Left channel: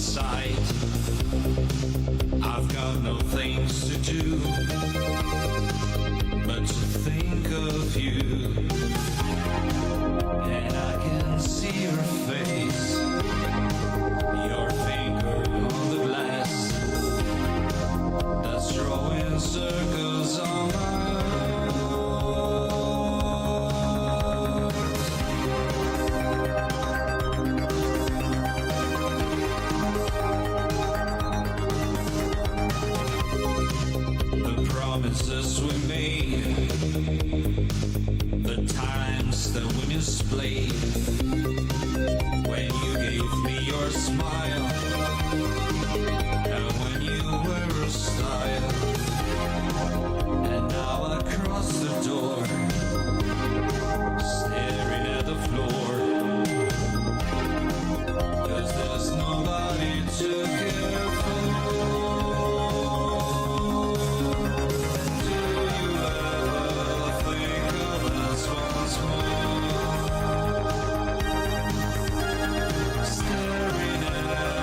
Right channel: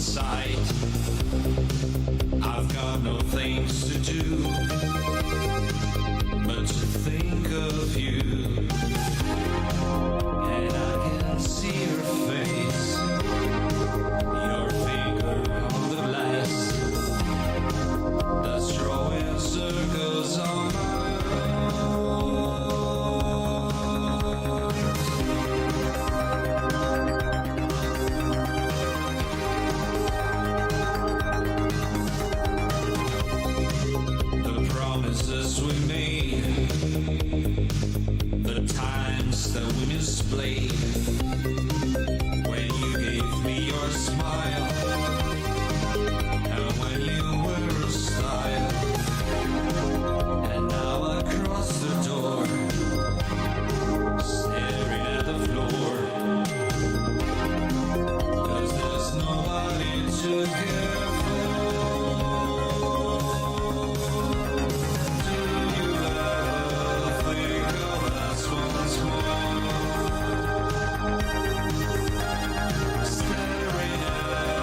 sight. I've got no things to do but to think of you, and I can see your face, your finger on the glass that's drawing circles on my promises we made, the times that we misplayed, when you gave me your smile, and when you were a style, and now I cross the door, staring at the floor, 'cause there's nobody to care for. Staring at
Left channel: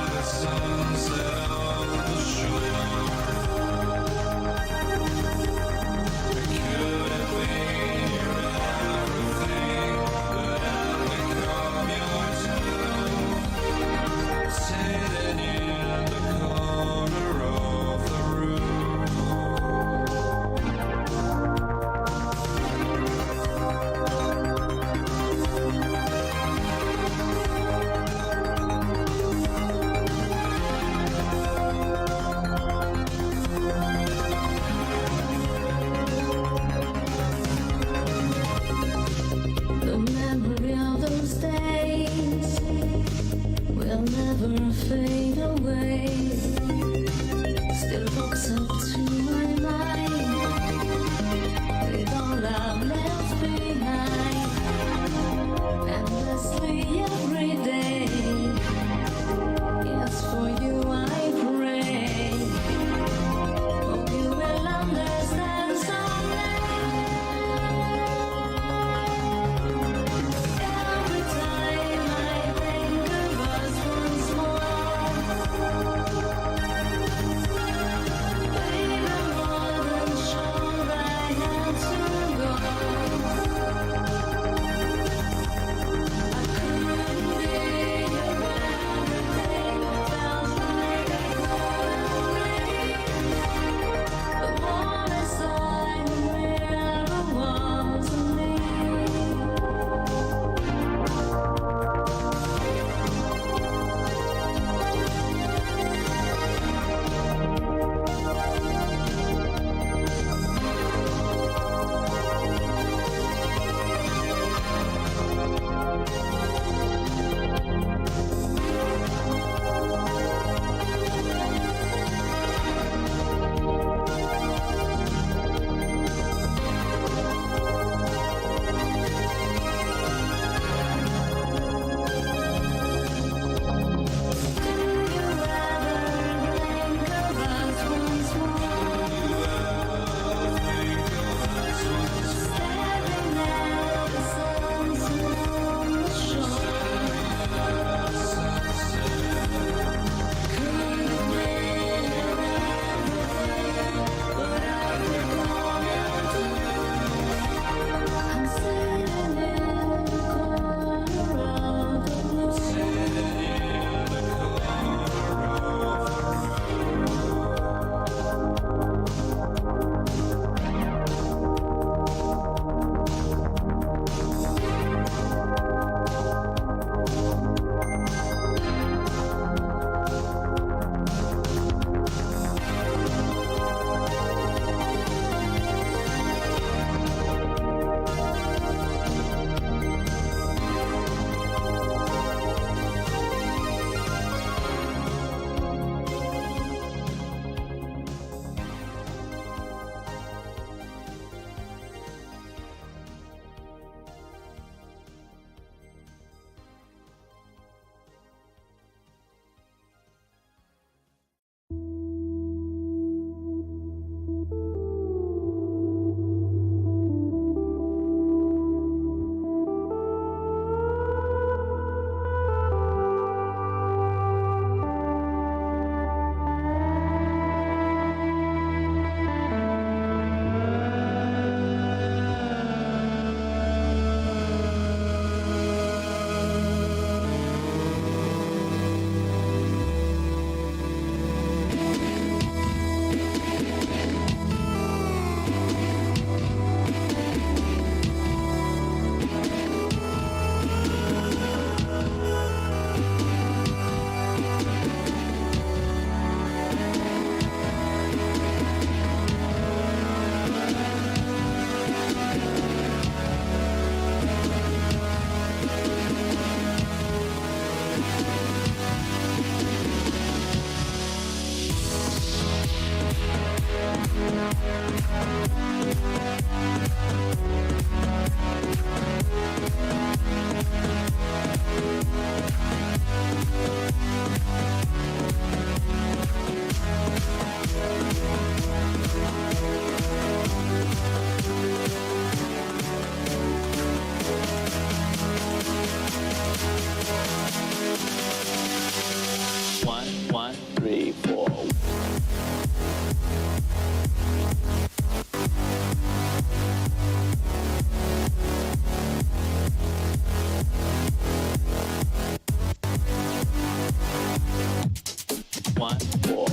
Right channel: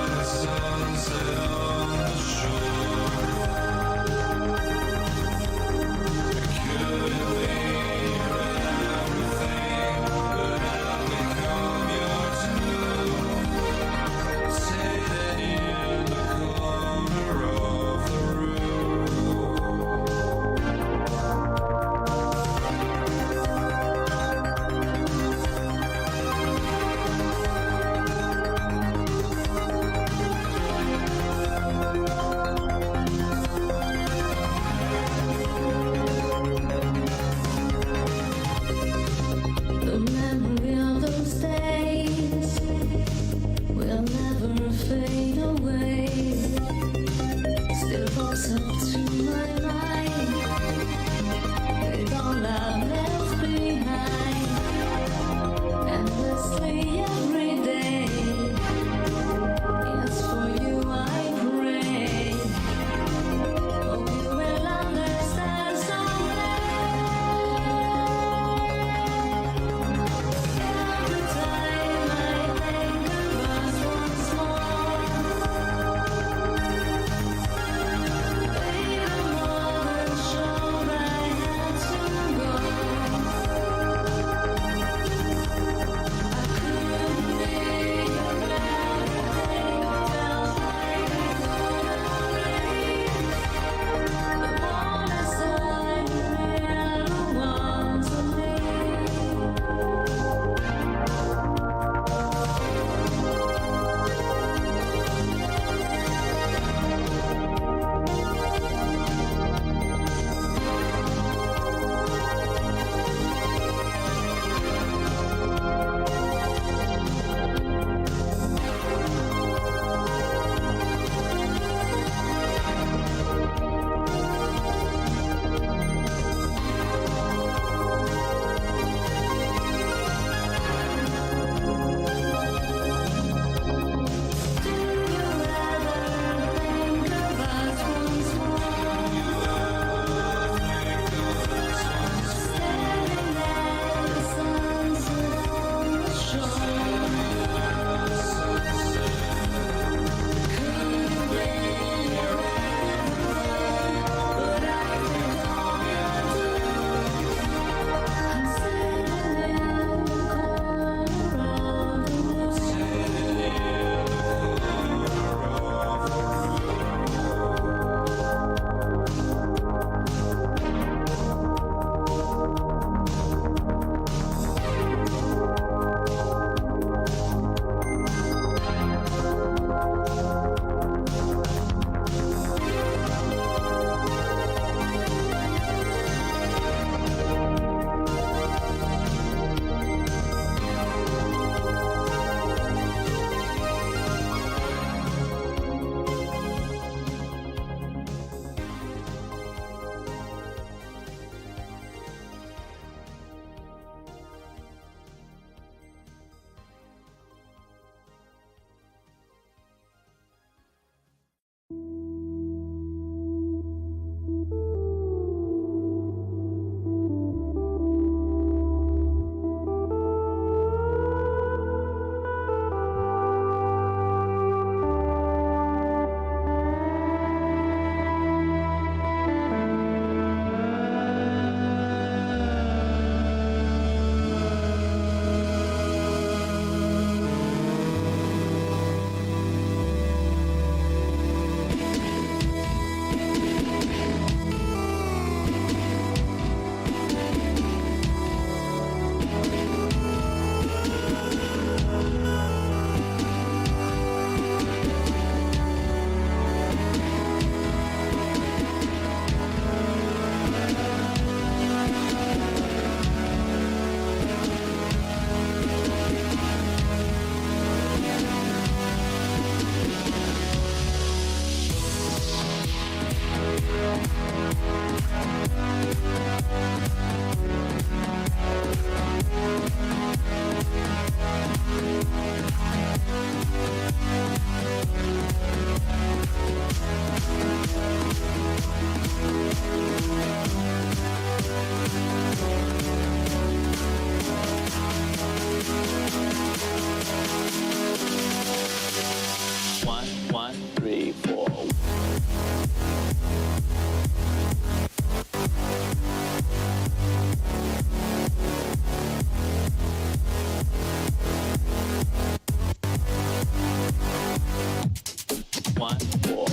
1, 4.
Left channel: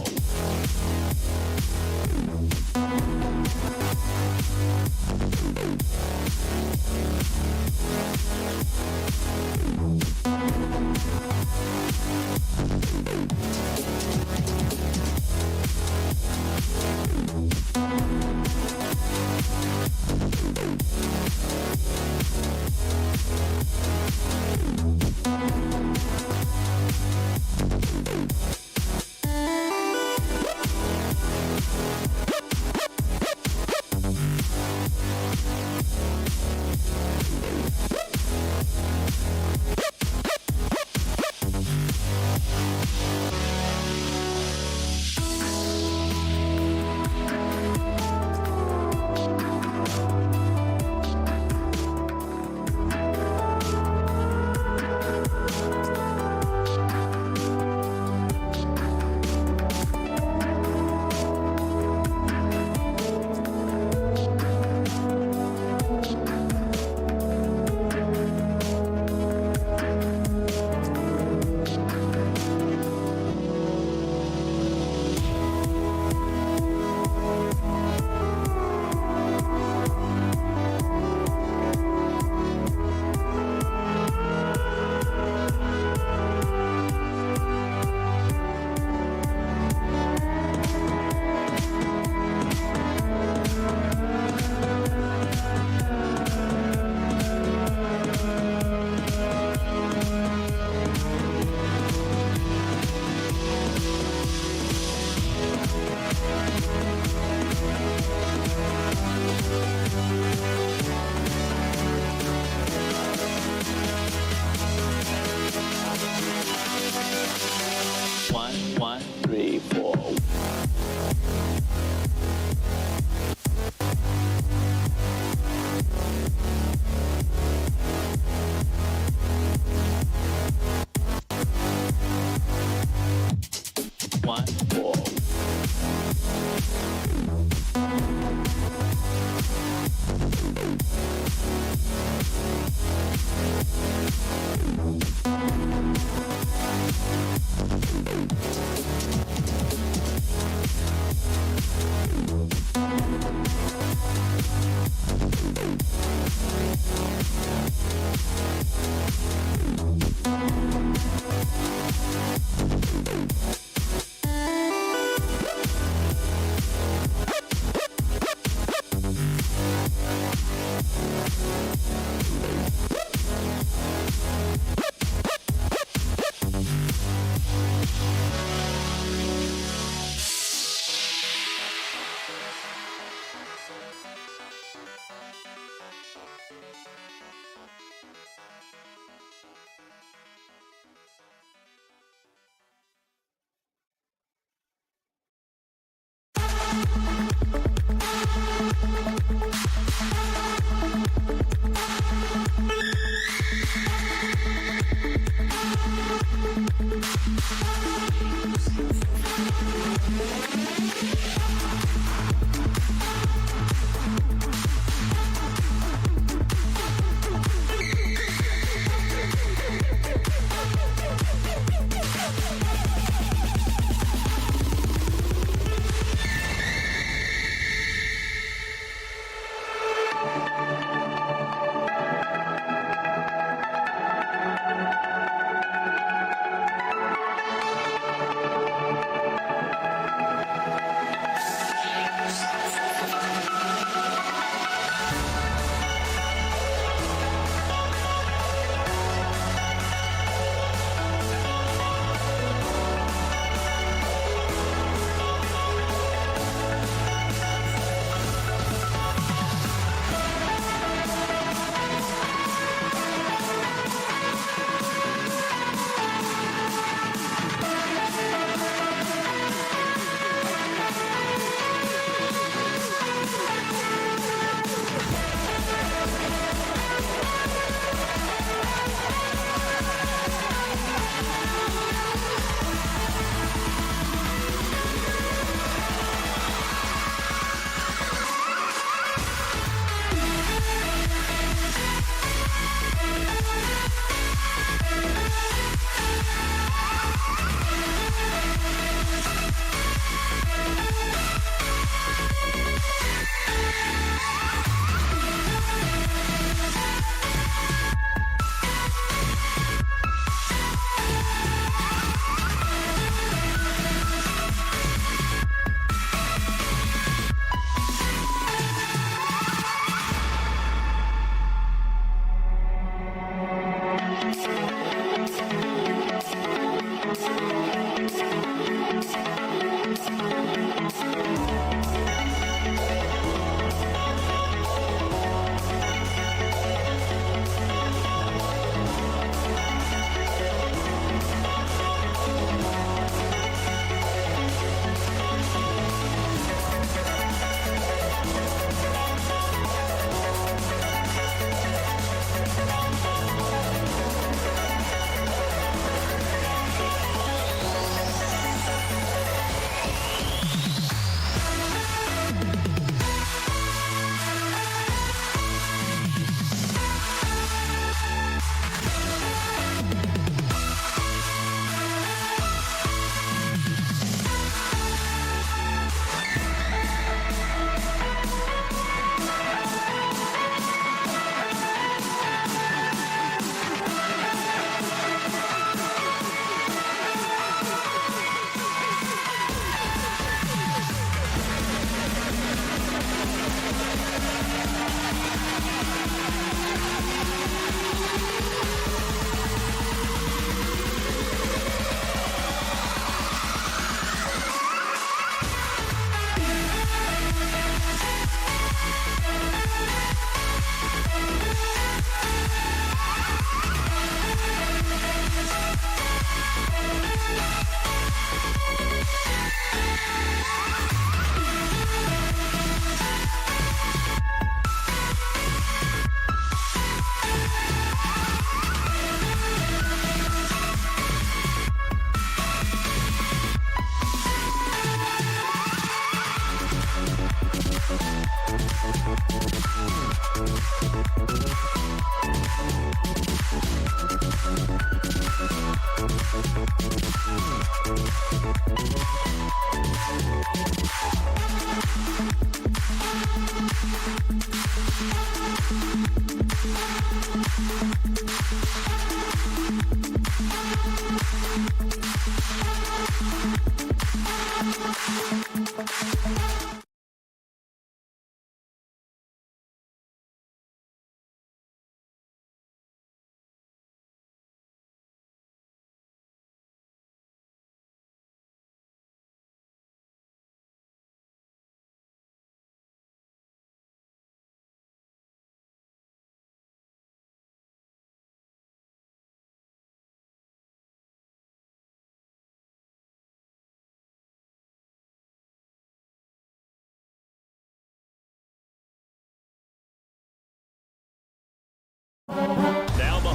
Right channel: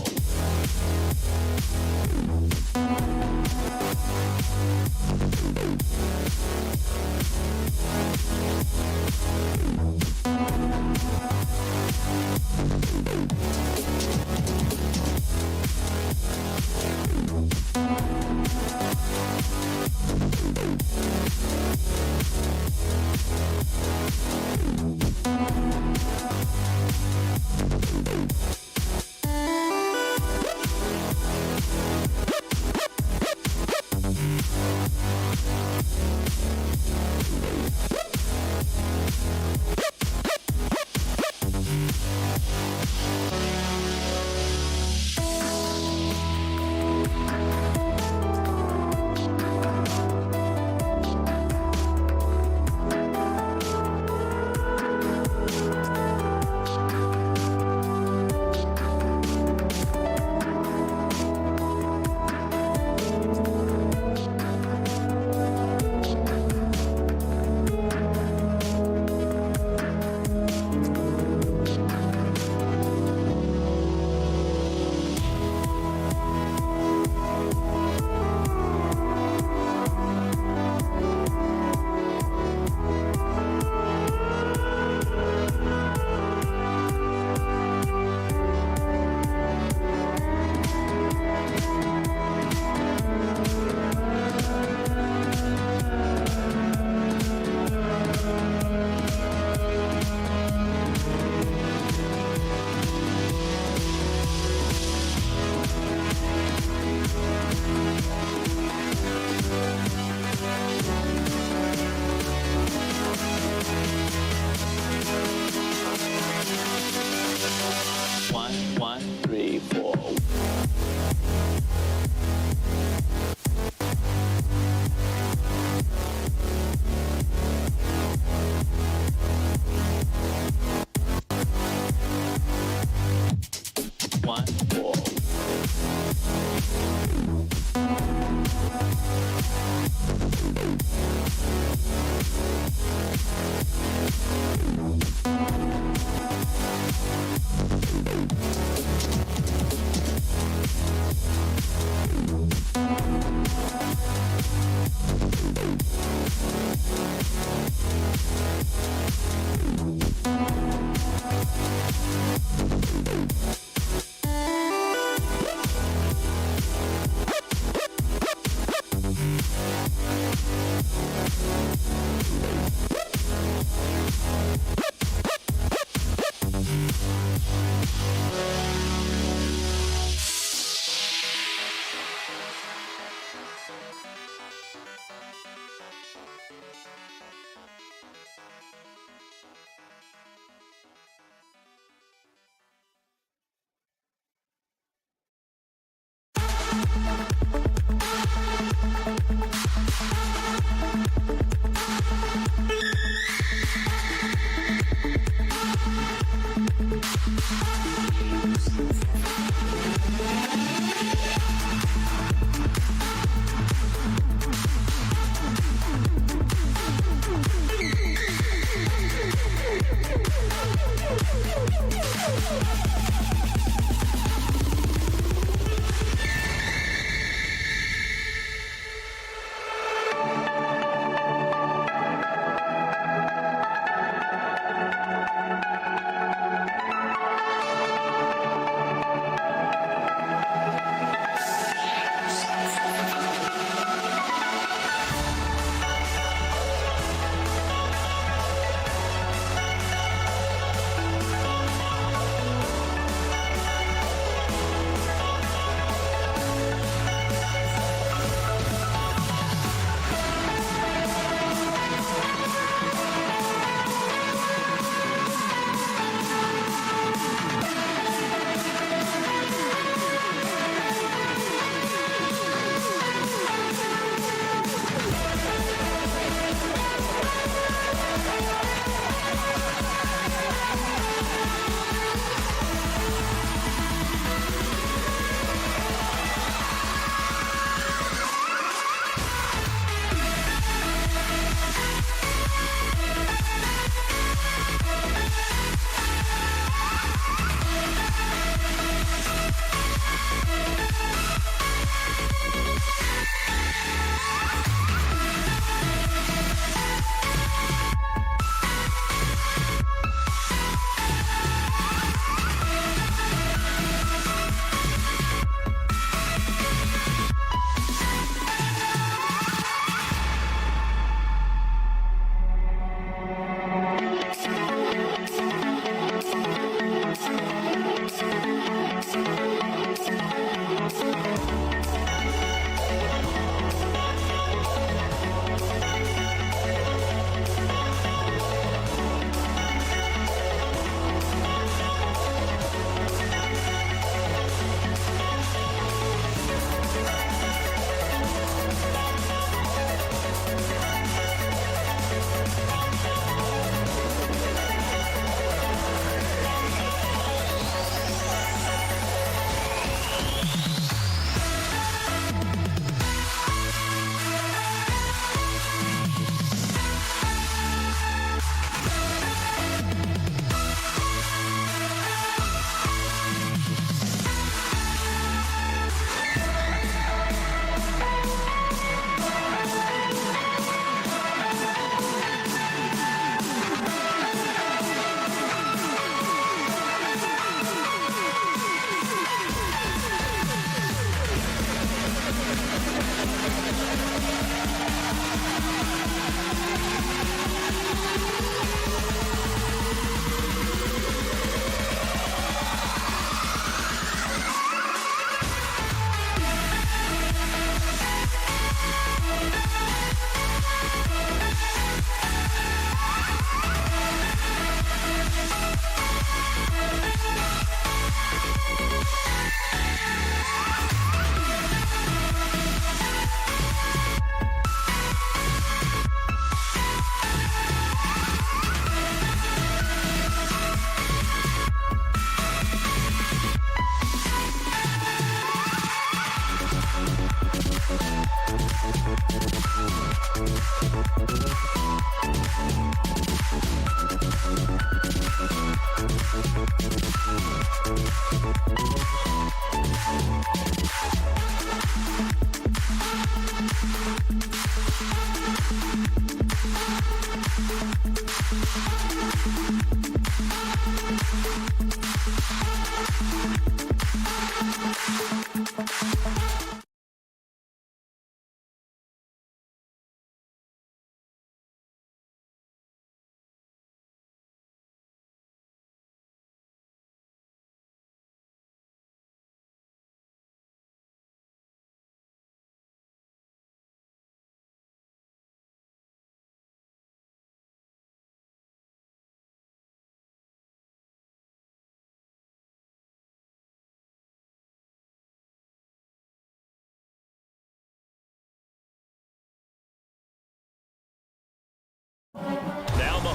One, 3, 4. One, 4.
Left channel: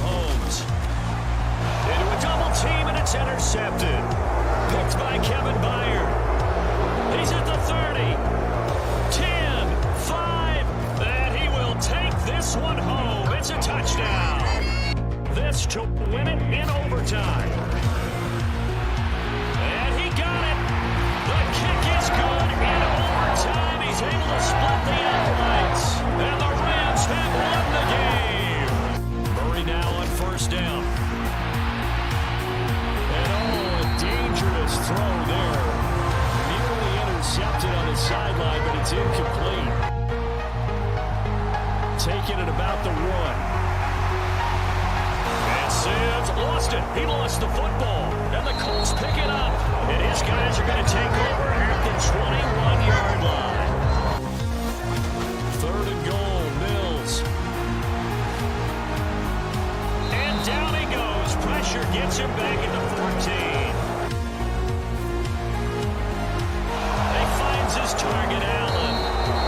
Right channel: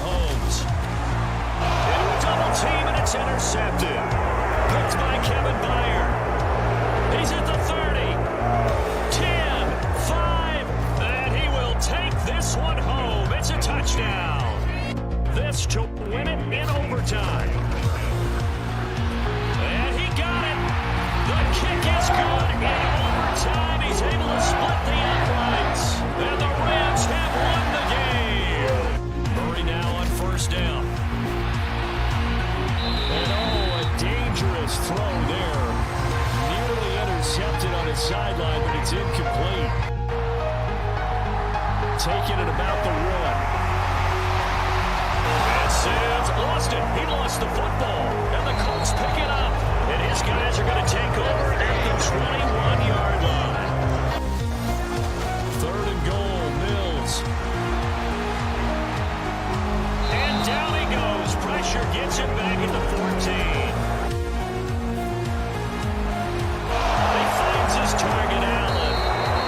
Mahomes. Into a double team, and it's intercepted. Picked by Kevin Byard. He's at the 30. 10, 5, and he will take this one home. It's a touchdown. This to win it in overtime. And he got it. The kick is good in overtime. He's able to split the uprights. And the Rams have won the game. Murray now on first down. And oh, a dangerous throw there. Nearly intercepted on his sideline, but it's incomplete. Taking it about the 1. And Sims lost it. He lost the football. And the Colts pick it up. And his guys are going to take over at the 21-yard line. 3rd and goal, Mills. And down he goes. Pressure gets him back at the 14. He finds his target, Allen.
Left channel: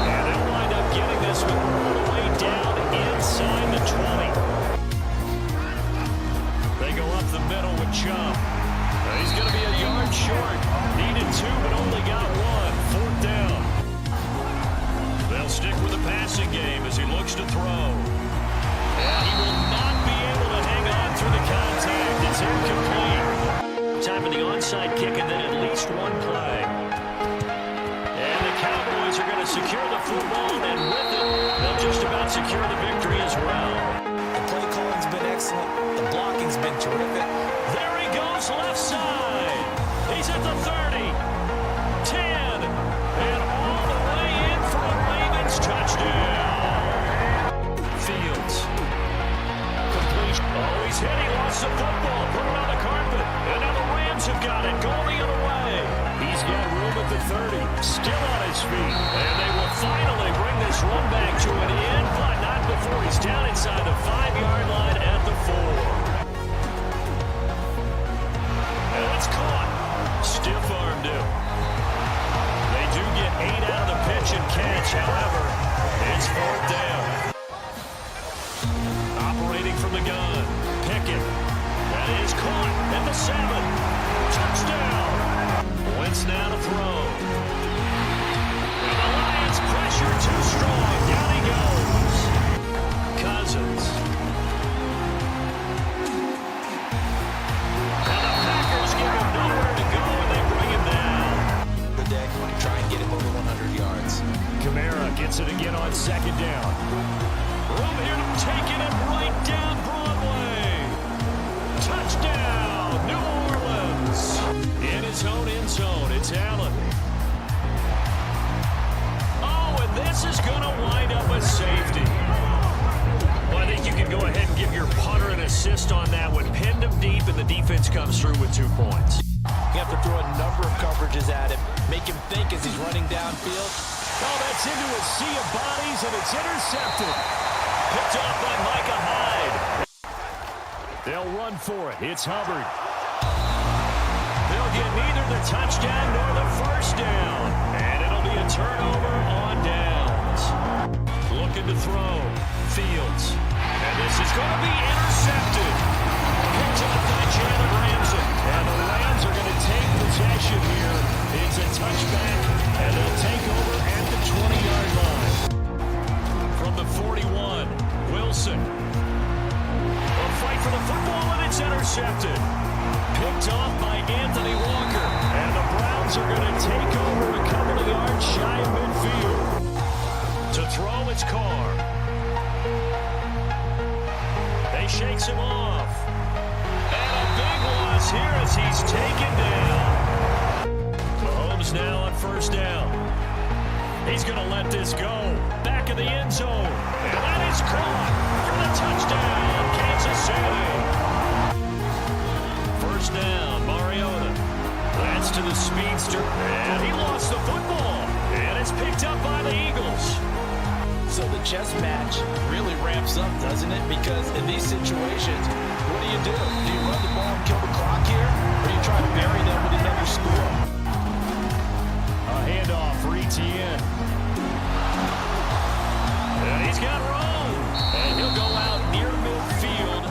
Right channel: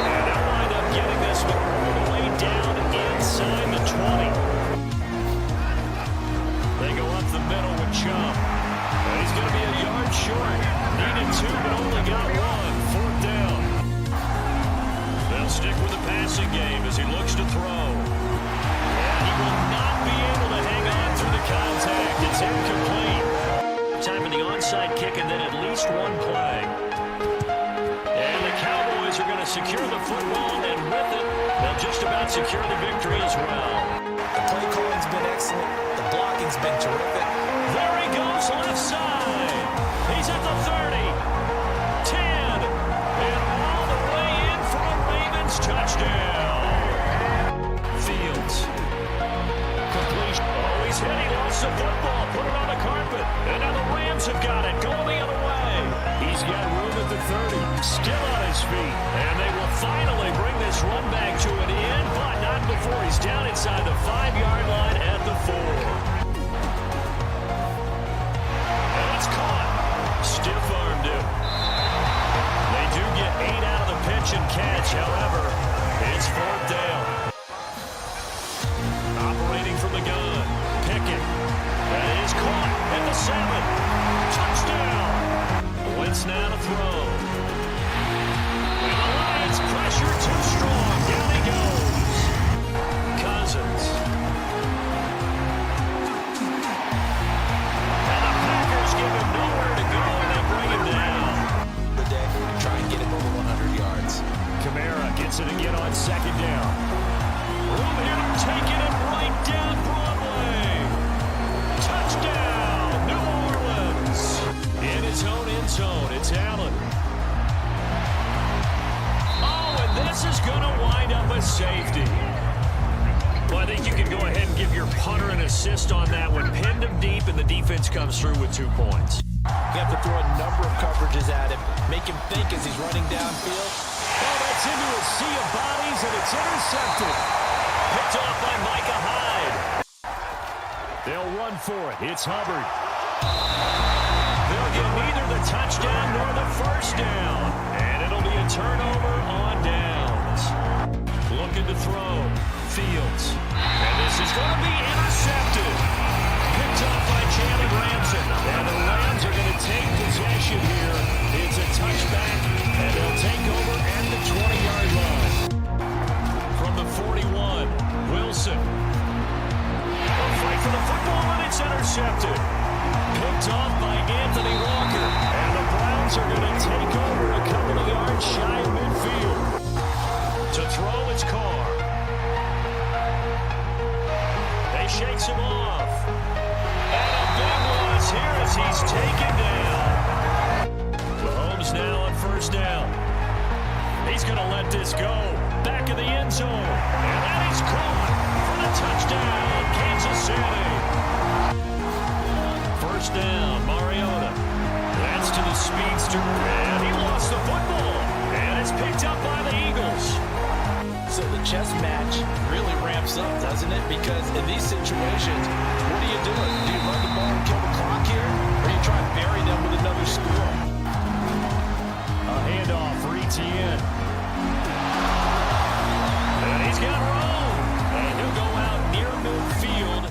And they'll wind up getting this one all the way down inside the 20. They go up the middle with Chubb. He's going to be a yard short. Needed 2, but only got 1. 4th down. They'll stick with the passing game as he looks to throw. And he will not be able to hang on through the contact. It's incomplete. Time for the onside kick and then at least 1 play. And the Cowboys are going to secure the football, and with it, they'll just about secure the victory as well. The play calling's been excellent. The blocking's been terrific. There he goes, left side. He's at the 30, 10, and all the way in for a Ravens touchdown. Fields. Completion. Oh, he's hit. He lost the football. Put it on the carpet. And now the Rams have got it. Going the other way. He's got room at the 30. Still on his feet. And they will finally bring this run back to an end, but not before he's down inside the 5-yard line at the 4. And it's caught. Stiff-armed him. They do get 8 out of the pitch and catch. However, it's 4th down. Operating from the gun. Pickett. That is caught at the 7. Touchdown. Wentz now to throw. And the Lions pressure too strong. Down he goes. Cousins. And the Packers give him nowhere to go, and they bring him down. The day, try and get him over 100 yards. Kamara gets it again on 2nd down. Room here to take it and right down Broadway. Touchdown, New Orleans. In his own end zone, it's Allen. Oh, and this is going to wind up a safety. Well, I think you can go ahead and give your punter an assist on that one. Pinned him deep, and the defense comes through with 2 points. You have to throw a number of coverages at him, make him think as he's running downfield. Oh, that's into a sea of bodies, and it's intercepted. Picked off by Micah Hyde. They'll run for it. It's Hubbard. They'll get neither the touchdown nor the first down. And it'll be a turnover on downs. Looking to throw. Fields. And this is going to be intercepted. Picked up by Jalen Ramsey. And the Rams are going to take possession here. It's a touchback, and they'll take over at the 20-yard line. From the 41, Wilson. A fight for the football, and it's intercepted. Picked off by Anthony Walker. And the Browns are going to take over a couple of yards shy of midfield. To throw, it's Carr. They shakes him off. And a big loss here as he's taken down. Mahomes now on first down. He's going to let this go. Back of the end zone. And that is caught for the touchdown, Kansas City. First down, Mariota. That's to the speedster. And he lost the football. And it's picked up by the Eagles. So the chess match really ramps up, doesn't it? Because in these situations, what do? Do you run the ball and kill the clock here? Or do you try to bury them with another score? A handoff for Etienne. And he's got room. And he'll go out near midfield.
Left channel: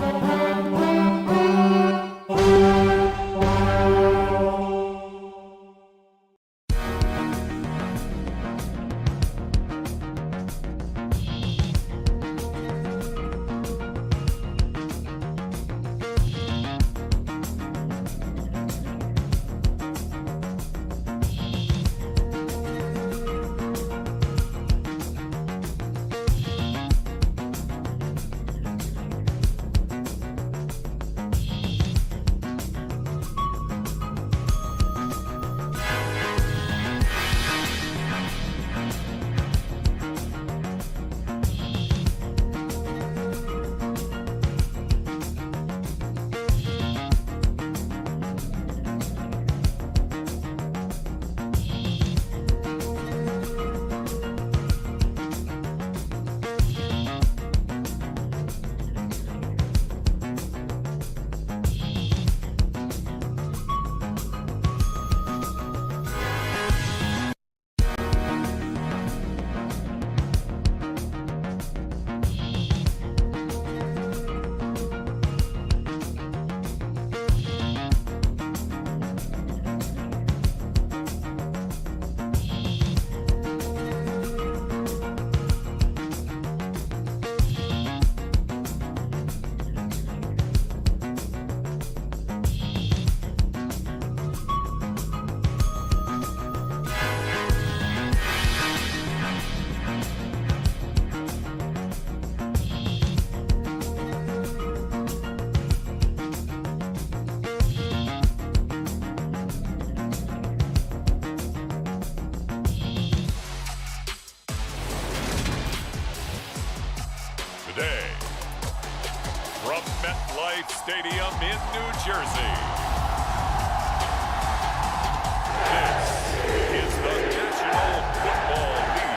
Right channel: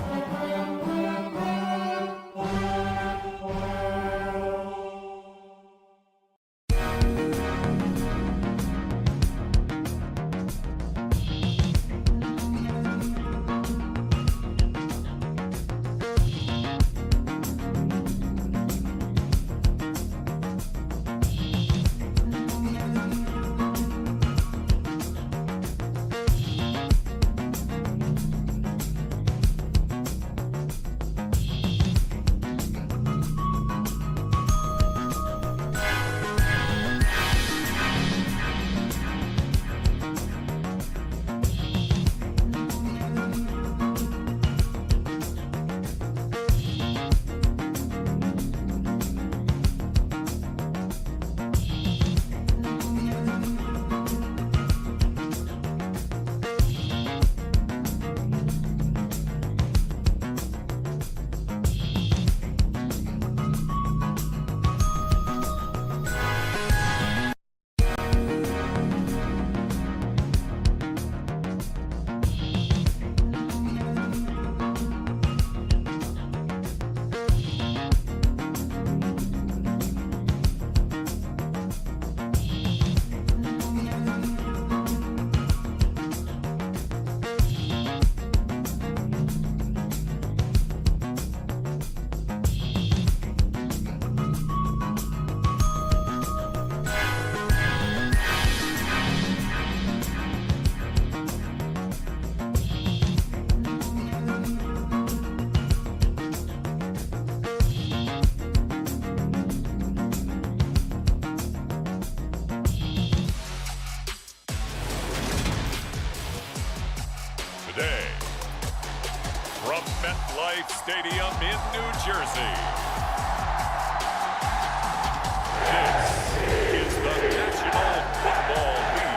MetLife Stadium in New Jersey. This is the National Football League.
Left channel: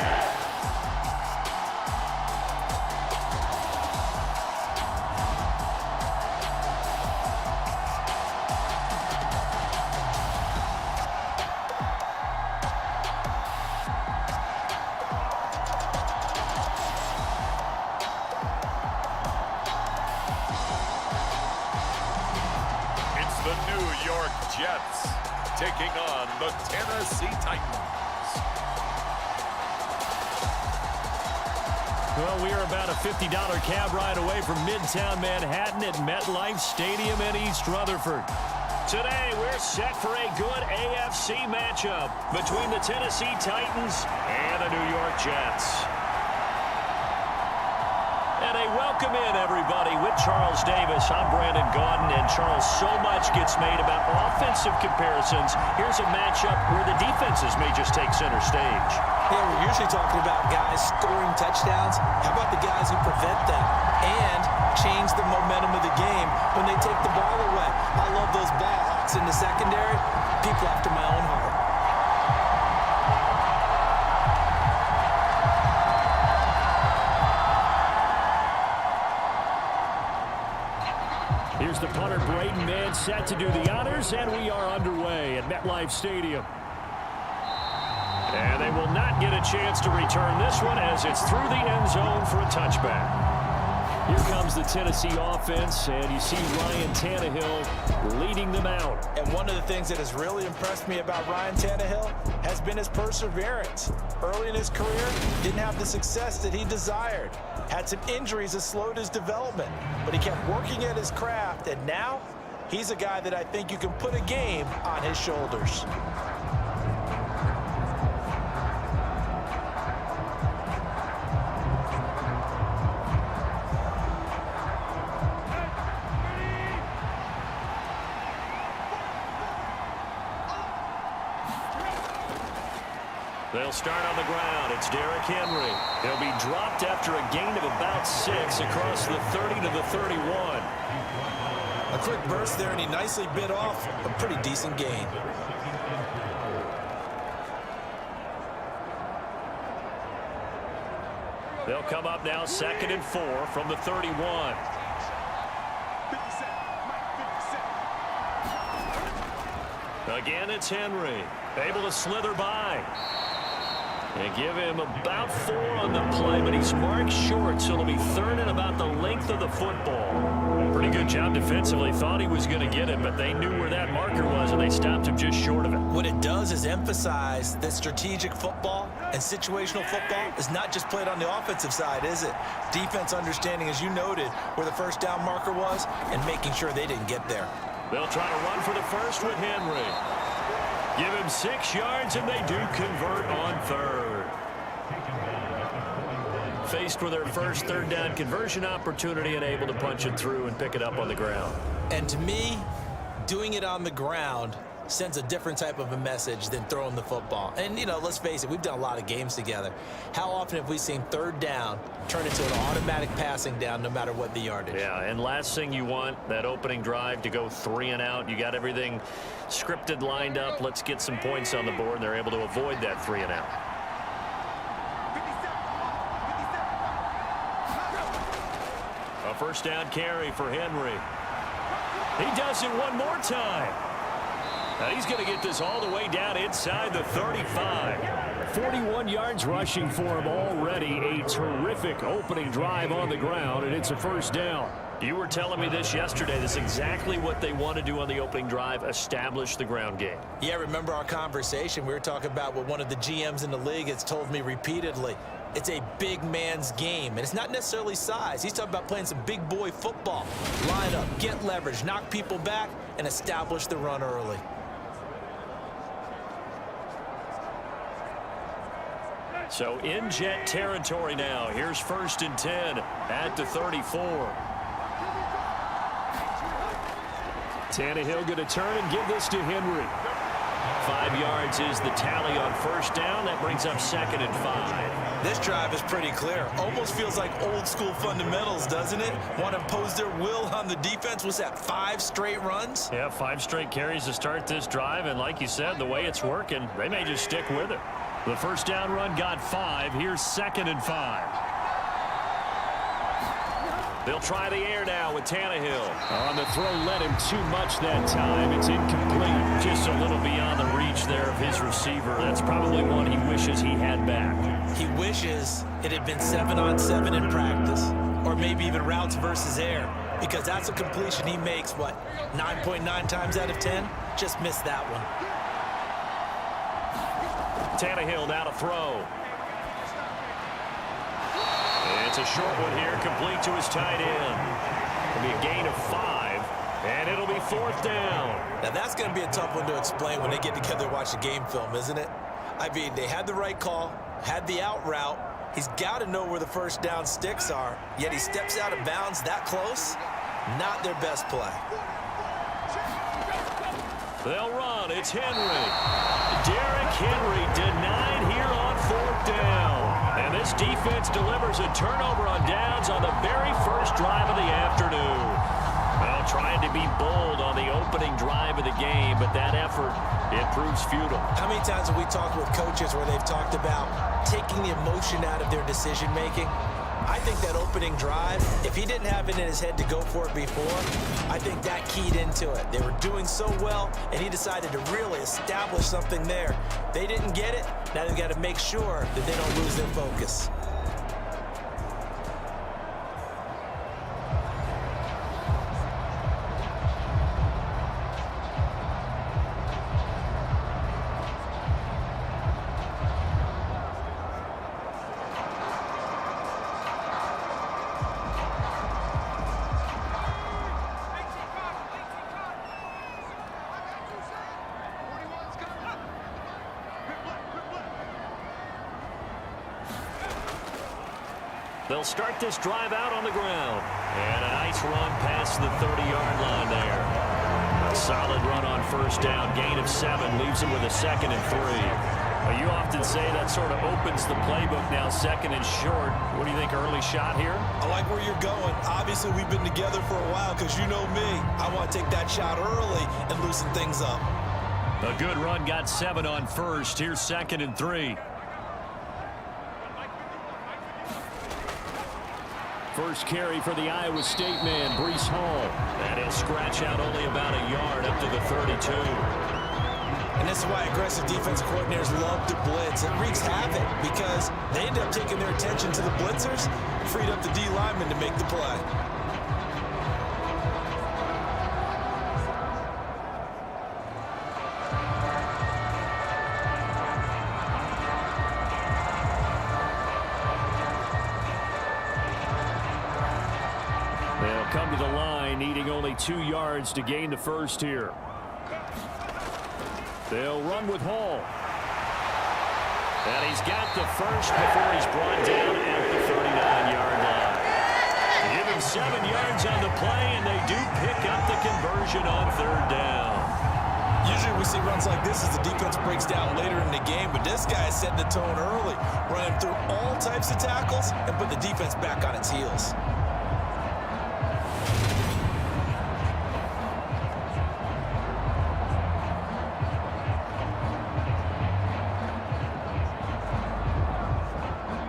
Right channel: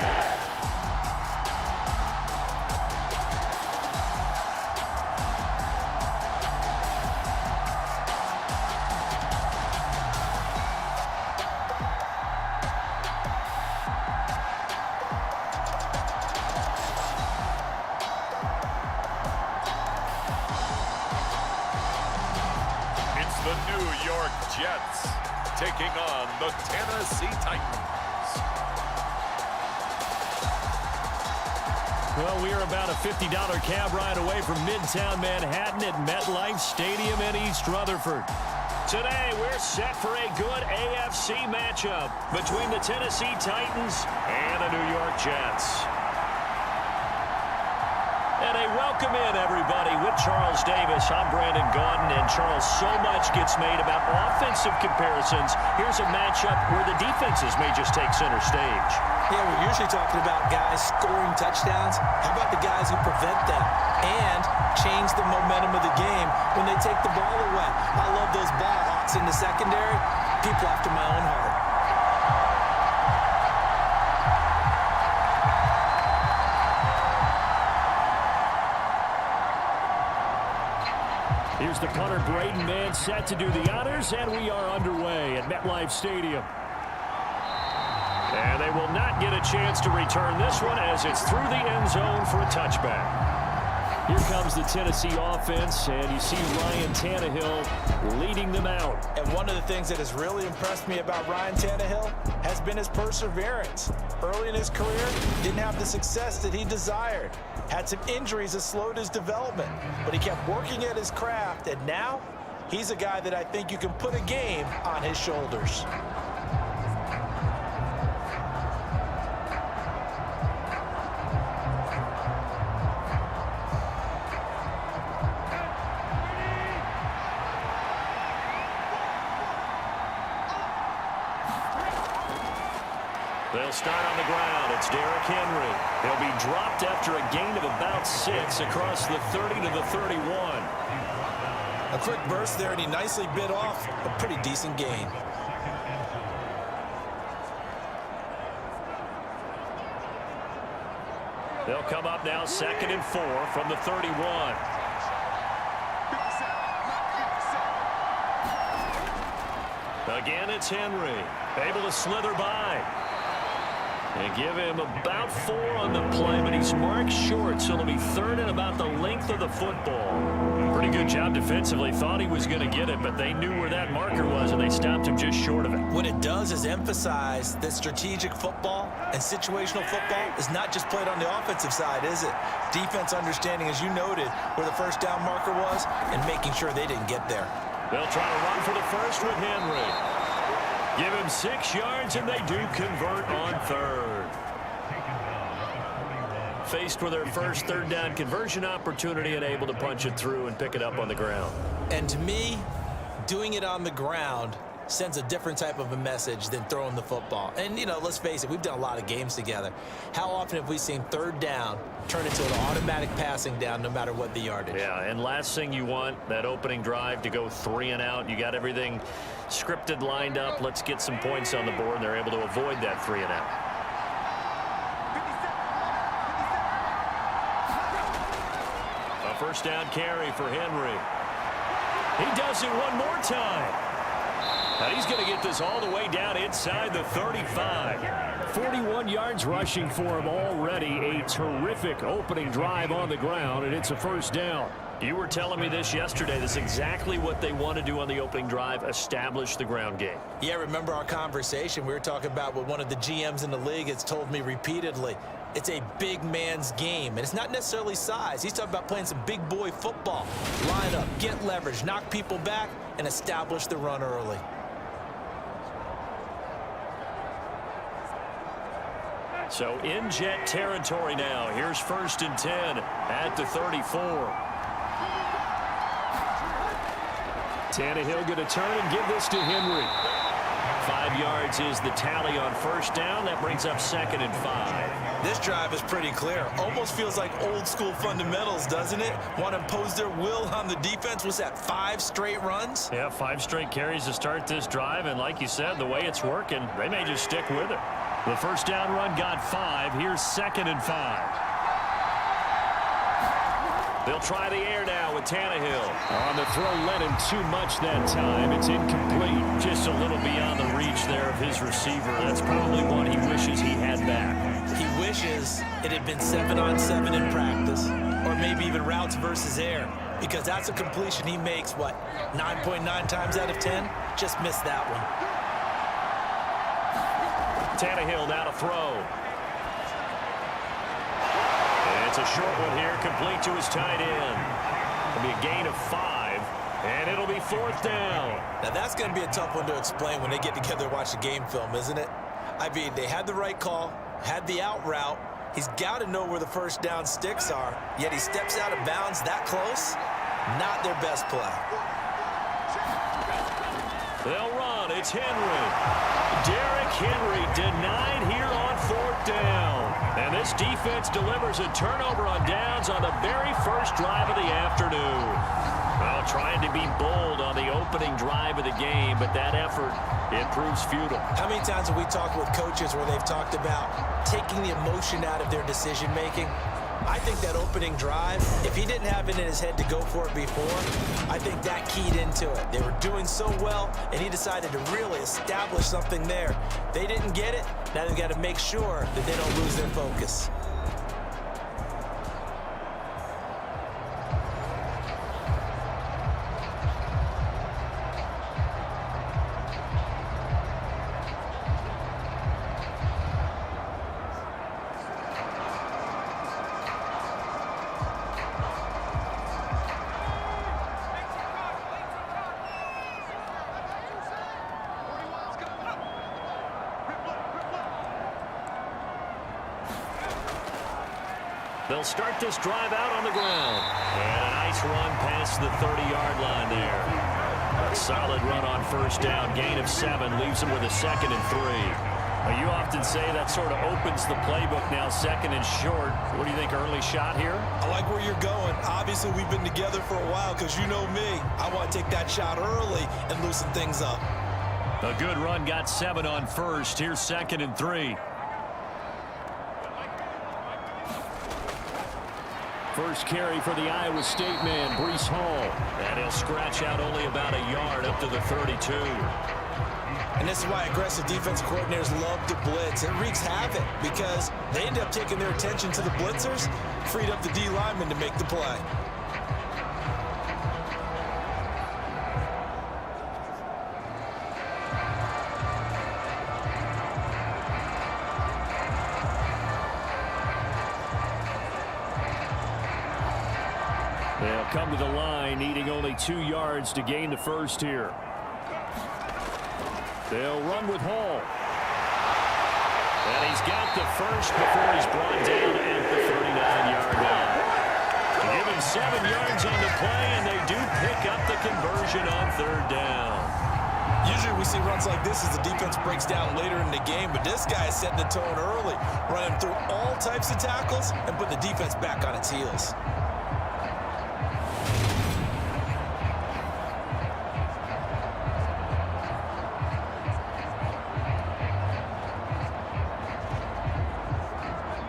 It's the New York Jets taking on the Tennessee Titans. Well, we are about a $50 cab ride away from Midtown Manhattan at MetLife Stadium in East Rutherford. Today, we're set for a good AFC matchup between the Tennessee Titans and the New York Jets. And a welcome in, everybody, with Charles Davis. I'm Brandon Gaudin, and Charles, so much gets made about offensive comparisons. Here's a matchup where the defenses may just take center stage. Yeah, we're usually talking about guys scoring touchdowns. How about the guys who prevent them and change the momentum of the game when they take the ball away? I love those ball hawks in the secondary. People after my own heart. Here's the punter, Braden Mann, set to do the honors, and we are underway at MetLife Stadium. And they will not get a chance to return this one as it's through the end zone for a touchback. Here comes the Tennessee offense, and you see Ryan Tannehill leading them out. And one of the things that has really impressed me about Ryan Tannehill has been his perseverance. Early in his career, didn't have the success that he desired. Had some injuries that slowed his development, but he kept working at his craft, and now he's a guy that I think you can put a game on his shoulders. They'll start on the ground. It's Derrick Henry. He'll be dropped after a gain of about 6 across the 30 to the 31. A quick burst there, and he nicely bit off a pretty decent gain. They'll come up now 2nd and 4 from the 31. Again, it's Henry. Able to slither by. And give him about 4 on the play, but he's marked short, so it'll be 3rd and about the length of the football. Pretty good job defensively. Thought he was going to get it, but they knew where that marker was, and they stopped him just short of it. What it does is emphasize that strategic football and situational football is not just played on the offensive side, is it? Defense understanding, as you noted, where the first down marker was and making sure they didn't get there. They'll try to run for the first with Henry. Give him 6 yards, and they do convert on 3rd. Faced with their first 3rd down conversion opportunity and able to punch it through and pick it up on the ground. And to me, doing it on the ground sends a different type of a message than throwing the football. And, you know, let's face it, we've done a lot of games together. How often have we seen 3rd down turn into an automatic passing down no matter what the yardage? Yeah, and last thing you want, that opening drive to go 3 and out. You got everything scripted, lined up. Let's get some points on the board, and they're able to avoid that 3 and out. A first down carry for Henry. He does it one more time. Now he's going to get this all the way down inside the 35. 41 yards rushing for him already. A terrific opening drive on the ground, and it's a first down. You were telling me this yesterday. This is exactly what they want to do on the opening drive, establish the ground game. Yeah, remember our conversation? We were talking about what one of the GMs in the league has told me repeatedly. It's a big man's game, and it's not necessarily size. He's talking about playing some big boy football. Line up, get leverage, knock people back, and establish the run early. So in Jet territory now. Here's 1st and 10 at the 34. Tannehill going to turn and give this to Henry. 5 yards is the tally on first down. That brings up 2nd and 5. This drive is pretty clear. Almost feels like old school fundamentals, doesn't it? Want to impose their will on the defense. Was that 5 straight runs? Yeah, 5 straight carries to start this drive. And like you said, the way it's working, they may just stick with it. The first down run got 5. Here's 2nd and 5. They'll try the air now with Tannehill. On the throw, led him too much that time. It's incomplete. Just a little beyond the reach there of his receiver. That's probably one he wishes he had back. He wishes it had been 7-on-7 in practice, or maybe even routes versus air, because that's a completion he makes, what, 9.9 times out of 10? Just missed that one. Tannehill now to throw. It's a short one here, complete to his tight end. It'll be a gain of 5, and it'll be 4th down. Now that's going to be a tough one to explain when they get together and watch the game film, isn't it? I mean, they had the right call, had the out route. He's got to know where the first down sticks are, yet he steps out of bounds that close. Not their best play. They'll run. It's Henry. Derrick Henry denied here on 4th down. And this defense delivers a turnover on downs on the very first drive of the afternoon. Well, trying to be bold on the opening drive of the game, but that effort, it proves futile. How many times have we talked with coaches where they've talked about taking the emotion out of their decision-making? I think that opening drive, if he didn't have it in his head to go for it before, I think that keyed into it. They were doing so well, and he decided to really establish something there. They didn't get it. Now they've got to make sure that they don't lose their focus. They'll start this drive out on the ground. And a nice run past the 30-yard line there. A solid run on first down. Gain of 7 leaves them with a 2nd and 3. Well, you often say that sort of opens the playbook now, 2nd and short. What do you think, early shot here? I like where you're going. Obviously, we've been together for a while because you know me. I want to take that shot early and loosen things up. A good run got 7 on first. Here's 2nd and 3. First carry for the Iowa State man, Breece Hall. And he'll scratch out only about a yard up to the 32. And this is why aggressive defensive coordinators love to blitz. It wreaks havoc because they end up taking their attention to the blitzers, freed up the D lineman to make the play. They'll come to the line, needing only 2 yards to gain the first here. They'll run with Hall. And he's got the first before he's brought down at the 39-yard line. They give him 7 yards on the play, and they do pick up the conversion on 3rd down. Usually we see runs like this as the defense breaks down later in the game, but this guy is setting the tone early, running through all types of tackles and put the defense back on its heels.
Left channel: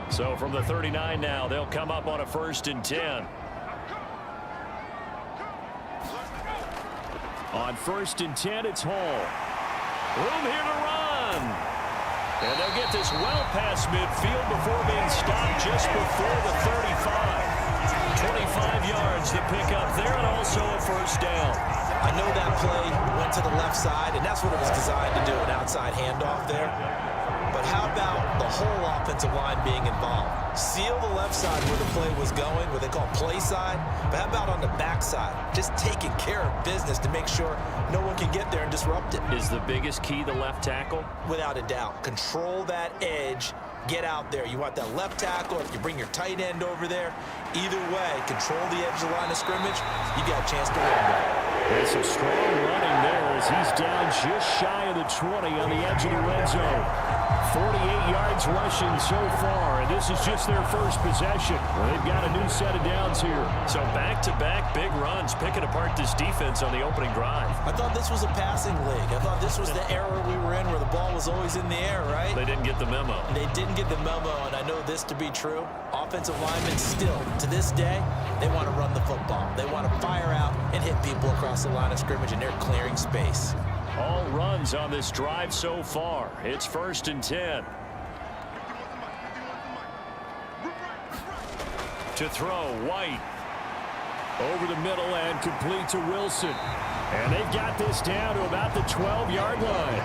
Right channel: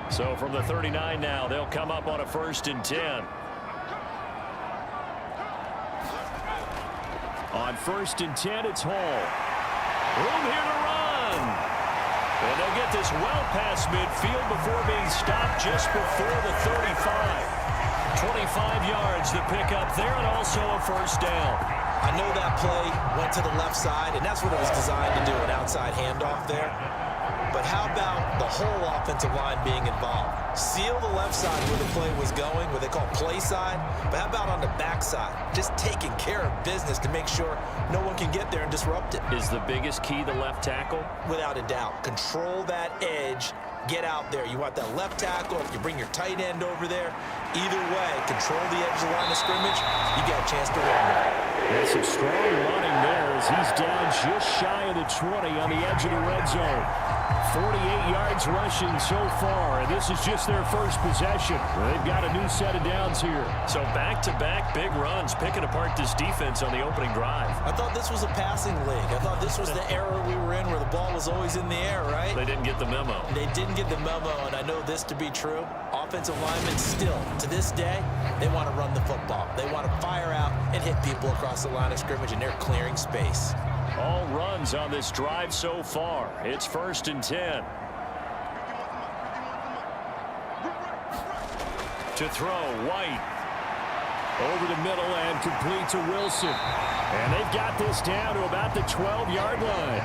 So from the 39 now, they'll come up on a 1st and 10. On 1st and 10, it's Hall. Room here to run. And they'll get this well past midfield before being stopped just before the 35. 25 yards to pick up there, and also a 1st down. I know that play went to the left side, and that's what it was designed to do, an outside handoff there. But how about the whole offensive line being involved? Seal the left side where the play was going, what they call play side. But how about on the back side? Just taking care of business to make sure no one can get there and disrupt it. Is the biggest key the left tackle? Without a doubt. Control that edge. Get out there. You want that left tackle. If you bring your tight end over there, either way, control the edge of the line of scrimmage. You got a chance to run there. And some strong running there as as he's down just shy of the 20 on the edge of the red zone. 48 yards rushing so far, and this is just their first possession. They've got a new set of downs here. So back-to-back big runs, picking apart this defense on the opening drive. I thought this was a passing league. I thought this was the era we were in where the ball was always in the air, right? They didn't get the memo. They didn't get the memo, and I know this to be true. Offensive linemen still, to this day, they want to run the football. They want to fire out and hit people across the line of scrimmage, and they're clearing space. All runs on this drive so far. It's 1st and 10. To throw, White. Over the middle and complete to Wilson. And they've got this down to about the 12-yard line.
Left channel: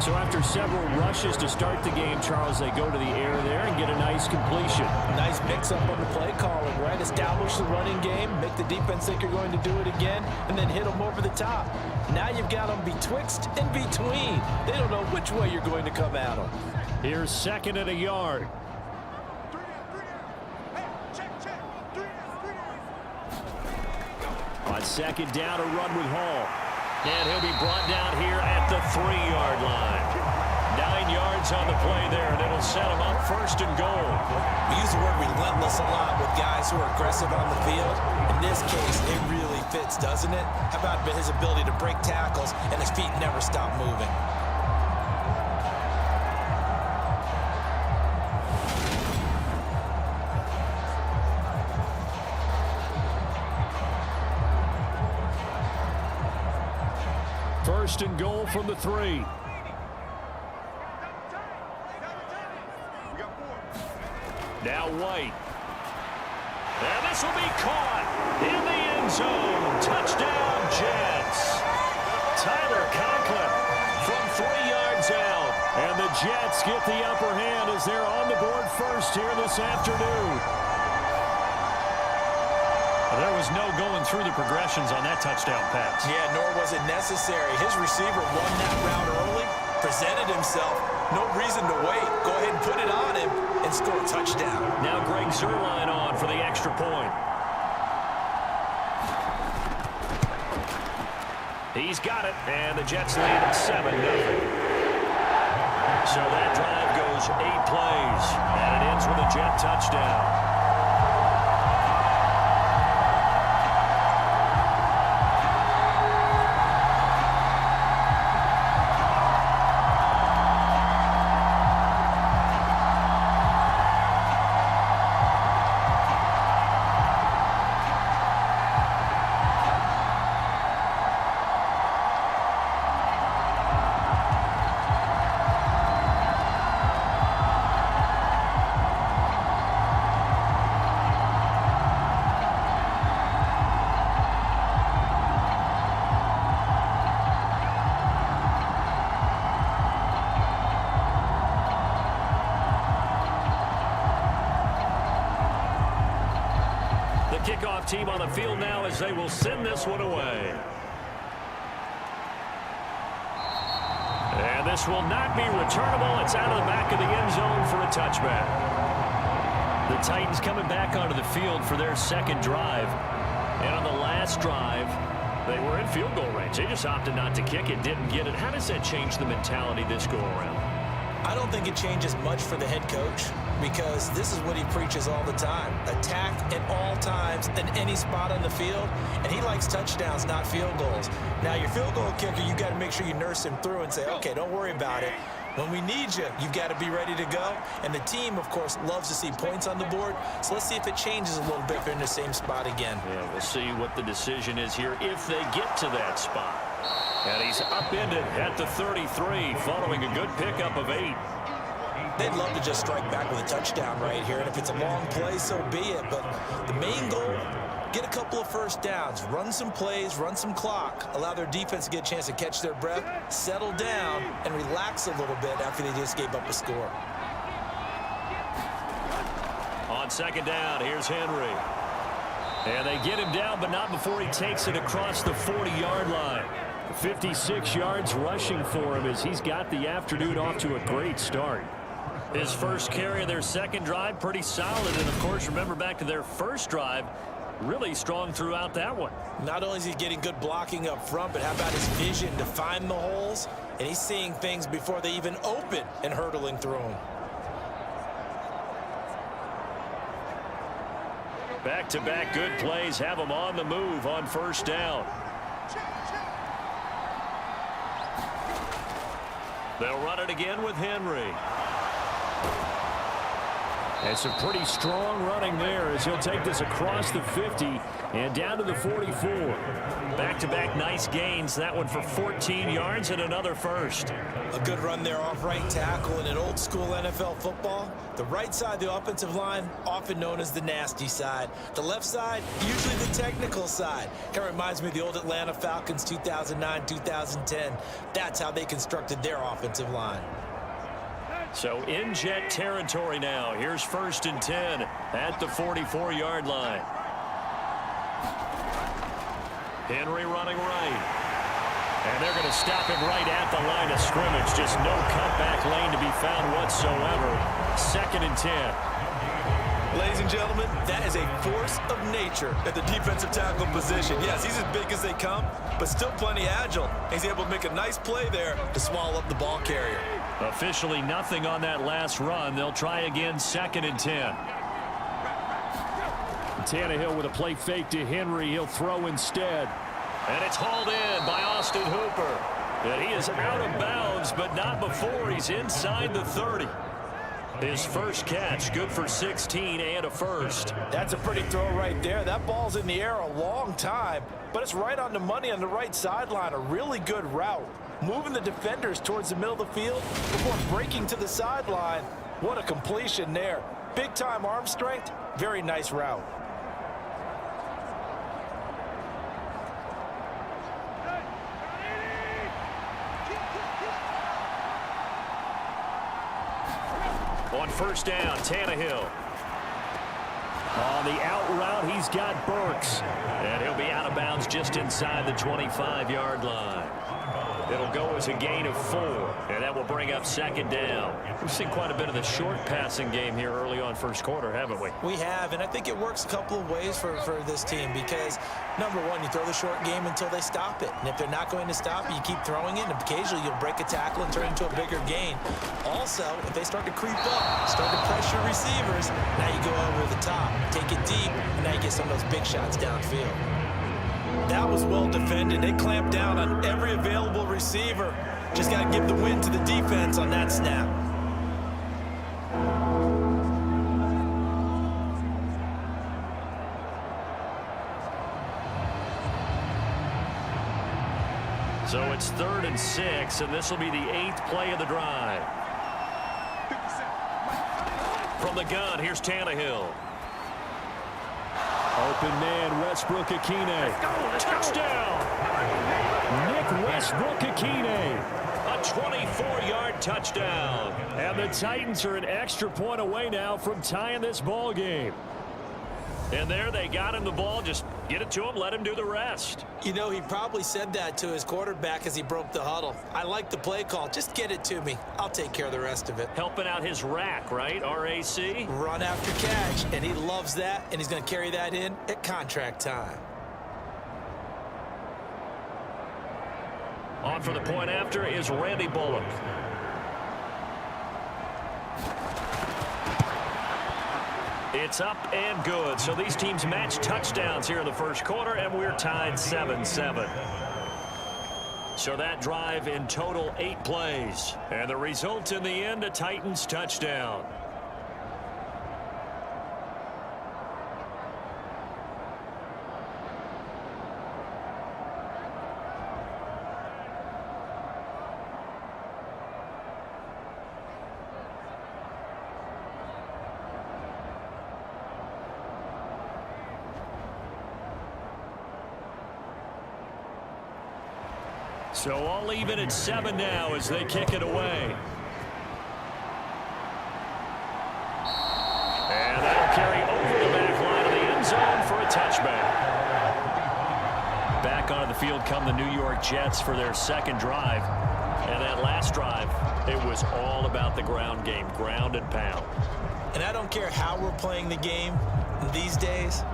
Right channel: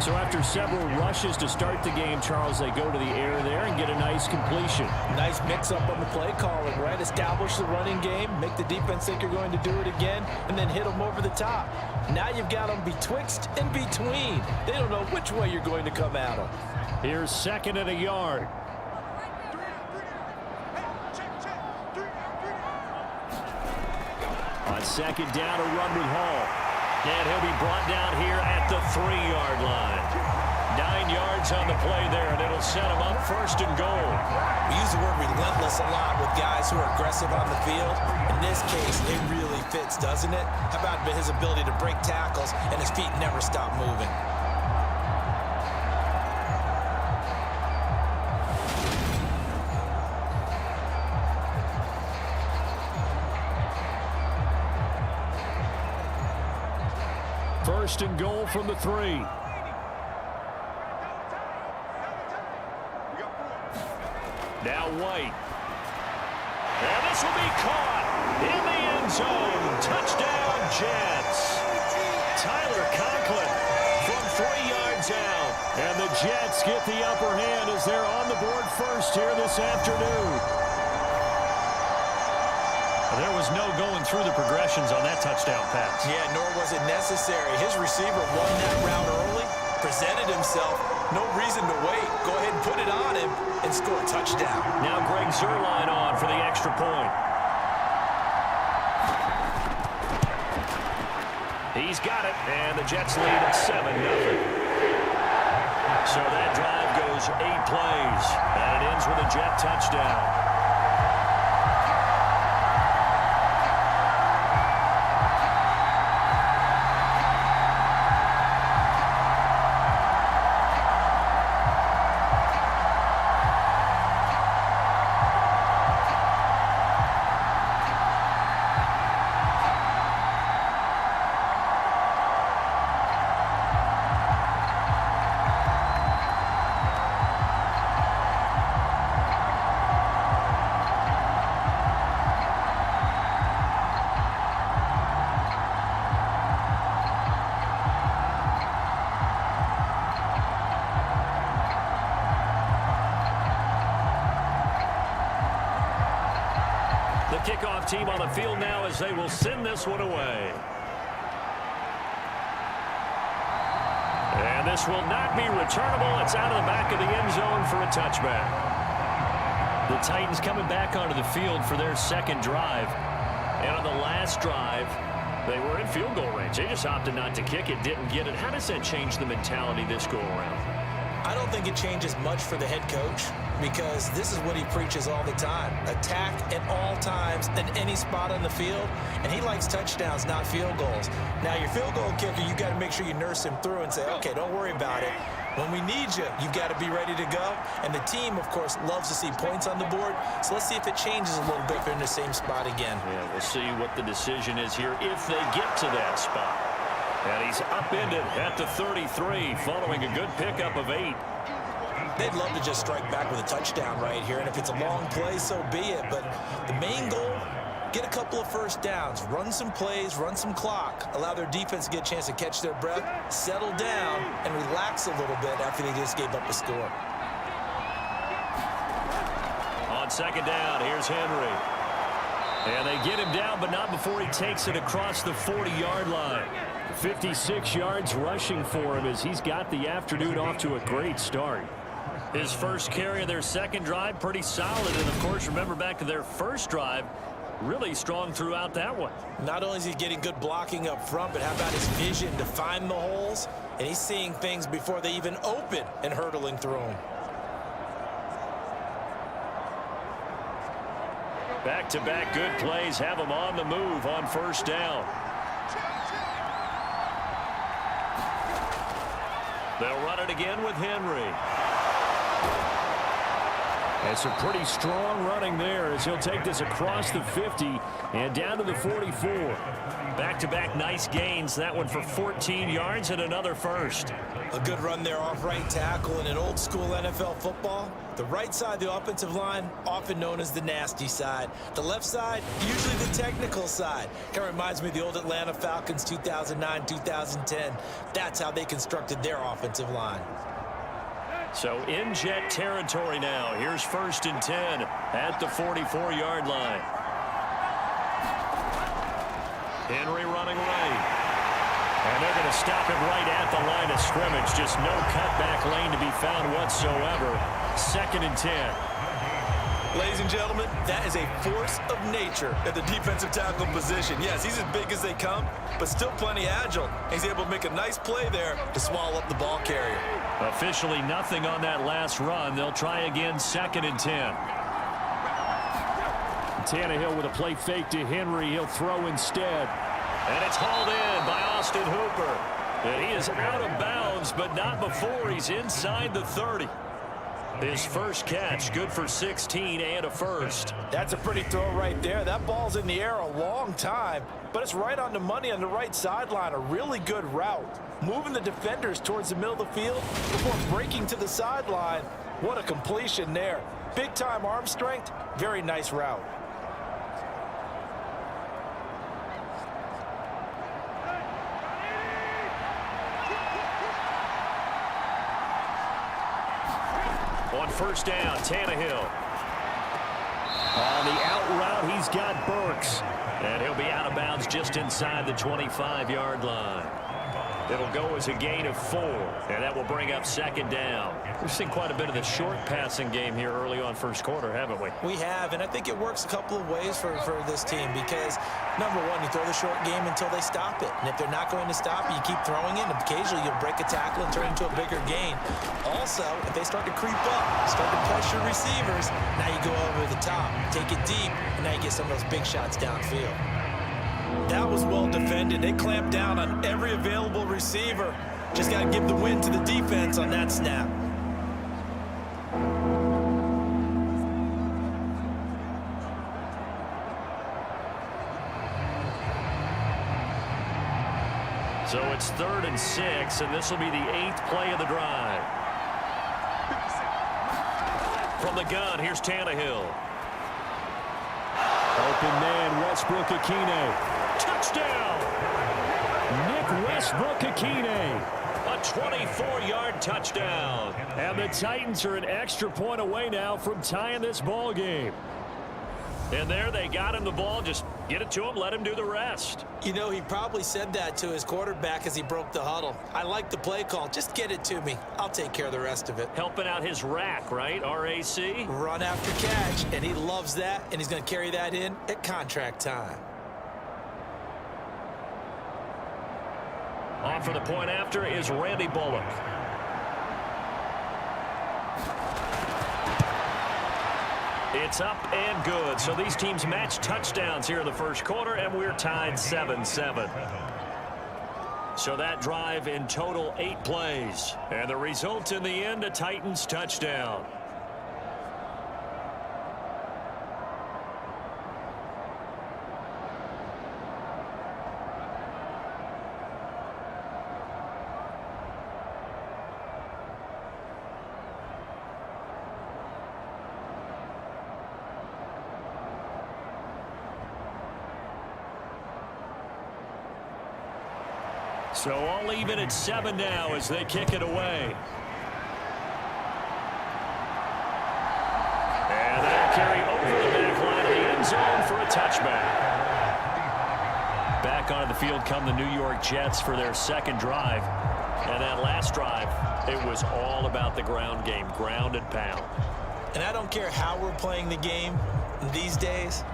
So after several rushes to start the game, Charles, they go to the air there and get a nice completion. Nice mix-up on the play calling, right? Establish the running game, make the defense think you're going to do it again, and then hit them over the top. Now you've got them betwixt and between. They don't know which way you're going to come at them. Here's 2nd and a yard. On 2nd down, a run with Hall. And he'll be brought down here at the 3-yard line. 9 yards on the play there, and it'll set him up 1st and goal. We use the word relentless a lot with guys who are aggressive on the field. In this case, it really fits, doesn't it? How about his ability to break tackles and his feet never stop moving? First and goal from the 3. Now White. And this will be caught in the end zone. Touchdown, Jets. Tyler Conklin from 3 yards out. And the Jets get the upper hand as they're on the board first here this afternoon. There was no going through the progressions on that touchdown pass. Yeah, nor was it necessary. His receiver won that route early, presented himself. No reason to wait. Go ahead and put it on him and score a touchdown. Now Greg Zuerlein on for the extra point. He's got it, and the Jets lead at 7-0. So that drive goes 8 plays, and it ends with a Jet touchdown. The kickoff team on the field now as they will send this one away. And this will not be returnable. It's out of the back of the end zone for a touchback. The Titans coming back onto the field for their second drive. And on the last drive, they were in field goal range. They just opted not to kick it, didn't get it. How does that change the mentality this go around? I don't think it changes much for the head coach because this is what he preaches all the time. Attack at all times in any spot on the field, and he likes touchdowns, not field goals. Now, your field goal kicker, you got to make sure you nurse him through and say, okay, don't worry about it. When we need you, you've got to be ready to go. And the team, of course, loves to see points on the board. So let's see if it changes a little bit if they're in the same spot again. Yeah, we'll see what the decision is here if they get to that spot. And he's upended at the 33 following a good pickup of 8. They'd love to just strike back with a touchdown right here. And if it's a long play, so be it. But the main goal, get a couple of first downs, run some plays, run some clock, allow their defense to get a chance to catch their breath, settle down, and relax a little bit after they just gave up a score. On second down, here's Henry. And they get him down, but not before he takes it across the 40-yard line. 56 yards rushing for him as he's got the afternoon off to a great start. His first carry of their second drive, pretty solid. And, of course, remember back to their first drive, Really strong throughout that one. Not only is he getting good blocking up front, but how about his vision to find the holes? And he's seeing things before they even open and hurtling through them. Back-to-back good plays have him on the move on first down. They'll run it again with Henry. And some pretty strong running there as he'll take this across the 50 and down to the 44. Back-to-back nice gains. That one for 14 yards and another first. A good run there off right tackle. In an old school NFL football, the right side of the offensive line, often known as the nasty side. The left side, usually the technical side. Kind of reminds me of the old Atlanta Falcons 2009-2010. That's how they constructed their offensive line. So in jet territory now. Here's 1st and 10 at the 44-yard line. Henry running right. And they're going to stop him right at the line of scrimmage. Just no cutback lane to be found whatsoever. 2nd and 10. Ladies and gentlemen, that is a force of nature at the defensive tackle position. Yes, he's as big as they come, but still plenty agile. He's able to make a nice play there to swallow up the ball carrier. Officially nothing on that last run. They'll try again, 2nd and 10. Tannehill with a play fake to Henry. He'll throw instead. And it's hauled in by Austin Hooper. And he is out of bounds, but not before he's inside the 30. His first catch, good for 16 and a first. That's a pretty throw right there. That ball's in the air a long time, but it's right on the money on the right sideline. A really good route. Moving the defenders towards the middle of the field before breaking to the sideline. What a completion there. Big-time arm strength. Very nice route. On first down, Tannehill. On the out route, he's got Burks. And he'll be out of bounds just inside the 25-yard line. It'll go as a gain of 4, and that will bring up 2nd down. We've seen quite a bit of the short passing game here early on first quarter, haven't we? We have, and I think it works a couple of ways for this team because, number one, you throw the short game until they stop it. And if they're not going to stop it, you keep throwing it, and occasionally you'll break a tackle and turn it into a bigger gain. Also, if they start to creep up, start to pressure receivers, now you go over the top, take it deep, and now you get some of those big shots downfield. That was well defended. They clamped down on every available receiver. Just got to give the win to the defense on that snap. So it's 3rd and 6, and this will be the 8th play of the drive. From the gun, here's Tannehill. Open man, Westbrook-Ikhine. Touchdown! Nick Westbrook-Ikhine. A 24-yard touchdown. And the Titans are an extra point away now from tying this ball game. And there they got him the ball. Just get it to him, let him do the rest. You know, he probably said that to his quarterback as he broke the huddle. I like the play call. Just get it to me. I'll take care of the rest of it. Helping out his rack, right? RAC? Run after catch, and he loves that, and he's going to carry that in at contract time. On for the point after is Randy Bullock. It's up and good. So these teams match touchdowns here in the first quarter, and we're tied 7-7. So that drive in total 8 plays. And the result in the end, a Titans touchdown. So all even at 7 now as they kick it away. And that'll carry over the back line of the end zone for a touchback. Back onto the field come the New York Jets for their second drive. And that last drive, it was all about the ground game, ground and pound. And I don't care how we're playing the game these days.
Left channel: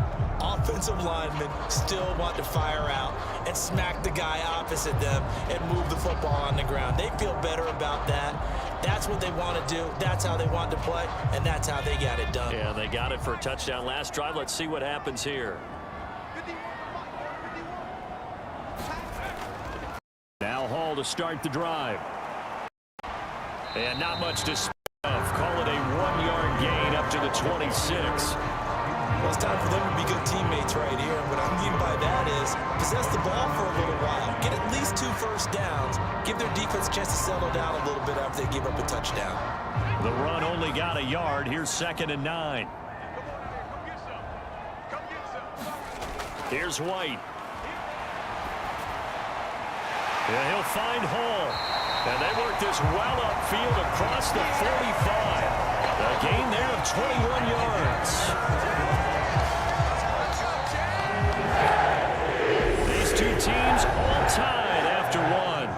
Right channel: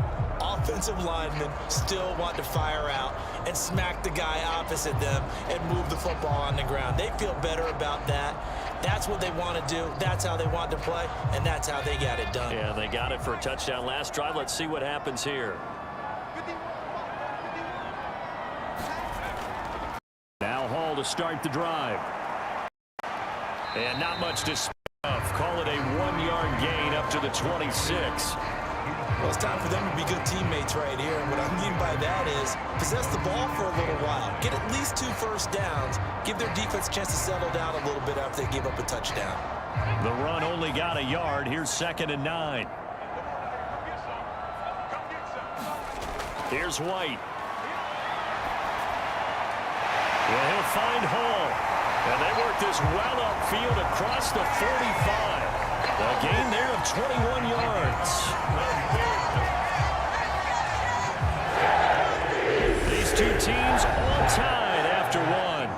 offensive linemen still want to fire out and smack the guy opposite them and move the football on the ground. They feel better about that. That's what they want to do. That's how they want to play, and that's how they got it done. Yeah, they got it for a touchdown last drive. Let's see what happens here. Now Hall to start the drive. And not much to speak of. Call it a 1-yard gain up to the 26. Well, it's time for them to be good teammates right here. And what I mean by that is possess the ball for a little while. Get at least 2 first downs. Give their defense a chance to settle down a little bit after they give up a touchdown. The run only got a yard. Here's 2nd and 9. Here's White. And he'll find Hall. And they work this well upfield across the 45. A gain there of 21 yards. These two teams all tied after one.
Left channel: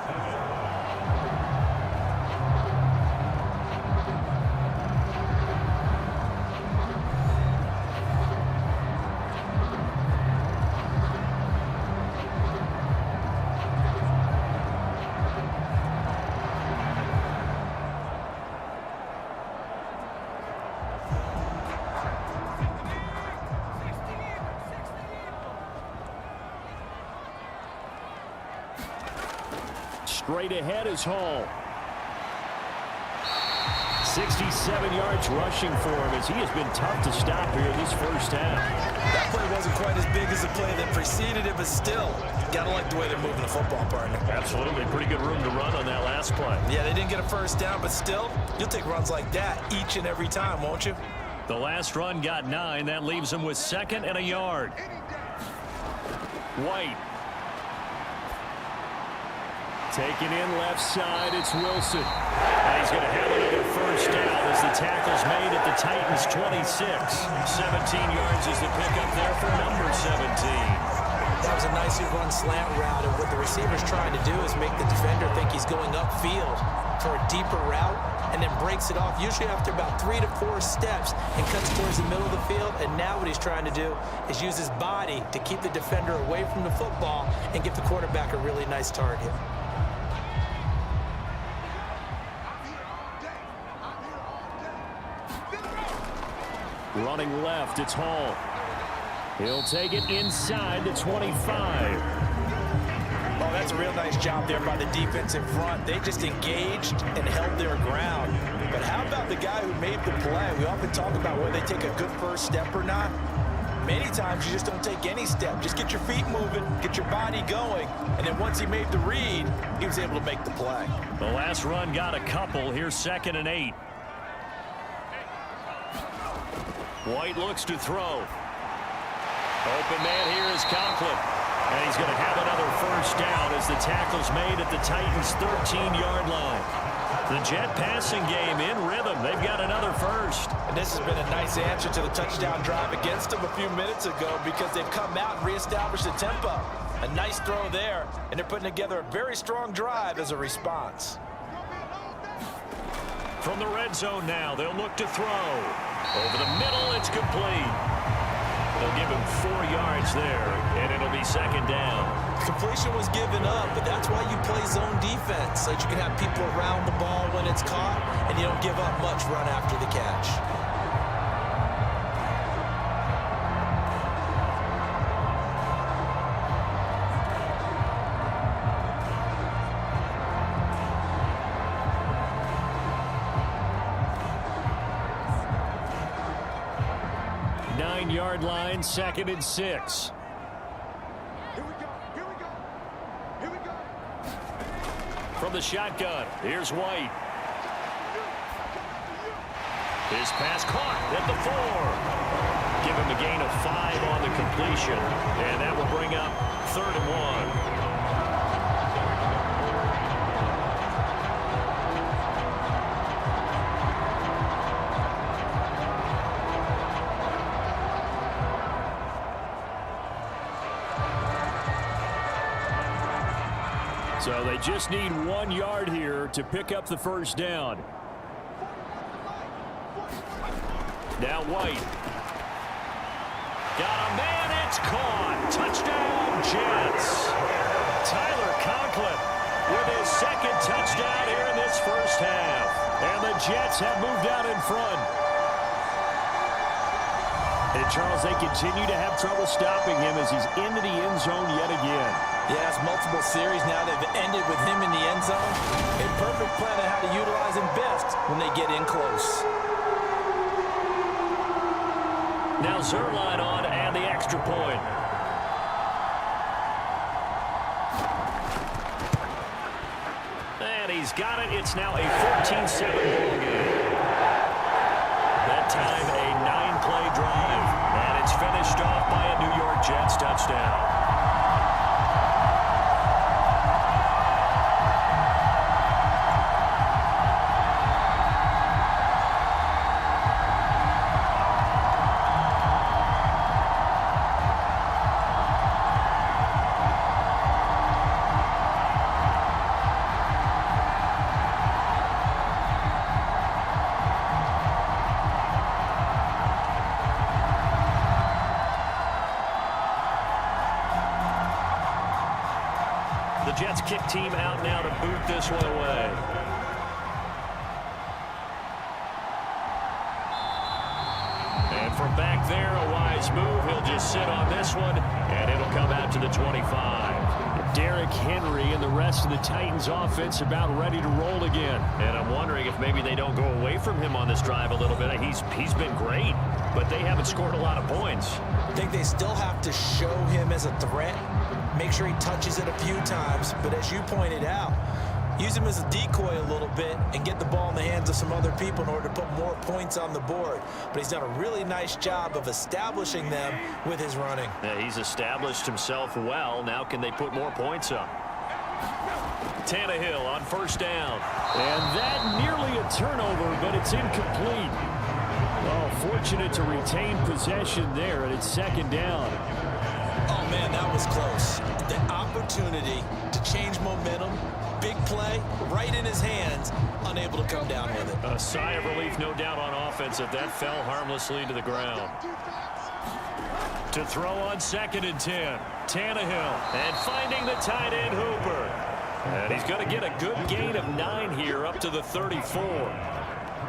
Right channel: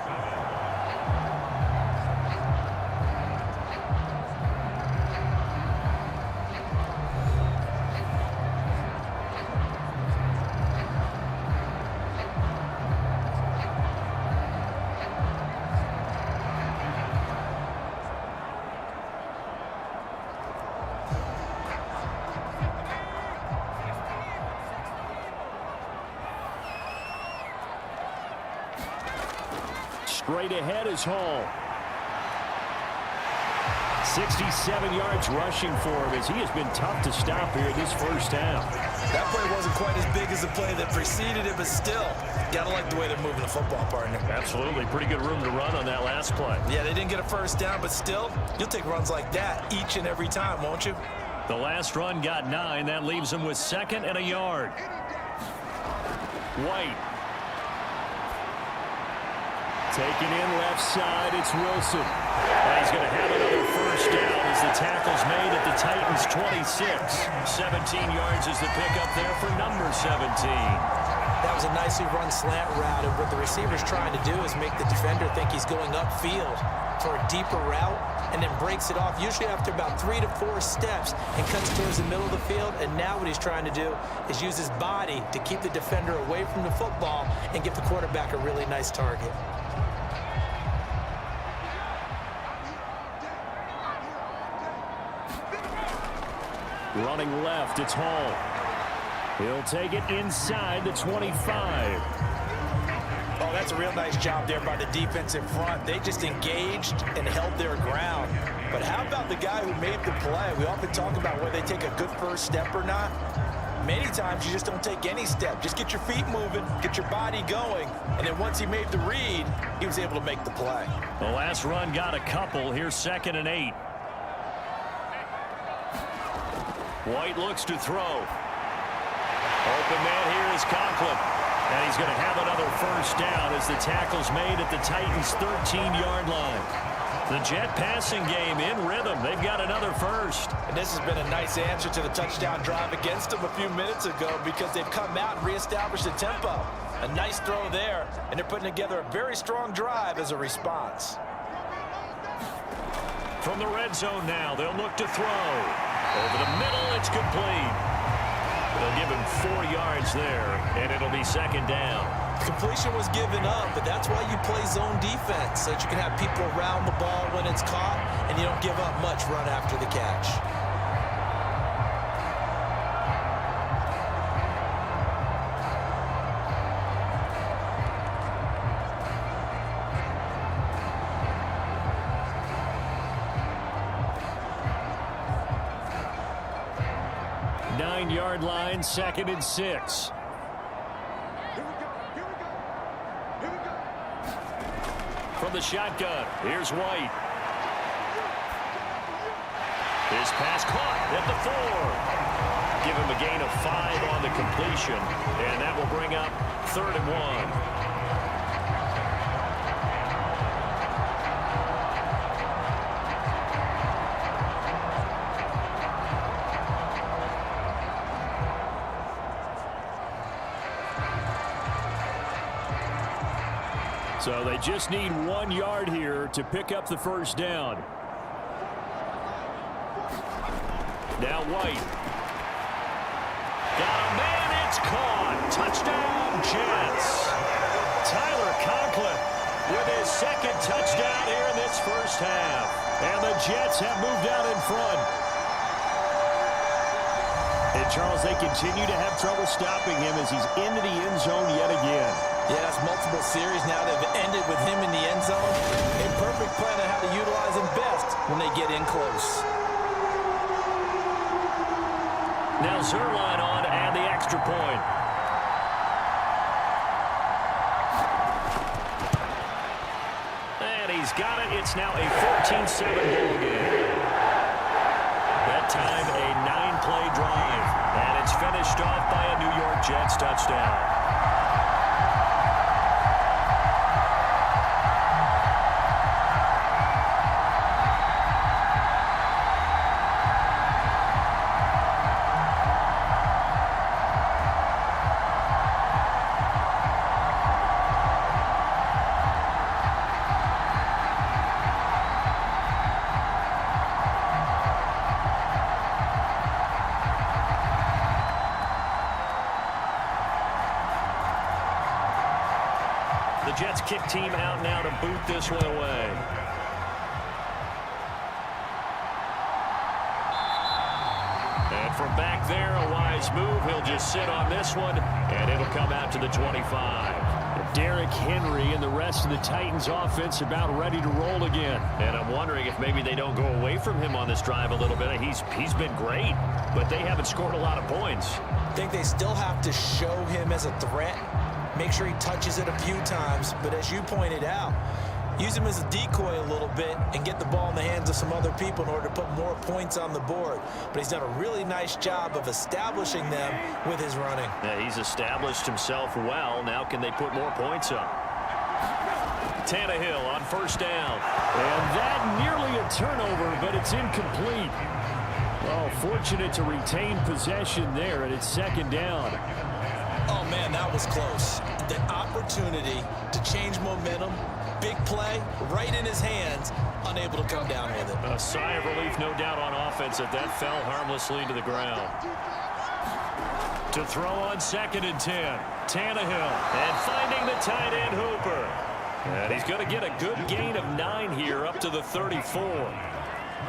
Straight ahead is Hall. 67 yards rushing for him as he has been tough to stop here this first half. That play wasn't quite as big as the play that preceded it, but still, gotta like the way they're moving the football, partner. Absolutely. Pretty good room to run on that last play. Yeah, they didn't get a first down, but still, you'll take runs like that each and every time, won't you? The last run got 9. That leaves him with 2nd and a yard. White. Taken in left side, it's Wilson. And he's going to have another first down as the tackle's made at the Titans' 26. 17 yards is the pickup there for number 17. That was a nicely run slant route, and what the receiver's trying to do is make the defender think he's going upfield for a deeper route, and then breaks it off, usually after about 3 to 4 steps, and cuts towards the middle of the field. And now what he's trying to do is use his body to keep the defender away from the football and give the quarterback a really nice target. Running left, it's Hall. He'll take it inside the 25. Oh, that's a real nice job there by the defense in front. They just engaged and held their ground. But how about the guy who made the play? We often talk about whether they take a good first step or not. Many times you just don't take any step. Just get your feet moving, get your body going, and then once he made the read, he was able to make the play. The last run got a couple. Here's 2nd and 8. White looks to throw. Open man here is Conklin. And he's going to have another first down as the tackle's made at the Titans' 13-yard line. The Jet passing game in rhythm. They've got another first. And this has been a nice answer to the touchdown drive against them a few minutes ago, because they've come out and reestablished the tempo. A nice throw there, and they're putting together a very strong drive as a response. From the red zone now, they'll look to throw. Over the middle, it's complete. They'll give him 4 yards there, and it'll be 2nd down. Completion was given up, but that's why you play zone defense, so that you can have people around the ball when it's caught, and you don't give up much run after the catch. Yard line, 2nd and 6. Here we go. From the shotgun, here's White. His pass caught at the 4. Give him a gain of 5 on the completion, and that will bring up 3rd and 1. So they just need 1 yard here to pick up the first down. Now White. Got a man It's caught. Touchdown, Jets. Tyler Conklin with his second touchdown here in this first half. And the Jets have moved out in front. And Charles, they continue to have trouble stopping him as he's into the end zone yet again. Yes, multiple series now that have ended with him in the end zone. A perfect plan on how to utilize him best when they get in close. Now Zerline on and the extra point. And he's got it. It's now a 14-7 ball game. That time a 9-play drive. And it's finished off by a New York Jets touchdown. The Jets kick team out now to boot this one away. And from back there, a wise move. He'll just sit on this one, and it'll come out to the 25. Derrick Henry and the rest of the Titans offense about ready to roll again. And I'm wondering if maybe they don't go away from him on this drive a little bit. He's been great, but they haven't scored a lot of points. I think they still have to show him as a threat. Make sure he touches it a few times, but as you pointed out, use him as a decoy a little bit and get the ball in the hands of some other people in order to put more points on the board. But he's done a really nice job of establishing them with his running. Yeah, he's established himself well. Now can they put more points up? Tannehill on first down. And that nearly a turnover, but it's incomplete. Well, fortunate to retain possession there, and it's second down. Oh, man, that was close. The opportunity to change momentum, big play, right in his hands, unable to come down with it. A sigh of relief, no doubt, on offense if that fell harmlessly to the ground. To throw on 2nd and 10. Tannehill. And finding the tight end, Hooper. And he's going to get a good gain of 9 here up to the 34.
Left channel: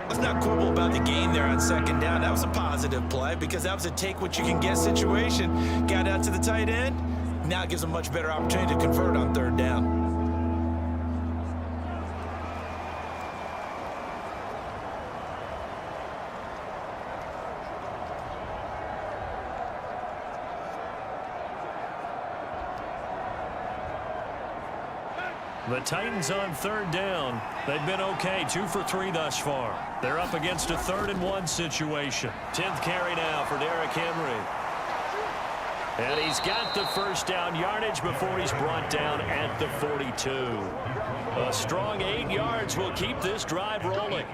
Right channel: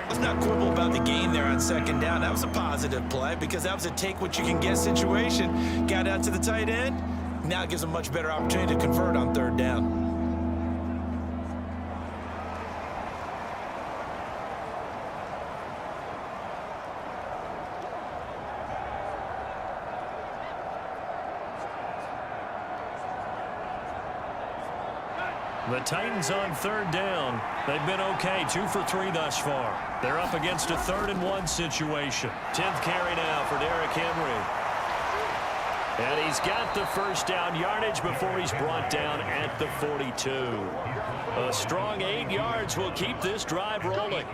Let's not quibble about the gain there on 2nd down. That was a positive play because that was a take-what-you-can-get situation. Got out to the tight end. Now it gives a much better opportunity to convert on 3rd down. The Titans on 3rd down. They've been okay, 2 for 3 thus far. They're up against a 3rd and 1 situation. 10th carry now for Derrick Henry. And he's got the first down yardage before he's brought down at the 42. A strong 8 yards will keep this drive rolling.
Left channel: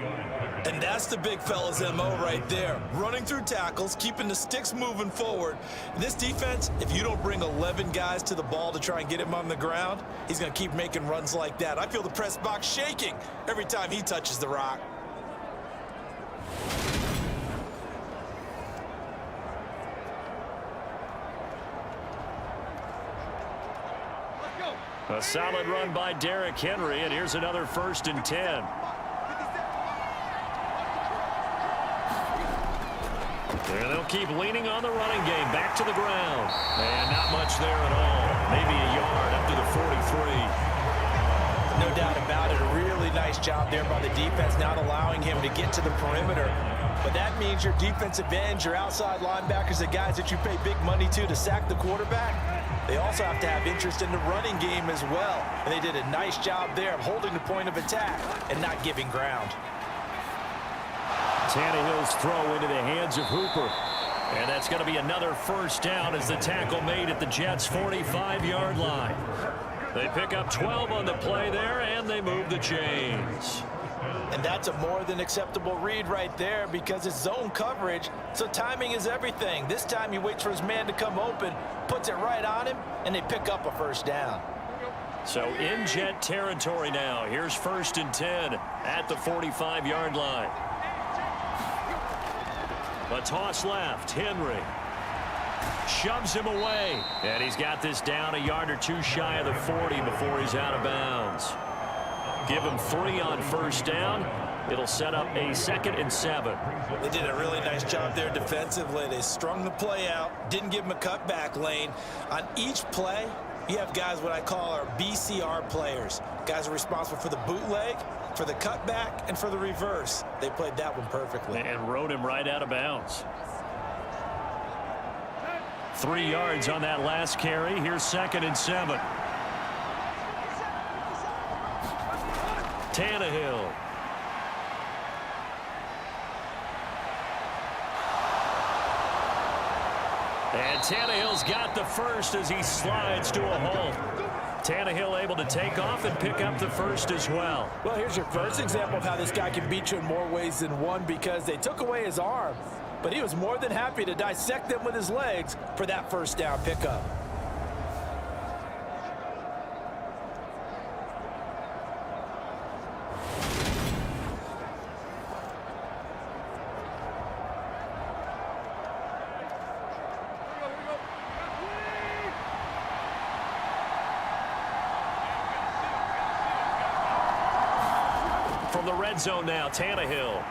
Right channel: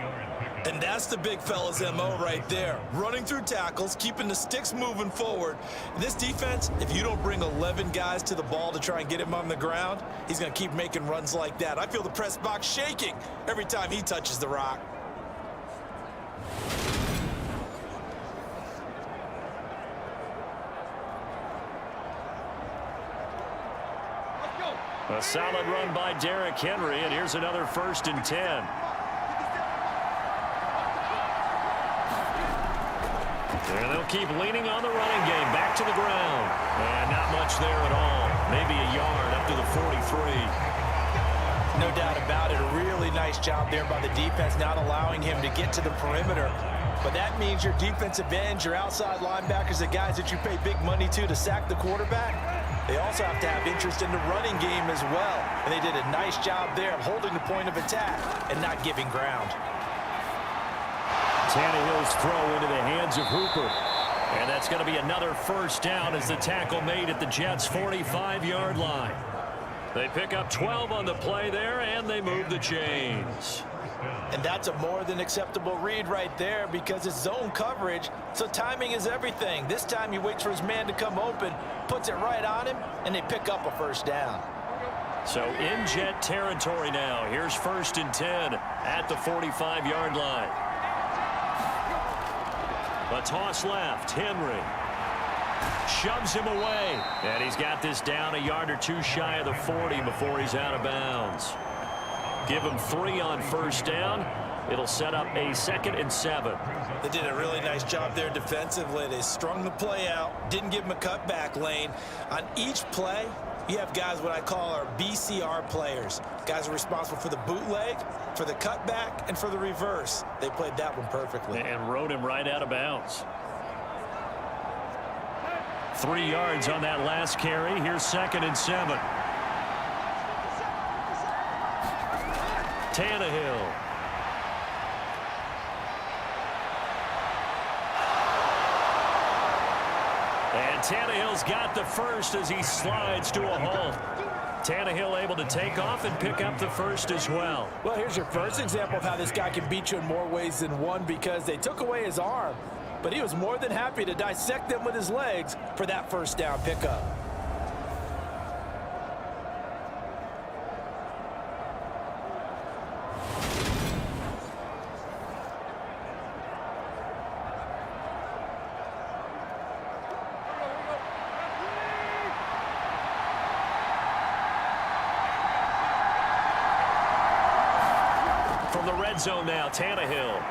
And that's the big fella's MO right there. Running through tackles, keeping the sticks moving forward. This defense, if you don't bring 11 guys to the ball to try and get him on the ground, he's going to keep making runs like that. I feel the press box shaking every time he touches the rock. A solid run by Derrick Henry, and here's another 1st and 10. And they'll keep leaning on the running game. Back to the ground. And not much there at all. Maybe a yard up to the 43. No doubt about it. A really nice job there by the defense, not allowing him to get to the perimeter. But that means your defensive ends, your outside linebackers, the guys that you pay big money to sack the quarterback, they also have to have interest in the running game as well. And they did a nice job there of holding the point of attack and not giving ground. Tannehill's throw into the hands of Hooper. And that's going to be another 1st down as the tackle made at the Jets' 45-yard line. They pick up 12 on the play there, and they move the chains. And that's a more than acceptable read right there because it's zone coverage, so timing is everything. This time he waits for his man to come open, puts it right on him, and they pick up a 1st down. So in Jet territory now. Here's 1st and 10 at the 45-yard line. A toss left. Henry. Shoves him away. And he's got this down a yard or two shy of the 40 before he's out of bounds. Give him 3 on first down. It'll set up a 2nd and 7. They did a really nice job there defensively. They strung the play out, didn't give him a cutback lane. On each play, you have guys what I call our BCR players. Guys are responsible for the bootleg, for the cutback, and for the reverse. They played that one perfectly. And rode him right out of bounds. 3 yards on that last carry. Here's 2nd and 7. Tannehill. And Tannehill's got the first as he slides to a halt. Tannehill able to take off and pick up the first as well. Well, here's your first example of how this guy can beat you in more ways than one, because they took away his arm, but he was more than happy to dissect them with his legs for that first down pickup. From the red zone now, Tannehill.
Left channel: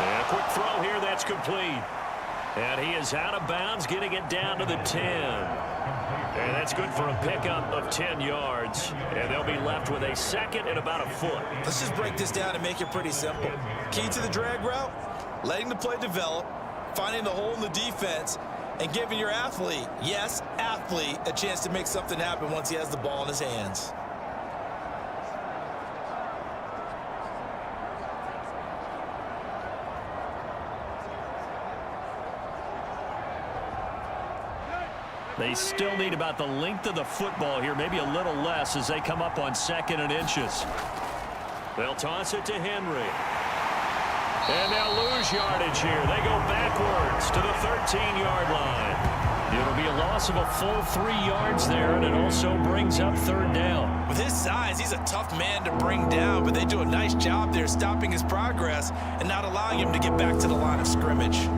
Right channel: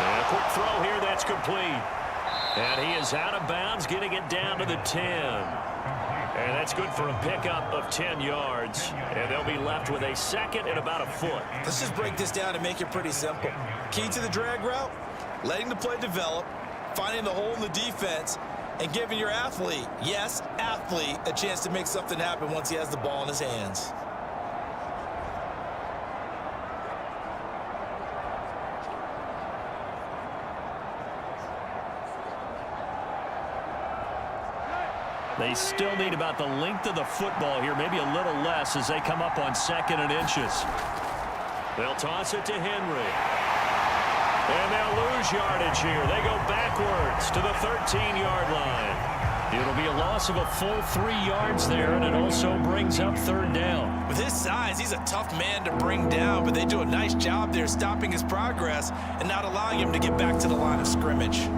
And a quick throw here, that's complete. And he is out of bounds, getting it down to the 10. And that's good for a pickup of 10 yards. And they'll be left with a 2nd and about a foot. Let's just break this down and make it pretty simple. Key to the drag route, letting the play develop, finding the hole in the defense, and giving your athlete, yes, athlete, a chance to make something happen once he has the ball in his hands. They still need about the length of the football here, maybe a little less as they come up on 2nd and inches. They'll toss it to Henry. And they'll lose yardage here. They go backwards to the 13-yard line. It'll be a loss of a full 3 yards there, and it also brings up 3rd down. With his size, he's a tough man to bring down, but they do a nice job there stopping his progress and not allowing him to get back to the line of scrimmage.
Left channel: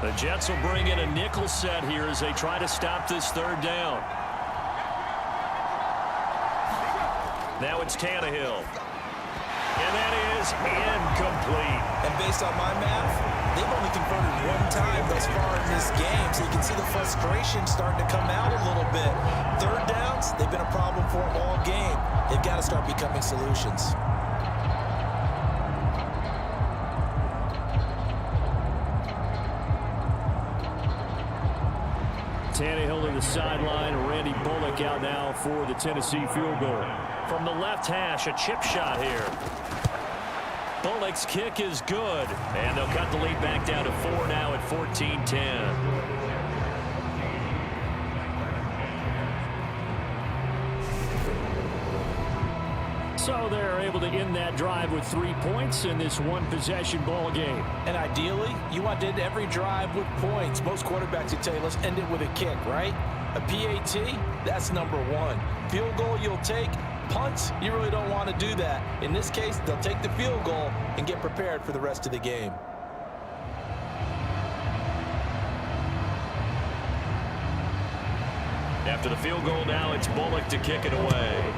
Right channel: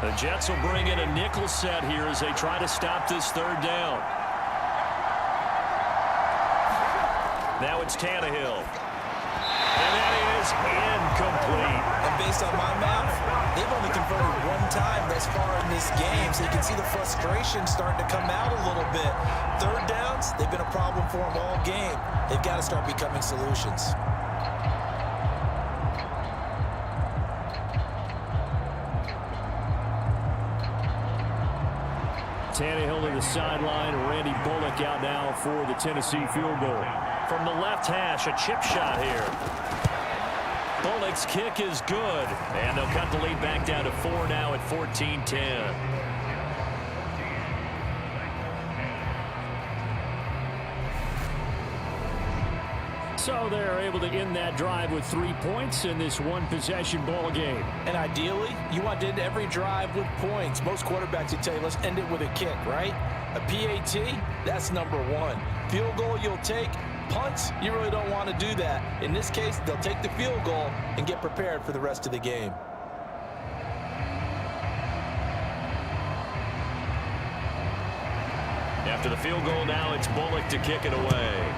The Jets will bring in a nickel set here as they try to stop this 3rd down. Now it's Tannehill. And that is incomplete. And based on my math, they've only converted 1 time thus far in this game, so you can see the frustration starting to come out a little bit. 3rd downs, they've been a problem for them all game. They've got to start becoming solutions. Tannehill to the sideline. Randy Bullock out now for the Tennessee field goal. From the left hash, a chip shot here. Bullock's kick is good. And they'll cut the lead back down to 4 now at 14-10. So they're able to end that drive with 3 points in this one-possession ball game. And ideally, you want to end every drive with points. Most quarterbacks would tell you, let's end it with a kick, right? A PAT, that's number 1. Field goal you'll take. Punts, you really don't want to do that. In this case, they'll take the field goal and get prepared for the rest of the game. After the field goal now, it's Bullock to kick it away.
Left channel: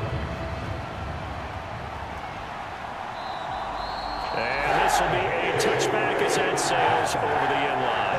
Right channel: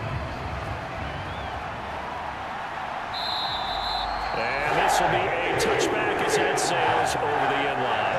And this will be a touchback as that sails over the end line.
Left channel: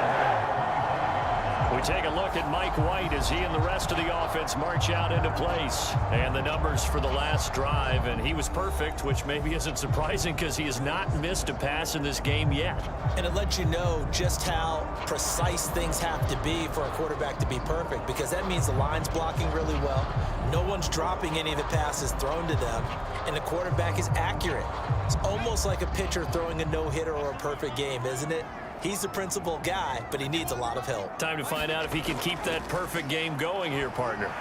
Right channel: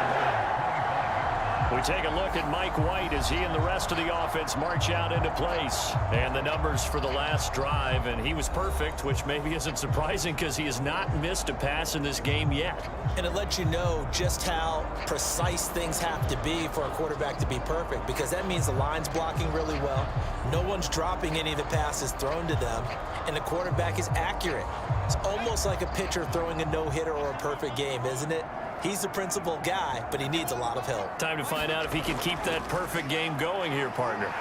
We take a look at Mike White as he and the rest of the offense march out into place. And the numbers for the last drive, and he was perfect, which maybe isn't surprising because he has not missed a pass in this game yet. And it lets you know just how precise things have to be for a quarterback to be perfect, because that means the line's blocking really well. No one's dropping any of the passes thrown to them, and the quarterback is accurate. It's almost like a pitcher throwing a no-hitter or a perfect game, isn't it? He's the principal guy, but he needs a lot of help. Time to find out if he can keep that perfect game going here, partner.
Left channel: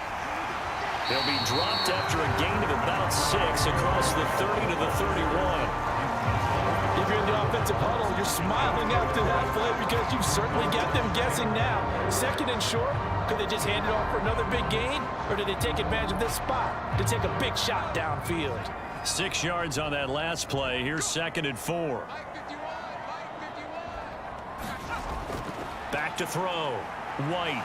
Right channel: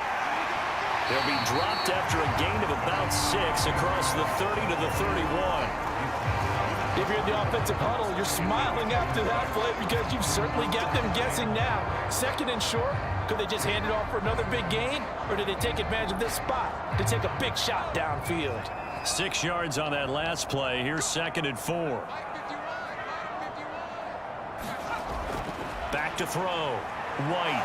He'll be dropped after a gain of about 6 across the 30 to the 31. If you're in the offensive huddle, you're smiling after that play because you've certainly got them guessing now. 2nd and short, could they just hand it off for another big gain? Or did they take advantage of this spot to take a big shot downfield? 6 yards on that last play. Here's 2nd and 4. Back to throw. White.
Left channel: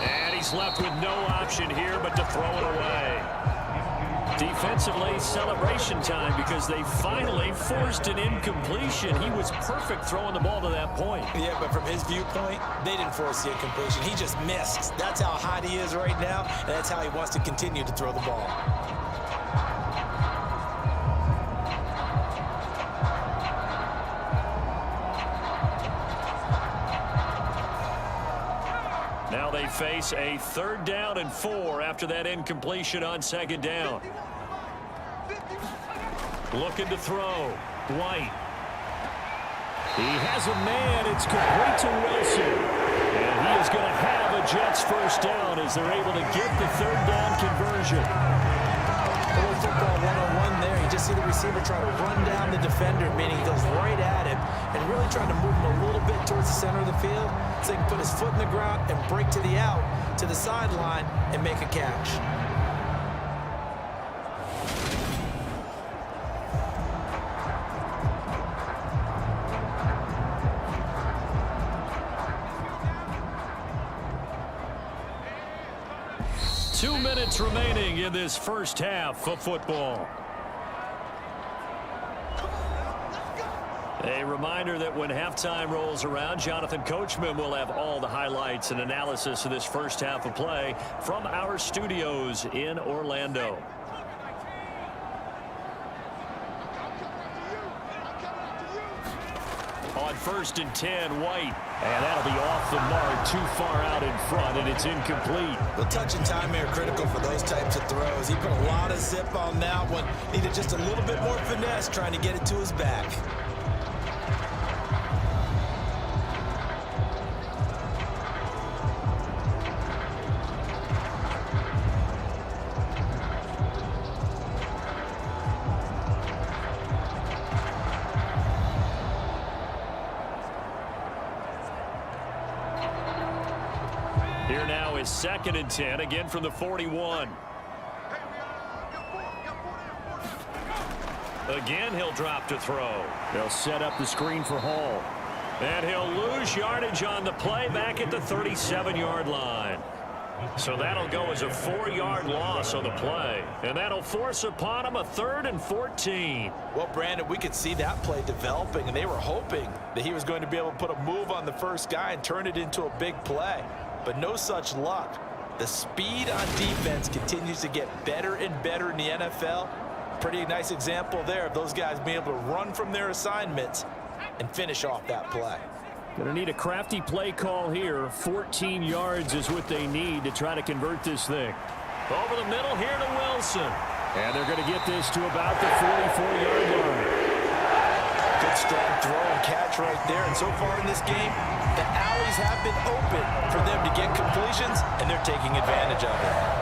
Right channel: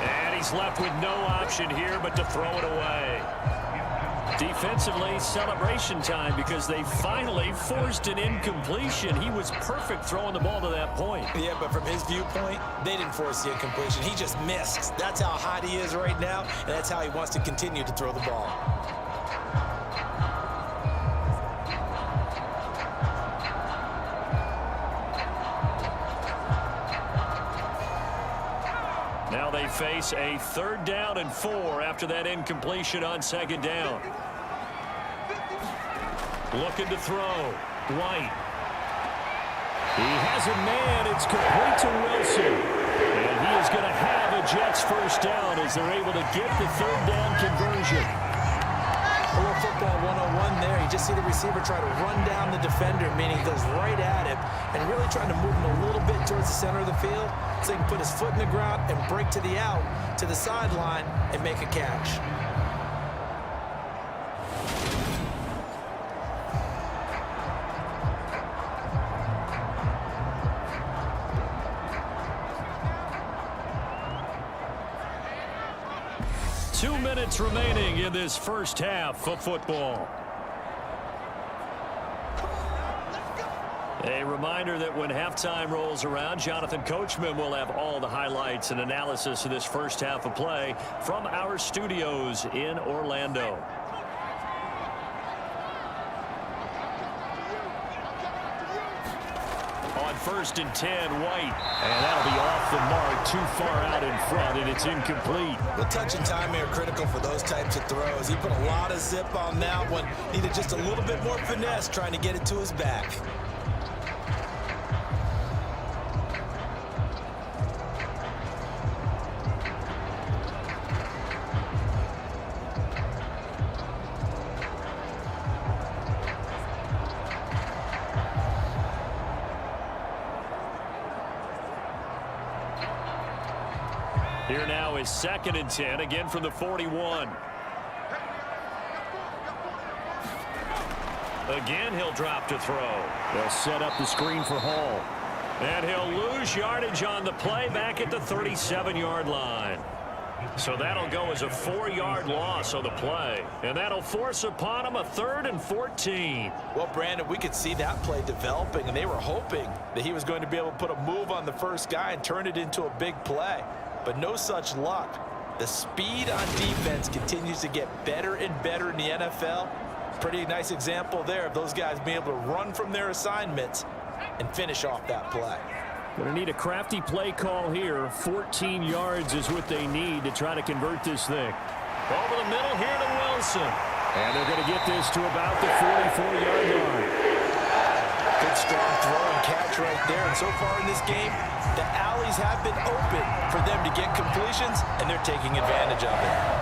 And he's left with no option here but to throw it away. Defensively, celebration time because they finally forced an incompletion. He was perfect throwing the ball to that point. Yeah, but from his viewpoint, they didn't force the incompletion. He just missed. That's how hot he is right now, and that's how he wants to continue to throw the ball. Now they face a 3rd down and 4 after that incompletion on 2nd down. Looking to throw. White. He has a man. It's complete to Wilson. And he is going to have a Jets 1st down as they're able to get the 3rd down conversion. A little football 101 there. You just see the receiver try to run down the defender, meaning he goes right at him and really trying to move him a little bit towards the center of the field so he can put his foot in the ground and break to the out, to the sideline, and make a catch. Two minutes remaining in this first half of football. A reminder that when halftime rolls around, Jonathan Coachman will have all the highlights and analysis of this first half of play from our studios in Orlando. On 1st and 10, White. And that'll be off the mark, too far out in front, and it's incomplete. Well, touch and time are critical for those types of throws. He put a lot of zip on that one. Needed just a little bit more finesse trying to get it to his back. Here now is 2nd and 10, again from the 41. Again, he'll drop to throw. They'll set up the screen for Hall. And he'll lose yardage on the play back at the 37-yard line. So that'll go as a 4-yard loss on the play. And that'll force upon him a 3rd and 14. Well, Brandon, we could see that play developing, and they were hoping that he was going to be able to put a move on the first guy and turn it into a big play. But no such luck. The speed on defense continues to get better and better in the NFL. Pretty nice example there of those guys being able to run from their assignments and finish off that play. Going to need a crafty play call here. 14 yards is what they need to try to convert this thing. Over the middle here to Wilson. And they're going to get this to about the 44-yard line. Good strong throw and catch right there. And so far in this game, the alleys have been open for them to get completions, and they're taking advantage of it.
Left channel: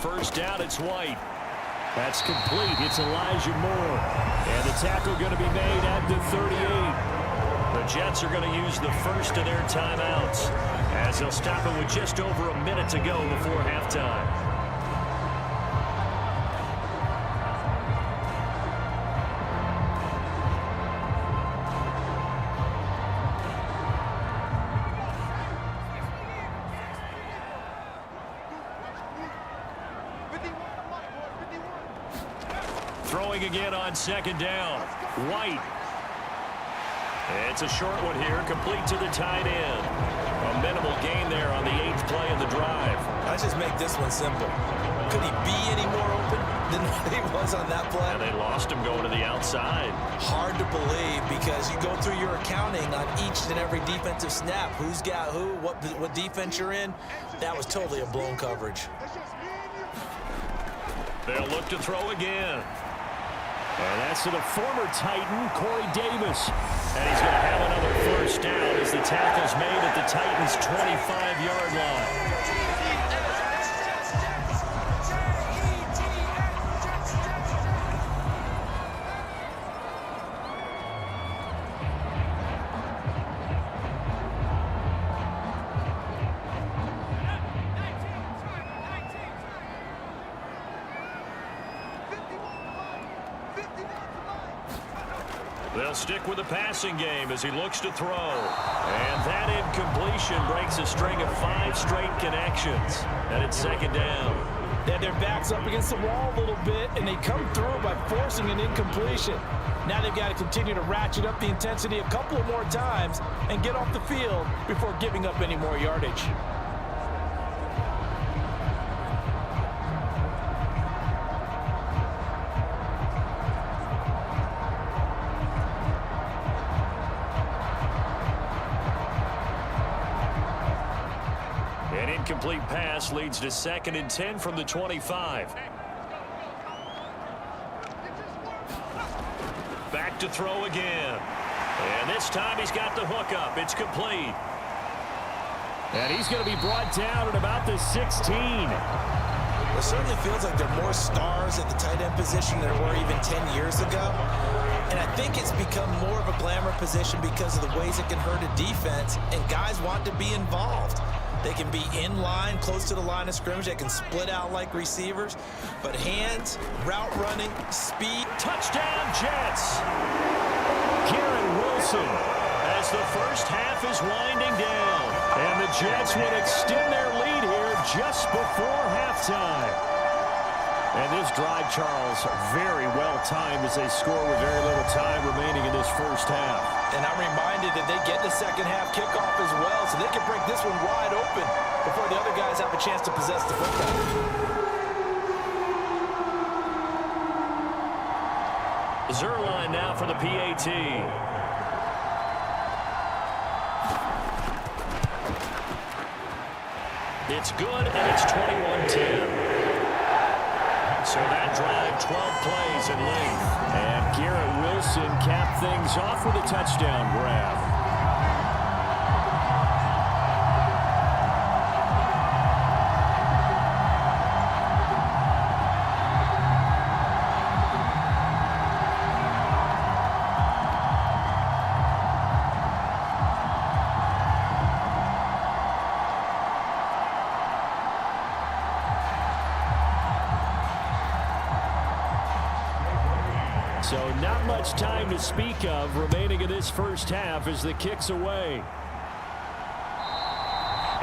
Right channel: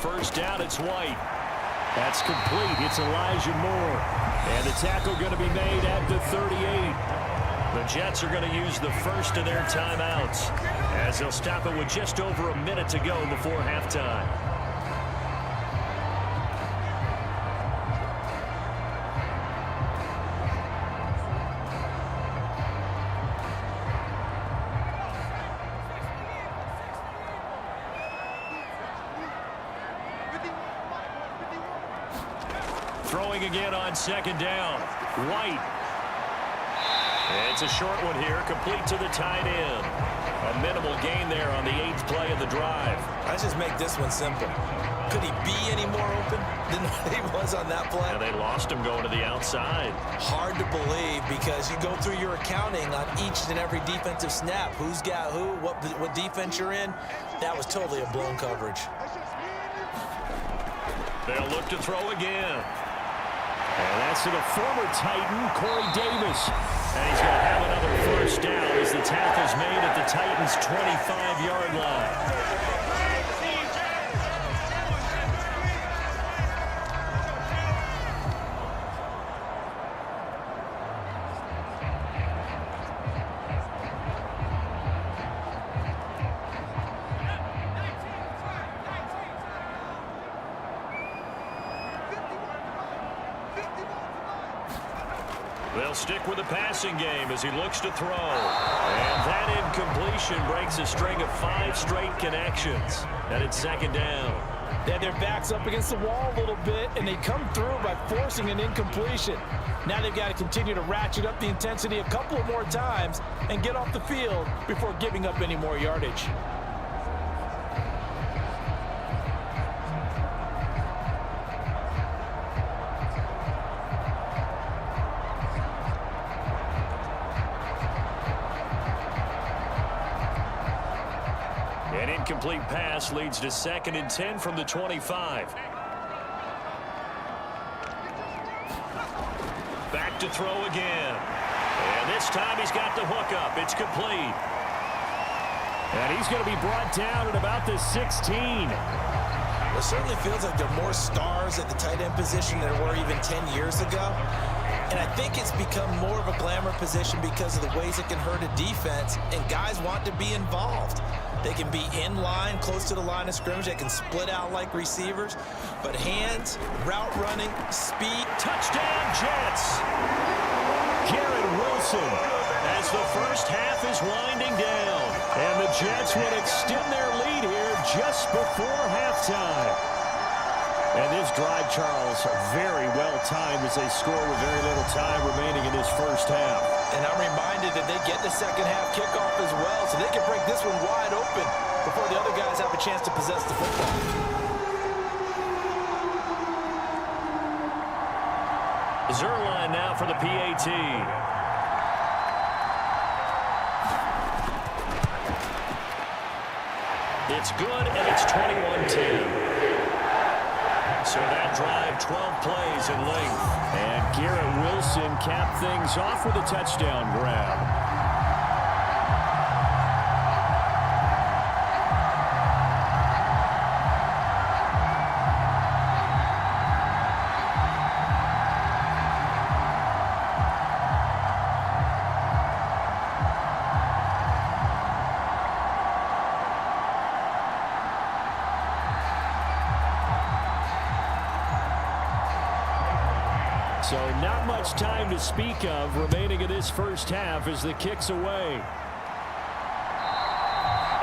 First down, it's White. That's complete. It's Elijah Moore. And the tackle going to be made at the 38. The Jets are going to use the first of their timeouts as they'll stop it with just over a minute to go before halftime. Throwing again on 2nd down. White. It's a short one here, complete to the tight end. A minimal gain there on the 8th play of the drive. Let's just make this one simple. Could he be any more open? than he was on that play. Yeah, they lost him going to the outside. Hard to believe because you go through your accounting on each and every defensive snap. Who's got who, what defense you're in. That was totally a blown coverage. They'll look to throw again. And that's to the former Titan, Corey Davis. And he's going to have another first down as the tackle's made at the Titans' 25-yard line. They'll stick with the passing game as he looks to throw. And that incompletion breaks a string of 5 straight connections. And it's second down. They had their backs up against the wall a little bit, and they come through by forcing an incompletion. Now they've got to continue to ratchet up the intensity a couple of more times and get off the field before giving up any more yardage. An incomplete pass leads to 2nd and 10 from the 25. Back to throw again. And this time he's got the hook up. It's complete. And he's going to be brought down at about the 16. It certainly feels like there are more stars at the tight end position than there were even 10 years ago. And I think it's become more of a glamour position because of the ways it can hurt a defense, and guys want to be involved. They can be in line, close to the line of scrimmage. They can split out like receivers. But hands, route running, speed. Touchdown, Jets. Garrett Wilson as the first half is winding down. And the Jets would extend their lead here just before halftime. And this drive, Charles, very well timed as they score with very little time remaining in this first half. And I'm reminded that they get the second half kickoff as well, so they can break this one wide open before the other guys have a chance to possess the football. Zerline now for the PAT. It's good, and it's 21-10. So that drive, 12 plays in length. And Garrett Wilson capped things off with a touchdown grab. So not much time to speak of remaining in this first half as the kick's away.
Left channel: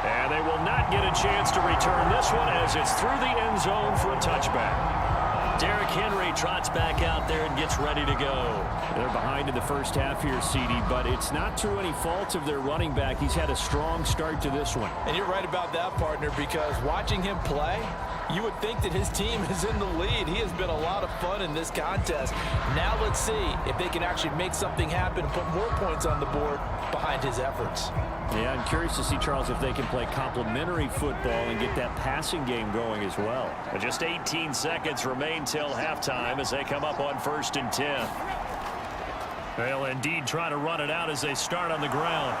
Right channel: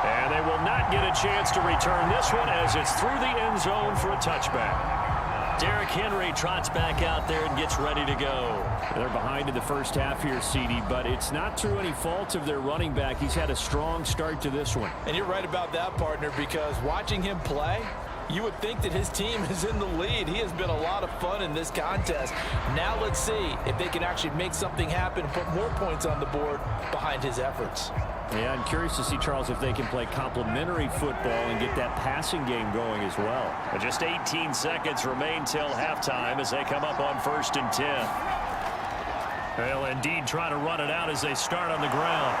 And they will not get a chance to return this one as it's through the end zone for a touchback. Derrick Henry trots back out there and gets ready to go. They're behind in the first half here, CD, but it's not through any fault of their running back. He's had a strong start to this one. And you're right about that, partner, because watching him play, you would think that his team is in the lead. He has been a lot of fun in this contest. Now let's see if they can actually make something happen and put more points on the board behind his efforts. Yeah, I'm curious to see, Charles, if they can play complementary football and get that passing game going as well. Just 18 seconds remain till halftime as they come up on 1st and 10. They'll indeed try to run it out as they start on the ground.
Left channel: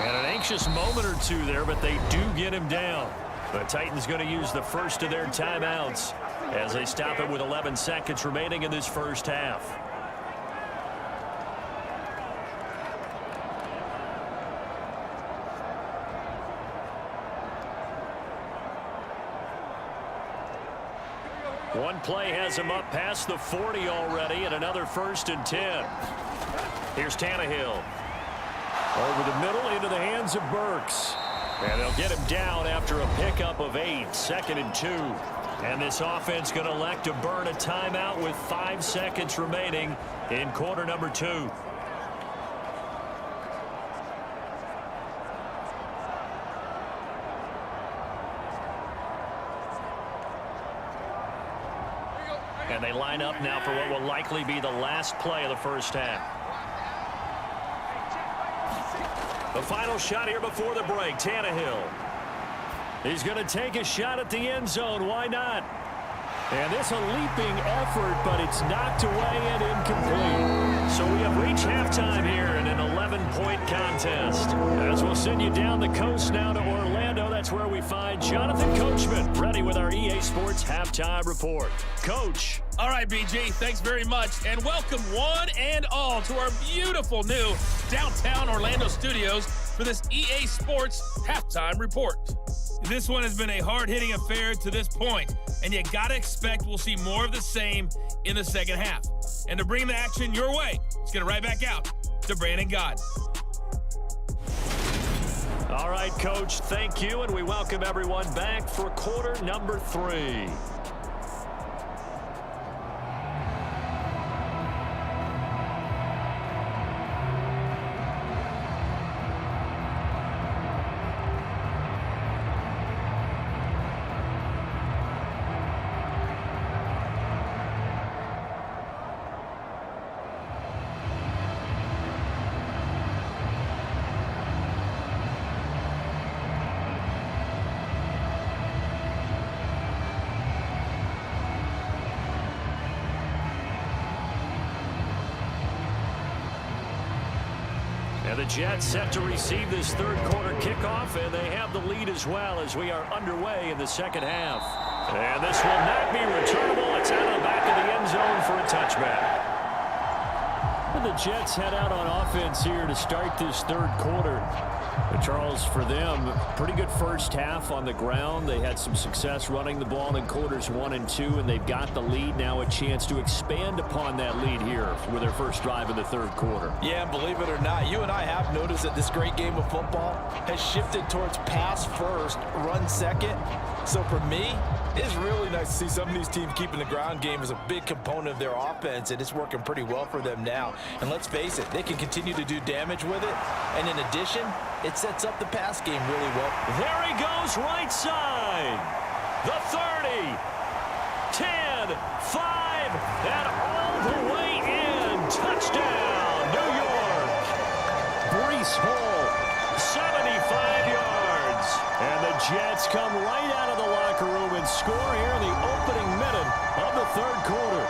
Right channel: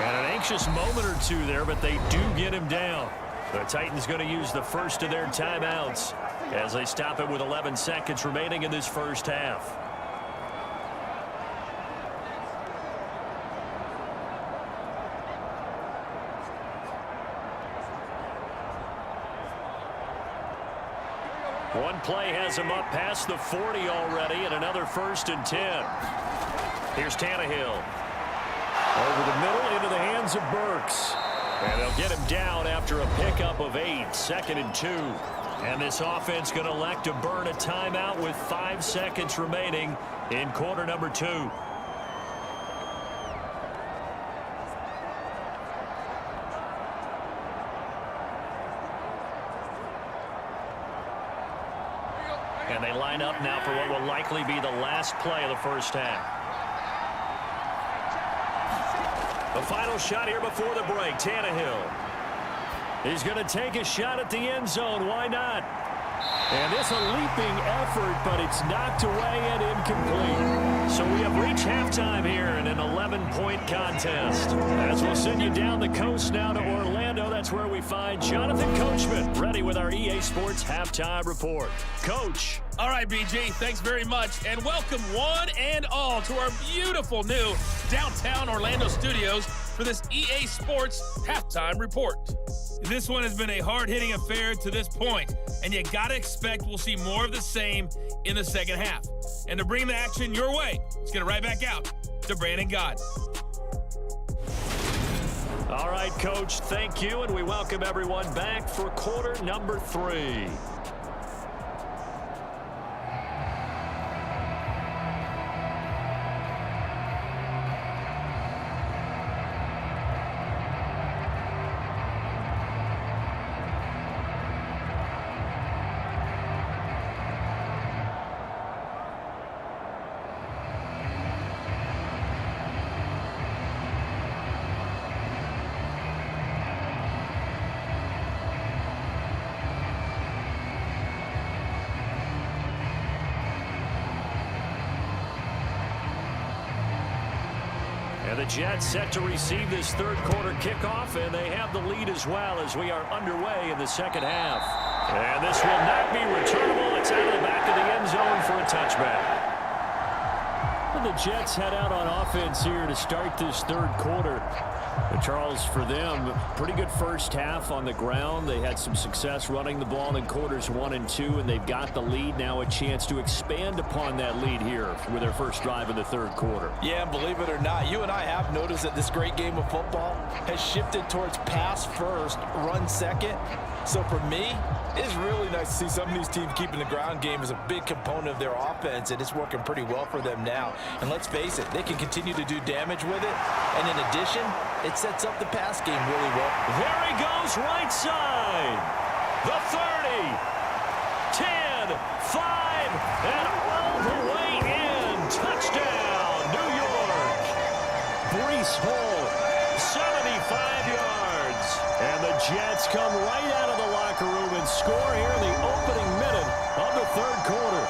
And an anxious moment or two there, but they do get him down. The Titans going to use the first of their timeouts as they stop it with 11 seconds remaining in this first half. One play has him up past the 40 already, and another 1st and 10. Here's Tannehill. Over the middle into the hands of Burks. And they'll get him down after a pickup of 8, 2nd and 2. And this offense going to elect to burn a timeout with 5 seconds remaining in quarter number 2. And they line up now for what will likely be the last play of the first half. The final shot here before the break, Tannehill. He's going to take a shot at the end zone. Why not? And this a leaping effort, but it's knocked away and incomplete. So we have reached halftime here in an 11-point contest. As we'll send you down the coast now to Orlando, that's where we find Jonathan Coachman, ready with our EA Sports Halftime Report. Coach. All right, BG, thanks very much. And welcome one and all to our beautiful new downtown Orlando studios for this EA Sports Halftime Report. This one has been a hard-hitting affair to this point, and you got to expect we'll see more of the same in the second half. And to bring the action your way, let's get it right back out to Brandon God. All right, Coach, thank you, and we welcome everyone back for quarter number 3. And the Jets set to receive this third quarter kickoff, and they have the lead as well as we are underway in the second half. And this will not be returnable. It's out of the back of the end zone for a touchback. And the Jets head out on offense here to start this third quarter. But Charles, for them, pretty good first half on the ground. They had some success running the ball in quarters 1 and 2, and they've got the lead now, a chance to expand upon that lead here with their first drive in the third quarter. Yeah, and believe it or not, you and I have noticed that this great game of football has shifted towards pass first, run second. So for me, it's really nice to see some of these teams keeping the ground game as a big component of their offense, and it's working pretty well for them now. And let's face it, they can continue to do damage with it. And in addition, it sets up the pass game really well. There he goes, right side. The 30, 10, 5, and all the way in. Touchdown, New York. Breece Hall, 75 yards. And the Jets come right out of the locker room and score here in the opening minute of the third quarter.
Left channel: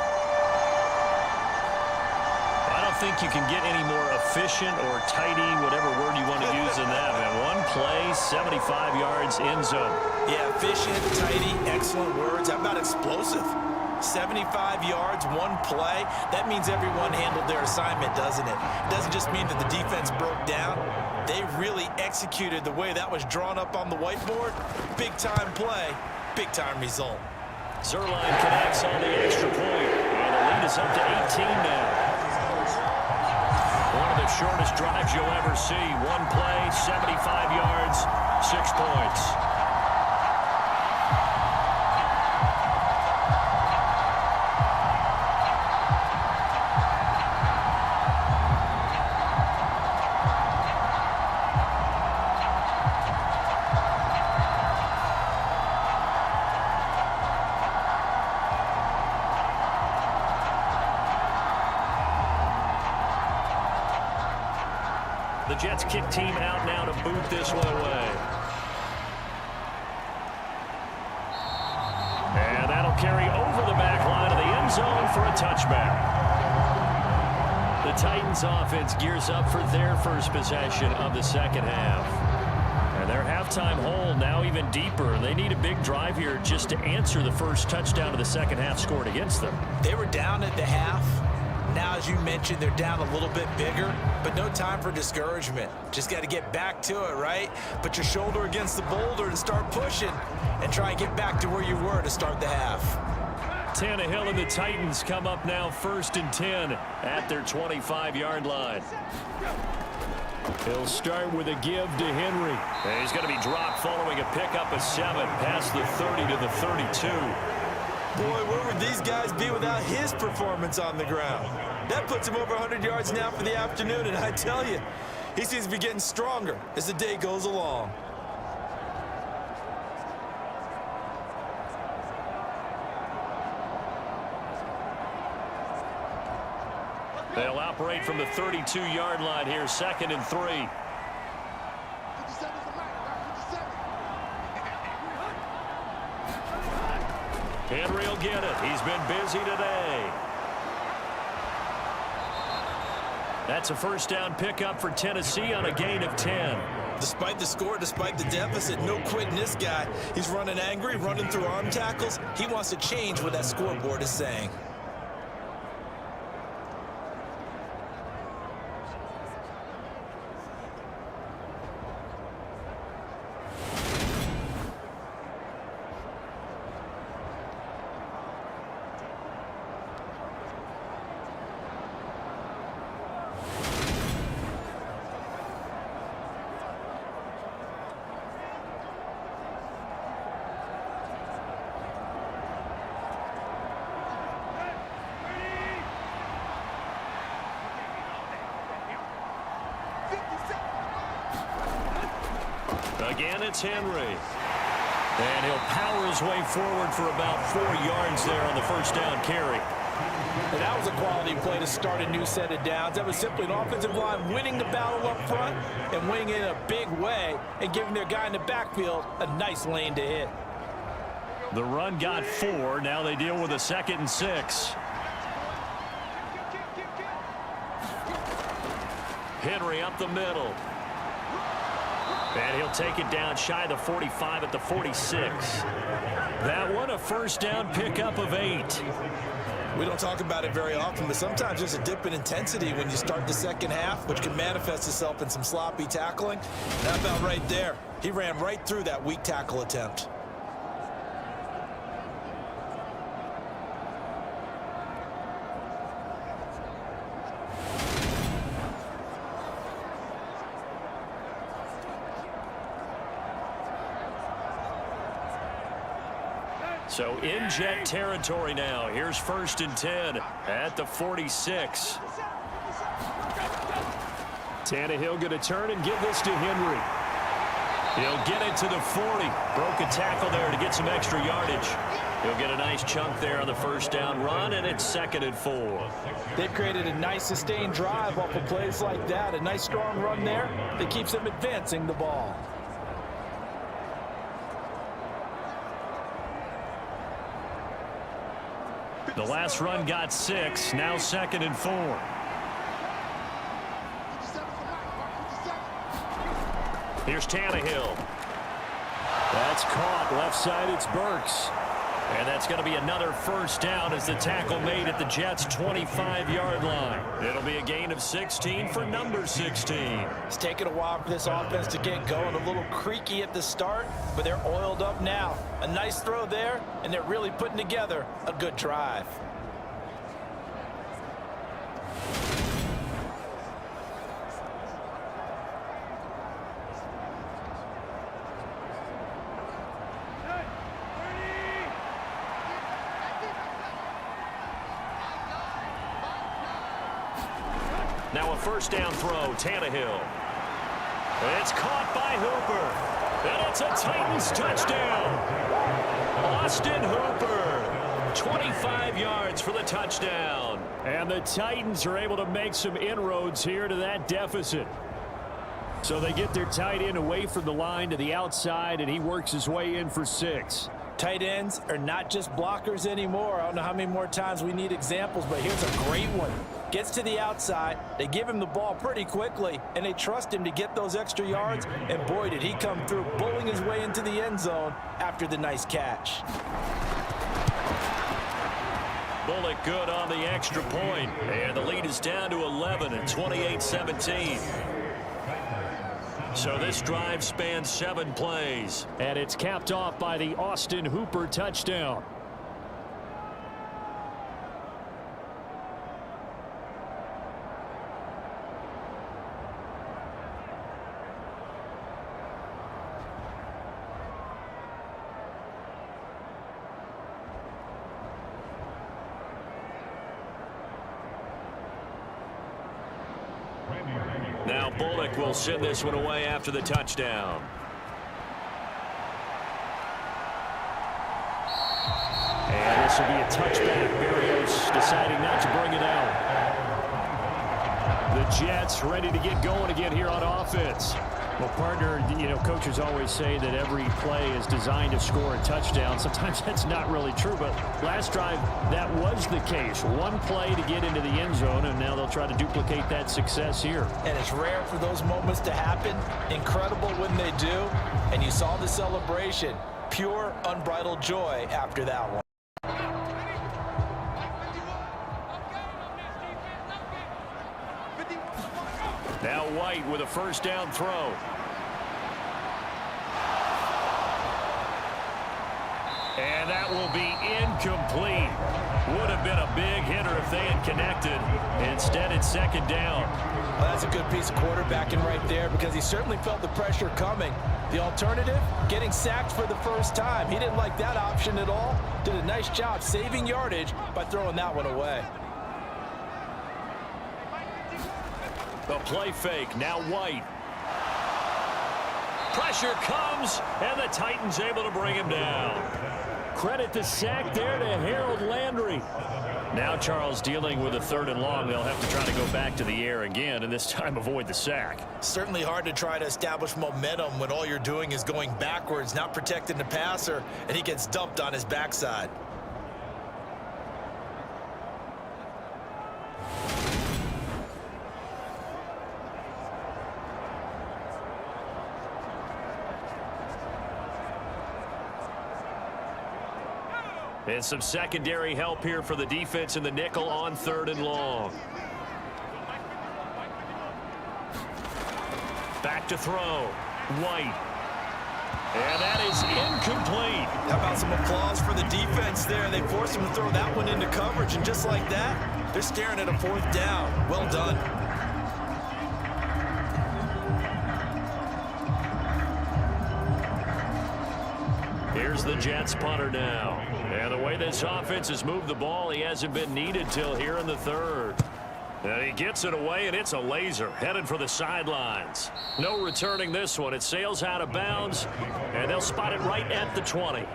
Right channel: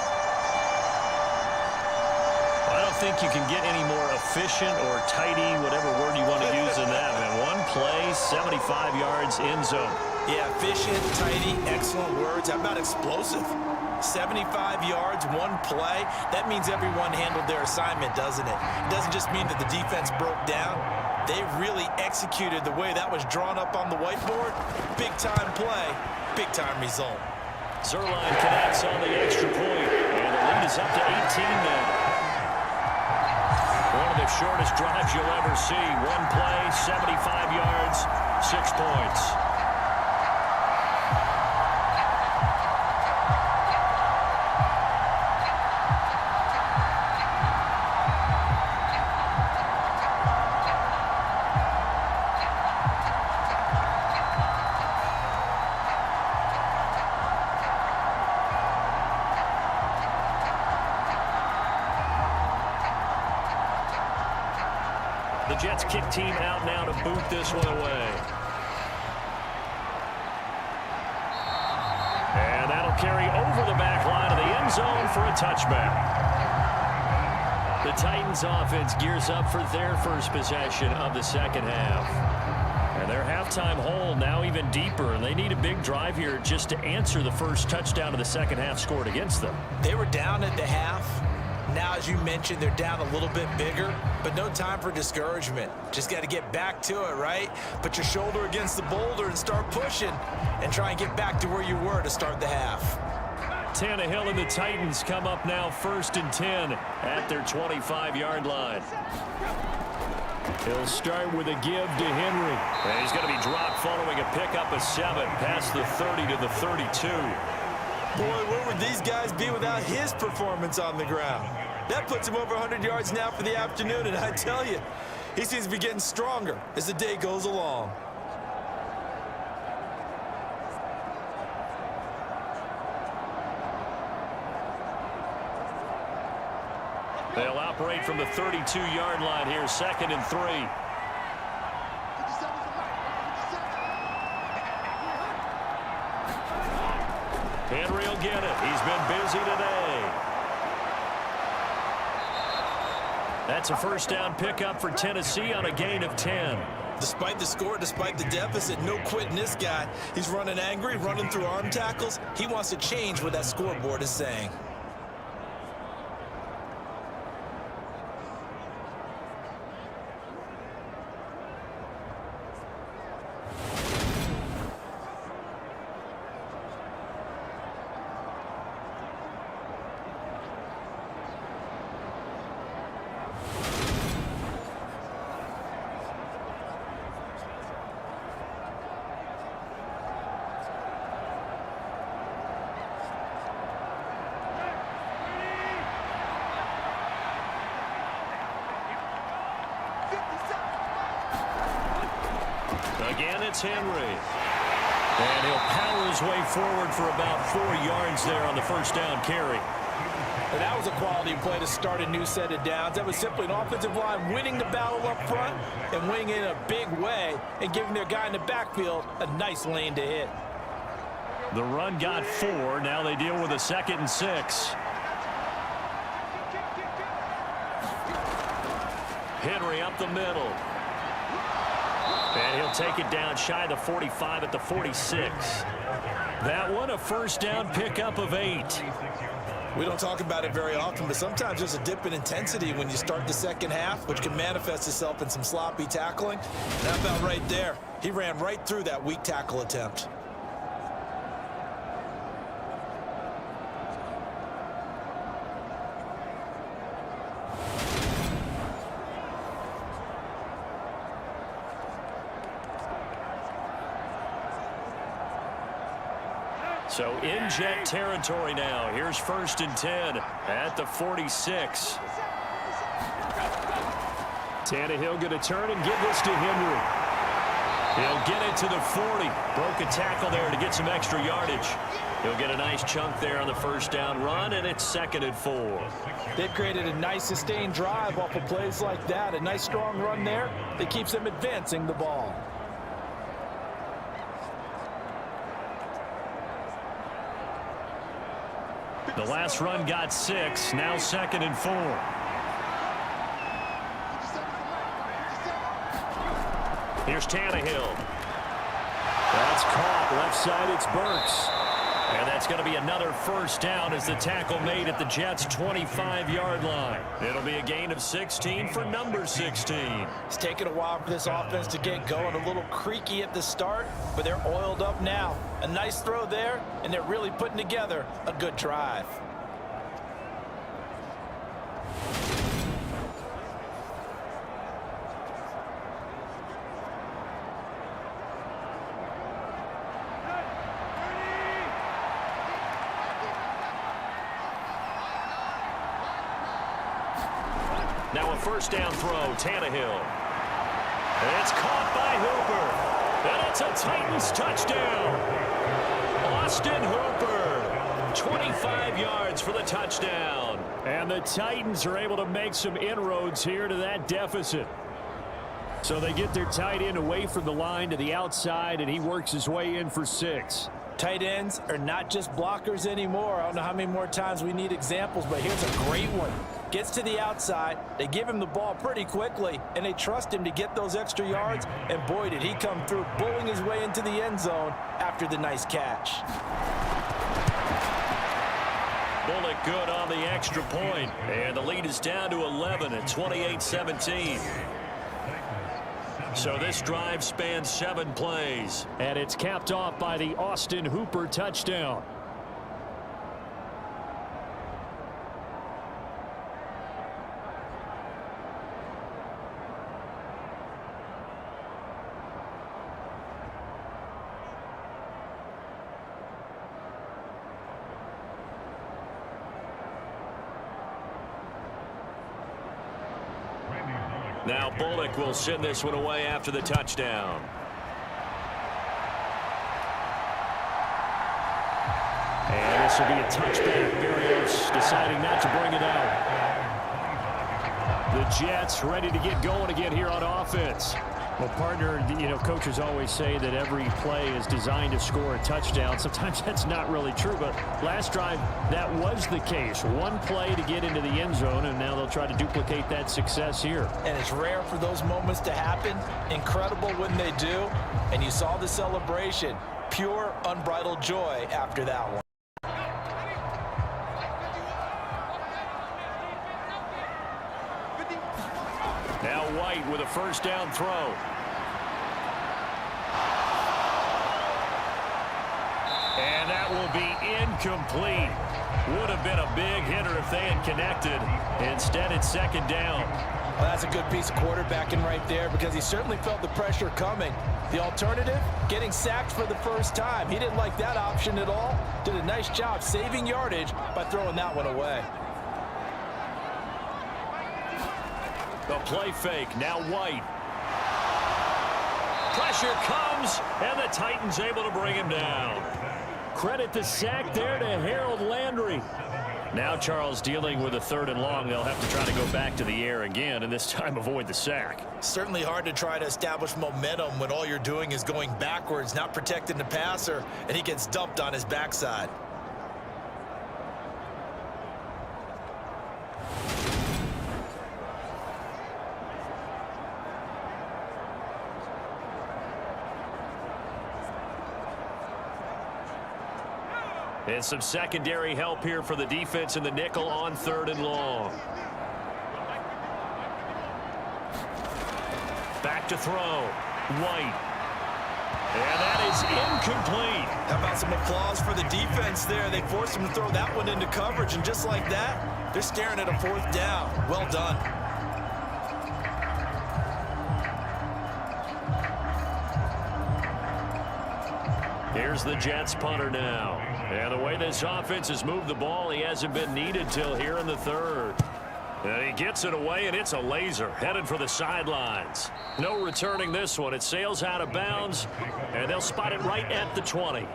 I don't think you can get any more efficient or tidy, whatever word you want to use in that, man. One play, 75 yards, end zone. Yeah, efficient, tidy, excellent words. How about explosive? 75 yards, one play. That means everyone handled their assignment, doesn't it? It doesn't just mean that the defense broke down. They really executed the way that was drawn up on the whiteboard. Big-time play, big-time result. Zerline connects on the extra point, and the lead is up to 18 now. One of the shortest drives you'll ever see. One play, 75 yards, 6 points. The Jets kick team out now to boot this one away. And that'll carry over the back line of the end zone for a touchback. The Titans offense gears up for their first possession of the second half. And their halftime hole now even deeper. They need a big drive here just to answer the first touchdown of the second half scored against them. They were down at the half. Now, as you mentioned, they're down a little bit bigger, but no time for discouragement. Just got to get back to it, right? Put your shoulder against the boulder and start pushing and try and get back to where you were to start the half. Tannehill and the Titans come up now 1st and 10 at their 25-yard line. He'll start with a give to Henry. And he's going to be dropped following a pickup of 7 past the 30 to the 32. Boy, where would these guys be without his performance on the ground? That puts him over 100 yards now for the afternoon, and I tell you, he seems to be getting stronger as the day goes along. They'll operate from the 32-yard line here, 2nd and 3. Henry will get it. He's been busy today. That's a first down pickup for Tennessee on a gain of 10. Despite the score, despite the deficit, no quitting this guy. He's running angry, running through arm tackles. He wants to change what that scoreboard is saying. Again, it's Henry. And he'll power his way forward for about 4 yards there on the first down carry. And that was a quality play to start a new set of downs. That was simply an offensive line winning the battle up front and winning it in a big way and giving their guy in the backfield a nice lane to hit. The run got 4. Now they deal with a 2nd and 6. Henry up the middle. And he'll take it down shy of the 45 at the 46. That one a first down pickup of 8. We don't talk about it very often, but sometimes there's a dip in intensity when you start the second half, which can manifest itself in some sloppy tackling. That about right there. He ran right through that weak tackle attempt. So in jet territory now. Here's 1st and 10 at the 46. Tannehill going to turn and give this to Henry. He'll get it to the 40. Broke a tackle there to get some extra yardage. He'll get a nice chunk there on the first down run, and it's 2nd and 4. They've created a nice sustained drive off of plays like that. A nice strong run there that keeps them advancing the ball. The last run got 6. Now 2nd and 4. Here's Tannehill. That's caught. Left side, it's Burks. And that's going to be another first down as the tackle made at the Jets' 25-yard line. It'll be a gain of 16 for number 16. It's taken a while for this offense to get going. A little creaky at the start, but they're oiled up now. A nice throw there, and they're really putting together a good drive. Now a first down throw, Tannehill. It's caught by Hooper. And it's a Titans touchdown. Austin Hooper, 25 yards for the touchdown. And the Titans are able to make some inroads here to that deficit. So they get their tight end away from the line to the outside, and he works his way in for 6. Tight ends are not just blockers anymore. I don't know how many more times we need examples, but here's a great one. Gets to the outside, they give him the ball pretty quickly, and they trust him to get those extra yards, and boy, did he come through, bullying his way into the end zone after the nice catch. Bullock good on the extra point, and the lead is down to 11 at 28-17. So this drive spans 7 plays, and it's capped off by the Austin Hooper touchdown. Now Bullock will send this one away after the touchdown. And this will be a touchback. Berrios deciding not to bring it out. The Jets ready to get going again here on offense. Well, partner, coaches always say that every play is designed to score a touchdown. Sometimes that's not really true, but last drive, that was the case. One play to get into the end zone, and now they'll try to duplicate that success here. And it's rare for those moments to happen. Incredible when they do. And you saw the celebration. Pure, unbridled joy after that one. Now White with a first down throw. And that will be incomplete. Would have been a big hitter if they had connected. Instead, it's second down. Well, that's a good piece of quarterbacking right there because he certainly felt the pressure coming. The alternative, getting sacked for the first time. He didn't like that option at all. Did a nice job saving yardage by throwing that one away. The play fake, now White. Pressure comes, and the Titans able to bring him down. Credit the sack there to Harold Landry. Now Charles dealing with a 3rd and long. They'll have to try to go back to the air again, and this time avoid the sack. Certainly hard to try to establish momentum when all you're doing is going backwards, not protecting the passer, and he gets dumped on his backside. And some secondary help here for the defense in the nickel on 3rd and long. Back to throw. White. And that is incomplete. How about some applause for the defense there? They forced him to throw that one into coverage, and just like that, they're staring at a 4th down. Well done. Here's the Jets punter now. And the way this offense has moved the ball, he hasn't been needed till here in the 3rd. And he gets it away, and it's a laser headed for the sidelines. No returning this one. It sails out of bounds, and they'll spot it right at the 20.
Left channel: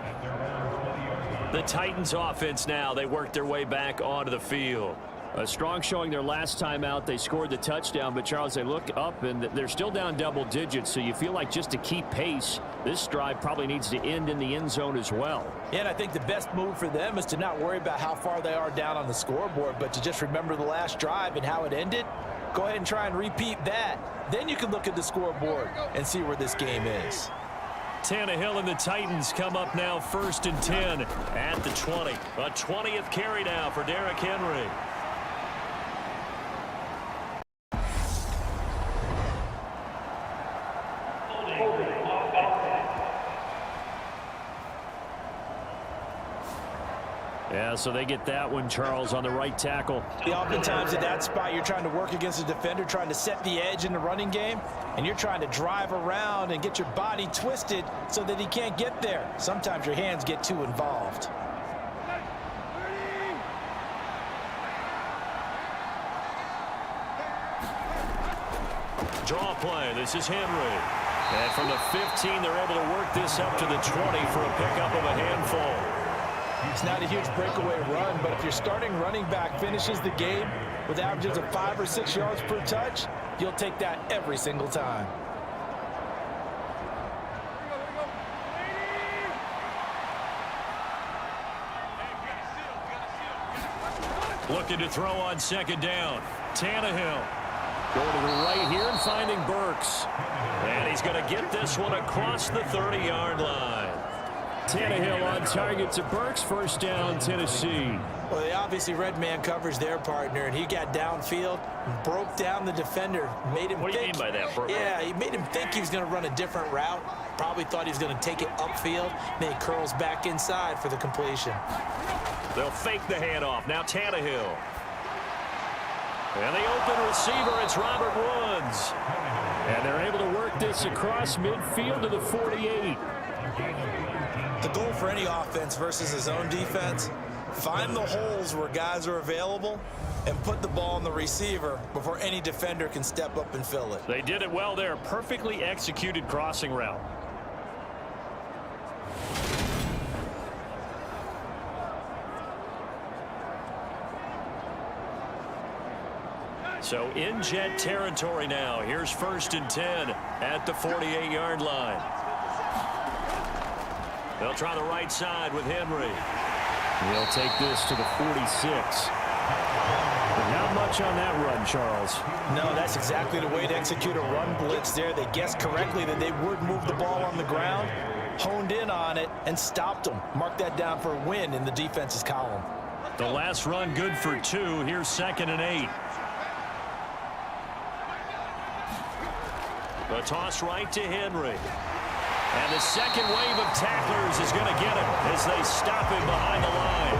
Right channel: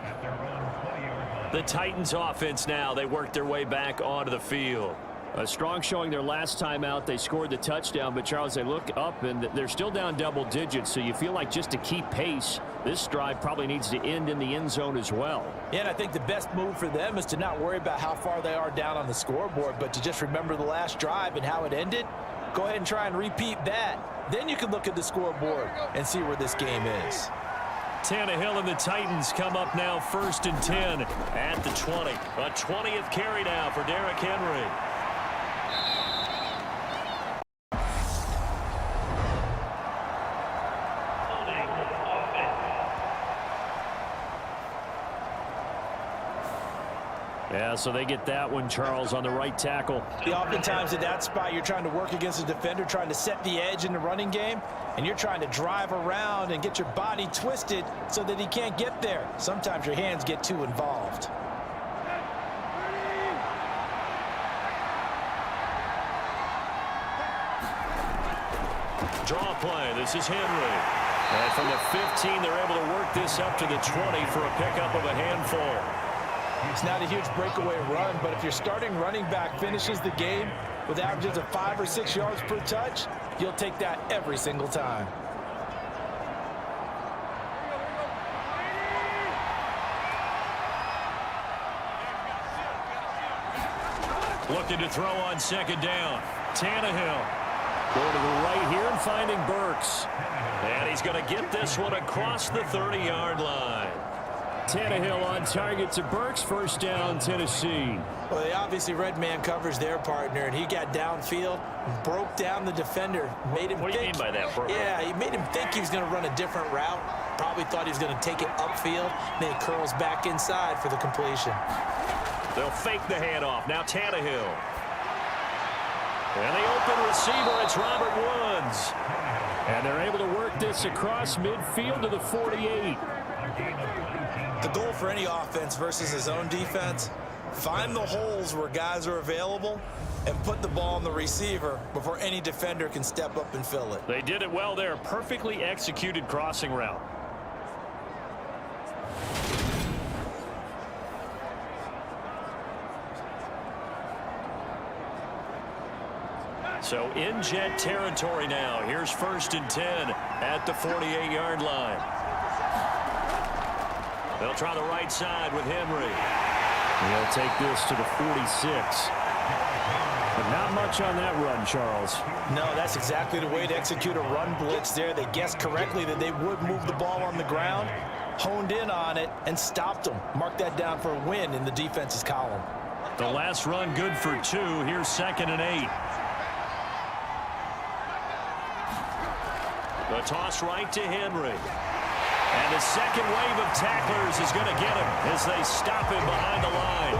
The Titans offense now, they work their way back onto the field. A strong showing their last time out. They scored the touchdown, but Charles, they look up and they're still down double digits, so you feel like just to keep pace, this drive probably needs to end in the end zone as well. Yeah, and I think the best move for them is to not worry about how far they are down on the scoreboard, but to just remember the last drive and how it ended. Go ahead and try and repeat that. Then you can look at the scoreboard and see where this game is. Tannehill and the Titans come up now 1st and 10 at the 20. A 20th carry now for Derrick Henry. Yeah, so they get that one, Charles, on the right tackle. Oftentimes at that spot, you're trying to work against a defender, trying to set the edge in the running game, and you're trying to drive around and get your body twisted so that he can't get there. Sometimes your hands get too involved. Draw play. This is Henry. And from the 15, they're able to work this up to the 20 for a pickup of a handful. It's not a huge breakaway run, but if your starting running back finishes the game with averages of 5 or 6 yards per touch, you'll take that every single time. Looking to throw on 2nd down. Tannehill going to the right here and finding Burks. And he's going to get this one across the 30-yard line. Tannehill on target to Burks. 1st down, Tennessee. Well, they obviously read man coverage their partner, and he got downfield, broke down the defender, made him What do you mean by that, Burks? Yeah, he made him think he was going to run a different route. Probably thought he was going to take it upfield. Then he curls back inside for the completion. They'll fake the handoff. Now Tannehill. And the open receiver, it's Robert Woods. And they're able to work this across midfield to the 48. The goal for any offense versus his own defense, find the holes where guys are available and put the ball on the receiver before any defender can step up and fill it. They did it well there. Perfectly executed crossing route. So in Jet territory now. Here's 1st and 10 at the 48-yard line. They'll try the right side with Henry. He'll take this to the 46. But not much on that run, Charles. No, that's exactly the way to execute a run blitz there. They guessed correctly that they would move the ball on the ground, honed in on it, and stopped them. Mark that down for a win in the defense's column. The last run good for 2. Here's 2nd and 8. The toss right to Henry. And the second wave of tacklers is going to get him as they stop him behind the line.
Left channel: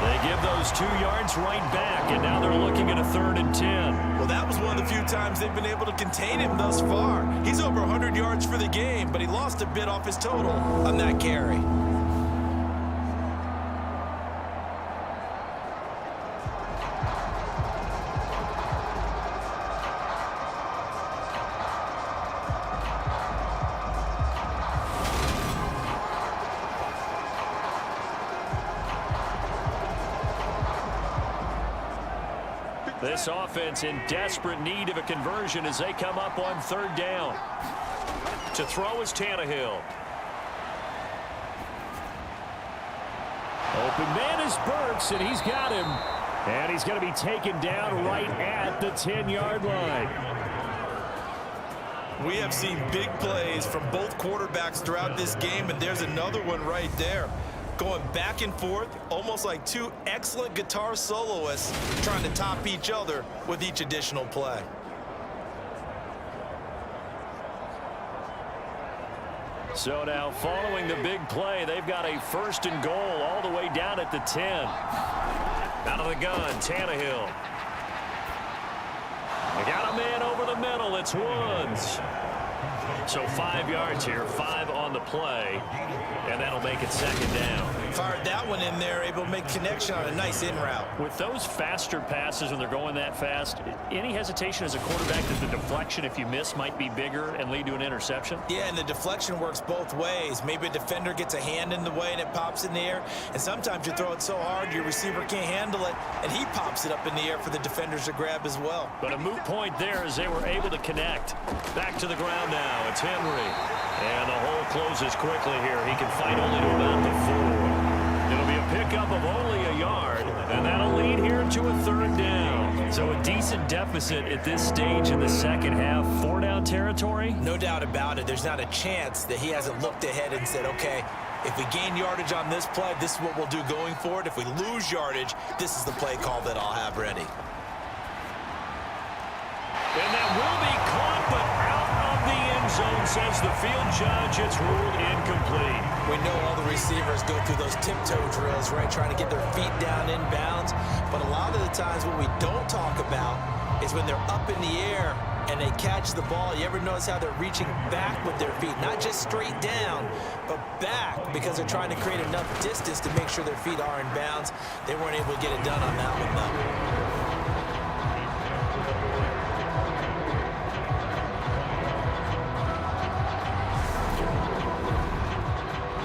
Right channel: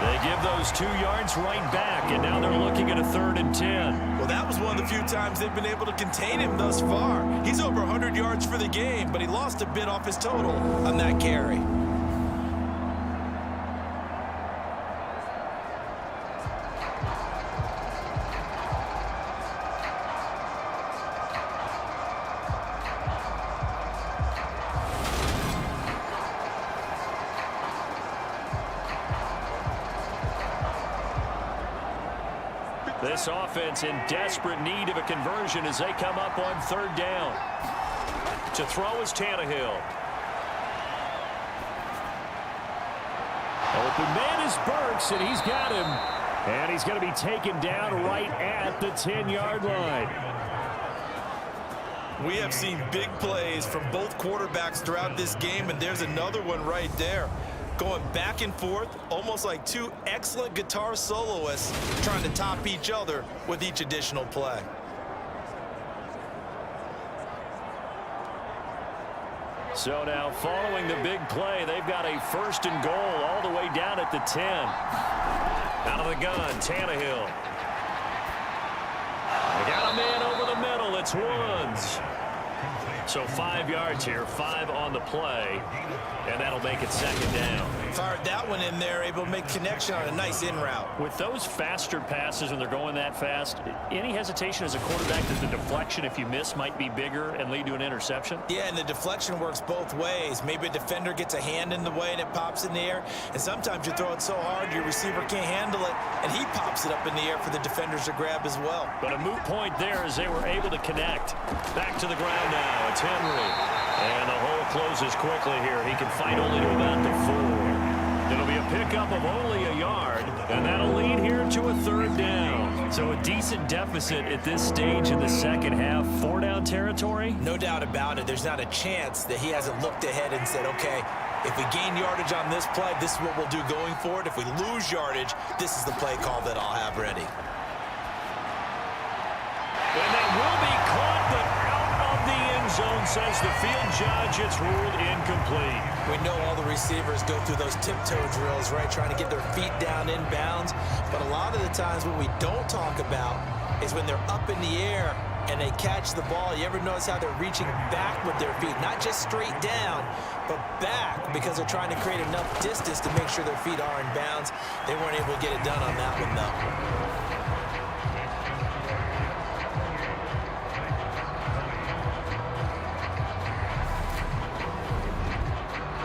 They give those 2 yards right back, and now they're looking at a 3rd and 10. Well, that was one of the few times they've been able to contain him thus far. He's over 100 yards for the game, but he lost a bit off his total on that carry. This offense in desperate need of a conversion as they come up on 3rd down. To throw is Tannehill. Open man is Burks, and he's got him. And he's going to be taken down right at the 10-yard line. We have seen big plays from both quarterbacks throughout this game, and there's another one right there. Going back and forth, almost like 2 excellent guitar soloists trying to top each other with each additional play. So now following the big play, they've got a 1st and goal all the way down at the 10. Out of the gun, Tannehill. They got a man over the middle. It's Woods. So 5 yards here, 5 on the play, and that'll make it 2nd down. Fired that one in there, able to make connection on a nice in route. With those faster passes when they're going that fast, any hesitation as a quarterback that the deflection, if you miss, might be bigger and lead to an interception? Yeah, and the deflection works both ways. Maybe a defender gets a hand in the way and it pops in the air, and sometimes you throw it so hard your receiver can't handle it, and he pops it up in the air for the defenders to grab as well. But a moot point there as they were able to connect. Back to the ground now. It's Henry. And the hole closes quickly here. He can fight only to about the 4. It'll be a pickup of only a yard, and that'll lead here to a 3rd down. So a decent deficit at this stage in the second half. 4-down territory? No doubt about it. There's not a chance that he hasn't looked ahead and said, okay, if we gain yardage on this play, this is what we'll do going forward. If we lose yardage, this is the play call that I'll have ready. And that will be caught, but out of the end zone, says the field judge. It's ruled incomplete. We know all the receivers go through those tiptoe drills, right, trying to get their feet down in bounds. But a lot of the times what we don't talk about is when they're up in the air and they catch the ball. You ever notice how they're reaching back with their feet? Not just straight down, but back, because they're trying to create enough distance to make sure their feet are in bounds. They weren't able to get it done on that one, though.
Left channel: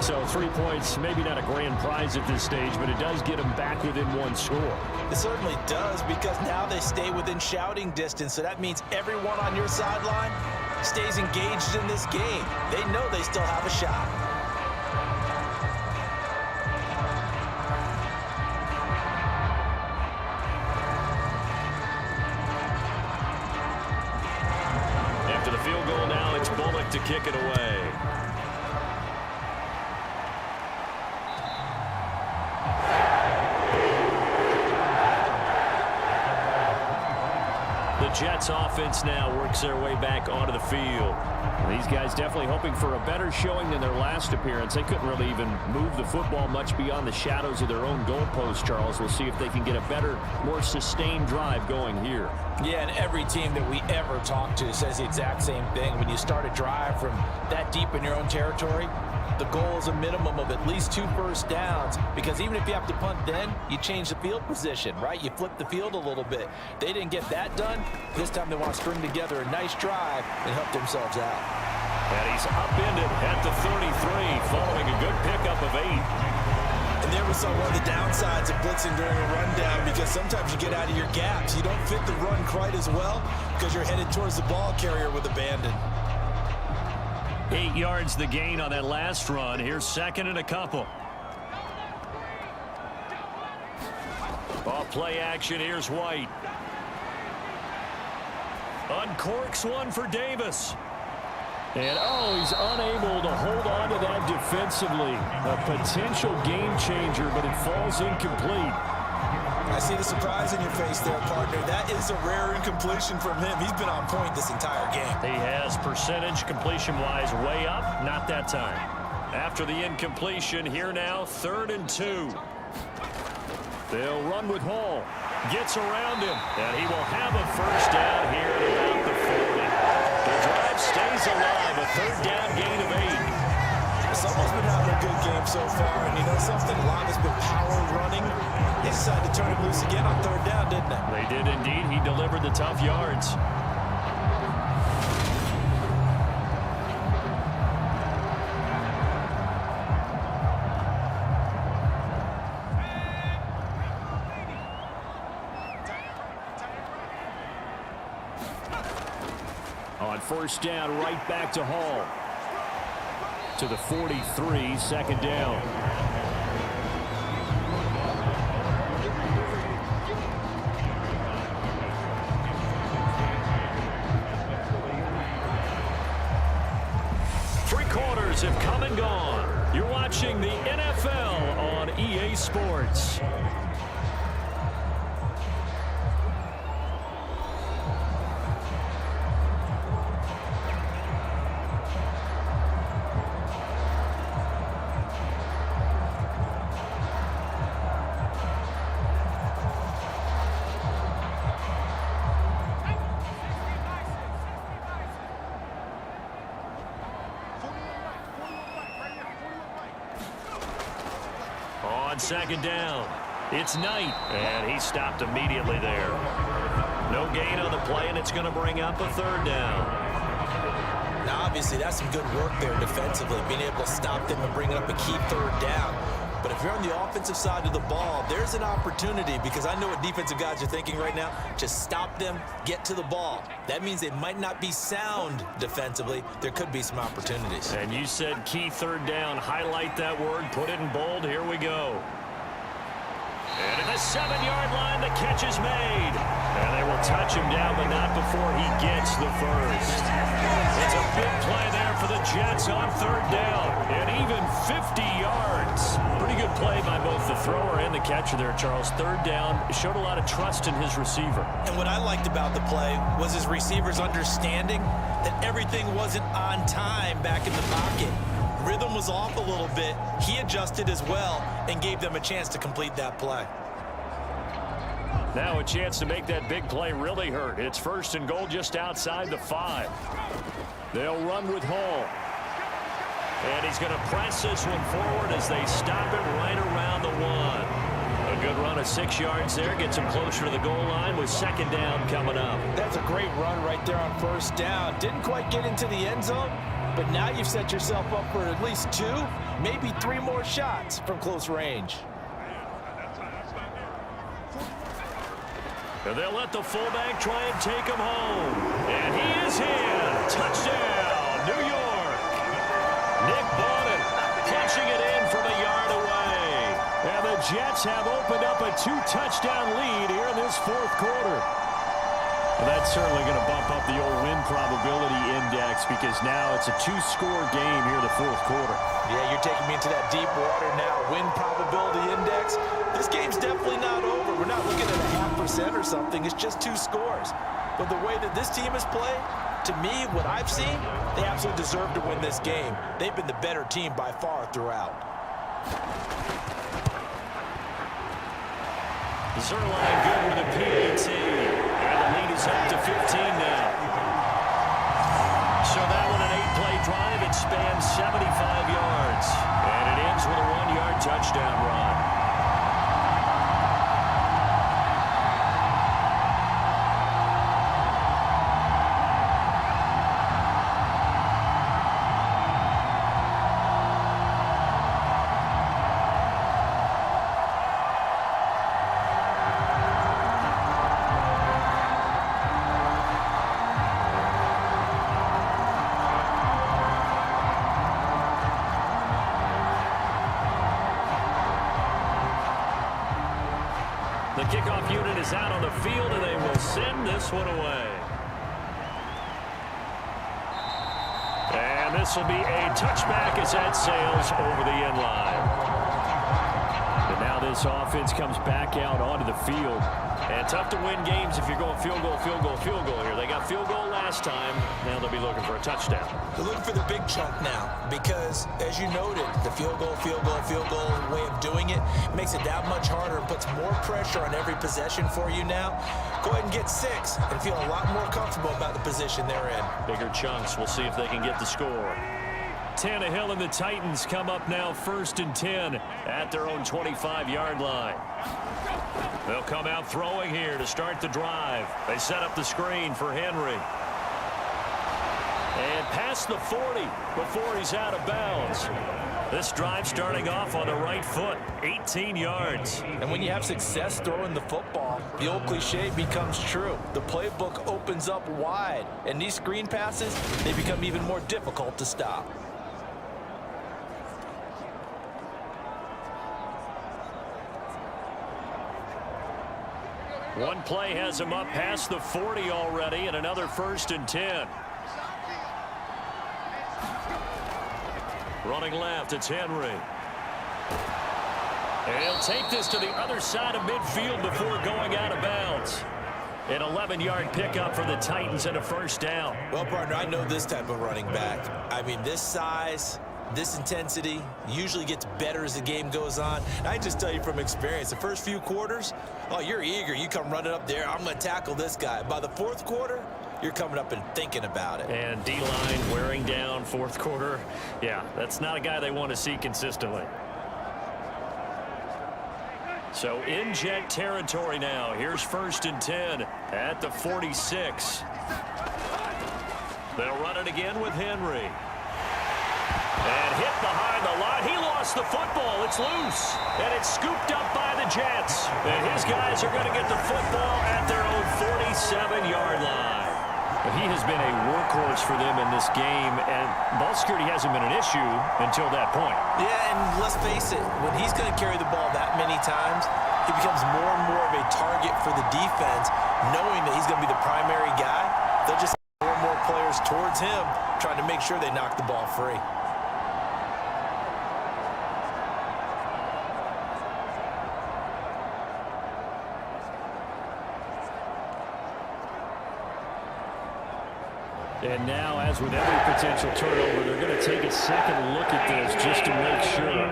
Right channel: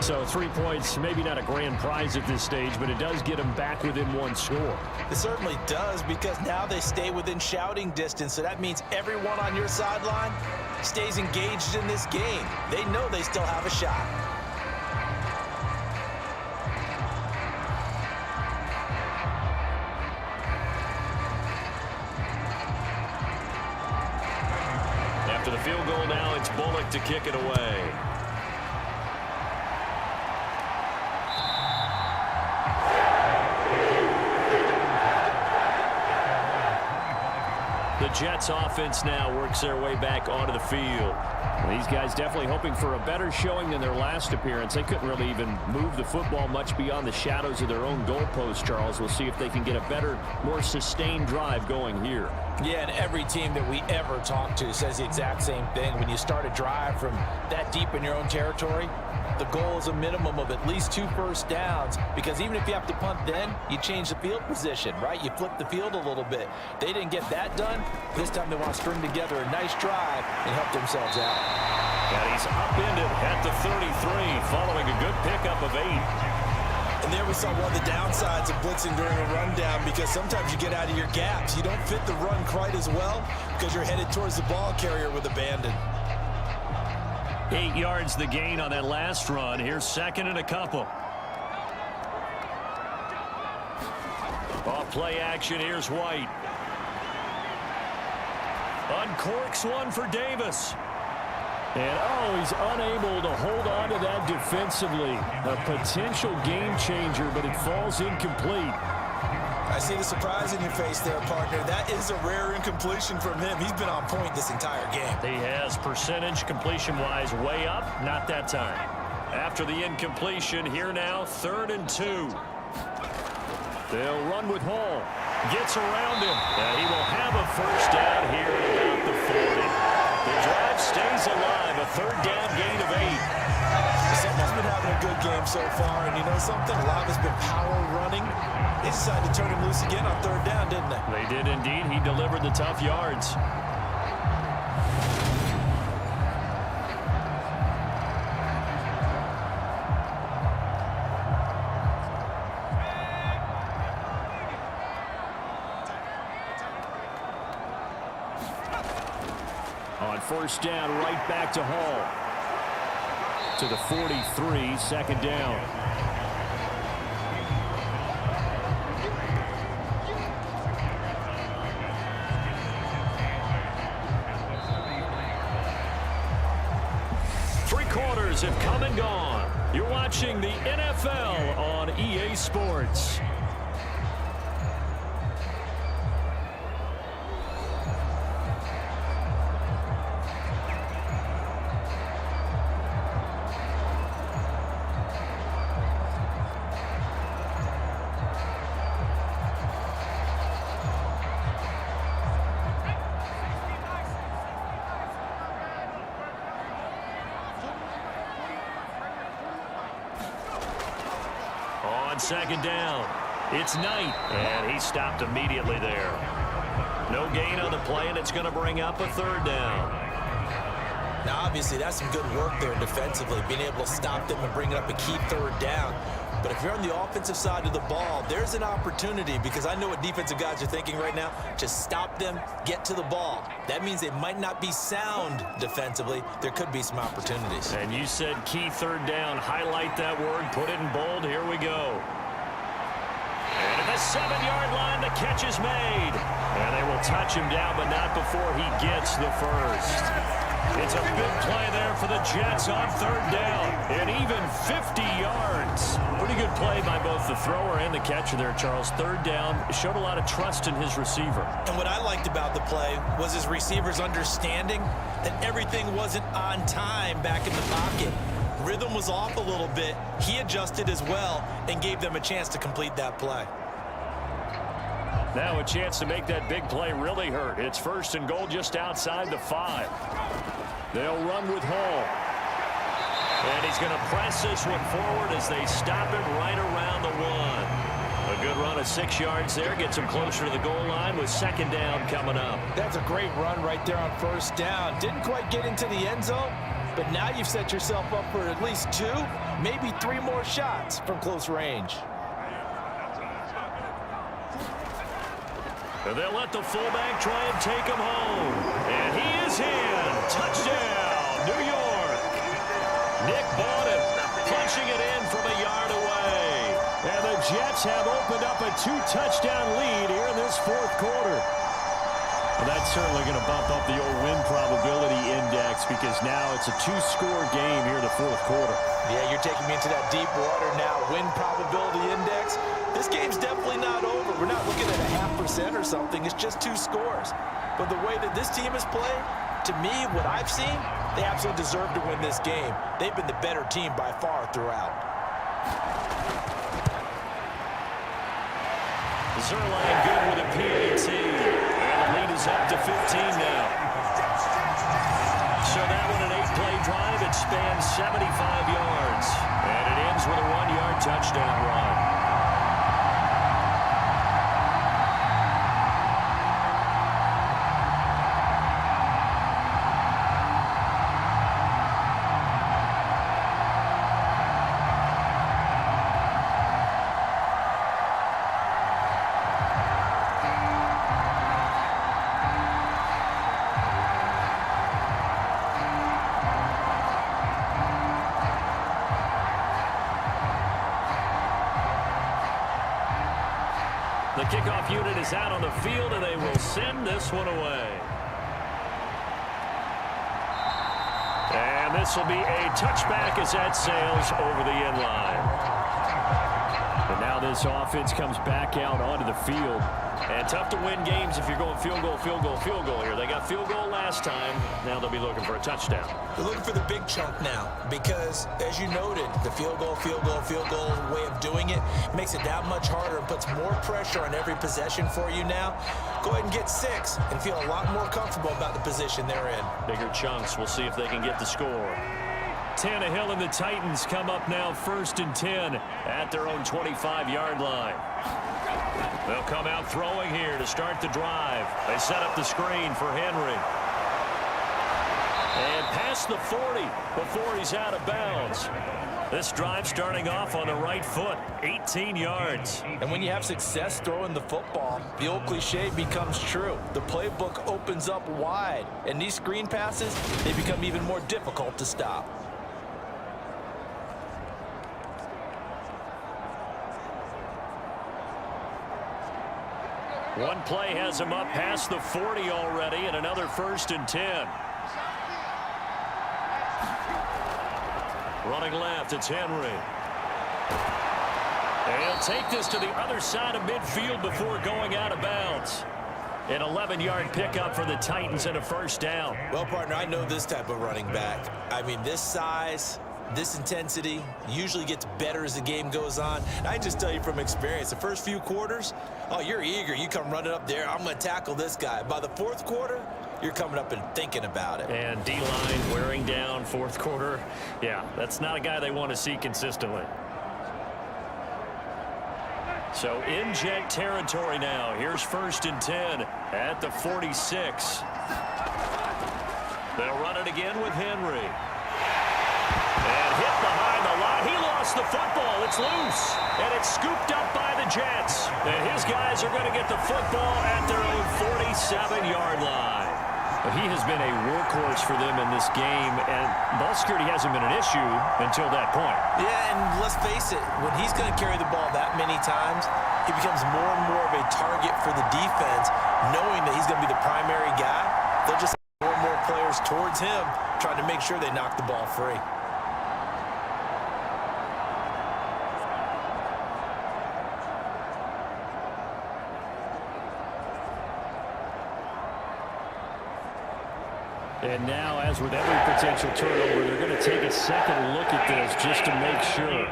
So 3 points, maybe not a grand prize at this stage, but it does get them back within 1 score. It certainly does, because now they stay within shouting distance. So that means everyone on your sideline stays engaged in this game. They know they still have a shot. After the field goal now, it's Bullock to kick it away. The Jets offense now works their way back onto the field. These guys definitely hoping for a better showing than their last appearance. They couldn't really even move the football much beyond the shadows of their own goalpost, Charles. We'll see if they can get a better, more sustained drive going here. Yeah, and every team that we ever talk to says the exact same thing. When you start a drive from that deep in your own territory, the goal is a minimum of at least 2 first downs, because even if you have to punt then, you change the field position, right? You flip the field a little bit. They didn't get that done. This time they want to string together a nice drive and help themselves out. And he's upended at the 33 following a good pickup of 8. And there we saw one of the downsides of blitzing during a rundown, because sometimes you get out of your gaps. You don't fit the run quite as well because you're headed towards the ball carrier with abandon. 8 yards the gain on that last run. Here's second and a couple. Off play action. Here's White. Uncorks one for Davis. And, he's unable to hold on to that defensively. A potential game changer, but it falls incomplete. I see the surprise in your face there, partner. That is a rare incompletion from him. He's been on point this entire game. He has percentage completion-wise way up. Not that time. After the incompletion, here now, 3rd and 2. They'll run with Hall. Gets around him, and he will have a first down here at about the 40. The drive stays alive, a 3rd down gain of 8. Someone's been having a good game so far, and you know something? A lot has been power running. They decided to turn him loose again on 3rd down, didn't they? They did indeed. He delivered the tough yards. On 1st down, right back to Hall. To the 43, 2nd down. Three quarters have come and gone. You're watching the NFL on EA Sports. On 2nd down, it's Knight, and he stopped immediately there. No gain on the play, and it's going to bring up a 3rd down. Now, obviously, that's some good work there defensively, being able to stop them and bring up a key 3rd down. But if you're on the offensive side of the ball, there's an opportunity, because I know what defensive guys are thinking right now. Just stop them, get to the ball. That means they might not be sound defensively. There could be some opportunities. And you said key 3rd down. Highlight that word. Put it in bold. Here we go. And at the 7-yard line, the catch is made. And they will touch him down, but not before he gets the first. It's a big play there for the Jets on 3rd down. And even 50 yards. Pretty good play by both the thrower and the catcher there, Charles. 3rd down. Showed a lot of trust in his receiver. And what I liked about the play was his receiver's understanding that everything wasn't on time back in the pocket. Rhythm was off a little bit. He adjusted as well and gave them a chance to complete that play. Now a chance to make that big play really hurt. It's 1st and goal just outside the 5. They'll run with Hall. And he's going to press this one forward as they stop him right around the 1. A good run of 6 yards there. Gets him closer to the goal line with 2nd down coming up. That's a great run right there on 1st down. Didn't quite get into the end zone, but now you've set yourself up for at least 2, maybe 3 more shots from close range. And they'll let the fullback try and take him home. And he is in. Touchdown, New York. Nick Bawden punching it in from a yard away. And the Jets have opened up a 2-touchdown lead here in this 4th quarter. Well, that's certainly going to bump up the old win probability index, because now it's a 2-score game here in the 4th quarter. Yeah, you're taking me into that deep water now. Win probability index. This game's definitely not over. We're not looking at a 0.5% or something. It's just 2 scores. But the way that this team has played, to me, what I've seen, they absolutely deserve to win this game. They've been the better team by far throughout. Zerline good with a PAT. And the lead is up to 15 now. So that one, an 8-play drive. It spans 75 yards. And it ends with a 1-yard touchdown run. The kickoff unit is out on the field, and they will send this one away. And this will be a touchback as that sails over the end line. And now this offense comes back out onto the field. And tough to win games if you're going field goal, field goal, field goal here. They got field goal last time. Now they'll be looking for a touchdown. They're looking for the big chunk now because, as you noted, the field goal way of doing it makes it that much harder and puts more pressure on every possession for you now. Go ahead and get 6 and feel a lot more comfortable about the position they're in. Bigger chunks. We'll see if they can get the score. Tannehill and the Titans come up now 1st and 10 at their own 25-yard line. They'll come out throwing here to start the drive. They set up the screen for Henry. And past the 40 before he's out of bounds. This drive starting off on the right foot, 18 yards. And when you have success throwing the football, the old cliche becomes true. The playbook opens up wide, and these screen passes, they become even more difficult to stop. One play has him up past the 40 already, and another 1st and 10. Running left, it's Henry. And he'll take this to the other side of midfield before going out of bounds. An 11-yard pickup for the Titans and a 1st down. Well, partner, I know this type of running back. I mean, this size, this intensity usually gets better as the game goes on. And I just tell you from experience, the first few quarters, oh, you're eager. You come running up there, I'm going to tackle this guy. By the 4th quarter, you're coming up and thinking about it. And D-line wearing down 4th quarter. Yeah, that's not a guy they want to see consistently. So in jet territory now. Here's 1st and 10 at the 46. They'll run it again with Henry. And hit behind the line. He lost the football. It's loose. And it's scooped up by the Jets. And his guys are going to get the football at their own 47-yard line. But he has been a workhorse for them in this game, and ball security hasn't been an issue until that point. Yeah, and let's face it, when he's going to carry the ball that many times, he becomes more and more of a target for the defense, knowing that he's going to be the primary guy. They'll just send more and more players towards him, trying to make sure they knock the ball free. And now, as with every potential turnover, they're going to take a second look at this just to make sure.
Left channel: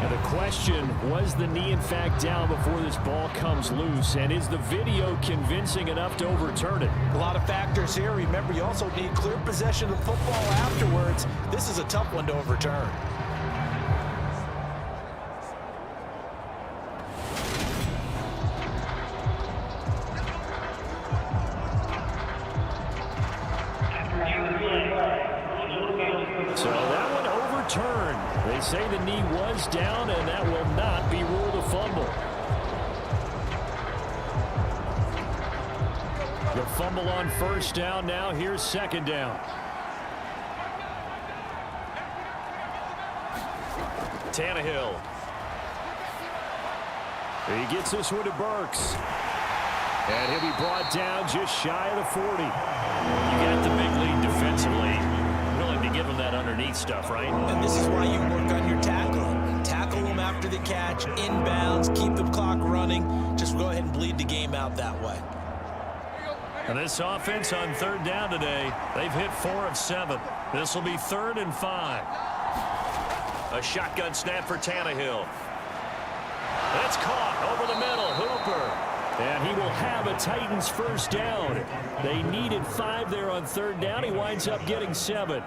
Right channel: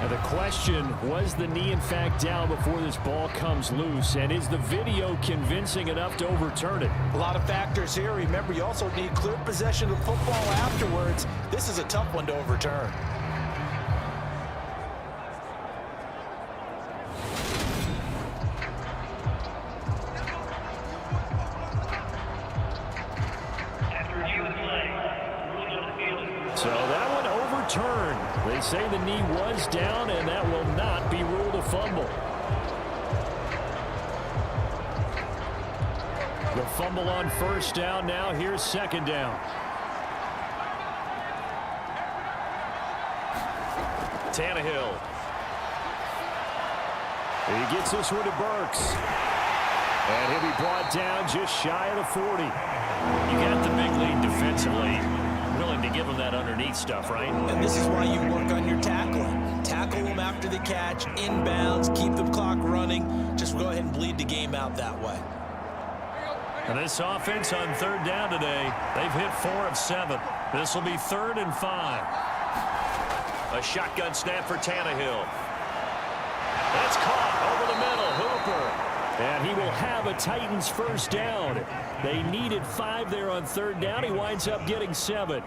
Now the question, was the knee in fact down before this ball comes loose? And is the video convincing enough to overturn it? A lot of factors here. Remember, you also need clear possession of the football afterwards. This is a tough one to overturn. So that one overturned. They say the knee was down, and that will not be ruled a fumble. The fumble on 1st down. Now here's 2nd down. Tannehill. He gets this one to Burks. And he'll be brought down just shy of the 40. You got the big lead defensively. Willing to give them that underneath stuff, right? And this is why you work on your tackling. Tackle them after the catch, inbounds, keep the clock running. Just go ahead and bleed the game out that way. And this offense on 3rd down today, they've hit 4 of 7. This will be 3rd and 5. A shotgun snap for Tannehill. That's caught over the middle. Hooper. And he will have a Titans 1st down. They needed 5 there on 3rd down. He winds up getting 7.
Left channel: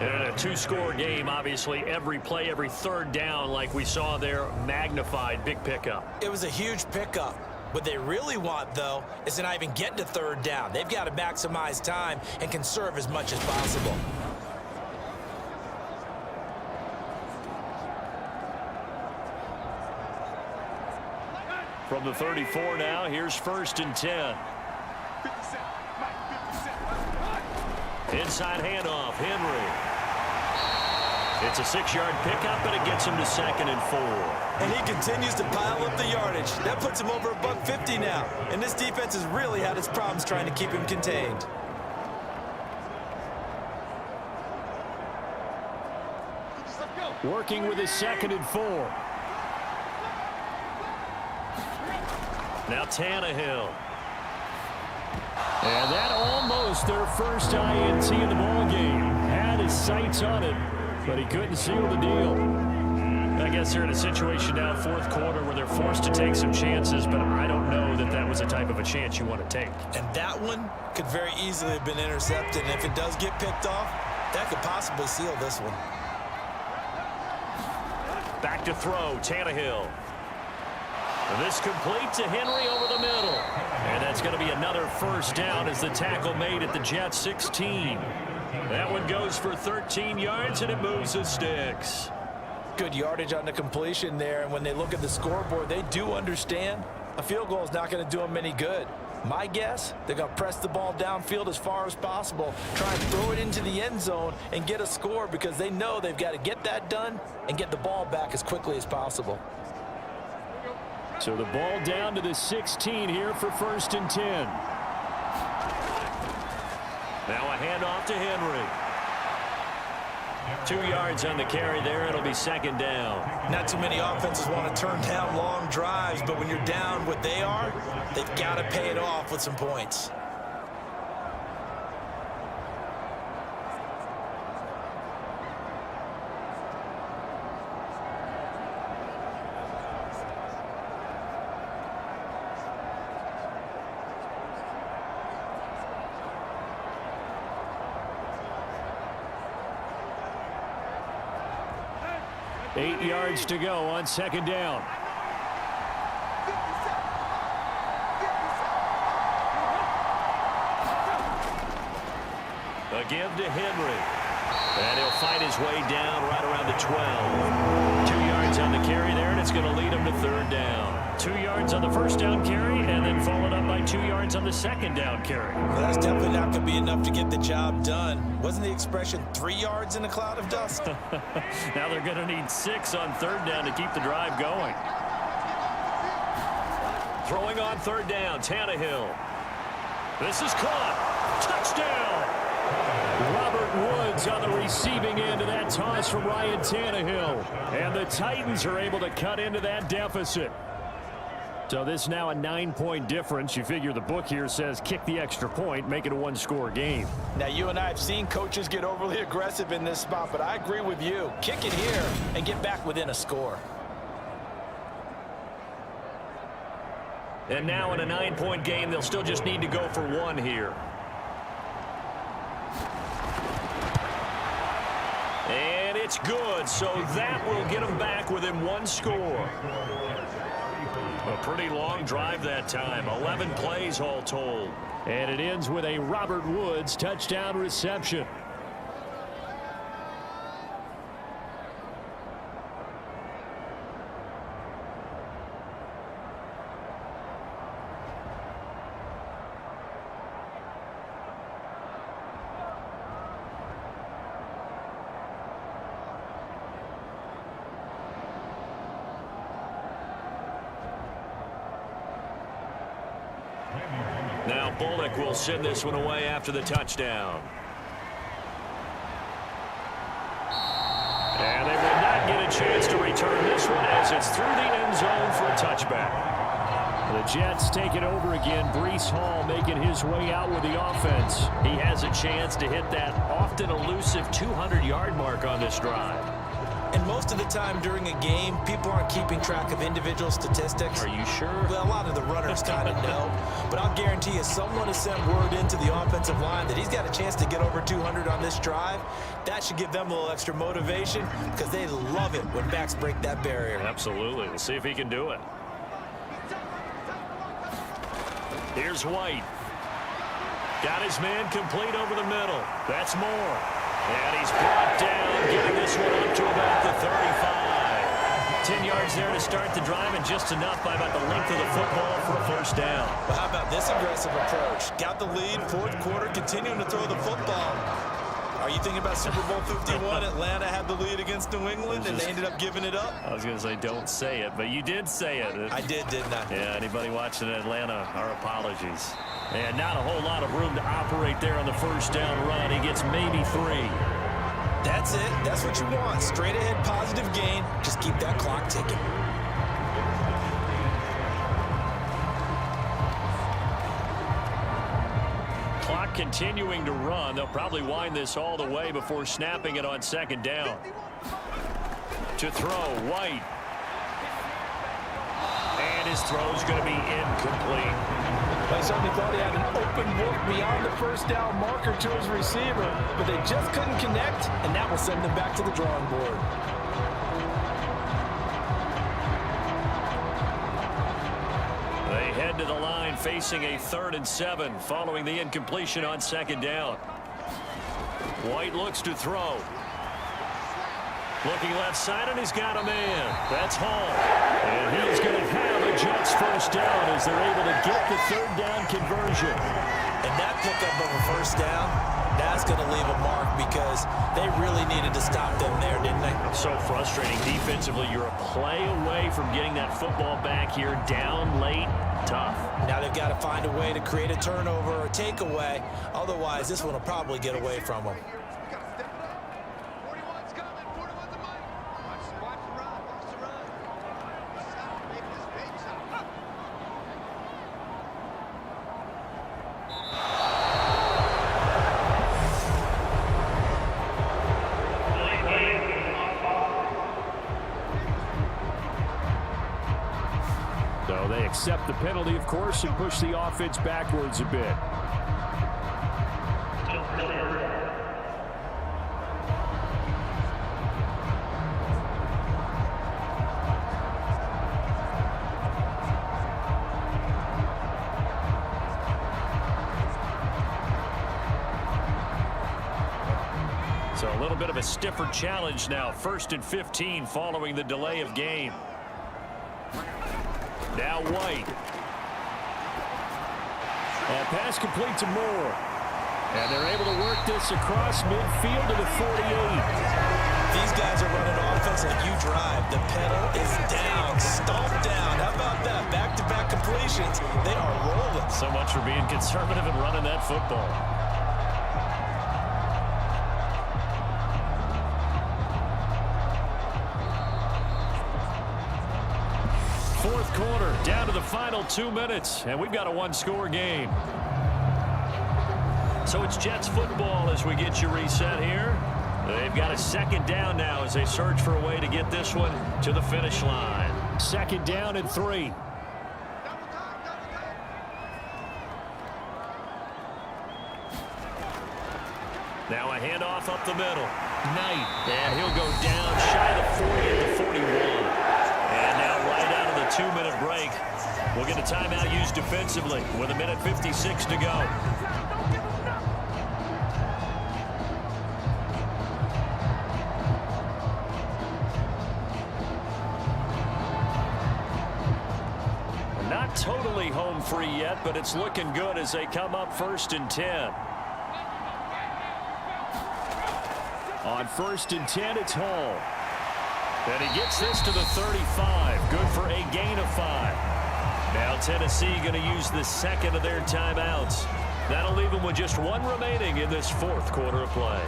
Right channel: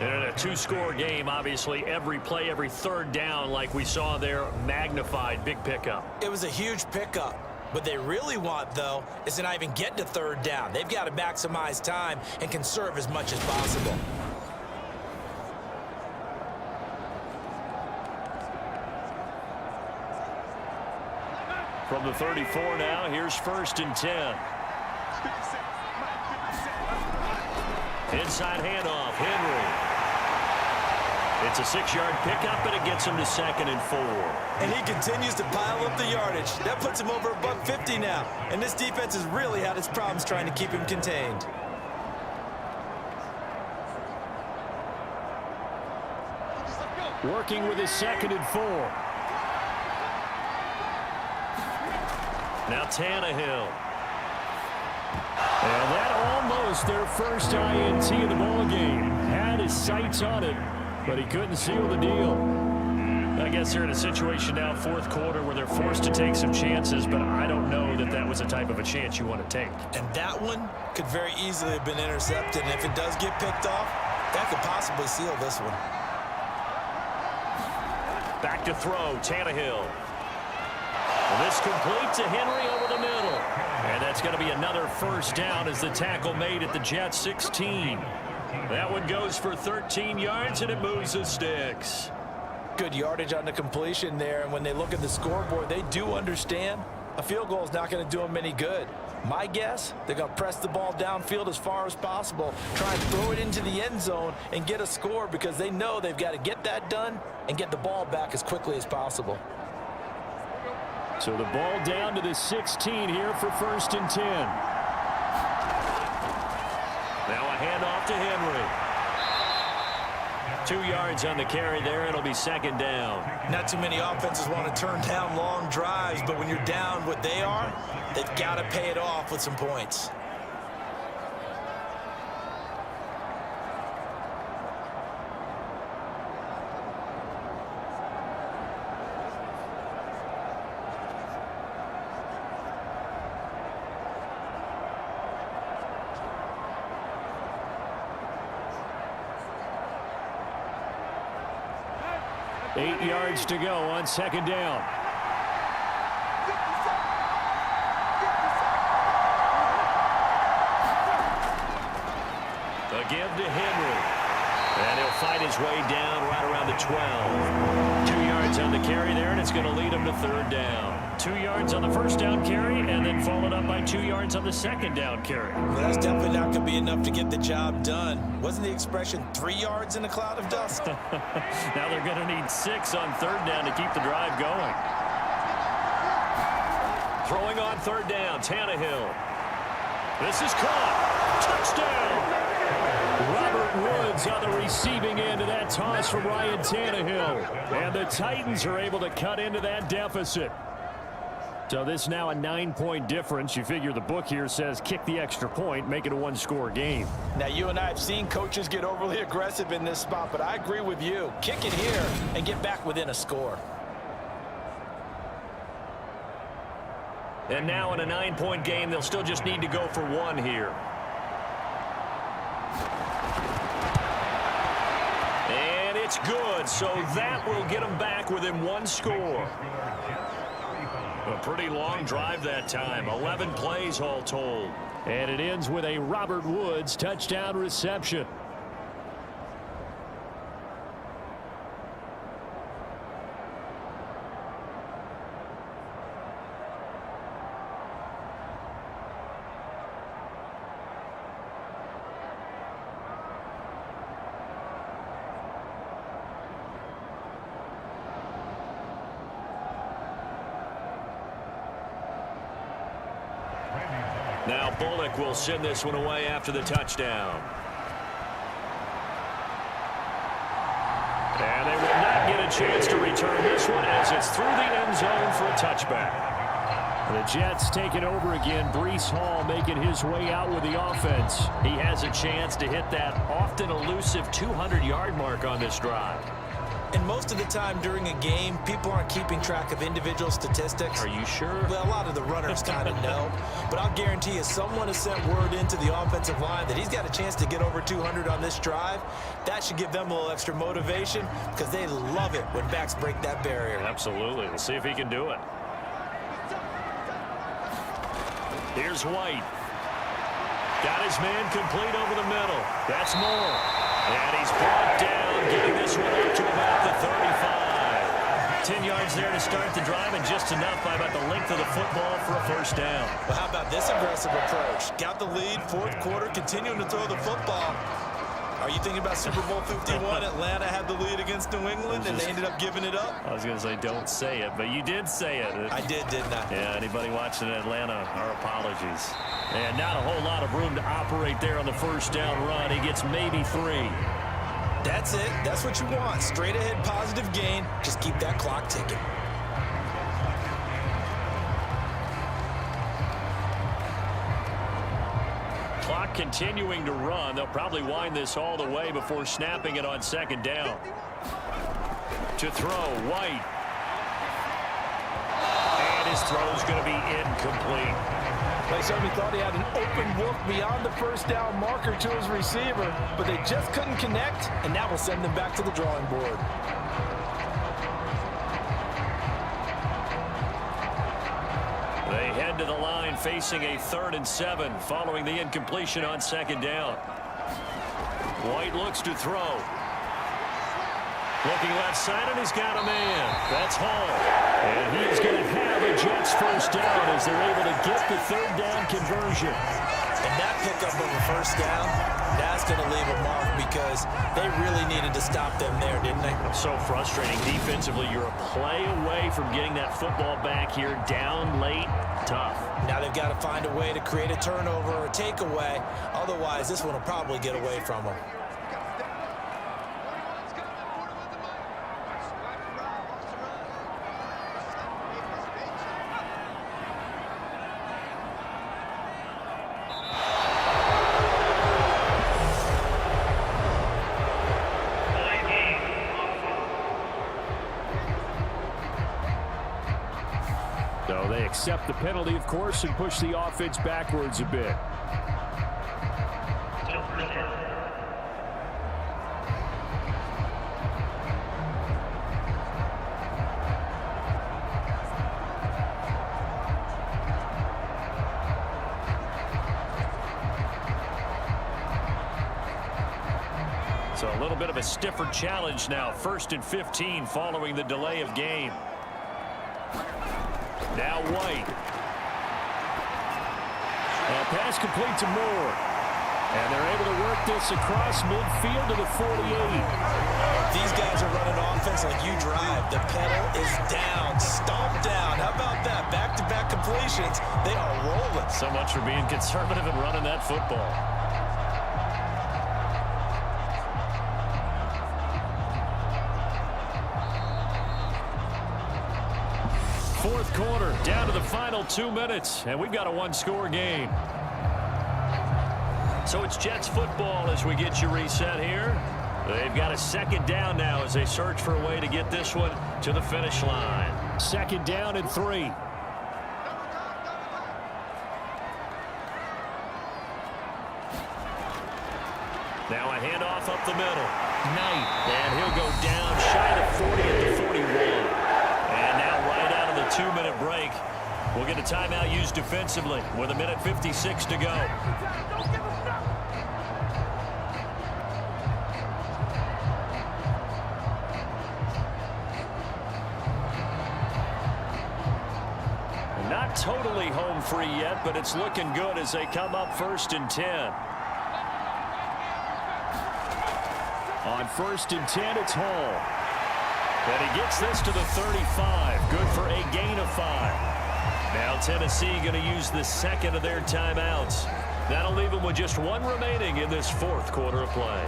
And in a 2-score game, obviously, every play, every 3rd down, like we saw there, magnified, big pickup. It was a huge pickup. What they really want, though, is to not even get to 3rd down. They've got to maximize time and conserve as much as possible. From the 34 now, here's 1st and 10. Inside handoff, Henry. It's a 6-yard pickup, but it gets him to 2nd and 4. And he continues to pile up the yardage. That puts him over $150 now. And this defense has really had its problems trying to keep him contained. Working with his 2nd and 4. Now Tannehill. And that almost their first INT in the ballgame. Had his sights on it, but he couldn't seal the deal. I guess they're in a situation now, 4th quarter, where they're forced to take some chances, but I don't know that that was the type of a chance you want to take. And that one could very easily have been intercepted. And if it does get picked off, that could possibly seal this one. Back to throw, Tannehill. Well, this complete to Henry over the middle. And that's going to be another first down as the tackle made at the Jets 16. That one goes for 13 yards, and it moves the sticks. Good yardage on the completion there, and when they look at the scoreboard, they do understand a field goal is not going to do them any good. My guess, they're going to press the ball downfield as far as possible, try and throw it into the end zone and get a score because they know they've got to get that done and get the ball back as quickly as possible. So the ball down to the 16 here for 1st and 10. Now a handoff to Henry. 2 yards on the carry there. It'll be 2nd down. Not too many offenses want to turn down long drives, but when you're down what they are, they've got to pay it off with some points. Eight yards to go on 2nd down. A give to Henry. And he'll fight his way down right around the 12. 2 yards on the carry there, and it's going to lead him to 3rd down. 2 yards on the 1st down carry, and then followed up by 2 yards on the 2nd down carry. Well, that's definitely not going to be enough to get the job done. Wasn't the expression 3 yards in a cloud of dust? Now they're going to need 6 on 3rd down to keep the drive going. Throwing on 3rd down, Tannehill. This is caught. Touchdown. Robert Woods on the receiving end of that toss from Ryan Tannehill. And the Titans are able to cut into that deficit. So this now a 9-point difference. You figure the book here says kick the extra point, make it a 1-score game. Now, you and I have seen coaches get overly aggressive in this spot, but I agree with you. Kick it here and get back within a score. And now in a 9-point game, they'll still just need to go for 1 here. And it's good, so that will get them back within 1 score. A pretty long drive that time, 11 plays all told. And it ends with a Robert Woods touchdown reception. Now Bullock will send this one away after the touchdown. And they will not get a chance to return this one as it's through the end zone for a touchback. The Jets take it over again. Breece Hall making his way out with the offense. He has a chance to hit that often elusive 200-yard mark on this drive. And most of the time during a game, people aren't keeping track of individual statistics. Are you sure? Well, a lot of the runners kind of know. But I'll guarantee you someone has sent word into the offensive line that he's got a chance to get over 200 on this drive. That should give them a little extra motivation because they love it when backs break that barrier. Absolutely. We'll see if he can do it. Here's White. Got his man complete over the middle. That's Moore. And he's brought down, getting this one up to about the 35. 10 yards there to start the drive, and just enough by about the length of the football for a first down. Well, how about this aggressive approach? Got the lead, 4th quarter, continuing to throw the football. Are you thinking about Super Bowl 51? Atlanta had the lead against New England, and they ended up giving it up? I was going to say, don't say it, but you did say it. I did, didn't I? Yeah, anybody watching Atlanta, our apologies. And not a whole lot of room to operate there on the first down run. He gets maybe 3. That's it. That's what you want. Straight ahead, positive gain. Just keep that clock ticking. Clock continuing to run. They'll probably wind this all the way before snapping it on second down. To throw, White. And his throw's going to be incomplete. Like somebody thought he had an open look beyond the first down marker to his receiver, but they just couldn't connect, and that will send them back to the drawing board. They head to the line facing a 3rd and 7 following the incompletion on second down. White looks to throw. Looking left side, and he's got a man. That's Hall. And he is going to have a Jets first down as they're able to get the 3rd down conversion. And that pickup of a first down, that's going to leave a mark because they really needed to stop them there, didn't they? So frustrating defensively. You're a play away from getting that football back here down late. Tough. Now they've got to find a way to create a turnover or a takeaway. Otherwise, this one will probably get away from them. So they accept the penalty, of course, and push the offense backwards a bit. So a little bit of a stiffer challenge now. 1st and 15 following the delay of game. Now White. And pass complete to Moore. And they're able to work this across midfield to the 48. These guys are running offense like you drive. The pedal is down, stomped down. How about that? Back-to-back completions. They are rolling. So much for being conservative and running that football. Fourth quarter, down to the final 2 minutes, and we've got a one-score game. So it's Jets football as we get you reset here. They've got a 2nd down now as they search for a way to get this one to the finish line. 2nd down and 3. Now a handoff up the middle. Knight, and he'll go down shy of the 40 at the 41. And now right out of the 2-minute break, we'll get a timeout used defensively with 1:56 to go. Not totally home free yet, but it's looking good as they come up 1st and 10. On 1st and 10, it's Hall. And he gets this to the 35. Good for a gain of 5. Now Tennessee going to use the 2nd of their timeouts. That'll leave them with just 1 remaining in this 4th quarter of play.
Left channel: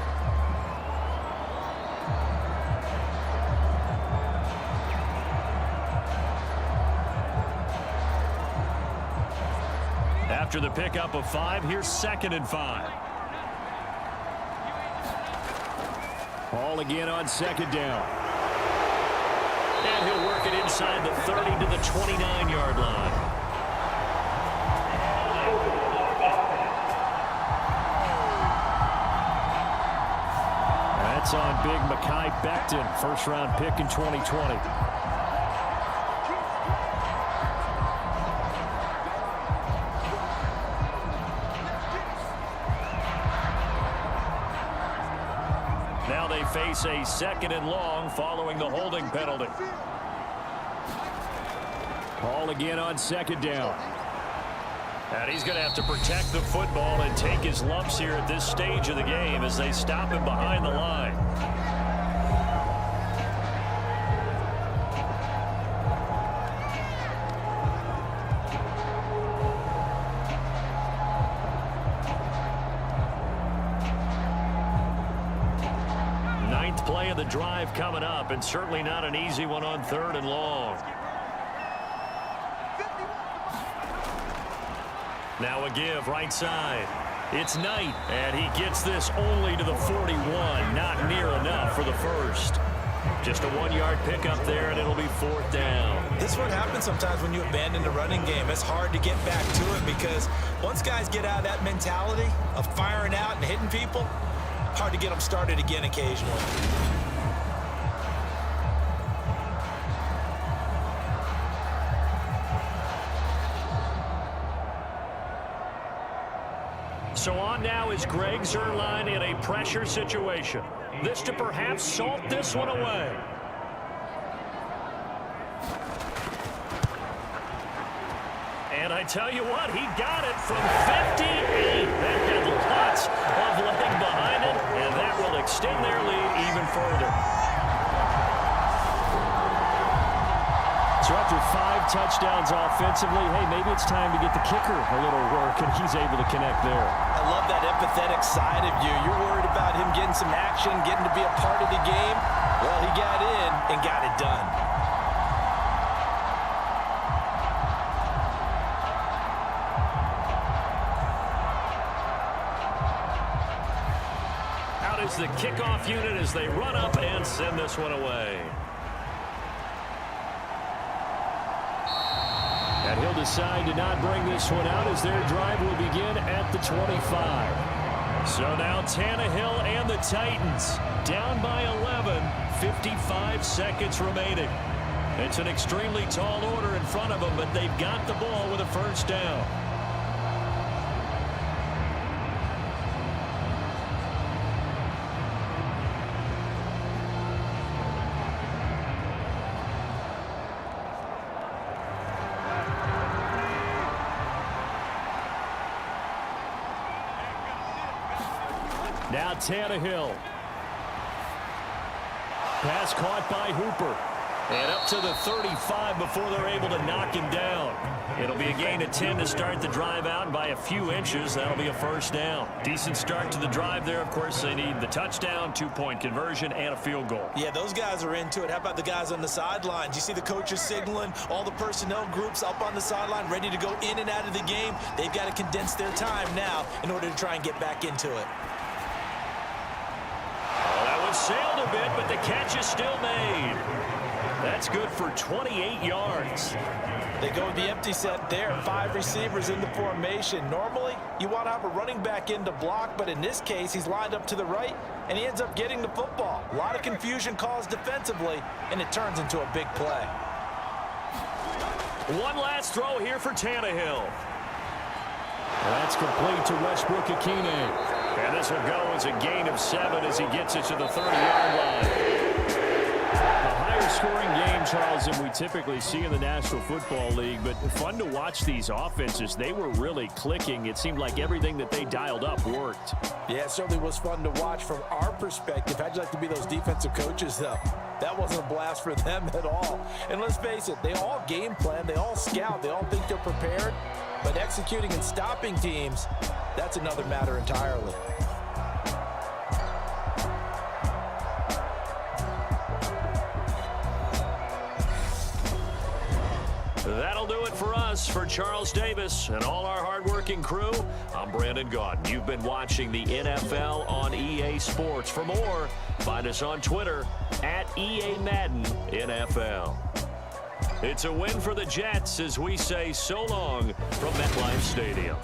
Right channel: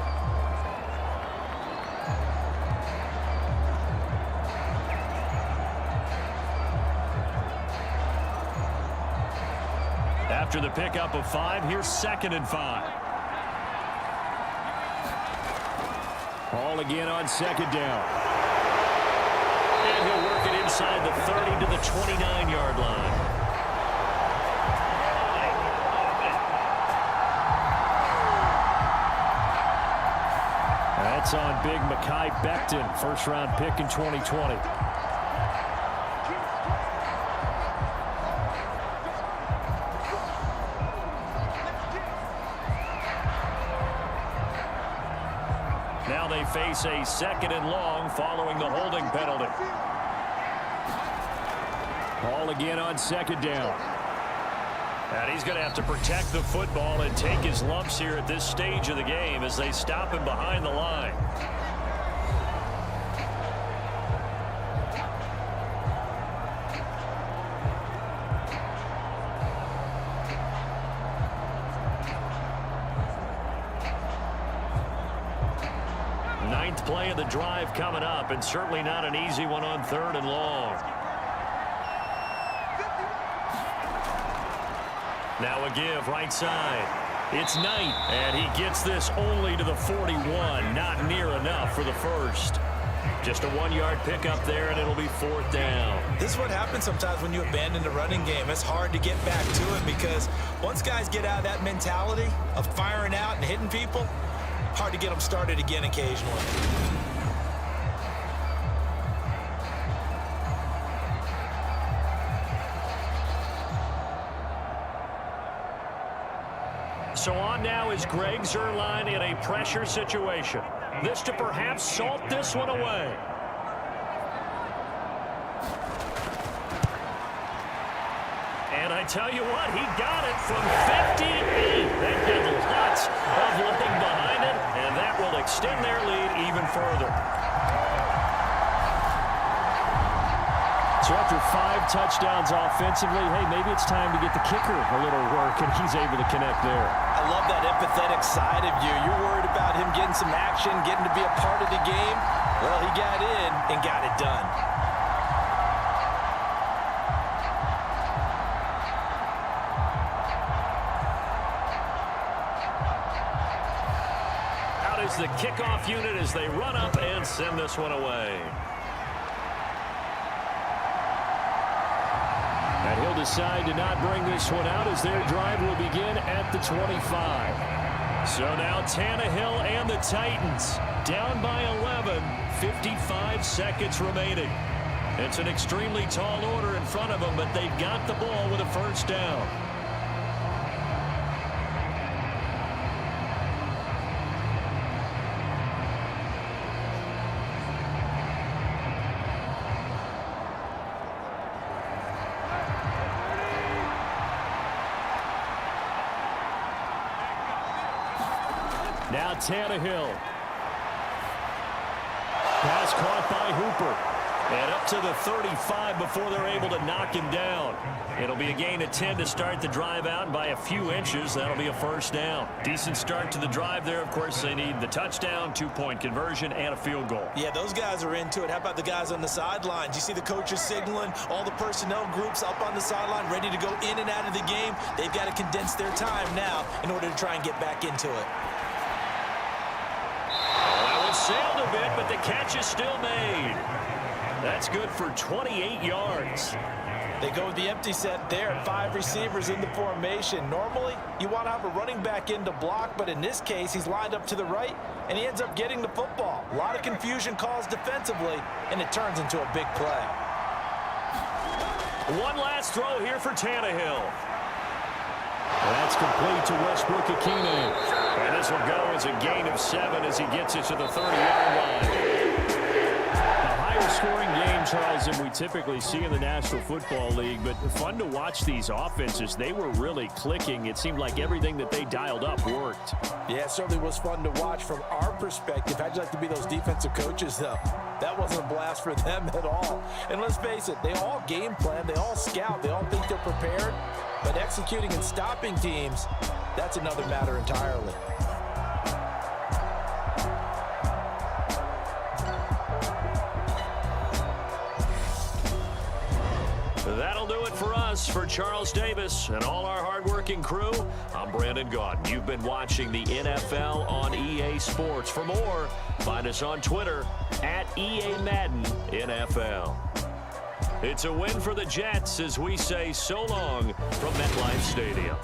After the pickup of 5, here's 2nd and 5. Hall again on 2nd down. And he'll work it inside the 30 to the 29-yard line. That's on big Mekhi Becton, 1st-round pick in 2020. Now they face a 2nd and long following the holding penalty. Hall again on 2nd down. And he's going to have to protect the football and take his lumps here at this stage of the game as they stop him behind the line. Ninth play of the drive coming up, and certainly not an easy one on 3rd and long. Now a give right side. It's Knight, and he gets this only to the 41. Not near enough for the first. Just a 1-yard pickup there, and it'll be 4th down. This is what happens sometimes when you abandon the running game. It's hard to get back to it because once guys get out of that mentality of firing out and hitting people, hard to get them started again occasionally. So on now is Greg Zuerlein in a pressure situation. This to perhaps salt this one away. And I tell you what, he got it from 58. That had lots of leg behind it, and that will extend their lead even further. So after 5 touchdowns offensively, hey, maybe it's time to get the kicker a little work, and he's able to connect there. I love that empathetic side of you. You're worried about him getting some action, getting to be a part of the game. Well, he got in and got it done. Out is the kickoff unit as they run up and send this one away. And he'll decide to not bring this one out as their drive will begin at the 25. So now Tannehill and the Titans down by 11, 55 seconds remaining. It's an extremely tall order in front of them, but they've got the ball with a first down. Now Tannehill. Pass caught by Hooper. And up to the 35 before they're able to knock him down. It'll be a gain of 10 to start the drive out, and by a few inches, that'll be a first down. Decent start to the drive there. Of course, they need the touchdown, 2-point conversion, and a field goal. Yeah, those guys are into it. How about the guys on the sidelines? You see the coaches signaling, all the personnel groups up on the sideline ready to go in and out of the game. They've got to condense their time now in order to try and get back into it. Well, that one sailed a bit, but the catch is still made. That's good for 28 yards. They go with the empty set there. 5 receivers in the formation. Normally, you want to have a running back in to block, but in this case, he's lined up to the right, and he ends up getting the football. A lot of confusion caused defensively, and it turns into a big play. One last throw here for Tannehill. That's complete to Westbrook-Ikhine. And this will go as a gain of 7 as he gets it to the 30-yard line. Scoring game, Charles, than we typically see in the National Football League, but fun to watch these offenses. They were really clicking. It seemed like everything that they dialed up worked. Yeah, it certainly was fun to watch from our perspective. How'd you like to be those defensive coaches, though? That wasn't a blast for them at all. And let's face it, they all game plan, they all scout, they all think they're prepared, but executing and stopping teams, that's another matter entirely. That'll do it for us. For Charles Davis and all our hardworking crew, I'm Brandon Gaudin. You've been watching the NFL on EA Sports. For more, find us on Twitter at EA Madden NFL. It's a win for the Jets as we say so long from MetLife Stadium.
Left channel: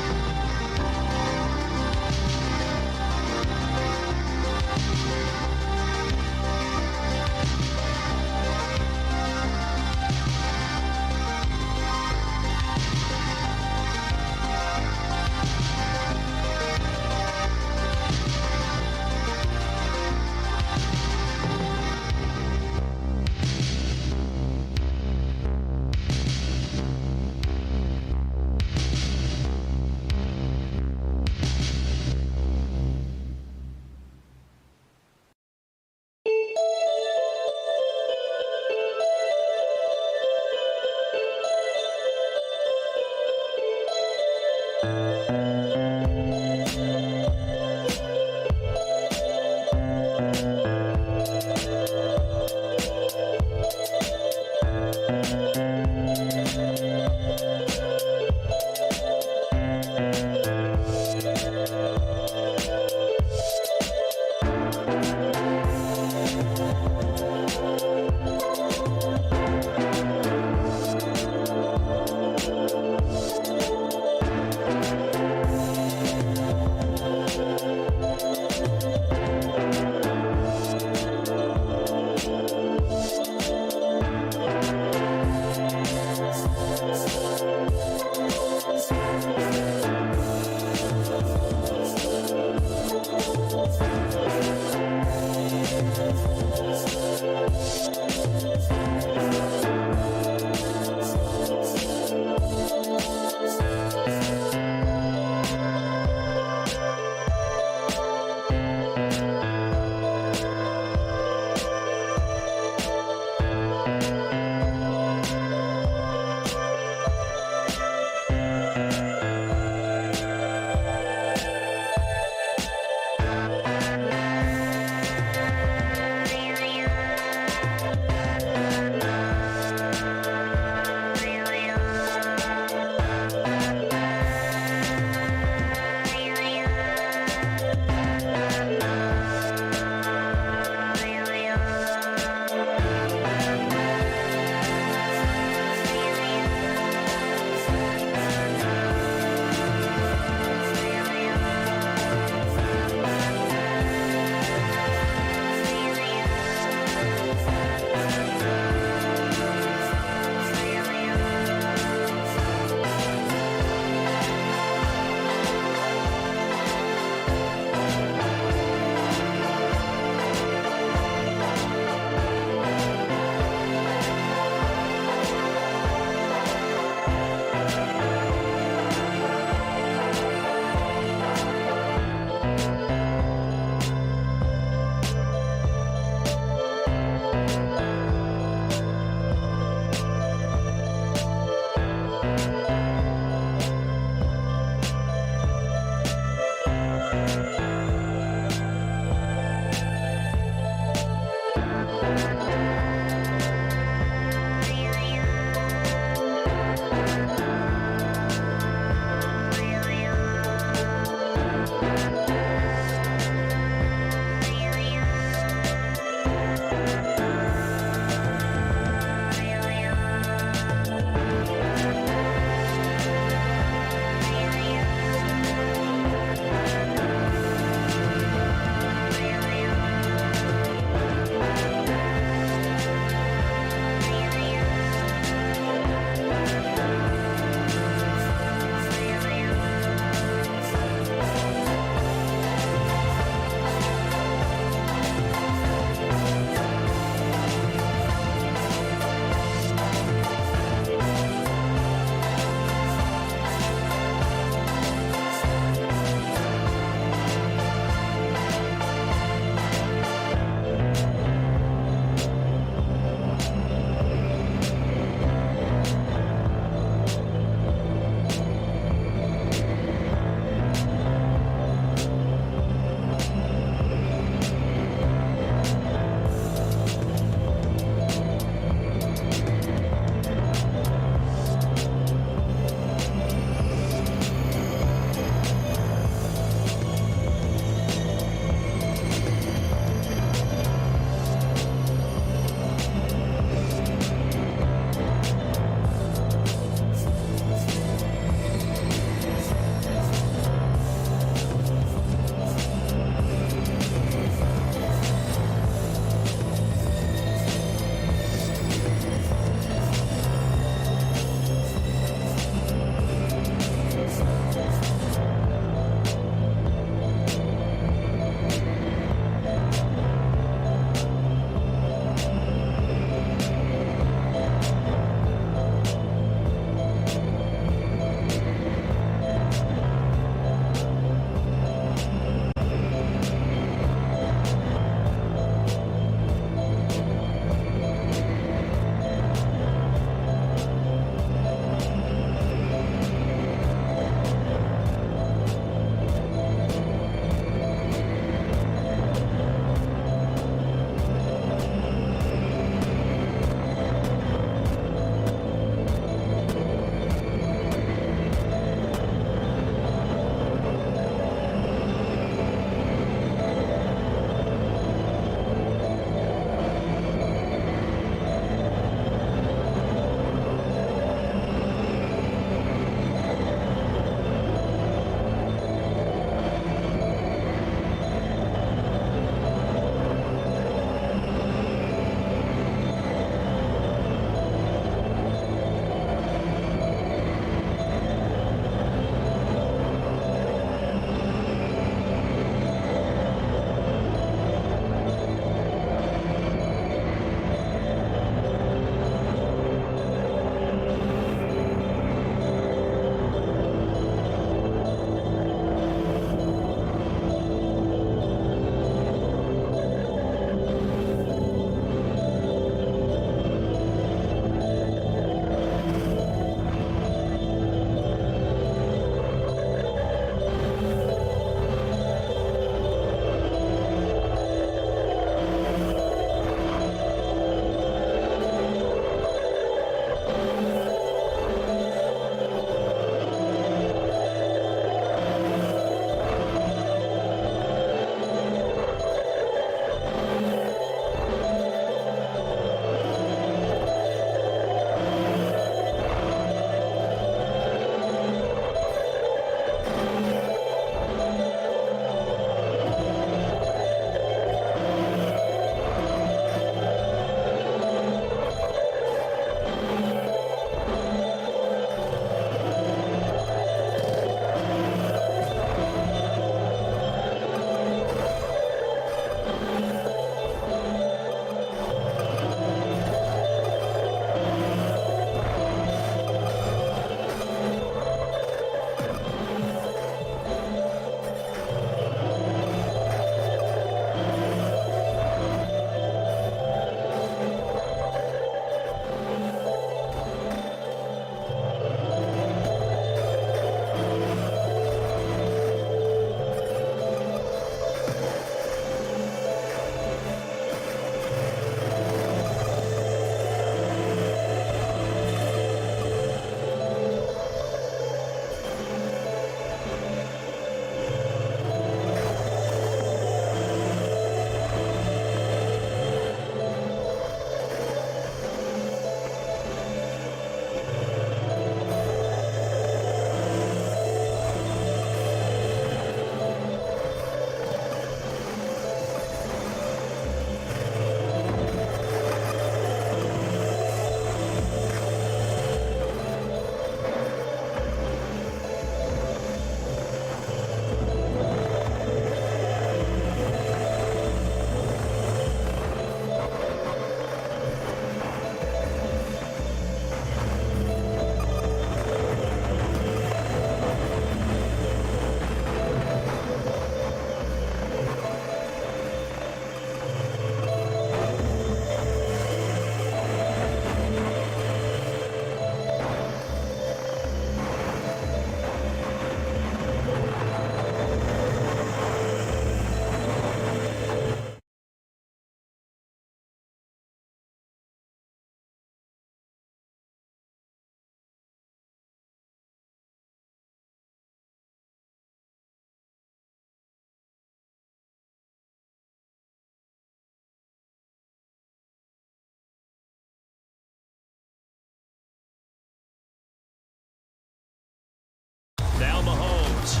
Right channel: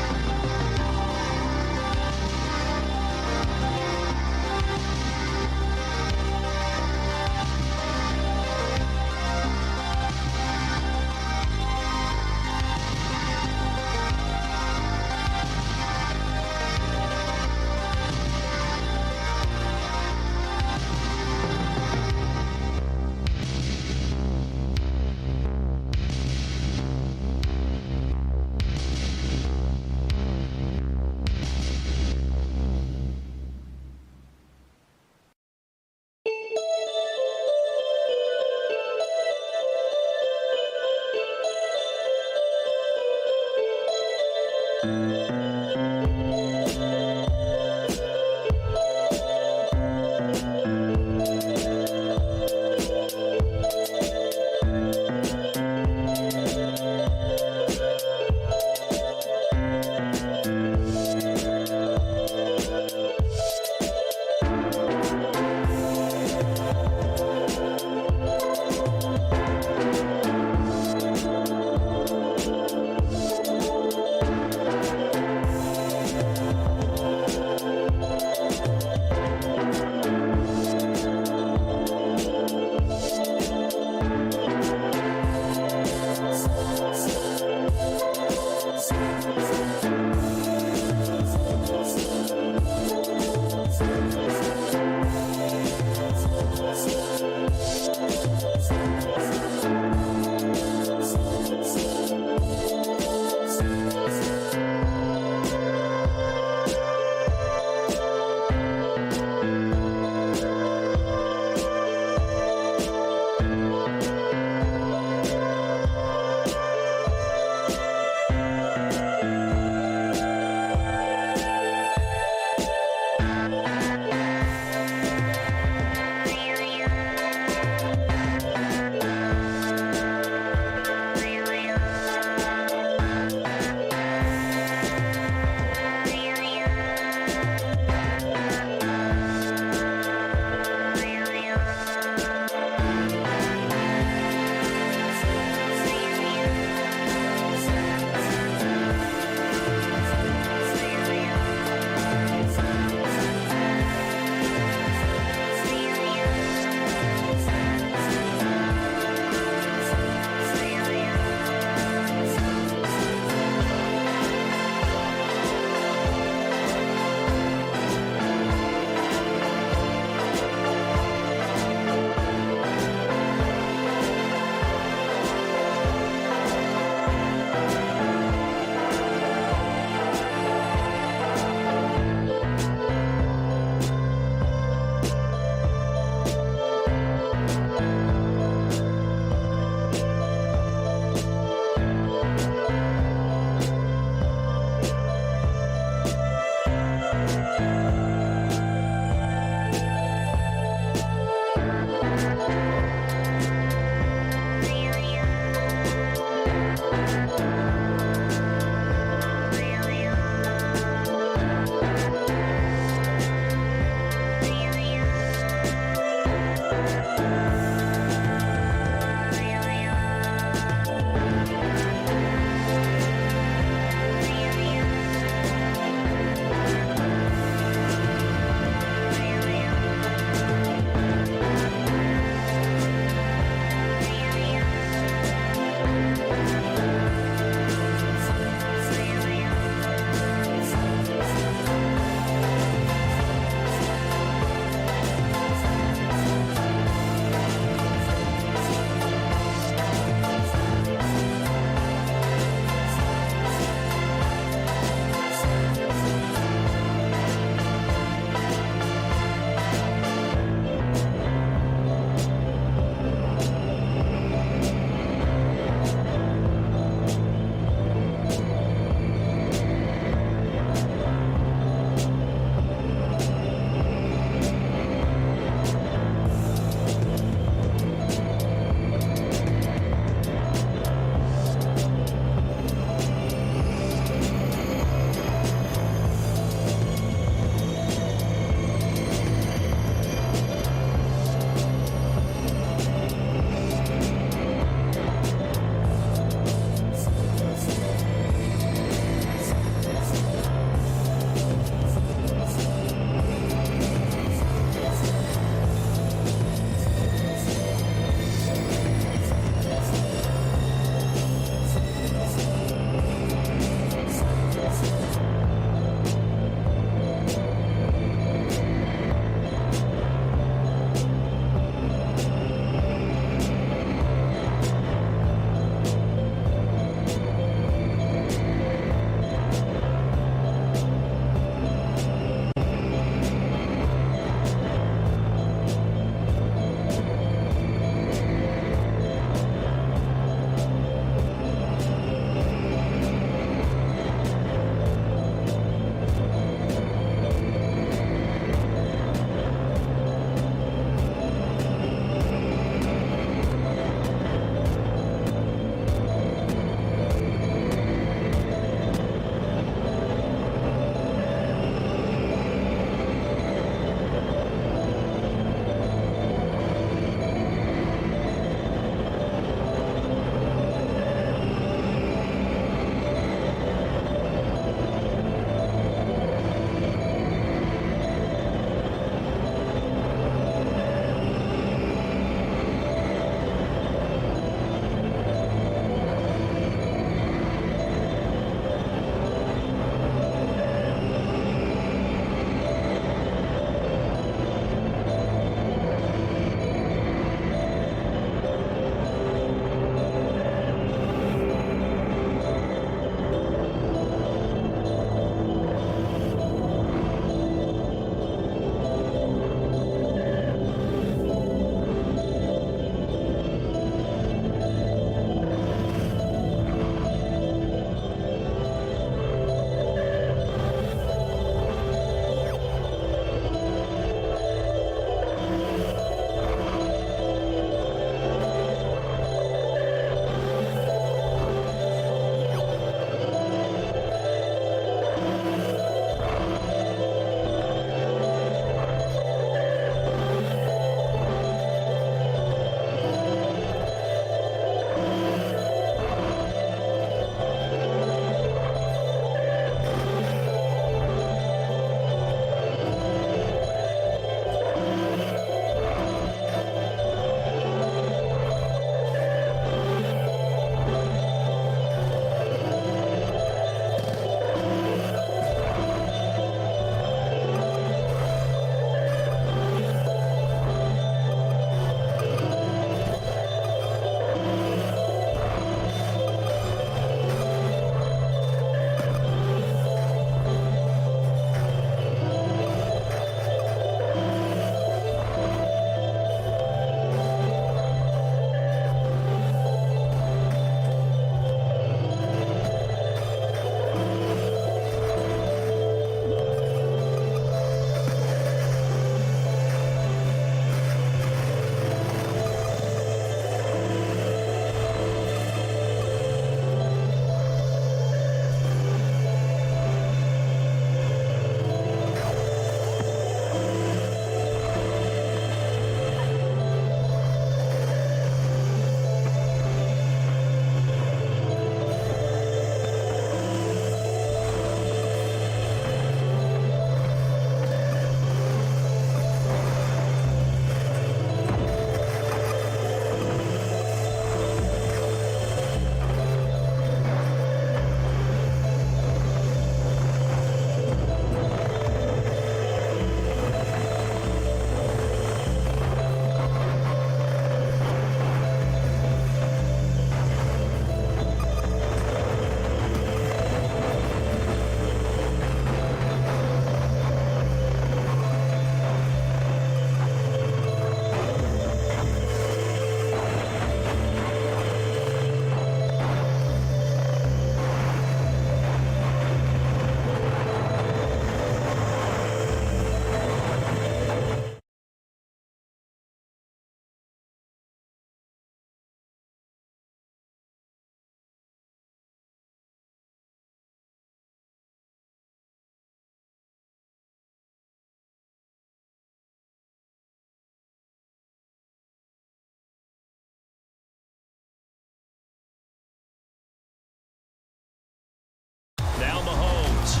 Now Mahomes.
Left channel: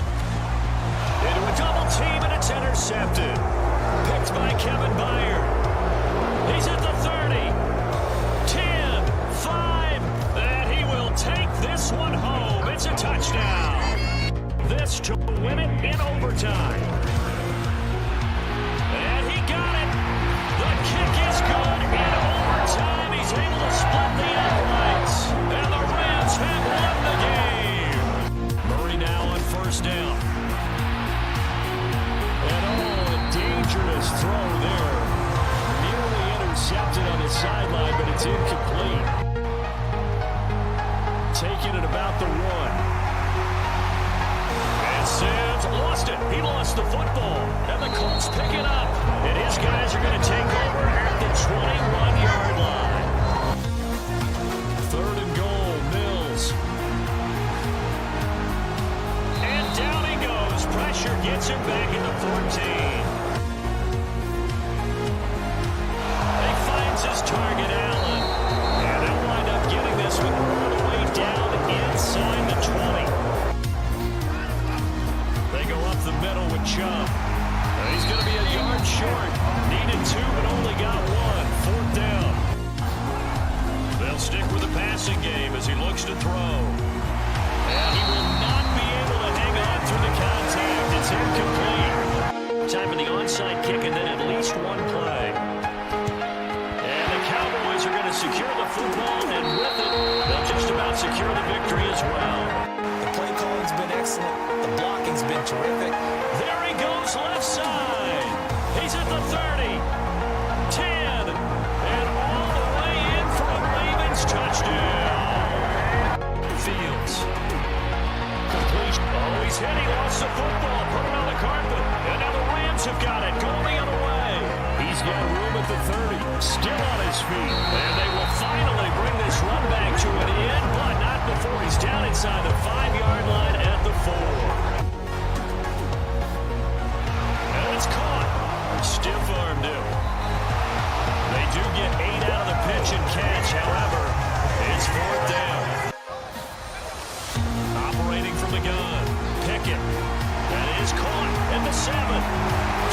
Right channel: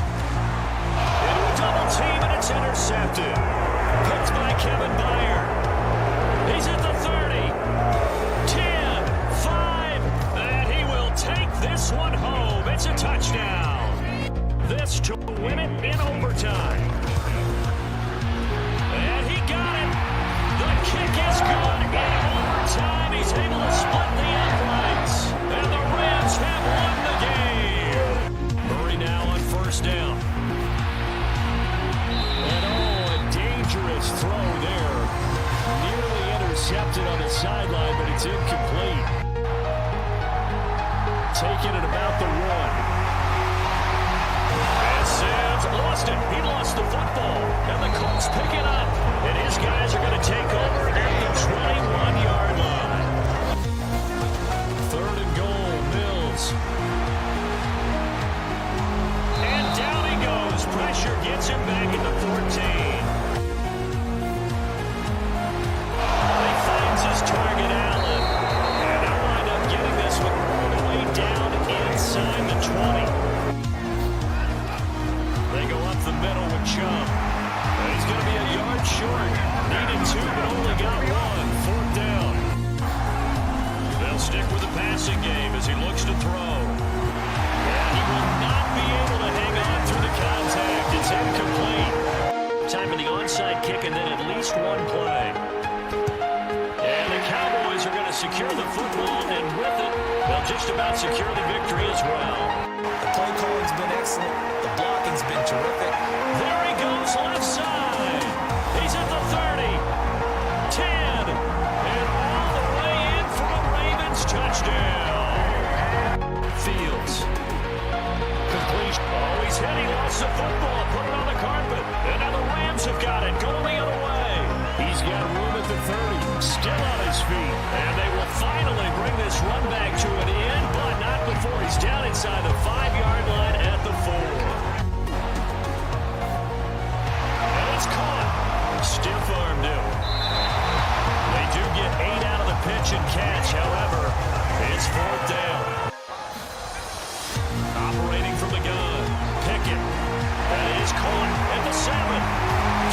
Into a double team, and it's intercepted. Picked by Kevin Byard. He's at the 30. 10, 5, and he will take this one home. It's a touchdown. This to win it in overtime. And he got it. The kick is good in overtime. He's able to split the uprights. And the Rams have won the game. Murray now on first down. And a dangerous throw there. Nearly intercepted on the sideline, but it's incomplete. Taking it about the 1. And Sims lost it. He lost the football. And the Colts pick it up. And his guys are going to take over at the 21-yard line. 3rd and goal, Mills. And down he goes. Pressure gets him back at the 14. He finds his target, Allen. And they'll wind up getting this one all the way down inside the 20. They go up the middle with Chubb. He's going to be a yard short. Needed 2, but only got 1. 4th down. They'll stick with the passing game as he looks to throw. And he will not be able to hang on through the contact. It's incomplete. Time for the onside kick and then at least 1 play. And the Cowboys are going to secure the football, and with it, they'll just about secure the victory as well. The play calling's been excellent. The blocking's been terrific. There he goes, left side. He's at the 30, 10, and all the way in for a Ravens touchdown. Fields. Completion. Oh, he's hit. He lost the football. Put it on the carpet. And now the Rams have got it. Going the other way. He's got room at the 30. Still on his feet. And they will finally bring this run back to an end, but not before he's down inside the 5-yard line at the 4. And it's caught. Stiff-armed him. They do get 8 out of the pitch and catch. However, it's 4th down. Operating from the gun. Pickett. That is caught at the 7.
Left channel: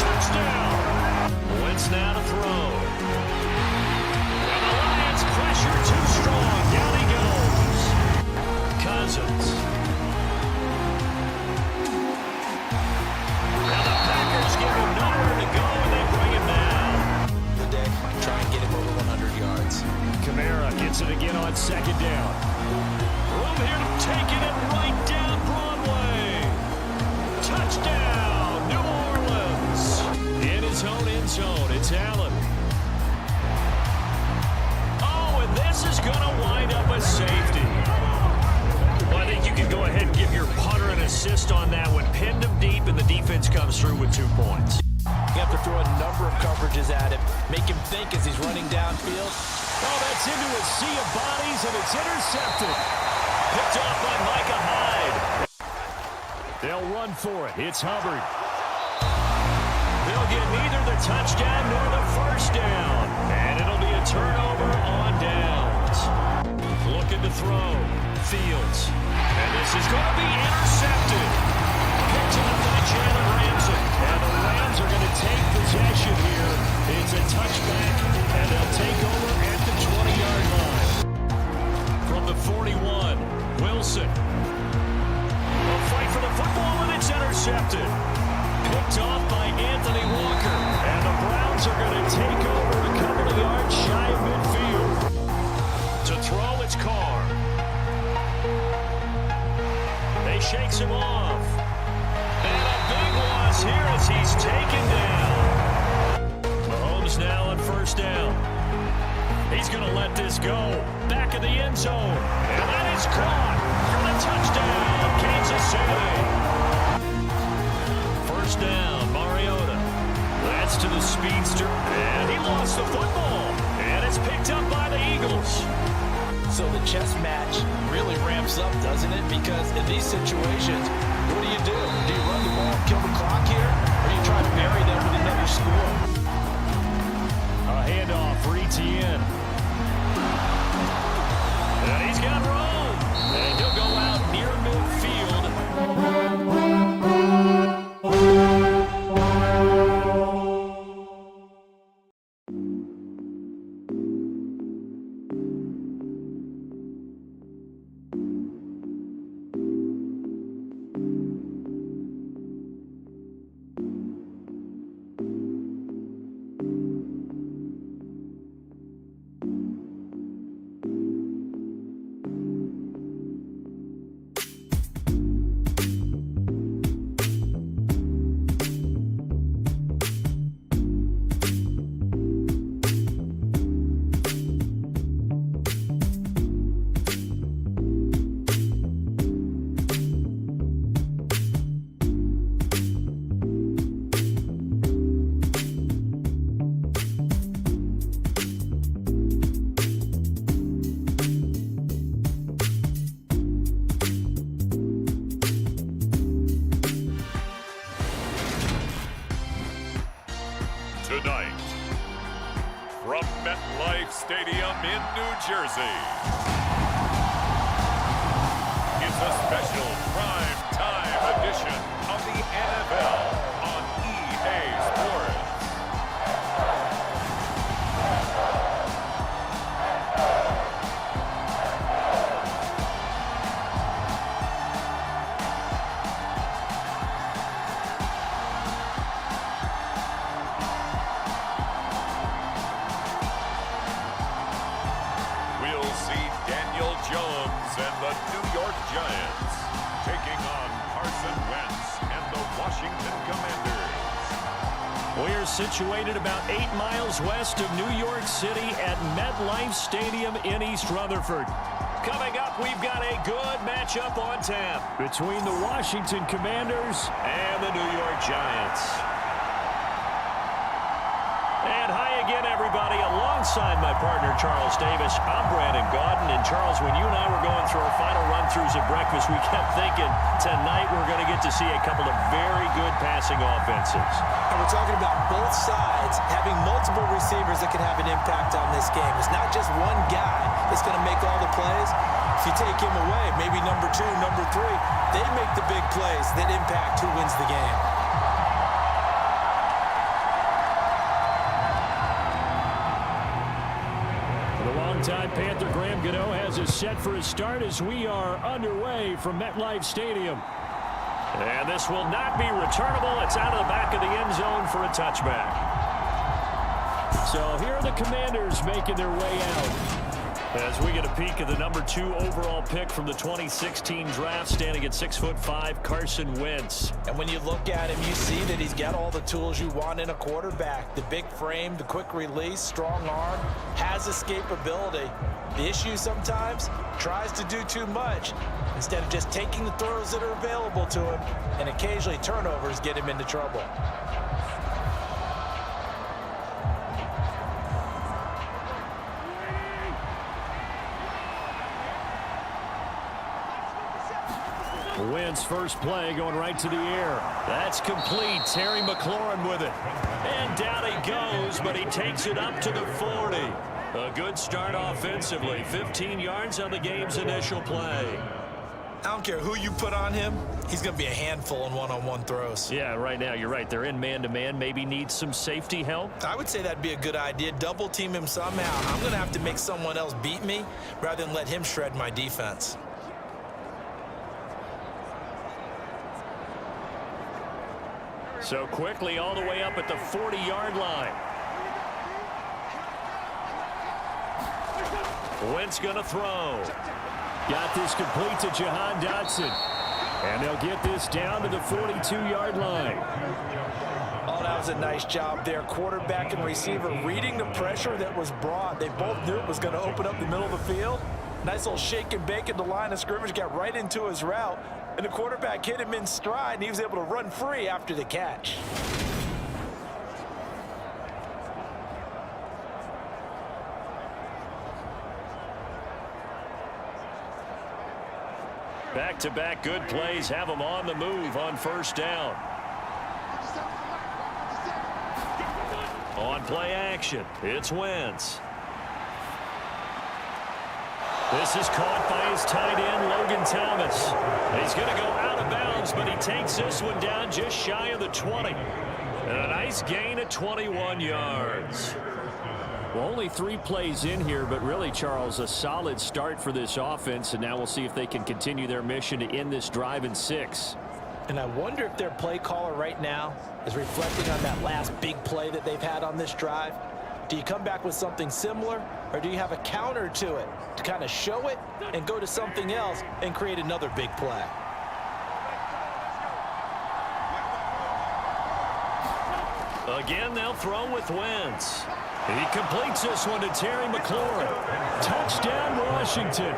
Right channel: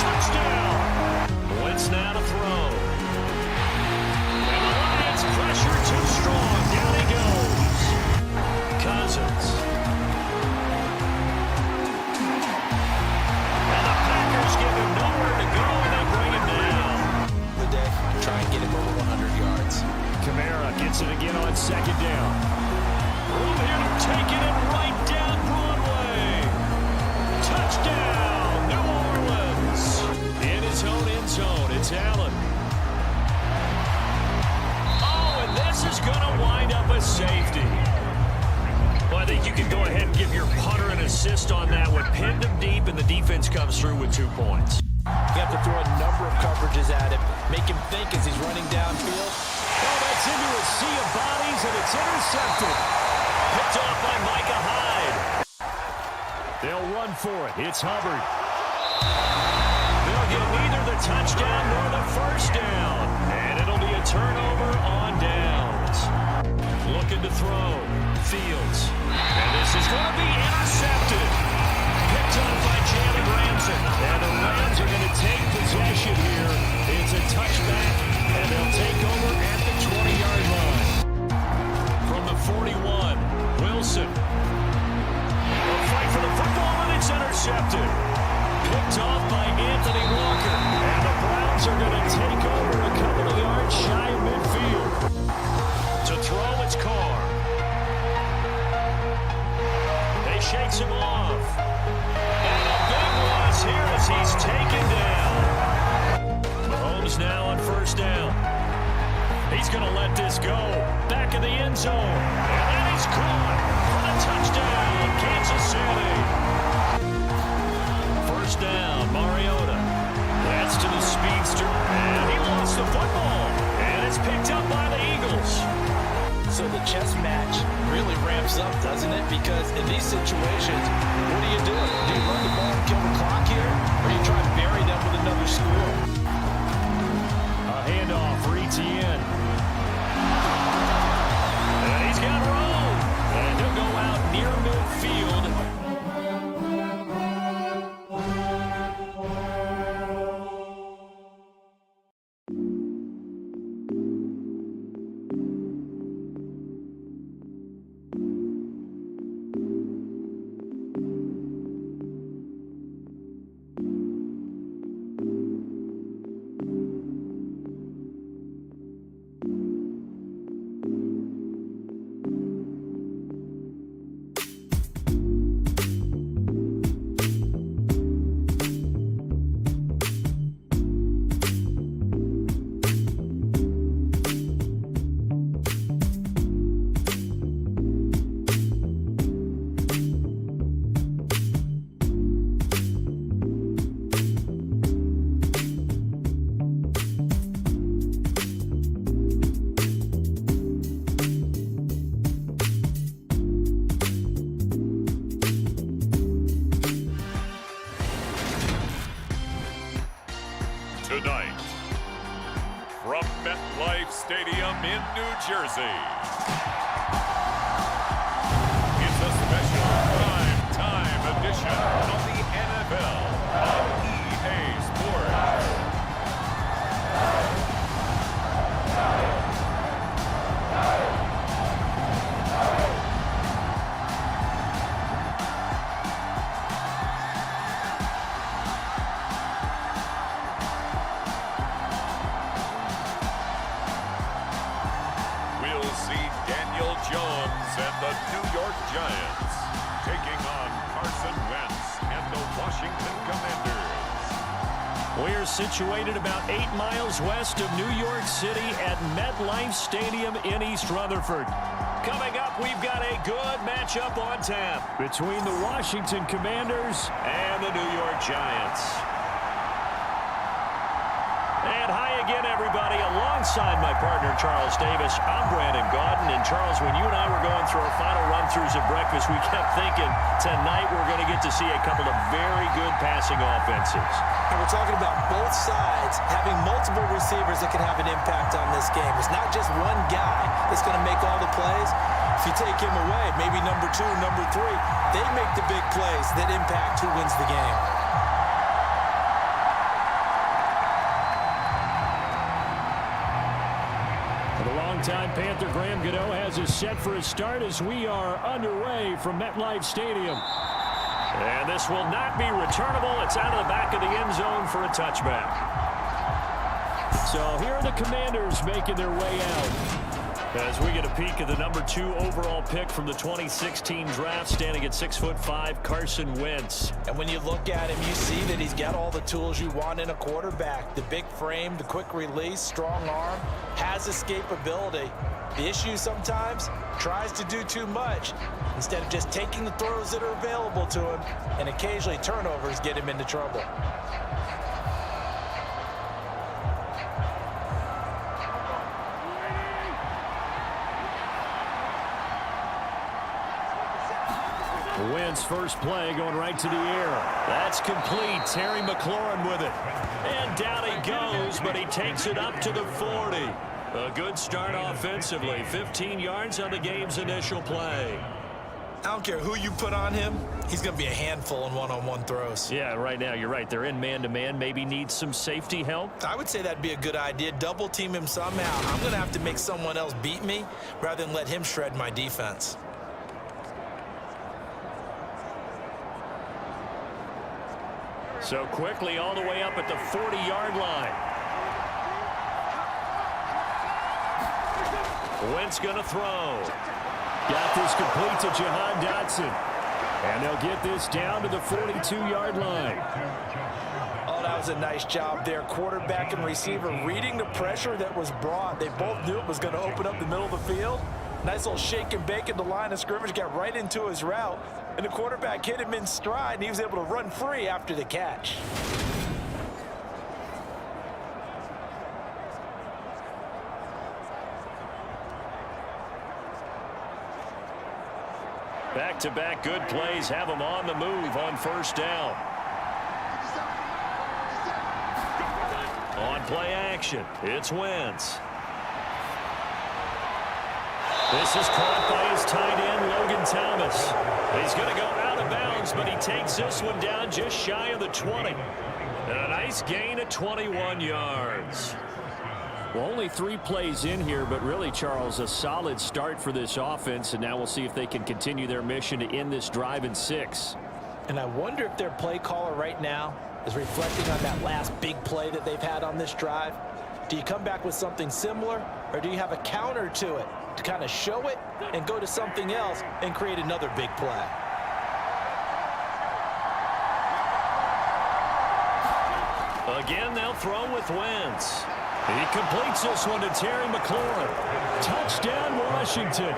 Touchdown. Wentz now to throw. And the Lions pressure too strong. Down he goes. Cousins. And the Packers give him nowhere to go, and they bring him down. The day, try and get him over 100 yards. Kamara gets it again on 2nd down. Room here to take it and right down Broadway. Touchdown, New Orleans. In his own end zone, it's Allen. Oh, and this is going to wind up a safety. Well, I think you can go ahead and give your punter an assist on that one. Pinned him deep, and the defense comes through with 2 points. You have to throw a number of coverages at him. Make him think as he's running downfield. Oh, that's into a sea of bodies, and it's intercepted. Picked off by Micah Hyde. They'll run for it. It's Hubbard. They'll get neither the touchdown nor the first down. And it'll be a turnover on downs. Looking to throw. Fields. And this is going to be intercepted. Picked up by Jalen Ramsey. And the Rams are going to take possession here. It's a touchback, and they'll take over at the 20-yard line. From the 41, Wilson. A fight for the football, and it's intercepted. Picked off by Anthony Walker. And the Browns are going to take over a couple of yards shy of midfield. To throw, it's Carr. He shakes him off. And a big loss here as he's taken down. Mahomes now on first down. He's going to let this go. Back in the end zone. And that is caught for the touchdown, Kansas City. First down, Mariota. That's to the speedster. And he lost the football. And it's picked up by the Eagles. So the chess match really ramps up, doesn't it? Because in these situations, what do? Do you run the ball and kill the clock here? Or do you try to bury them with another score? A handoff for Etienne. And he's got room. And he'll go out near midfield Tonight, from MetLife Stadium in New Jersey, it's a special prime time edition of the NFL on EA Sports. Jones and the New York Giants taking on Carson Wentz and the Washington Commanders. We're situated about 8 miles west of New York City at MetLife Stadium in East Rutherford. Coming up, we've got a good matchup on tap between the Washington Commanders and the New York Giants. And hi again, everybody. Alongside my partner, Charles Davis, I'm Brandon Gaudin. And Charles, when you and I were going through our final run-throughs at breakfast, we kept thinking tonight we're going to get to see a couple of very good passing offenses. And we're talking about both sides having multiple receivers that can have an impact on this game. It's not just one guy that's going to make all the plays. If you take him away, maybe number 2, number 3, they make the big plays that impact who wins the game. The longtime Panther Graham Gano has us set for his start as we are underway from MetLife Stadium. And this will not be returnable. It's out of the back of the end zone for a touchback. So here are the Commanders making their way out as we get a peek at the number 2 overall pick from the 2016 draft, standing at 6'5", Carson Wentz. And when you look at him, you see that he's got all the tools you want in a quarterback. The big frame, the quick release, strong arm, has escapability. The issue sometimes, tries to do too much instead of just taking the throws that are available to him, and occasionally turnovers get him into trouble. Wentz first play going right to the air. That's complete. Terry McLaurin with it. And down he goes, but he takes it up to the 40. A good start offensively. 15 yards on the game's initial play. I don't care who you put on him. He's going to be a handful in one-on-one throws. Yeah, right now you're right. They're in man-to-man. Maybe needs some safety help. I would say that'd be a good idea. Double team him somehow. I'm going to have to make someone else beat me rather than let him shred my defense. So quickly all the way up at the 40-yard line. Wentz going to throw. Got this complete to Jahan Dotson. And they'll get this down to the 42-yard line. Oh, that was a nice job there. Quarterback and receiver reading the pressure that was brought. They both knew it was going to open up the middle of the field. Nice little shake and bake at the line of scrimmage. Got right into his route. And the quarterback hit him in stride, and he was able to run free after the catch. Back-to-back good plays have them on the move on first down. On play action, it's Wentz. This is caught by his tight end, Logan Thomas. He's going to go out of bounds, but he takes this one down just shy of the 20. And a nice gain at 21 yards. Well, only 3 plays in here, but really, Charles, a solid start for this offense. And now we'll see if they can continue their mission to end this drive in 6. And I wonder if their play caller right now is reflecting on that last big play that they've had on this drive. Do you come back with something similar, or do you have a counter to it to kind of show it and go to something else and create another big play? Again, they'll throw with Wentz. He completes this one to Terry McLaurin. Touchdown, Washington.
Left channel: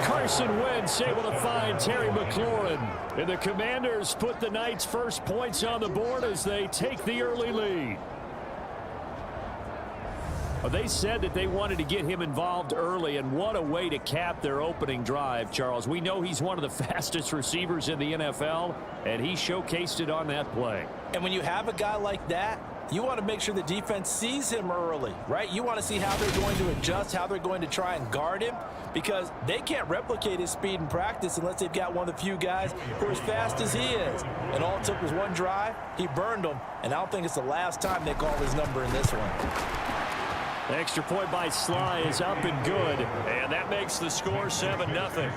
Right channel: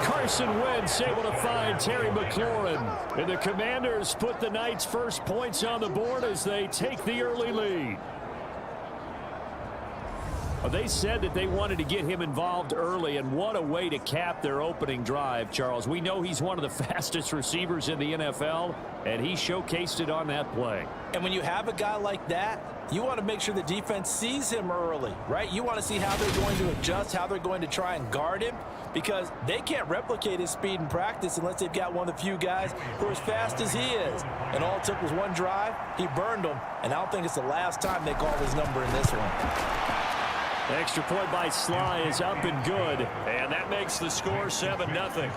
Carson Wentz able to find Terry McLaurin. And the Commanders put the night's first points on the board as they take the early lead. They said that they wanted to get him involved early, and what a way to cap their opening drive, Charles. We know he's one of the fastest receivers in the NFL, and he showcased it on that play. And when you have a guy like that, You want to make sure the defense sees him early, right? You want to see how they're going to adjust, how they're going to try and guard him, because they can't replicate his speed in practice unless they've got one of the few guys who are as fast as he is. And all it took was one drive. He burned them, and I don't think it's the last time they call his number in this one. Extra point by Sly is up and good, and that makes the score 7-0.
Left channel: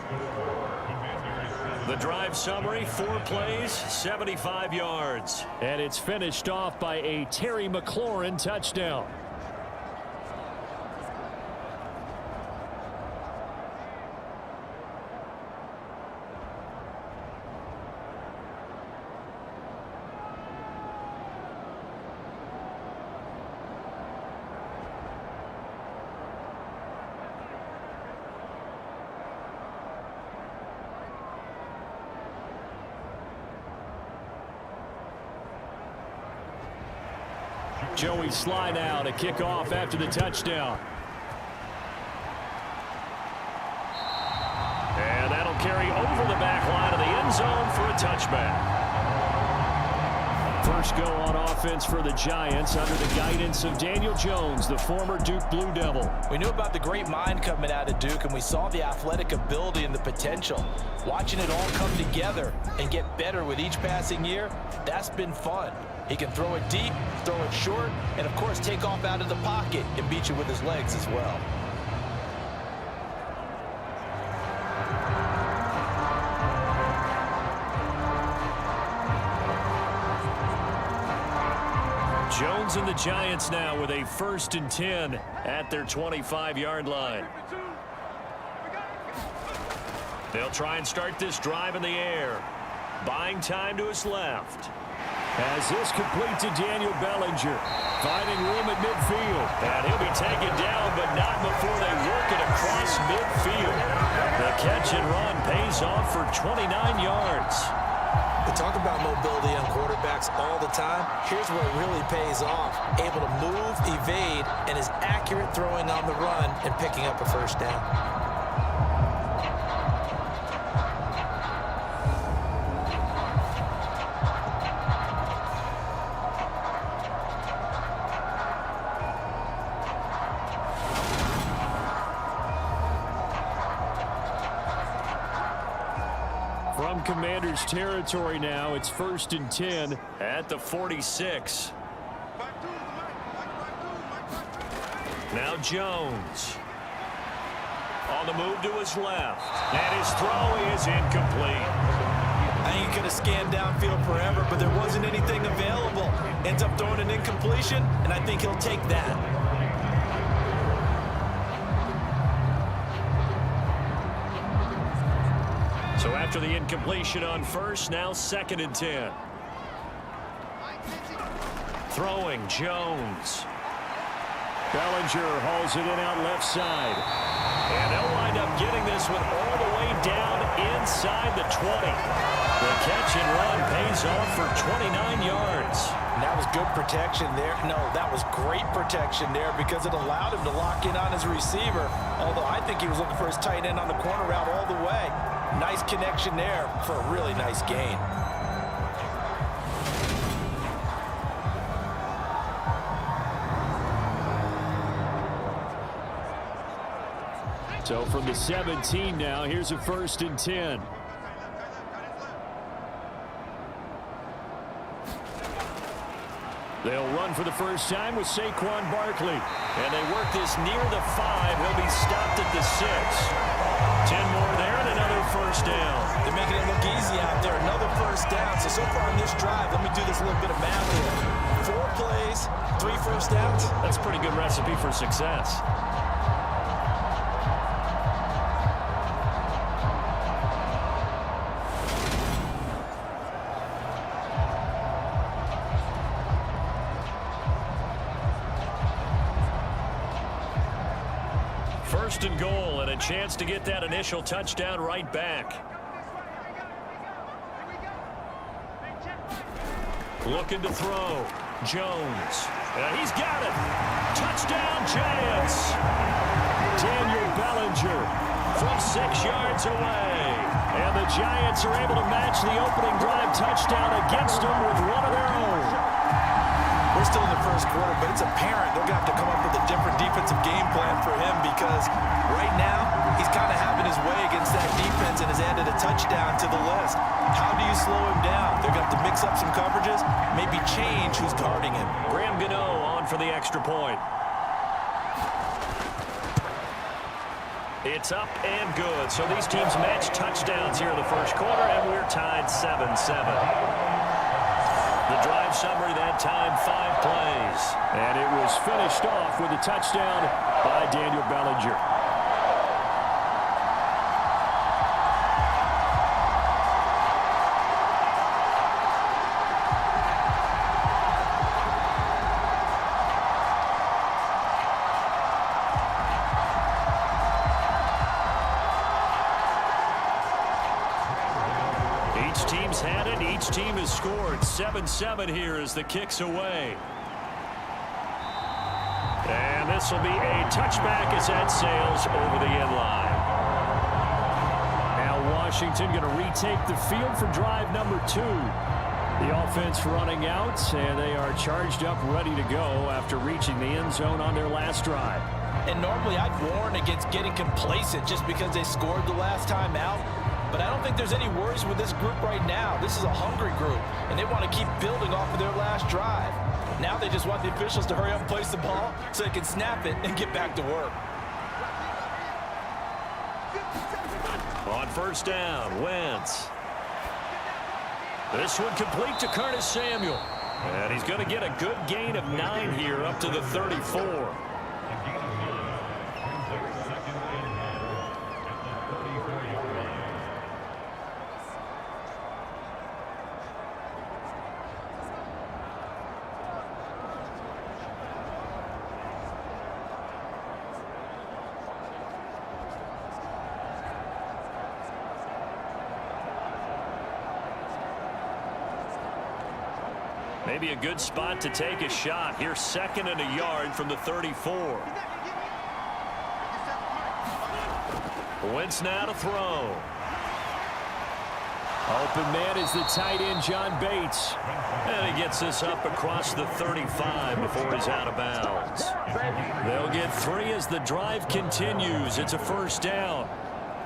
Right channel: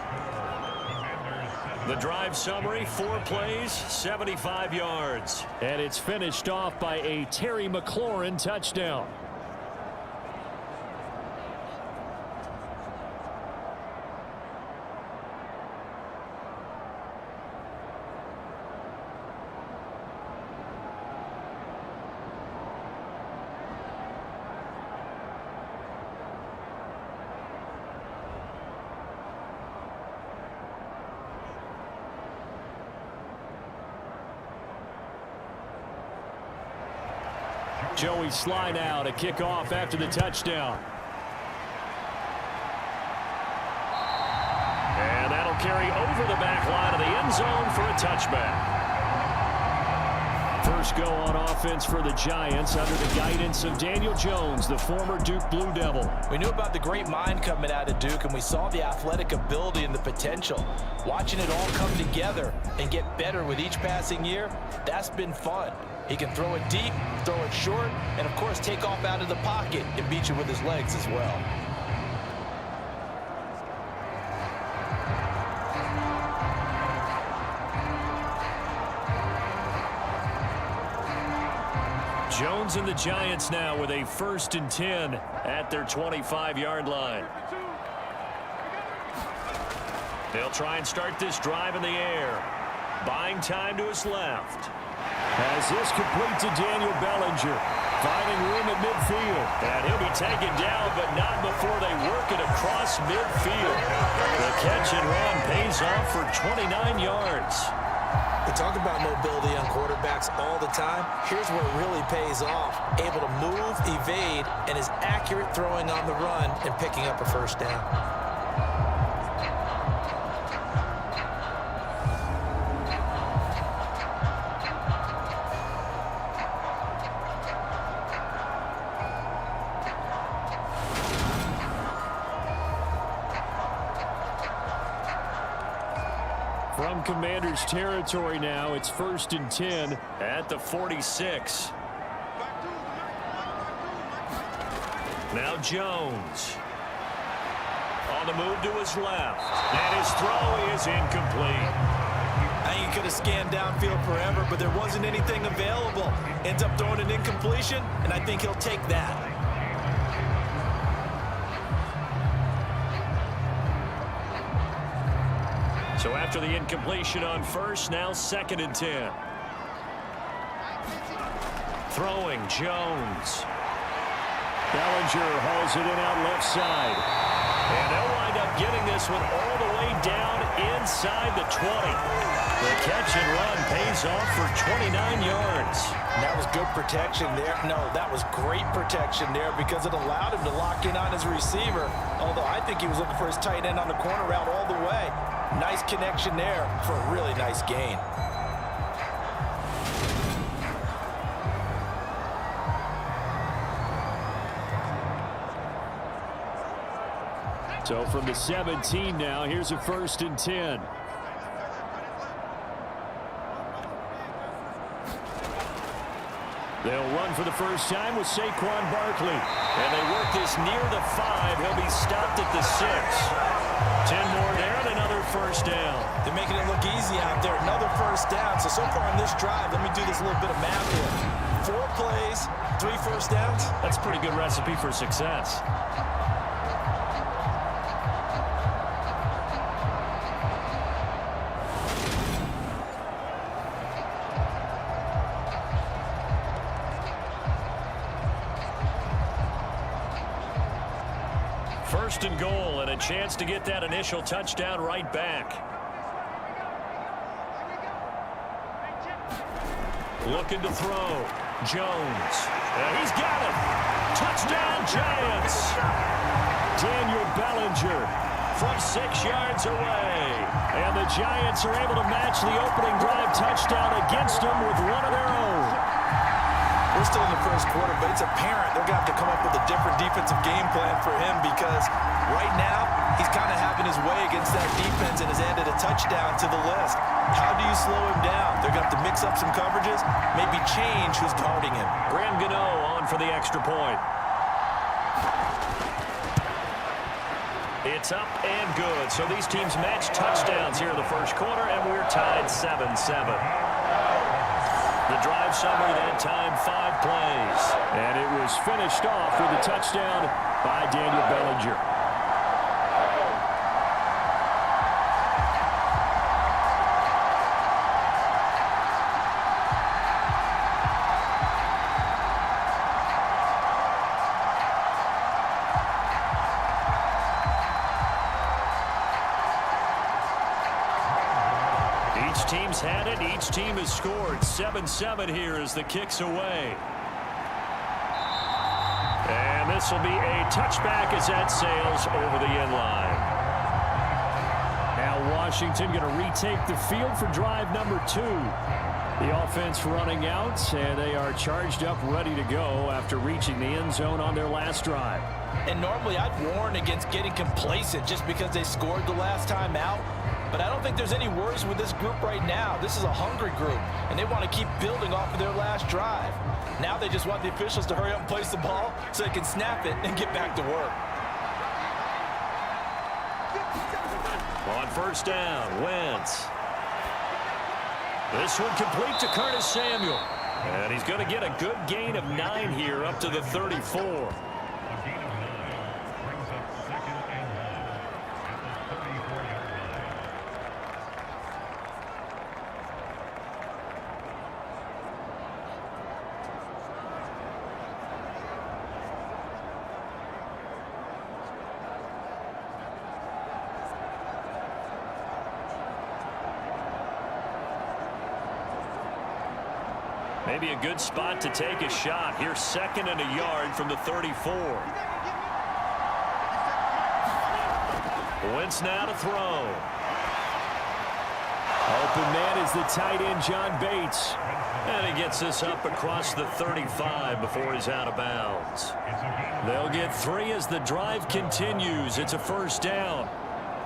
The drive summary, 4 plays, 75 yards. And it's finished off by a Terry McLaurin touchdown. Joey Sly now to kick off after the touchdown. And that'll carry over the back line of the end zone for a touchback. First go on offense for the Giants under the guidance of Daniel Jones, the former Duke Blue Devil. We knew about the great mind coming out of Duke, and we saw the athletic ability and the potential. Watching it all come together and get better with each passing year, that's been fun. He can throw it deep, throw it short, and of course take off out of the pocket and beat you with his legs as well. Jones and the Giants now with a 1st and 10 at their 25-yard line. They'll try and start this drive in the air. Buying time to his left. As this complete to Daniel Bellinger, finding room at midfield. And he'll be taken down, but not before they work it across midfield. The catch and run pays off for 29 yards. We talk about mobility on quarterbacks all the time. Here's where it really pays off. Able to move, evade, and is accurate throwing on the run and picking up a first down. From Commander's territory now, it's 1st and 10 at the 46. Now Jones. On the move to his left. And his throw is incomplete. I think he could have scanned downfield forever, but there wasn't anything available. Ends up throwing an incompletion, and I think he'll take that. So after the incompletion on first, now 2nd and 10. Throwing Jones. Bellinger hauls it in out left side. And they'll wind up getting this one all the way down inside the 20. The catch and run pays off for 29 yards. And that was good protection there. No, that was great protection there because it allowed him to lock in on his receiver. Although I think he was looking for his tight end on the corner route all the way. Nice connection there for a really nice gain. So from the 17 now, here's a 1st and 10. They'll run for the first time with Saquon Barkley. And they work this near the 5. He'll be stopped at the 6. 10 more there and another first down. They're making it look easy out there. Another first down. So far on this drive, let me do this little bit of math here. 4 plays, 3 first downs. That's a pretty good recipe for success. First and goal, and a chance to get that initial touchdown right back. Looking to throw. Jones. He's got it. Touchdown, Giants. Daniel Bellinger from 6 yards away. And the Giants are able to match the opening drive touchdown against them with one of their own. We're still in the first quarter, but it's apparent they're going to have to come up with a different defensive game plan for him because right now he's kind of having his way against that defense and has added a touchdown to the list. How do you slow him down? They're going to have to mix up some coverages, maybe change who's guarding him. Graham Gano on for the extra point. It's up and good. So these teams match touchdowns here in the first quarter, and we're tied 7-7. The drive summary that time, 5 plays. And it was finished off with a touchdown by Daniel Bellinger. Each team's had it. Each team has scored. 7-7 here as the kick's away. And this will be a touchback as that sails over the end line. Now Washington going to retake the field for drive number 2. The offense running out, and they are charged up, ready to go after reaching the end zone on their last drive. And normally I'd warn against getting complacent just because they scored the last time out. But I don't think there's any worries with this group right now. This is a hungry group, and they want to keep building off of their last drive. Now they just want the officials to hurry up and place the ball so they can snap it and get back to work. On first down, Wentz. This one complete to Curtis Samuel. And he's going to get a good gain of 9 here up to the 34. Maybe a good spot to take a shot. Here's 2nd and a yard from the 34. Wentz now to throw. Open man is the tight end, John Bates. And he gets this up across the 35 before he's out of bounds. They'll get 3 as the drive continues. It's a first down.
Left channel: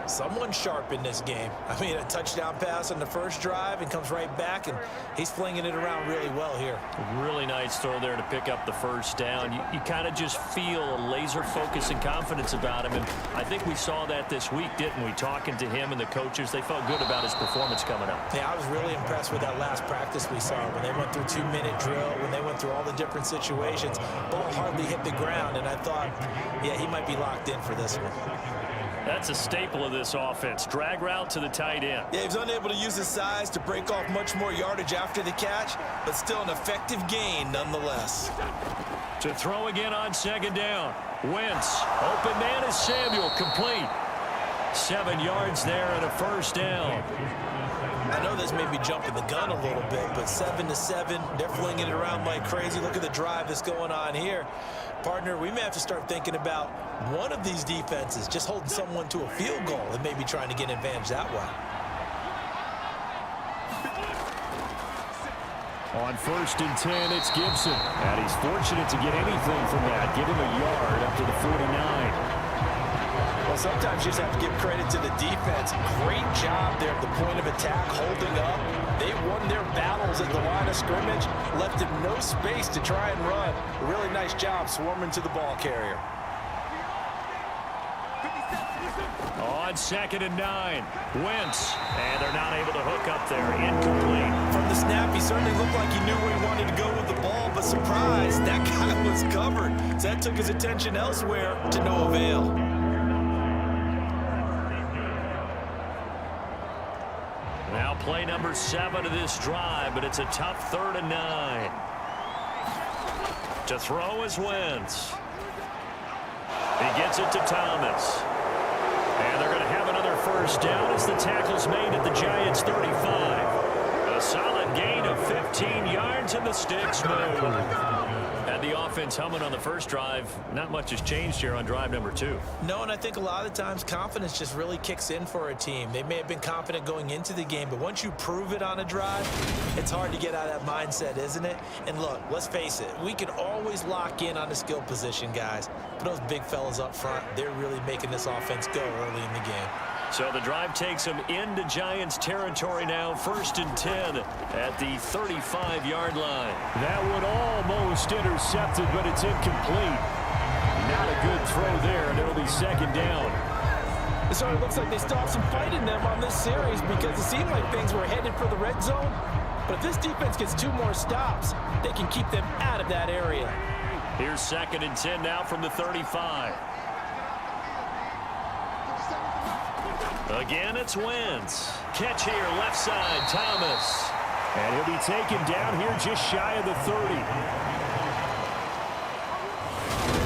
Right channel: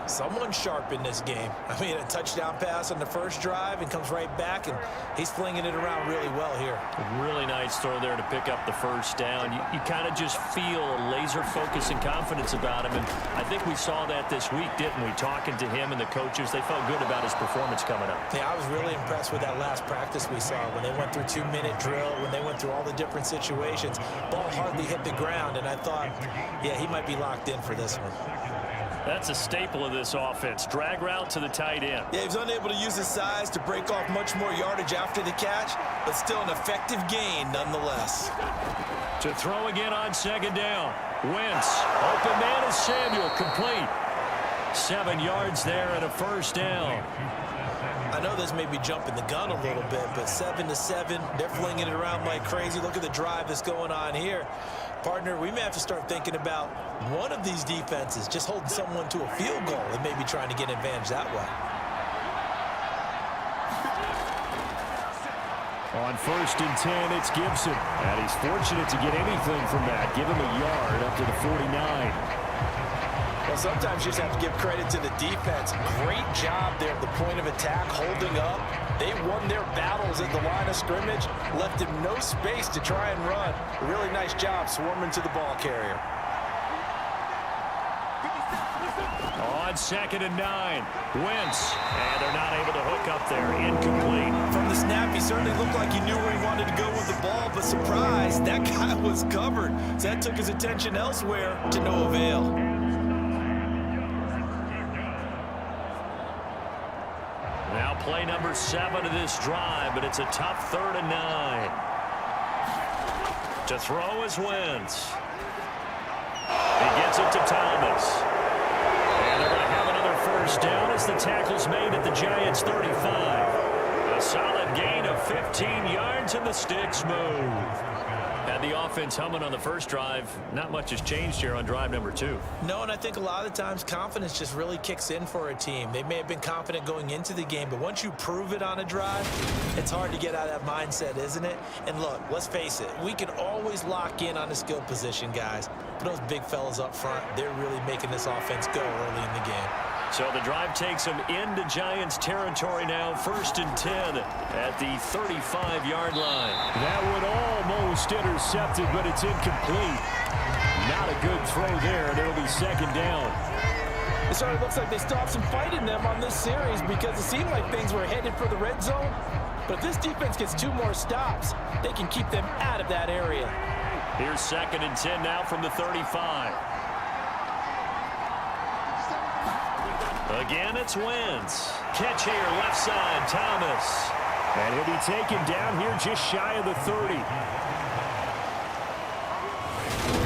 Someone sharp in this game. I mean, a touchdown pass on the first drive and comes right back, and he's flinging it around really well here. A really nice throw there to pick up the first down. You kind of just feel a laser focus and confidence about him, and I think we saw that this week, didn't we? Talking to him and the coaches, they felt good about his performance coming up. Yeah, I was really impressed with that last practice we saw when they went through 2-minute drill, when they went through all the different situations. Ball hardly hit the ground, and I thought, yeah, he might be locked in for this one. That's a staple of this offense. Drag route to the tight end. Yeah, he was unable to use his size to break off much more yardage after the catch, but still an effective gain nonetheless. To throw again on 2nd down. Wentz. Open man is Samuel. Complete. 7 yards there and a first down. I know this may be jumping the gun a little bit, but 7-7, they're flinging it around like crazy. Look at the drive that's going on here. Partner, we may have to start thinking about one of these defenses just holding someone to a field goal and maybe trying to get an advantage that way. On 1st and 10, it's Gibson. And he's fortunate to get anything from that. Give him a yard up to the 49. Well, sometimes you just have to give credit to the defense. Great job there at the point of attack, holding up. They won their battles at the line of scrimmage, left him no space to try and run. A really nice job swarming to the ball carrier. On 2nd and 9, Wentz. And they're not able to hook up there. Incomplete. From the snap, he certainly looked like he knew where he wanted to go with the ball, but surprise, that guy was covered. So that took his attention elsewhere to no avail. Now play number 7 of this drive, but it's a tough 3rd and 9. To throw is Wentz. He gets it to Thomas. And they're going to have another first down as the tackle's made at the Giants' 35. A solid gain of 15 yards and the sticks move. Had the offense humming on the first drive. Not much has changed here on drive number 2. No, and I think a lot of the times confidence just really kicks in for a team. They may have been confident going into the game, but once you prove it on a drive, it's hard to get out of that mindset, isn't it? And look, let's face it, we can always lock in on the skill position, guys. But those big fellas up front, they're really making this offense go early in the game. So the drive takes them into Giants territory now, 1st and 10 at the 35-yard line. That one almost intercepted, but it's incomplete. Not a good throw there, and it'll be 2nd down. It sort of looks like they still have some fight in them on this series because it seemed like things were headed for the red zone. But if this defense gets 2 more stops, they can keep them out of that area. Here's 2nd and 10 now from the 35. Again, it's Wentz. Catch here, left side, Thomas. And he'll be taken down here just shy of the 30.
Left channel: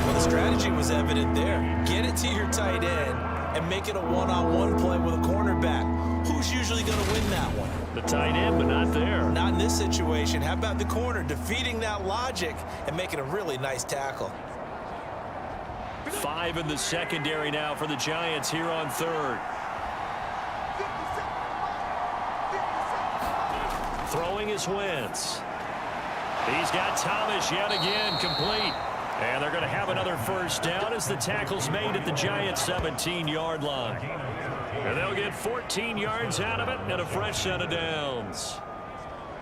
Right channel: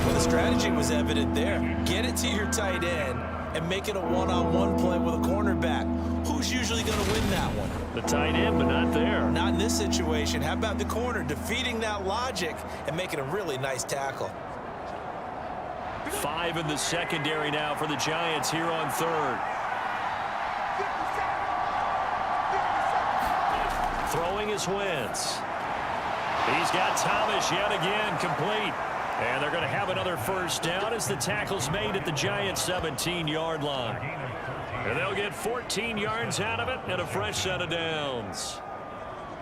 Well, the strategy was evident there. Get it to your tight end and make it a one-on-one play with a cornerback. Who's usually going to win that one? The tight end, but not there. Not in this situation. How about the corner defeating that logic and making a really nice tackle? 5 in the secondary now for the Giants here on 3rd. Throwing is Wentz. He's got Thomas yet again, complete. And they're going to have another 1st down as the tackle's made at the Giants' 17-yard line. And they'll get 14 yards out of it and a fresh set of downs.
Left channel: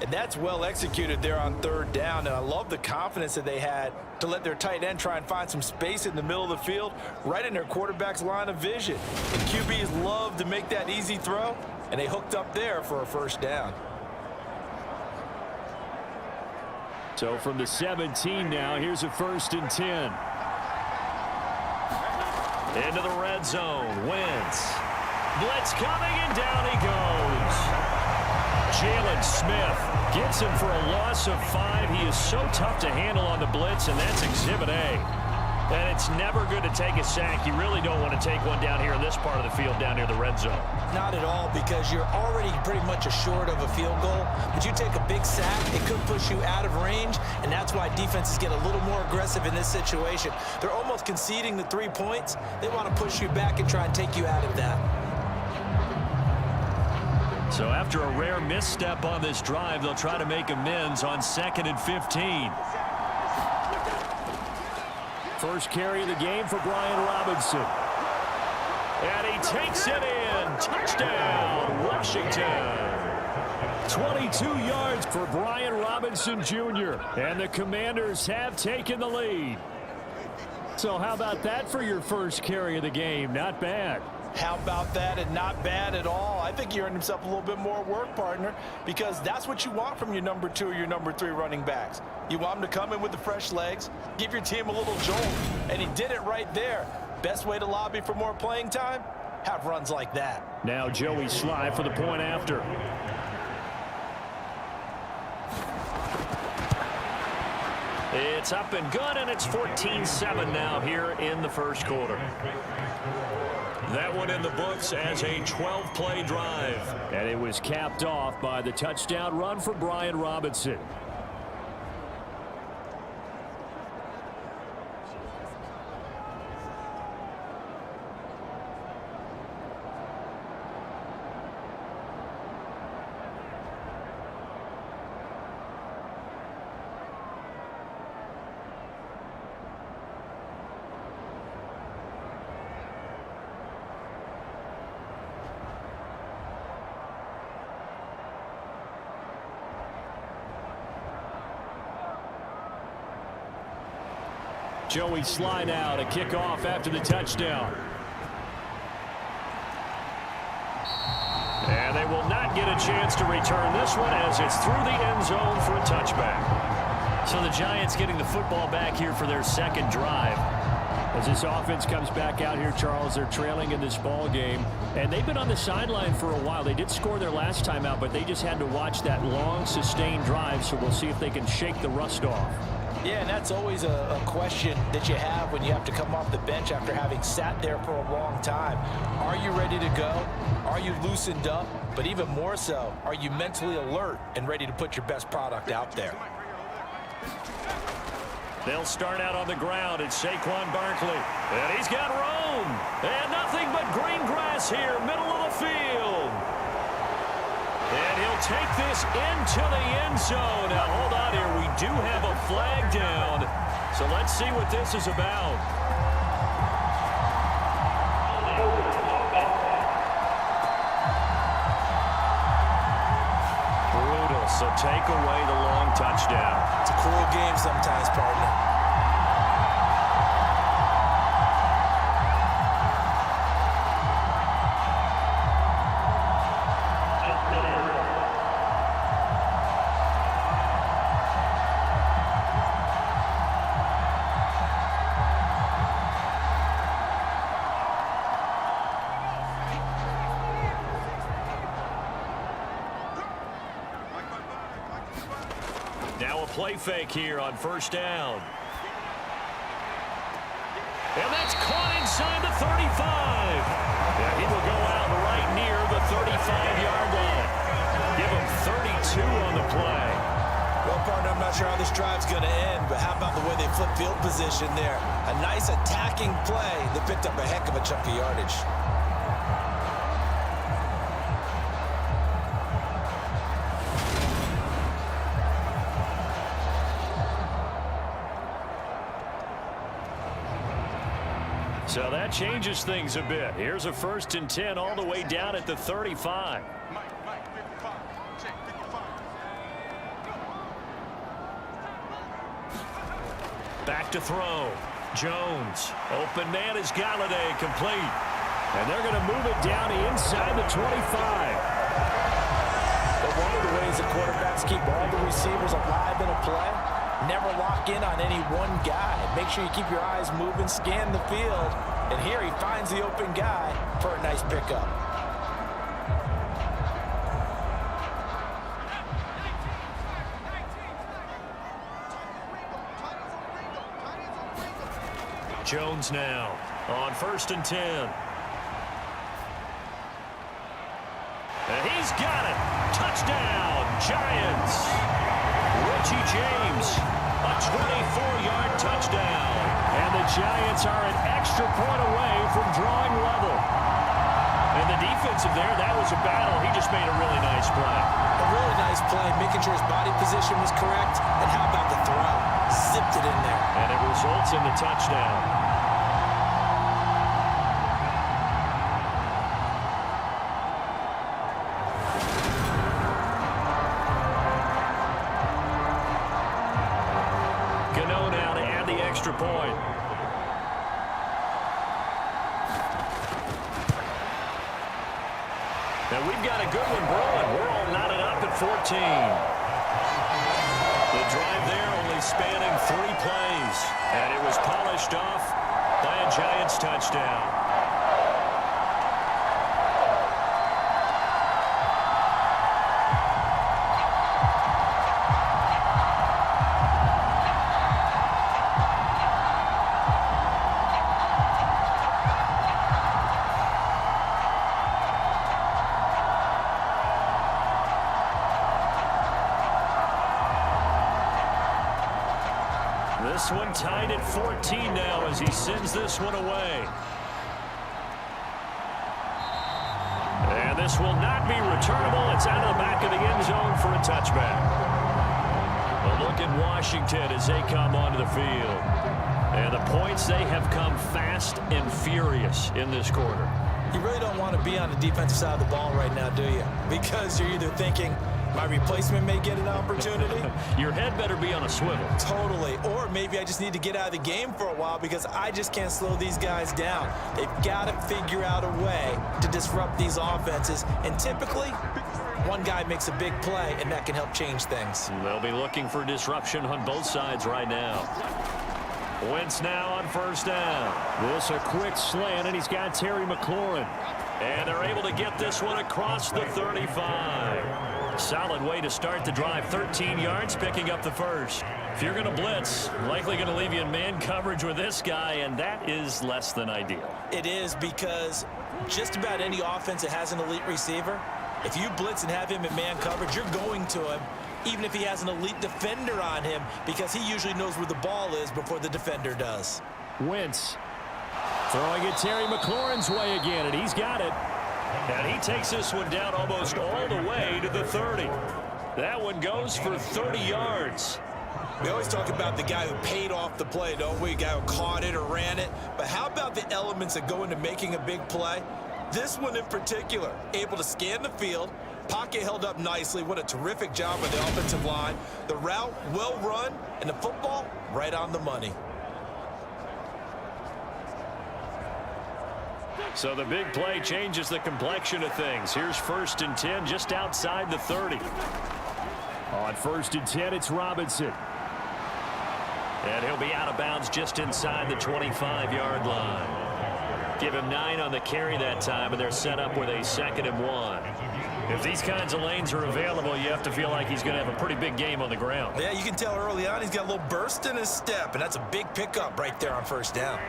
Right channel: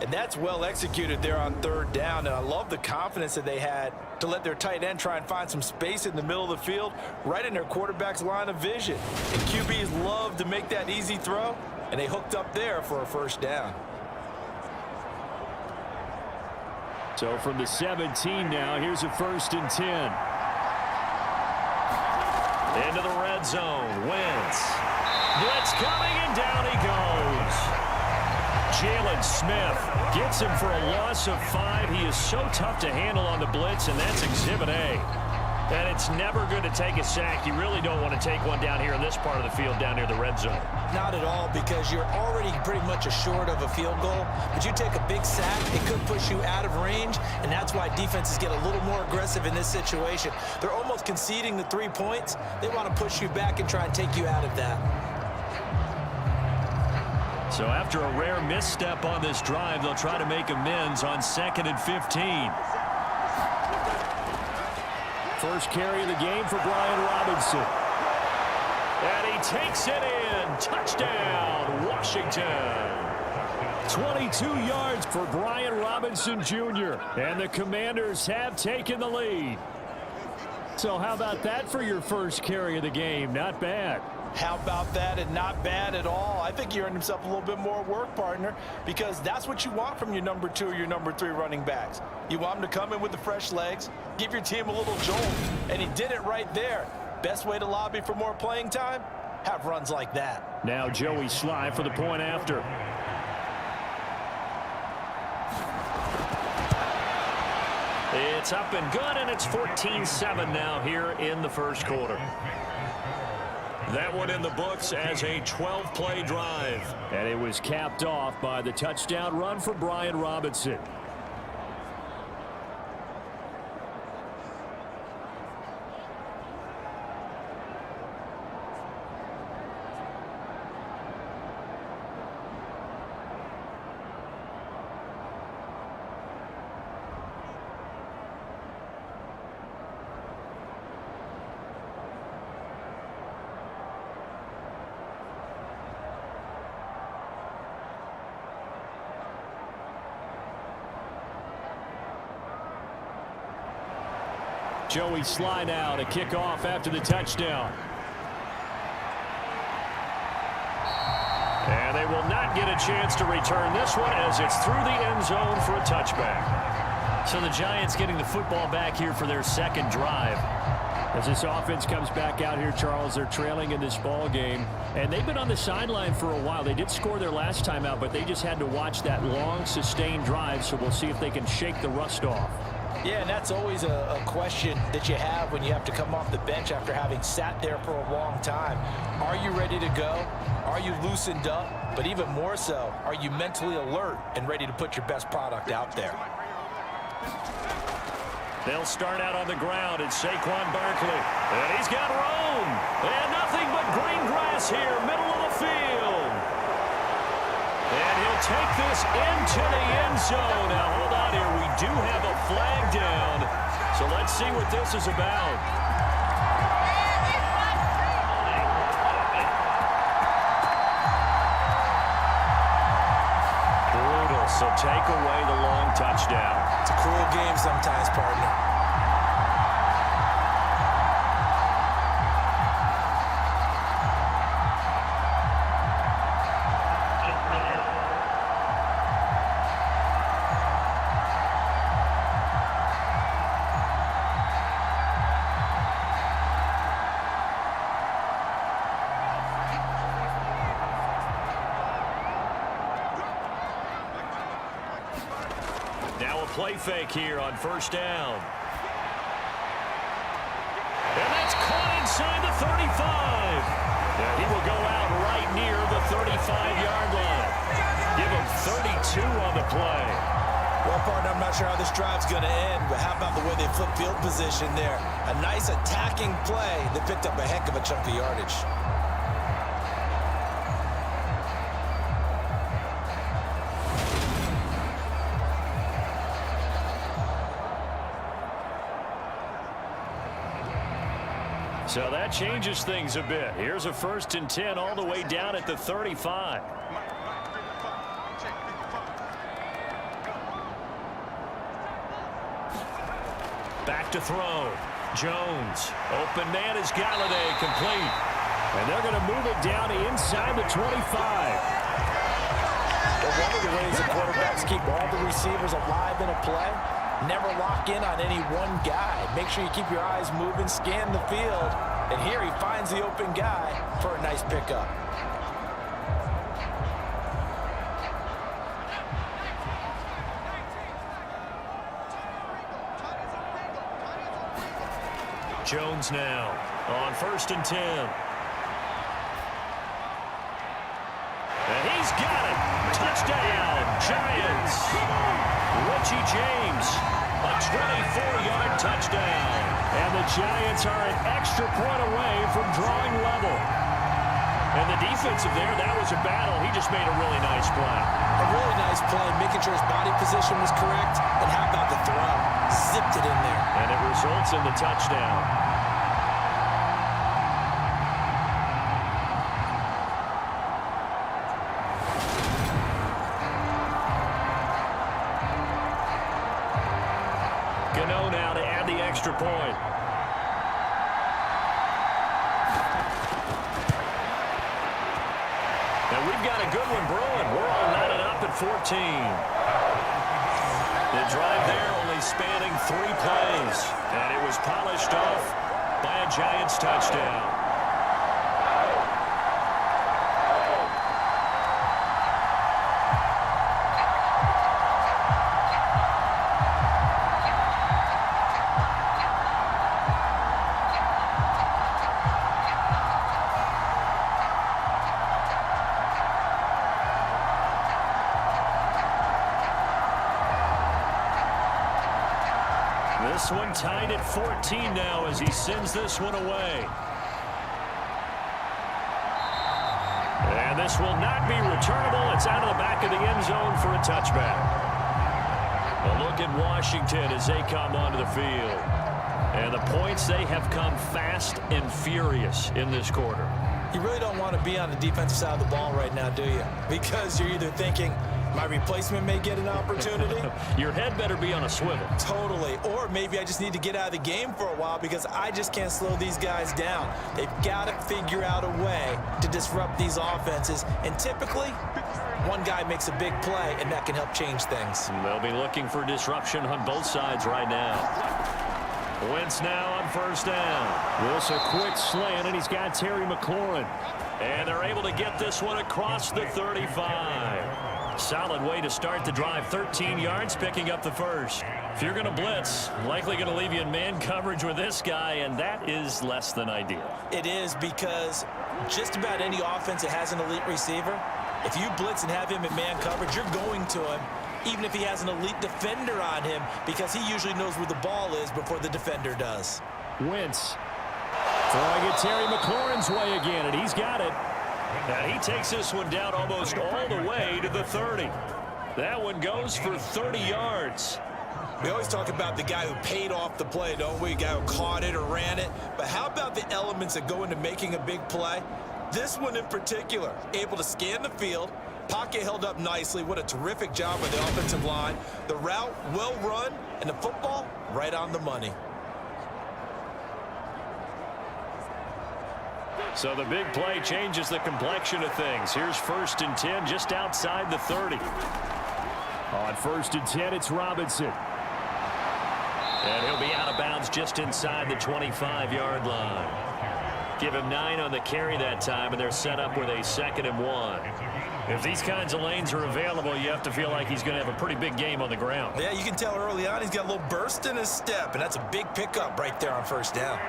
And that's well executed there on 3rd down. And I love the confidence that they had to let their tight end try and find some space in the middle of the field, right in their quarterback's line of vision. And QBs love to make that easy throw, and they hooked up there for a 1st down. So from the 17 now, here's a 1st and 10. Into the red zone. Wentz. Blitz coming, and down he goes. Jalen Smith gets him for a loss of 5. He is so tough to handle on the blitz, and that's Exhibit A. And it's never good to take a sack. You really don't want to take one down here in this part of the field down near the red zone. Not at all, because you're already pretty much assured of a field goal. But you take a big sack, it could push you out of range, and that's why defenses get a little more aggressive in this situation. They're almost conceding the 3 points. They want to push you back and try and take you out of that. So after a rare misstep on this drive, they'll try to make amends on 2nd and 15. First carry of the game for Brian Robinson. And he takes it in. Touchdown, Washington. 22 yards for Brian Robinson Jr. And the Commanders have taken the lead. So how about that for your first carry of the game? Not bad. How about that, and not bad at all. I think he earned himself a little bit more work, partner, because that's what you want from your number 2 or your number 3 running backs. You want them to come in with the fresh legs, give your team a little jolt, and he did it right there. Best way to lobby for more playing time? Have runs like that. Now Joey Sly for the point after. It's up and good, and it's 14-7 now here in the first quarter. That one in the books as a 12-play drive. And it was capped off by the touchdown run for Brian Robinson. Joey Sly now to kick off after the touchdown. And they will not get a chance to return this one as it's through the end zone for a touchback. So the Giants getting the football back here for their 2nd drive. As this offense comes back out here, Charles, they're trailing in this ball game. And they've been on the sideline for a while. They did score their last time out, but they just had to watch that long, sustained drive. So we'll see if they can shake the rust off. Yeah, and that's always a question that you have when you have to come off the bench after having sat there for a long time. Are you ready to go? Are you loosened up? But even more so, are you mentally alert and ready to put your best product out there? They'll start out on the ground. It's Saquon Barkley. And he's got room. And nothing but green grass here, middle of the field. And he'll take this into the end zone. Now, hold on here. We do have a flag down. So let's see what this is about. Brutal. So take away the long touchdown. It's a cruel game sometimes, partner. Now a play fake here on first down. And that's caught inside the 35. Yeah, he will go out right near the 35-yard line. Give him 32 on the play. Well, partner, I'm not sure how this drive's going to end, but how about the way they flip field position there? A nice attacking play that picked up a heck of a chunk of yardage. So that changes things a bit. Here's a 1st and 10 all the way down at the 35. Back to throw. Jones. Open man is Galladay, complete. And they're going to move it down inside the 25. But one of the ways that quarterbacks keep all the receivers alive in a play, never lock in on any one guy. Make sure you keep your eyes moving, scan the field, and here he finds the open guy for a nice pickup. Jones now on 1st and 10. And he's got it. Touchdown, Giants. Richie James, a 24-yard touchdown. And the Giants are an extra point away from drawing level. And the defensive there, that was a battle. He just made a really nice play. A really nice play, making sure his body position was correct. And how about the throw? Zipped it in there. And it results in the touchdown. Gano now to add the extra point. And we've got a good one brewing. We're all knotted up at 14. The drive there only spanning 3 plays. And it was polished off by a Giants touchdown. This one tied at 14 now as he sends this one away. And this will not be returnable. It's out of the back of the end zone for a touchback. A look at Washington as they come onto the field. And the points, they have come fast and furious in this quarter. You really don't want to be on the defensive side of the ball right now, do you? Because you're either thinking, my replacement may get an opportunity. Your head better be on a swivel. Totally. Or maybe I just need to get out of the game for a while because I just can't slow these guys down. They've got to figure out a way to disrupt these offenses. And typically, one guy makes a big play, and that can help change things. They'll be looking for disruption on both sides right now. Wentz now on 1st down. This a quick slant, and he's got Terry McLaurin. And they're able to get this one across the 35. Solid way to start the drive. 13 yards, picking up the first. If you're going to blitz, likely going to leave you in man coverage with this guy, and that is less than ideal. It is, because just about any offense that has an elite receiver, if you blitz and have him in man coverage, you're going to him even if he has an elite defender on him, because he usually knows where the ball is before the defender does. Wentz throwing it Terry McLaurin's way again, and he's got it. And he takes this one down almost all the way to the 30. That one goes for 30 yards. We always talk about the guy who paid off the play, don't we? The guy who caught it or ran it. But how about the elements that go into making a big play? This one in particular, able to scan the field, pocket held up nicely. What a terrific job by the offensive line. The route well run, and the football right on the money. So the big play changes the complexion of things. Here's 1st and 10 just outside the 30. On 1st and 10, it's Robinson. And he'll be out of bounds just inside the 25-yard line. Give him 9 on the carry that time, and they're set up with a 2nd and 1. If these kinds of lanes are available, you have to feel like he's going to have a pretty big game on the ground. Yeah, you can tell early on he's got a little burst in his step, and that's a big pickup right there on 1st down.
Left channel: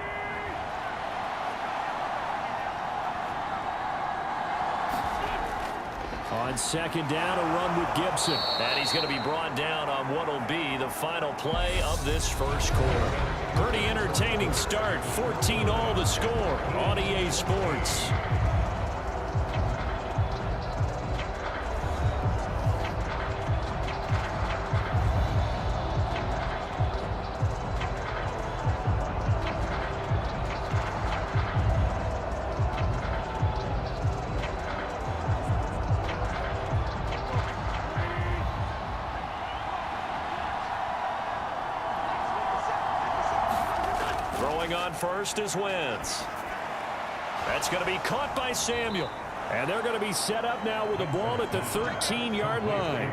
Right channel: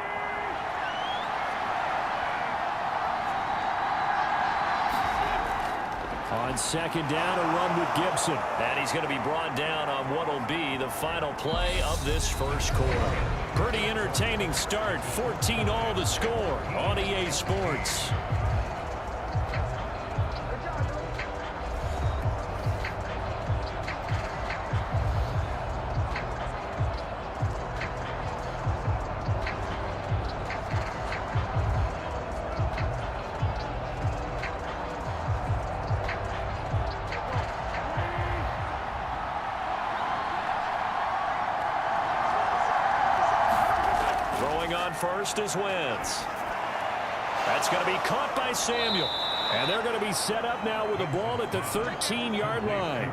On 2nd down, a run with Gibson. And he's going to be brought down on what will be the final play of this first quarter. Pretty entertaining start. 14-all the score on EA Sports. Throwing on first is Wentz. That's going to be caught by Samuel. And they're going to be set up now with the ball at the 13-yard line.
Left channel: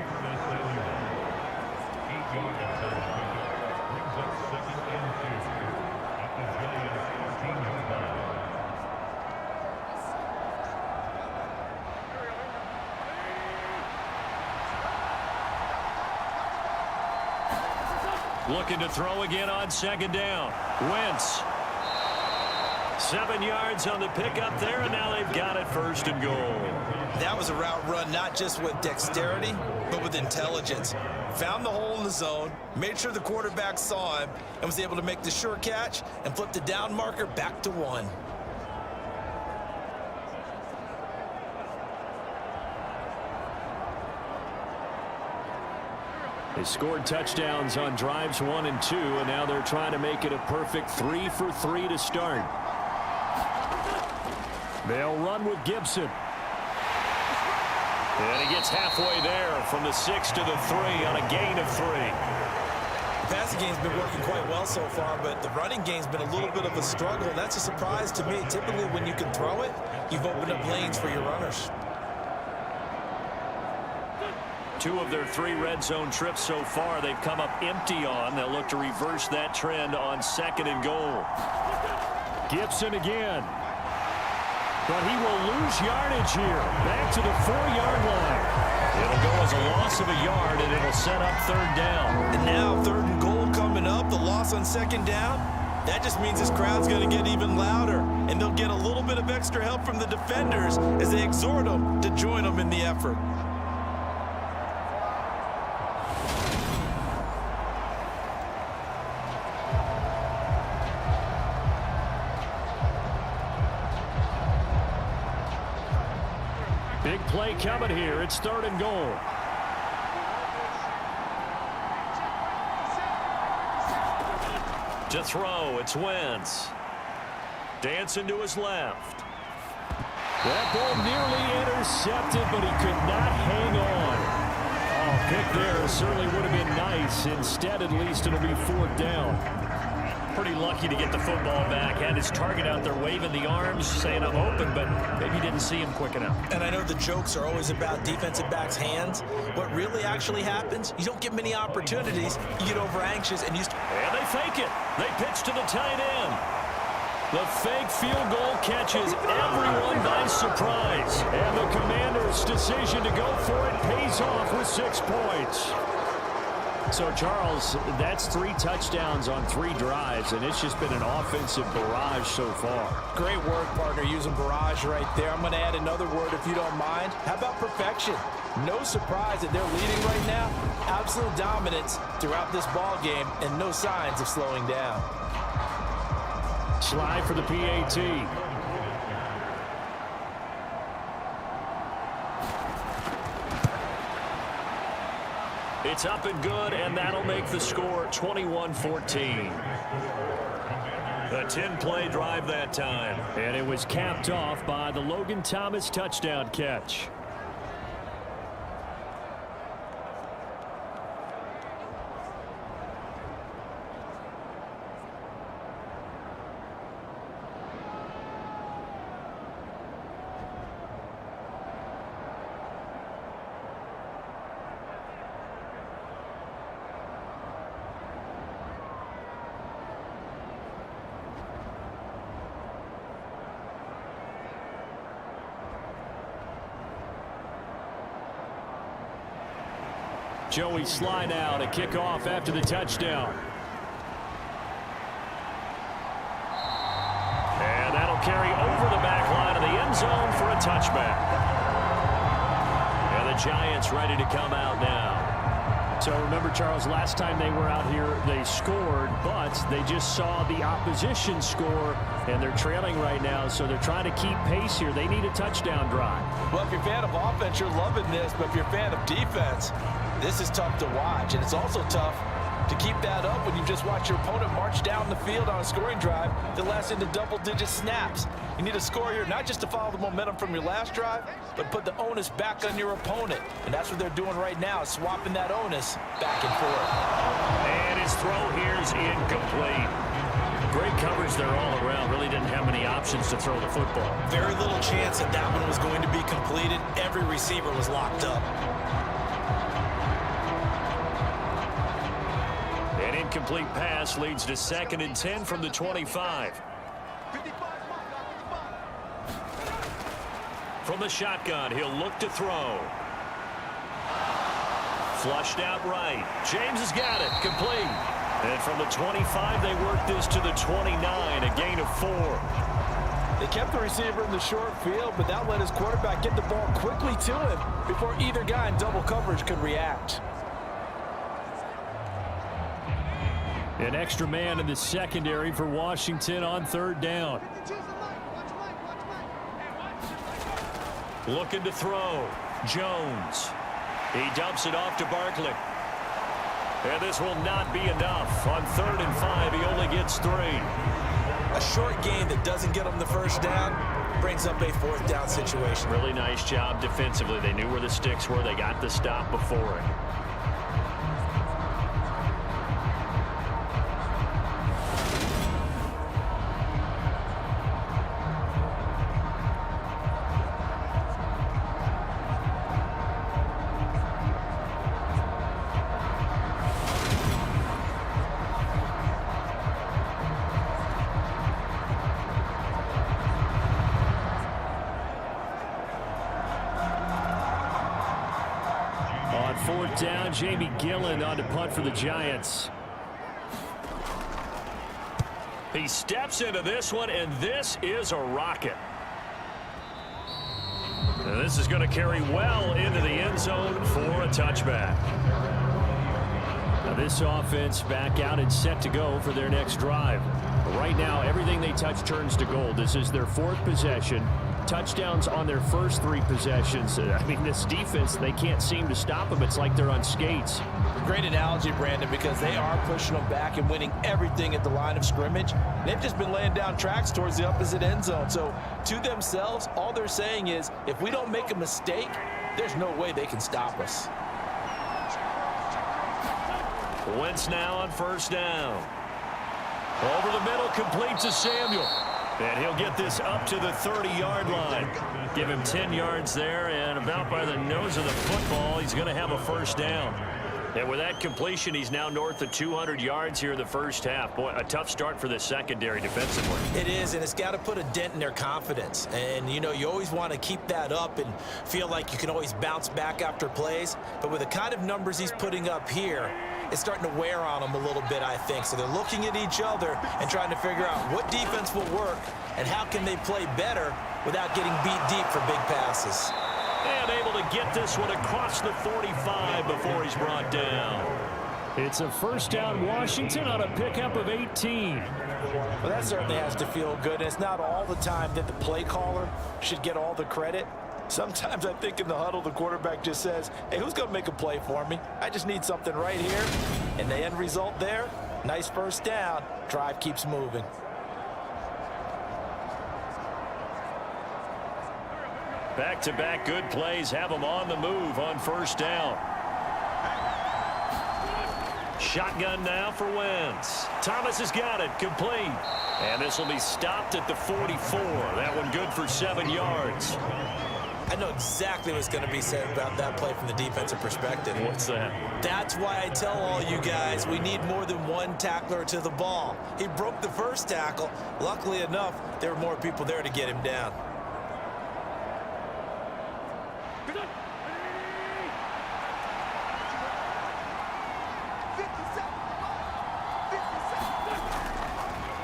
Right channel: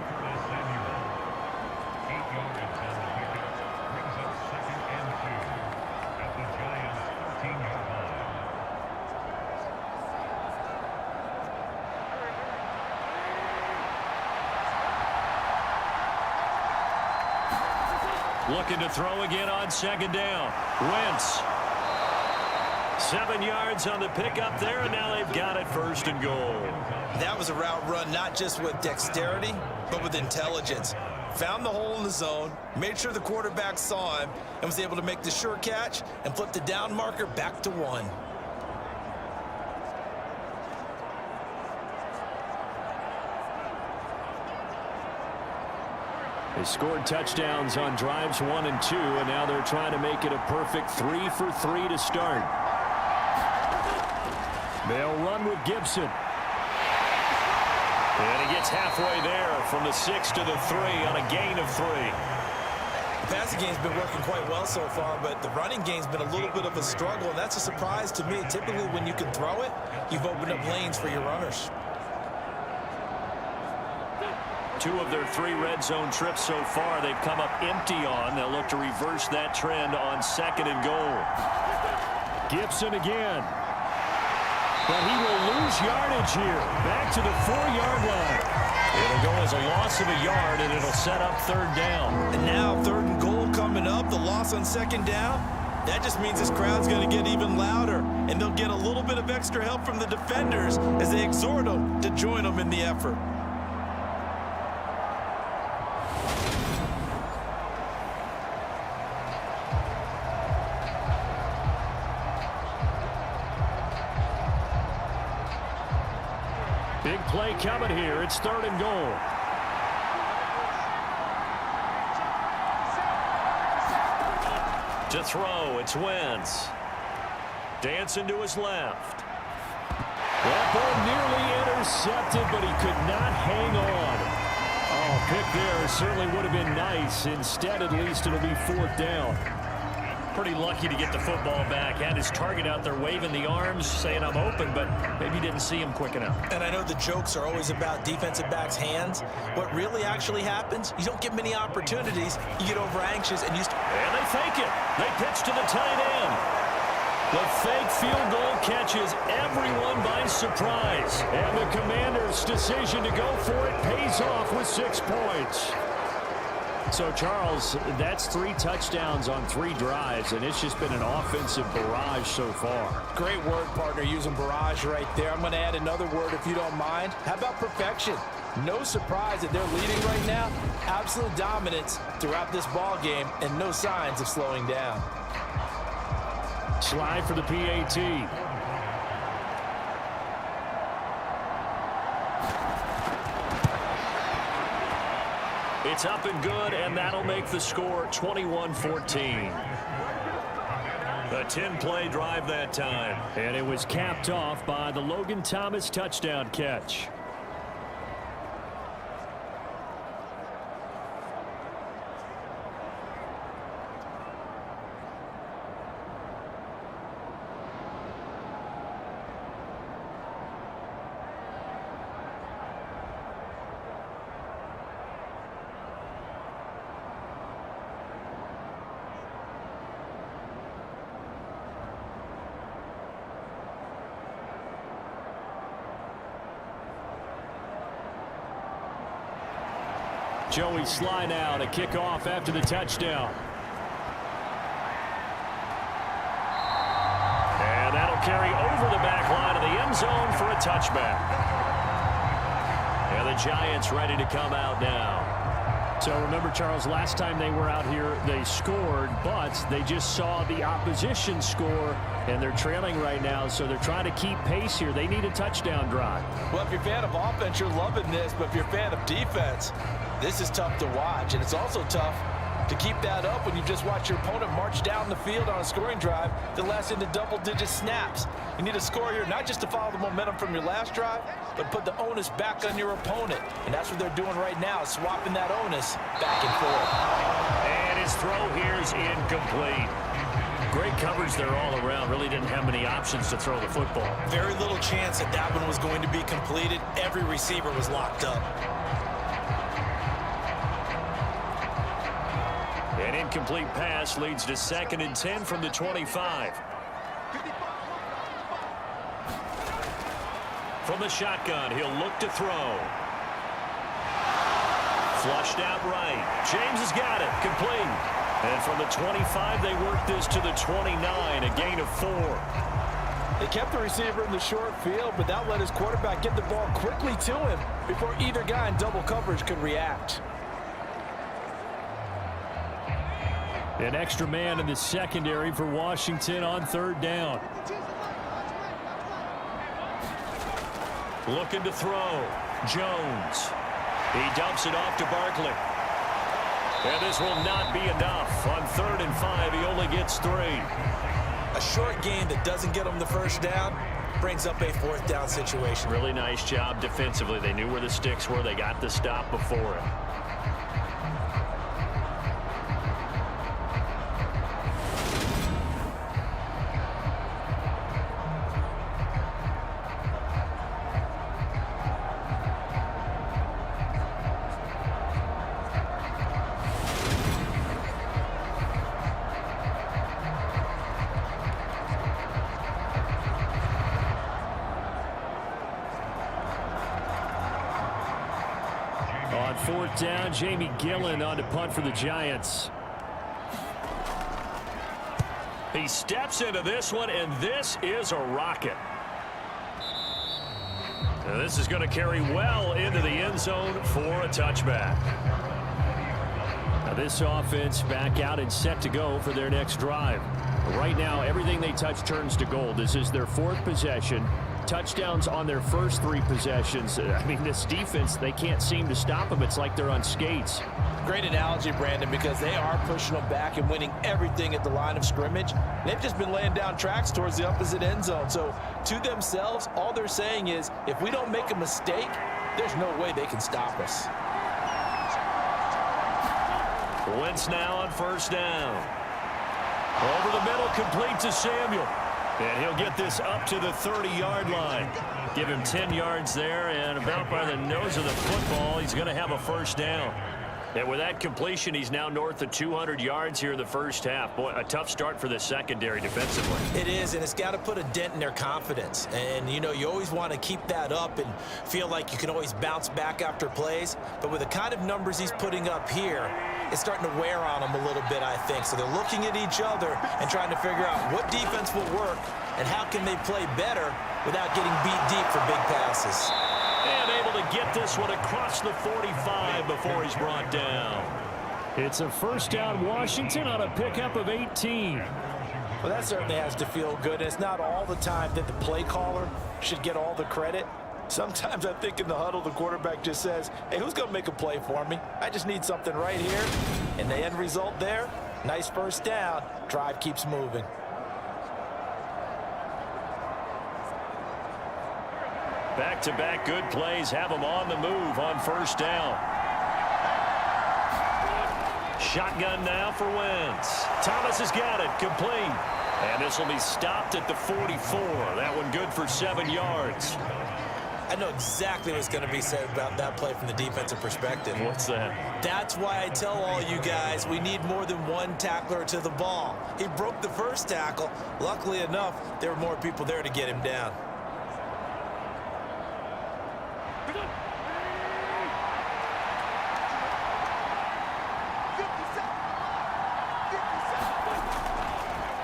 Looking to throw again on 2nd down. Wentz. 7 yards on the pickup there, and now they've got it 1st and goal. That was a route run not just with dexterity, but with intelligence. Found the hole in the zone, made sure the quarterback saw him, and was able to make the sure catch and flip the down marker back to 1. They scored touchdowns on drives 1 and 2, and now they're trying to make it a perfect 3 for 3 to start. They'll run with Gibson. And he gets halfway there from the 6 to the 3 on a gain of 3. The passing game's been working quite well so far, but the running game's been a little bit of a struggle, and that's a surprise to me. Typically, when you can throw it, you've opened up lanes for your runners. 2 of their 3 red zone trips so far they've come up empty on. They'll look to reverse that trend on 2nd and goal. Gibson again. But he will lose yardage here. Back to the 4-yard line. It'll go as a loss of a yard, and it'll set up 3rd down. And now 3rd and goal coming up. The loss on 2nd down. That just means this crowd's going to get even louder, and they'll get a little bit of extra help from the defenders as they exhort them to join them in the effort. Big play coming here. It's 3rd and goal. To throw, it's Wentz. Dancing to his left. That ball nearly intercepted, but he could not hang on. Oh, pick there certainly would have been nice. Instead, at least, it'll be 4th down. Pretty lucky to get the football back. Had his target out there waving the arms, saying I'm open, but maybe didn't see him quick enough. And I know the jokes are always about defensive backs' hands. What really actually happens, you don't get many opportunities. You get over anxious and you... And they fake it. They pitch to the tight end. The fake field goal catches everyone by surprise. And the Commanders' decision to go for it pays off with 6 points. So, Charles, that's 3 touchdowns on 3 drives, and it's just been an offensive barrage so far. Great word, partner, using barrage right there. I'm going to add another word if you don't mind. How about perfection? No surprise that they're leading right now. Absolute dominance throughout this ball game and no signs of slowing down. Slide for the PAT. It's up and good, and that'll make the score 21-14. A 10-play drive that time. And it was capped off by the Logan Thomas touchdown catch. Joey slide out, a kickoff after the touchdown. And that'll carry over the back line of the end zone for a touchback. And the Giants ready to come out now. So remember, Charles, last time they were out here, they scored, but they just saw the opposition score, and they're trailing right now, so they're trying to keep pace here. They need a touchdown drive. Well, if you're a fan of offense, you're loving this, but if you're a fan of defense, this is tough to watch, and it's also tough to keep that up when you just watch your opponent march down the field on a scoring drive that lasts into double-digit snaps. You need a score here, not just to follow the momentum from your last drive, but put the onus back on your opponent. And that's what they're doing right now, swapping that onus back and forth. And his throw here is incomplete. Great coverage there all around. Really didn't have many options to throw the football. Very little chance that that one was going to be completed. Every receiver was locked up. An incomplete pass leads to 2nd and 10 from the 25. From the shotgun, he'll look to throw. Flushed out right. James has got it. Complete. And from the 25, they work this to the 29, a gain of 4. They kept the receiver in the short field, but that let his quarterback get the ball quickly to him before either guy in double coverage could react. An extra man in the secondary for Washington on 3rd down. Looking to throw. Jones. He dumps it off to Barkley. And this will not be enough. On 3rd and 5, he only gets 3. A short game that doesn't get him the first down brings up a 4th down situation. Really nice job defensively. They knew where the sticks were. They got the stop before it. On 4th down, Jamie Gillen on to punt for the Giants. He steps into this one, and this is a rocket. Now this is going to carry well into the end zone for a touchback. Now this offense back out and set to go for their next drive. Right now, everything they touch turns to gold. This is their 4th possession. Touchdowns on their first 3 possessions. I mean, this defense, they can't seem to stop them. It's like they're on skates. Great analogy, Brandon, because they are pushing them back and winning everything at the line of scrimmage. They've just been laying down tracks towards the opposite end zone. So to themselves, all they're saying is, if we don't make a mistake, there's no way they can stop us. Wentz now on 1st down. Over the middle, complete to Samuel. And he'll get this up to the 30-yard line. Give him 10 yards there, and about by the nose of the football, he's going to have a 1st down. And with that completion, he's now north of 200 yards here in the first half. Boy, a tough start for the secondary defensively. It is, and it's got to put a dent in their confidence. And, you know, you always want to keep that up and feel like you can always bounce back after plays. But with the kind of numbers he's putting up here, it's starting to wear on them a little bit, I think. So they're looking at each other and trying to figure out what defense will work and how can they play better without getting beat deep for big passes. And able to get this one across the 45 before he's brought down. It's a first down, Washington, on a pickup of 18. Well, that certainly has to feel good. It's not all the time that the play caller should get all the credit. Sometimes I think in the huddle, the quarterback just says, hey, who's going to make a play for me? I just need something right here. And the end result there, nice first down. Drive keeps moving. Back-to-back good plays have them on the move on first down. Shotgun now for Wentz. Thomas has got it, complete. And this will be stopped at the 44. That one good for 7 yards. I know exactly what's going to be said about that play from the defensive perspective. What's that? That's why I tell all you guys we need more than one tackler to the ball. He broke the first tackle. Luckily enough, there were more people there to get him down.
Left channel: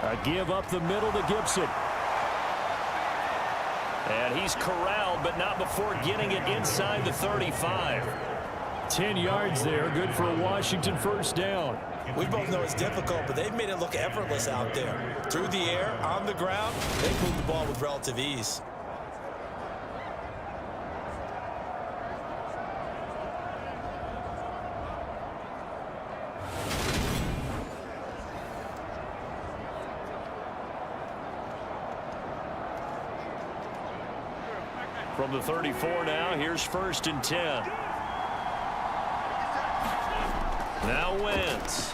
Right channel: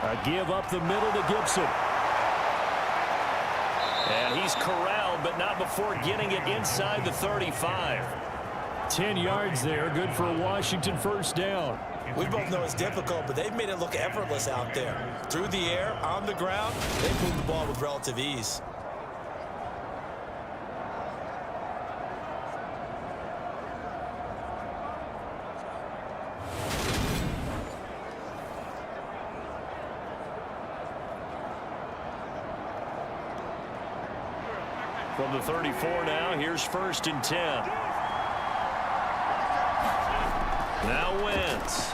A give up the middle to Gibson. And he's corralled, but not before getting it inside the 35. 10 yards there, good for a Washington first down. We both know it's difficult, but they've made it look effortless out there. Through the air, on the ground, they've moved the ball with relative ease. From the 34 now, here's 1st and 10. Now Wentz.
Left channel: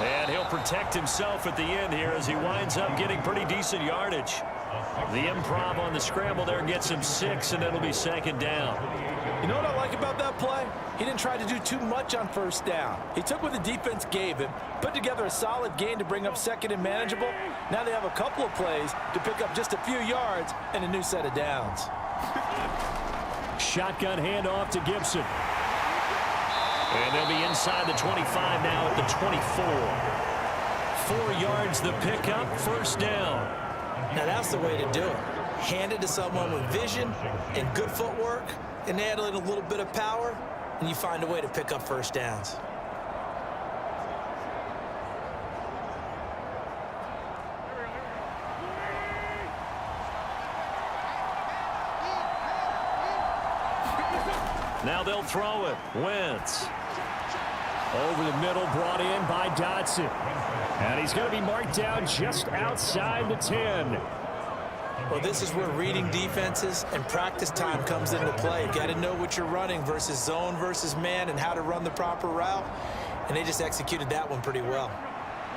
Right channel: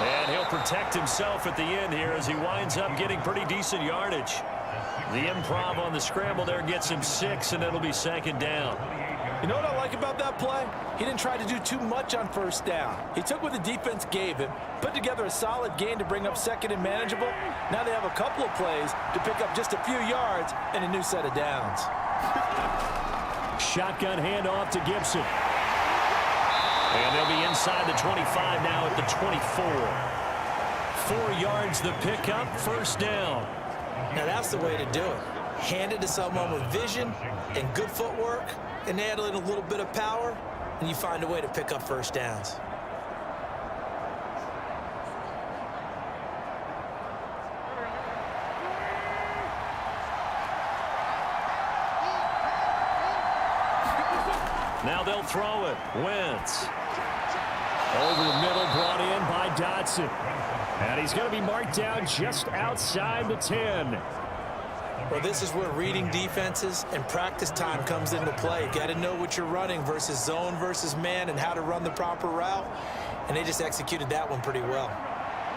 And he'll protect himself at the end here as he winds up getting pretty decent yardage. The improv on the scramble there gets him 6, and it'll be 2nd down. You know what I like about that play? He didn't try to do too much on first down. He took what the defense gave him, put together a solid gain to bring up 2nd and manageable. Now they have a couple of plays to pick up just a few yards and a new set of downs. Shotgun handoff to Gibson. And they'll be inside the 25 now at the 24. 4 yards the pickup, first down. Now that's the way to do it. Hand it to someone with vision and good footwork, and add in a little bit of power, and you find a way to pick up first downs. Now they'll throw it. Wentz. Over the middle, brought in by Dotson. And he's going to be marked down just outside the 10. Well, this is where reading defenses and practice time comes into play. You got to know what you're running versus zone versus man and how to run the proper route. And they just executed that one pretty well.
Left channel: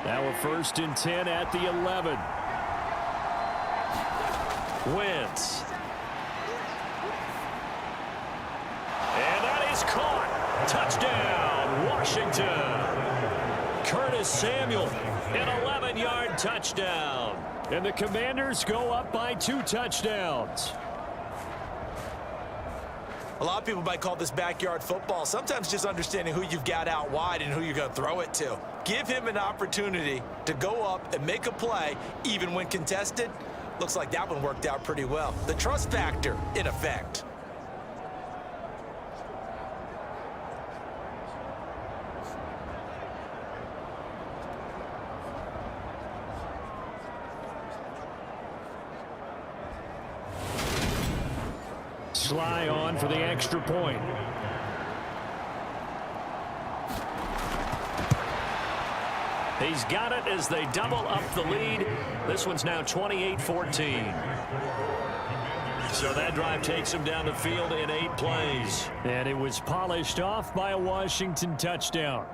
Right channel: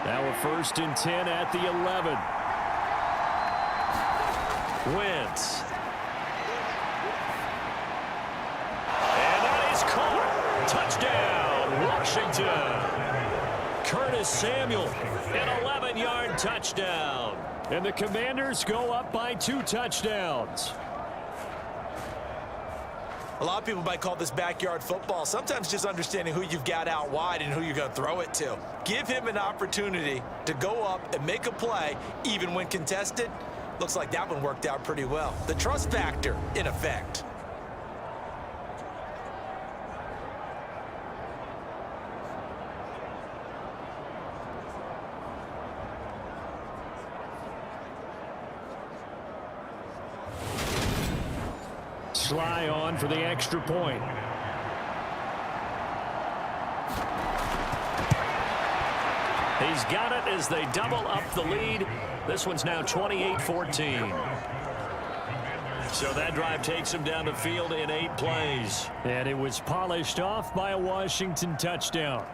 Now a 1st and 10 at the 11. Wentz. And that is caught. Touchdown, Washington. Curtis Samuel, an 11-yard touchdown. And the Commanders go up by 2 touchdowns. A lot of people might call this backyard football. Sometimes just understanding who you've got out wide and who you're going to throw it to. Give him an opportunity to go up and make a play, even when contested. Looks like that one worked out pretty well. The trust factor, in effect. Sly on for the extra point. He's got it as they double up the lead. This one's now 28-14. So that drive takes him down the field in 8 plays. And it was polished off by a Washington touchdown.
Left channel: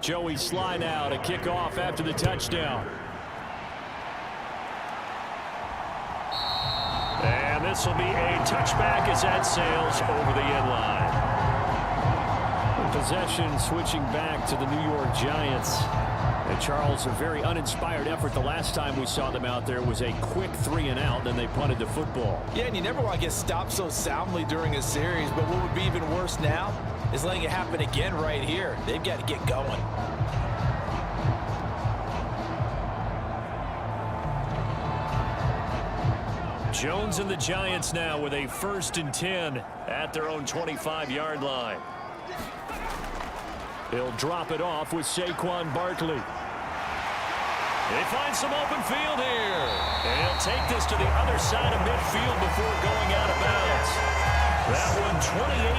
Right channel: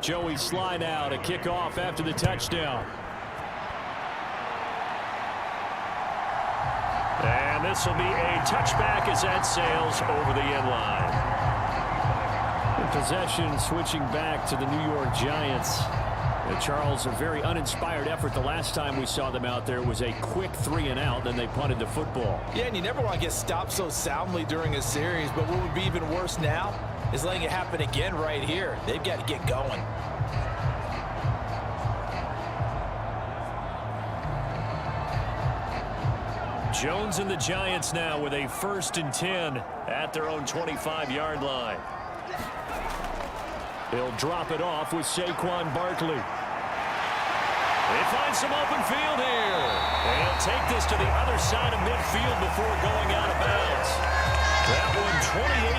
Joey Sly now to kick off after the touchdown. And this will be a touchback as that sails over the end line. Possession switching back to the New York Giants. And Charles, a very uninspired effort the last time we saw them out there was a quick 3-and-out, then they punted the football. Yeah, and you never want to get stopped so soundly during a series, but what would be even worse now is letting it happen again right here. They've got to get going. Jones and the Giants now with a 1st and 10 at their own 25-yard line. He'll drop it off with Saquon Barkley. They find some open field here. And he'll take this to the other side of midfield before going out of bounds. That one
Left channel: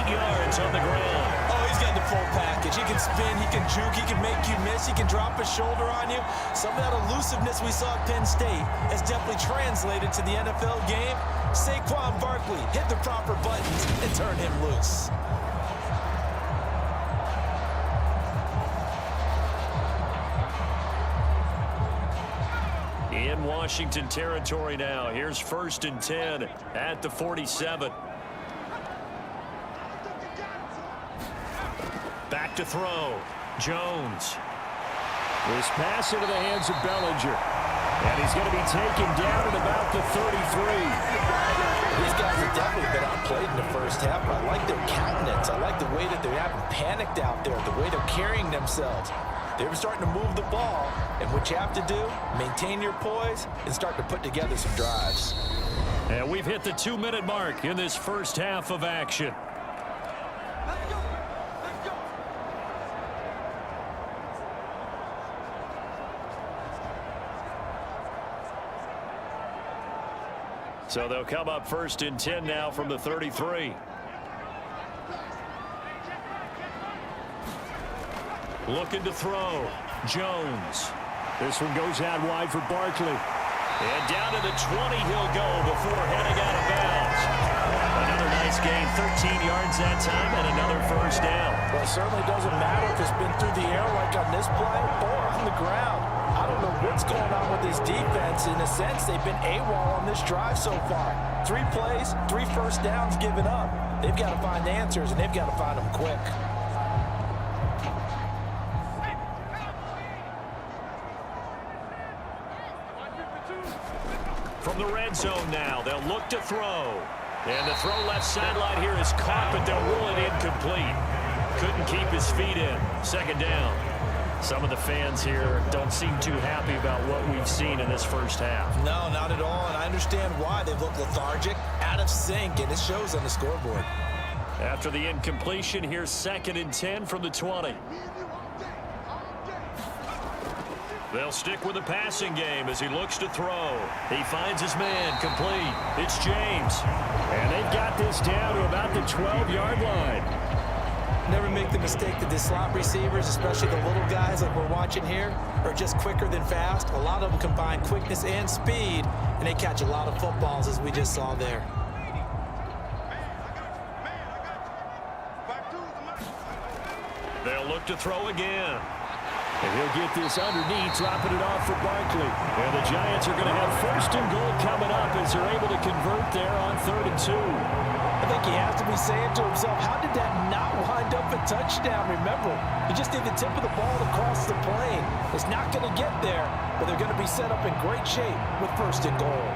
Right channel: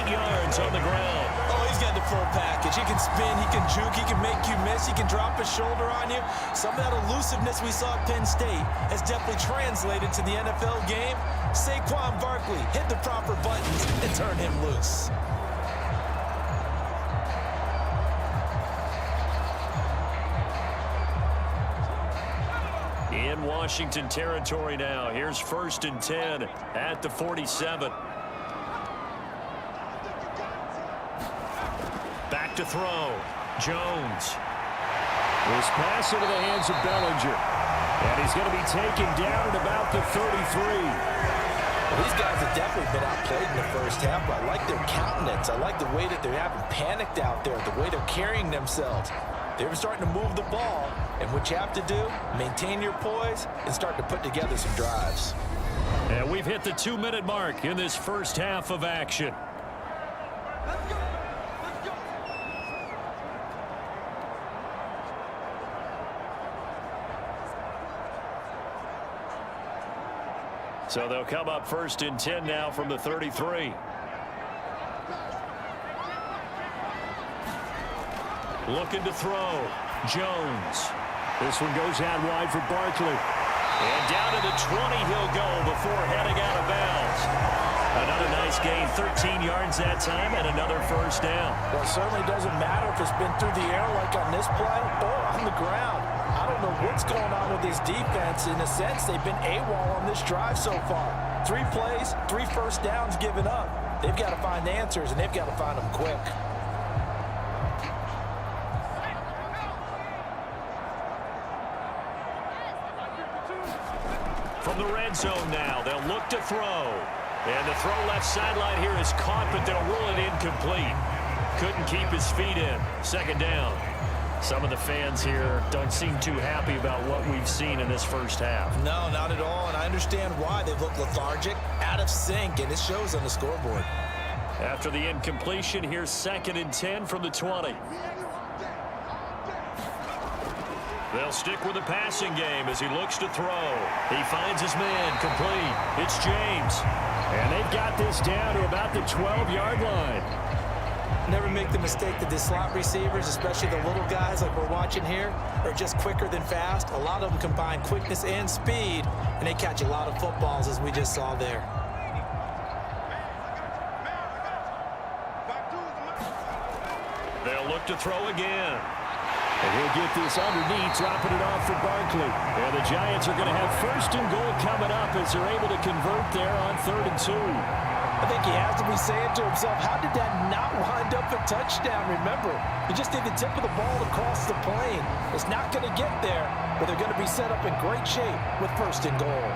28 yards on the ground. Oh, he's got the full package. He can spin, he can juke, he can make you miss, he can drop his shoulder on you. Some of that elusiveness we saw at Penn State has definitely translated to the NFL game. Saquon Barkley hit the proper buttons and turned him loose. In Washington territory now. Here's 1st and 10 at the 47. Back to throw. Jones. This pass into the hands of Bellinger. And he's going to be taken down at about the 33. These guys have definitely been outplayed in the first half, but I like their countenance. I like the way that they haven't panicked out there, the way they're carrying themselves. They're starting to move the ball, and what you have to do, maintain your poise and start to put together some drives. And we've hit the 2-minute mark in this first half of action. Let's go. Let's go. So they'll come up 1st and 10 now from the 33. Looking to throw. Jones. This one goes out wide for Barkley. And down to the 20 he'll go before heading out of bounds. Another nice gain, 13 yards that time, and another 1st down. Well, it certainly doesn't matter if it's been through the air like on this play or on the ground. I don't know what's going on with this defense. In a sense, they've been AWOL on this drive so far. 3 plays, 3 first downs given up. They've got to find answers, and they've got to find them quick. From the red zone now, they'll look to throw. And the throw left sideline here is caught, but they'll rule it incomplete. Couldn't keep his feet in. 2nd down. Some of the fans here don't seem too happy about what we've seen in this first half. No, not at all, and I understand why. They've looked lethargic, out of sync, and it shows on the scoreboard. After the incompletion, here's 2nd and 10 from the 20. They'll stick with the passing game as he looks to throw. He finds his man complete. It's James. And they've got this down to about the 12-yard line. Never make the mistake that the slot receivers, especially the little guys like we're watching here, are just quicker than fast. A lot of them combine quickness and speed, and they catch a lot of footballs, as we just saw there. They'll look to throw again. And he'll get this underneath, dropping it off for Barkley. And the Giants are going to have 1st and goal coming up as they're able to convert there on 3rd and 2. I think he has to be saying to himself, how did that not wind up a touchdown? Remember, he just did the tip of the ball across the plane. It's not going to get there, but they're going to be set up in great shape with 1st and goal.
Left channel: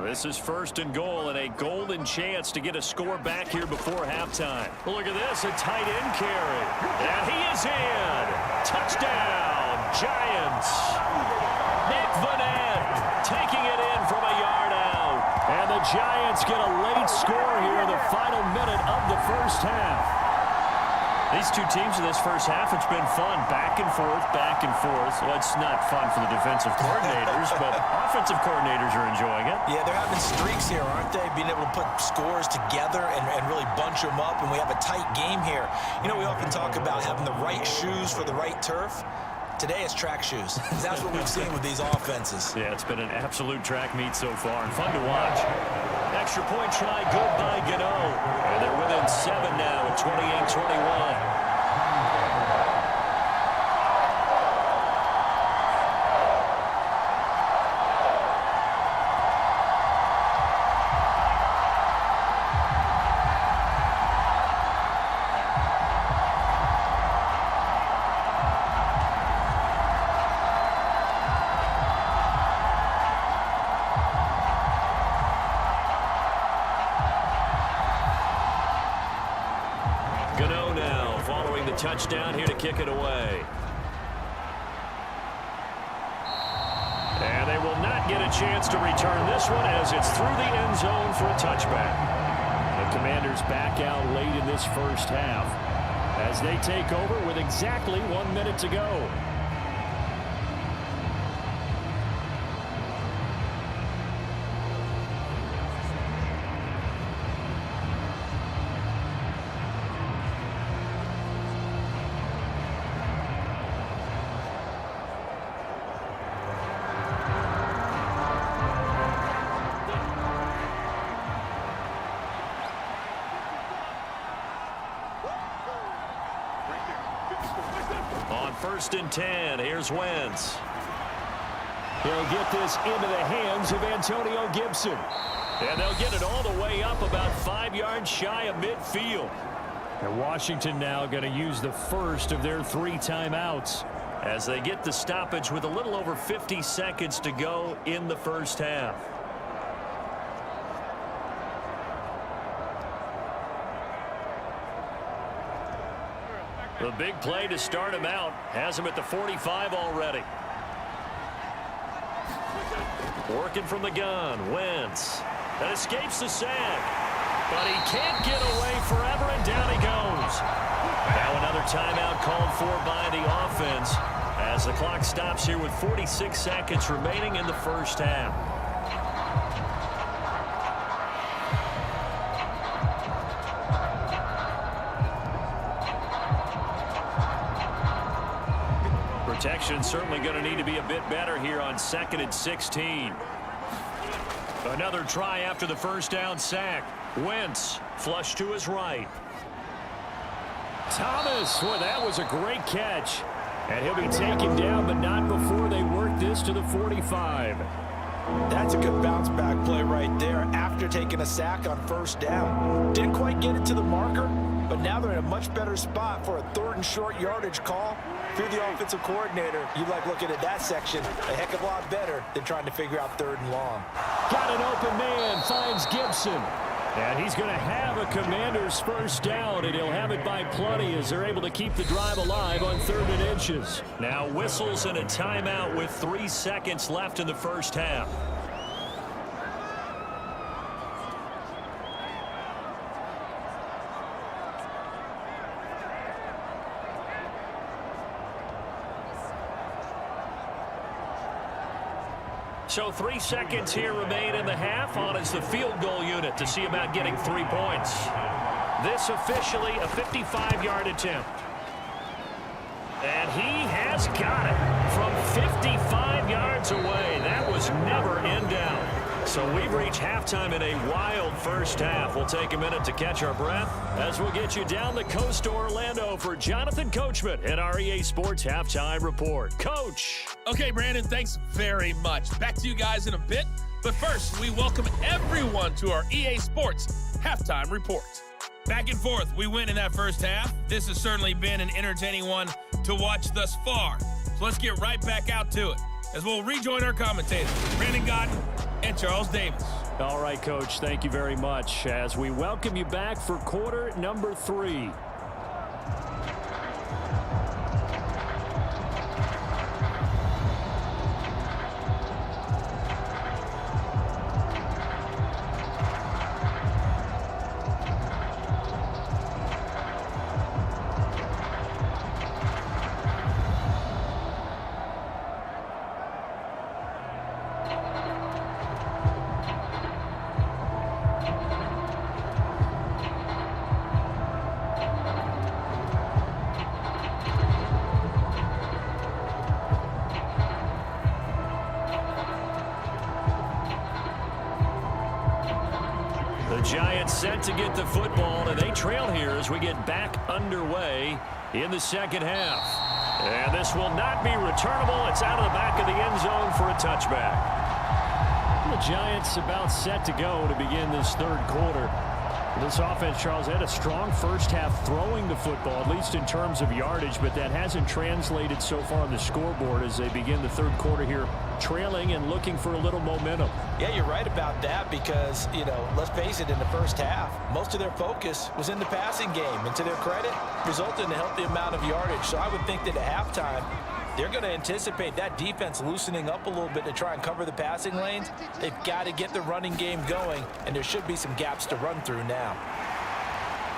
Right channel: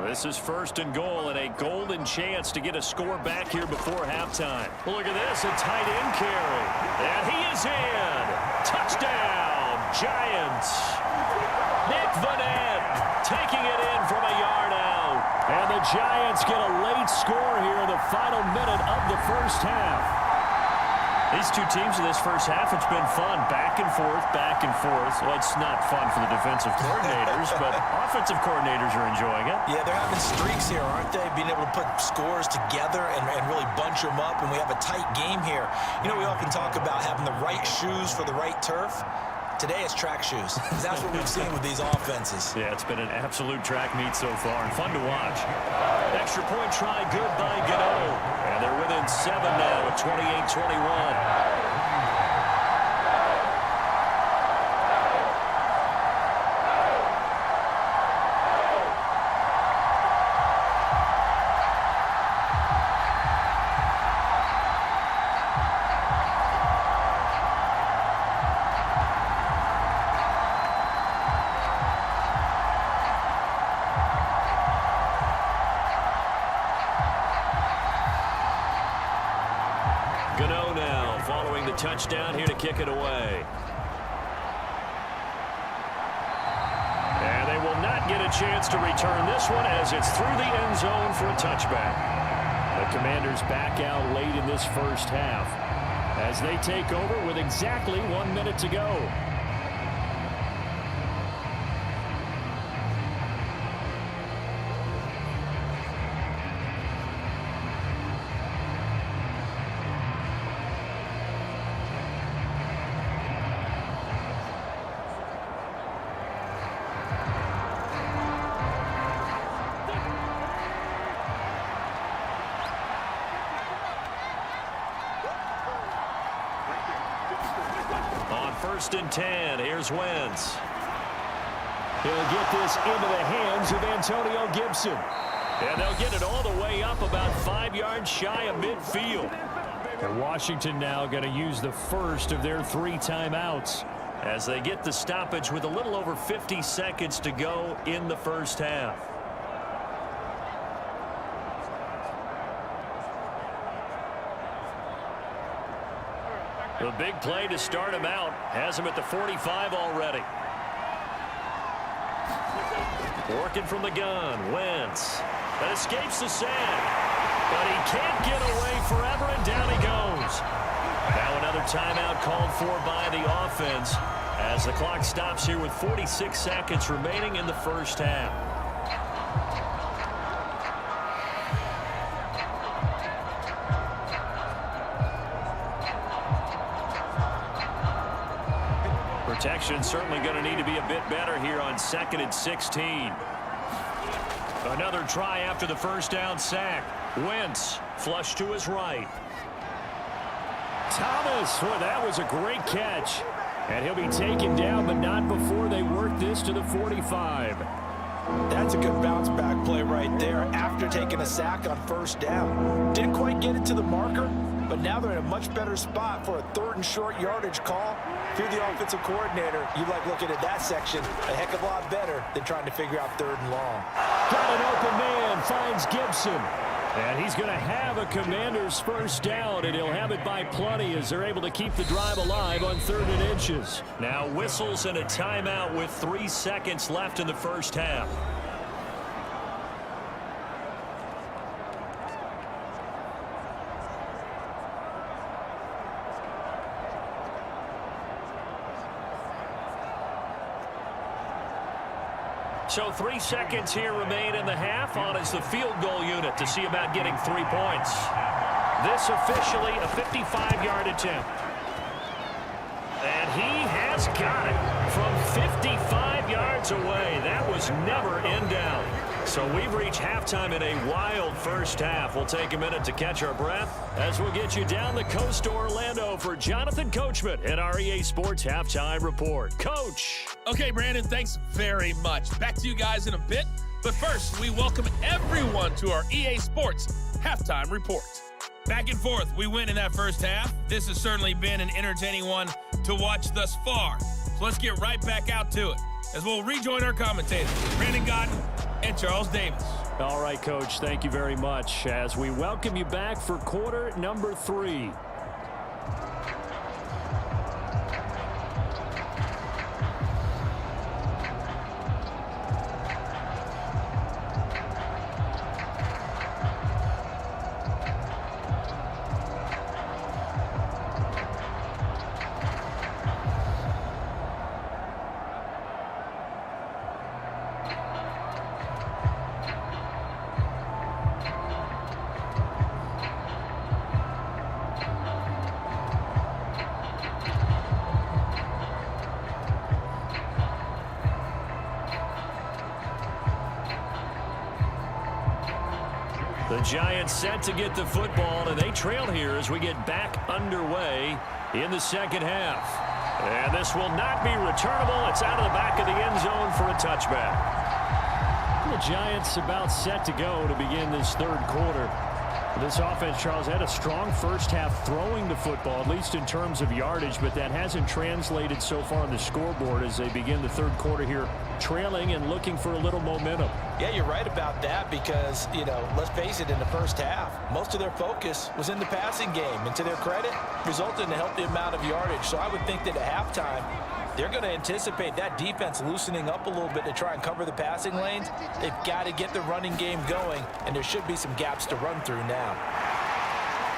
This is 1st and goal and a golden chance to get a score back here before halftime. Look at this, a tight end carry. And he is in. Touchdown, Giants. Nick Vanette taking it in from a yard out. And the Giants get a late score here in the final minute of the first half. These two teams in this first half, it's been fun. Back and forth, back and forth. Well, it's not fun for the defensive coordinators, but offensive coordinators are enjoying it. Yeah, they're having streaks here, aren't they? Being able to put scores together and really bunch them up, and we have a tight game here. You know, we often talk about having the right shoes for the right turf. Today it's track shoes. That's what we've seen with these offenses. Yeah, it's been an absolute track meet so far and fun to watch. Extra point try good by Gano. And they're within 7 now at 28-21. following the touchdown here to kick it away. And they will not get a chance to return this one as it's through the end zone for a touchback. The Commanders back out late in this first half as they take over with exactly 1 minute to go. On 1st and 10, here's Wentz. He'll get this into the hands of Antonio Gibson. And they'll get it all the way up about 5 yards shy of midfield. And Washington now going to use the first of their 3 timeouts as they get the stoppage with a little over 50 seconds to go in the first half. The big play to start him out has him at the 45 already. Working from the gun, Wentz. That escapes the sack. But he can't get away forever, and down he goes. Now another timeout called for by the offense as the clock stops here with 46 seconds remaining in the first half. Protection certainly going to need to be a bit better here on 2nd and 16. Another try after the first down sack. Wentz flush to his right. Thomas, boy, that was a great catch. And he'll be taken down, but not before they work this to the 45. That's a good bounce back play right there after taking a sack on 1st down. Didn't quite get it to the marker, but now they're in a much better spot for a 3rd and short yardage call. If you're the offensive coordinator, you like looking at that section a heck of a lot better than trying to figure out 3rd and long. Got an open man, finds Gibson. And he's going to have a Commander's first down, and he'll have it by plenty as they're able to keep the drive alive on 3rd and inches. Now whistles and a timeout with 3 seconds left in the first half. So 3 seconds here remain in the half. On is the field goal unit to see about getting 3 points. This officially a 55-yard attempt. And he has got it from 55 yards away. That was never in doubt. So we've reached halftime in a wild first half. We'll take a minute to catch our breath as we'll get you down the coast to Orlando for Jonathan Coachman at our EA Sports Halftime Report. Coach. Okay, Brandon, thanks very much. Back to you guys in a bit. But first, we welcome everyone to our EA Sports Halftime Report. Back and forth, we win in that first half. This has certainly been an entertaining one to watch thus far. So let's get right back out to it as we'll rejoin our commentators, Brandon Godden and Charles Davis. All right, Coach, thank you very much as we welcome you back for quarter number 3. The Giants set to get the football, and they trail here as we get back underway in the second half. And this will not be returnable. It's out of the back of the end zone for a touchback. The Giants about set to go to begin this third quarter. This offense, Charles, had a strong first half throwing the football, at least in terms of yardage, but that hasn't translated so far on the scoreboard as they begin the third quarter here, trailing and looking for a little momentum. Yeah, you're right about that because, let's face it, in the first half, most of their focus was in the passing game. And to their credit, resulted in a healthy amount of yardage. So I would think that at halftime, they're going to anticipate that defense loosening up a little bit to try and cover the passing lanes. They've got to get the running game going, and there should be some gaps to run through now.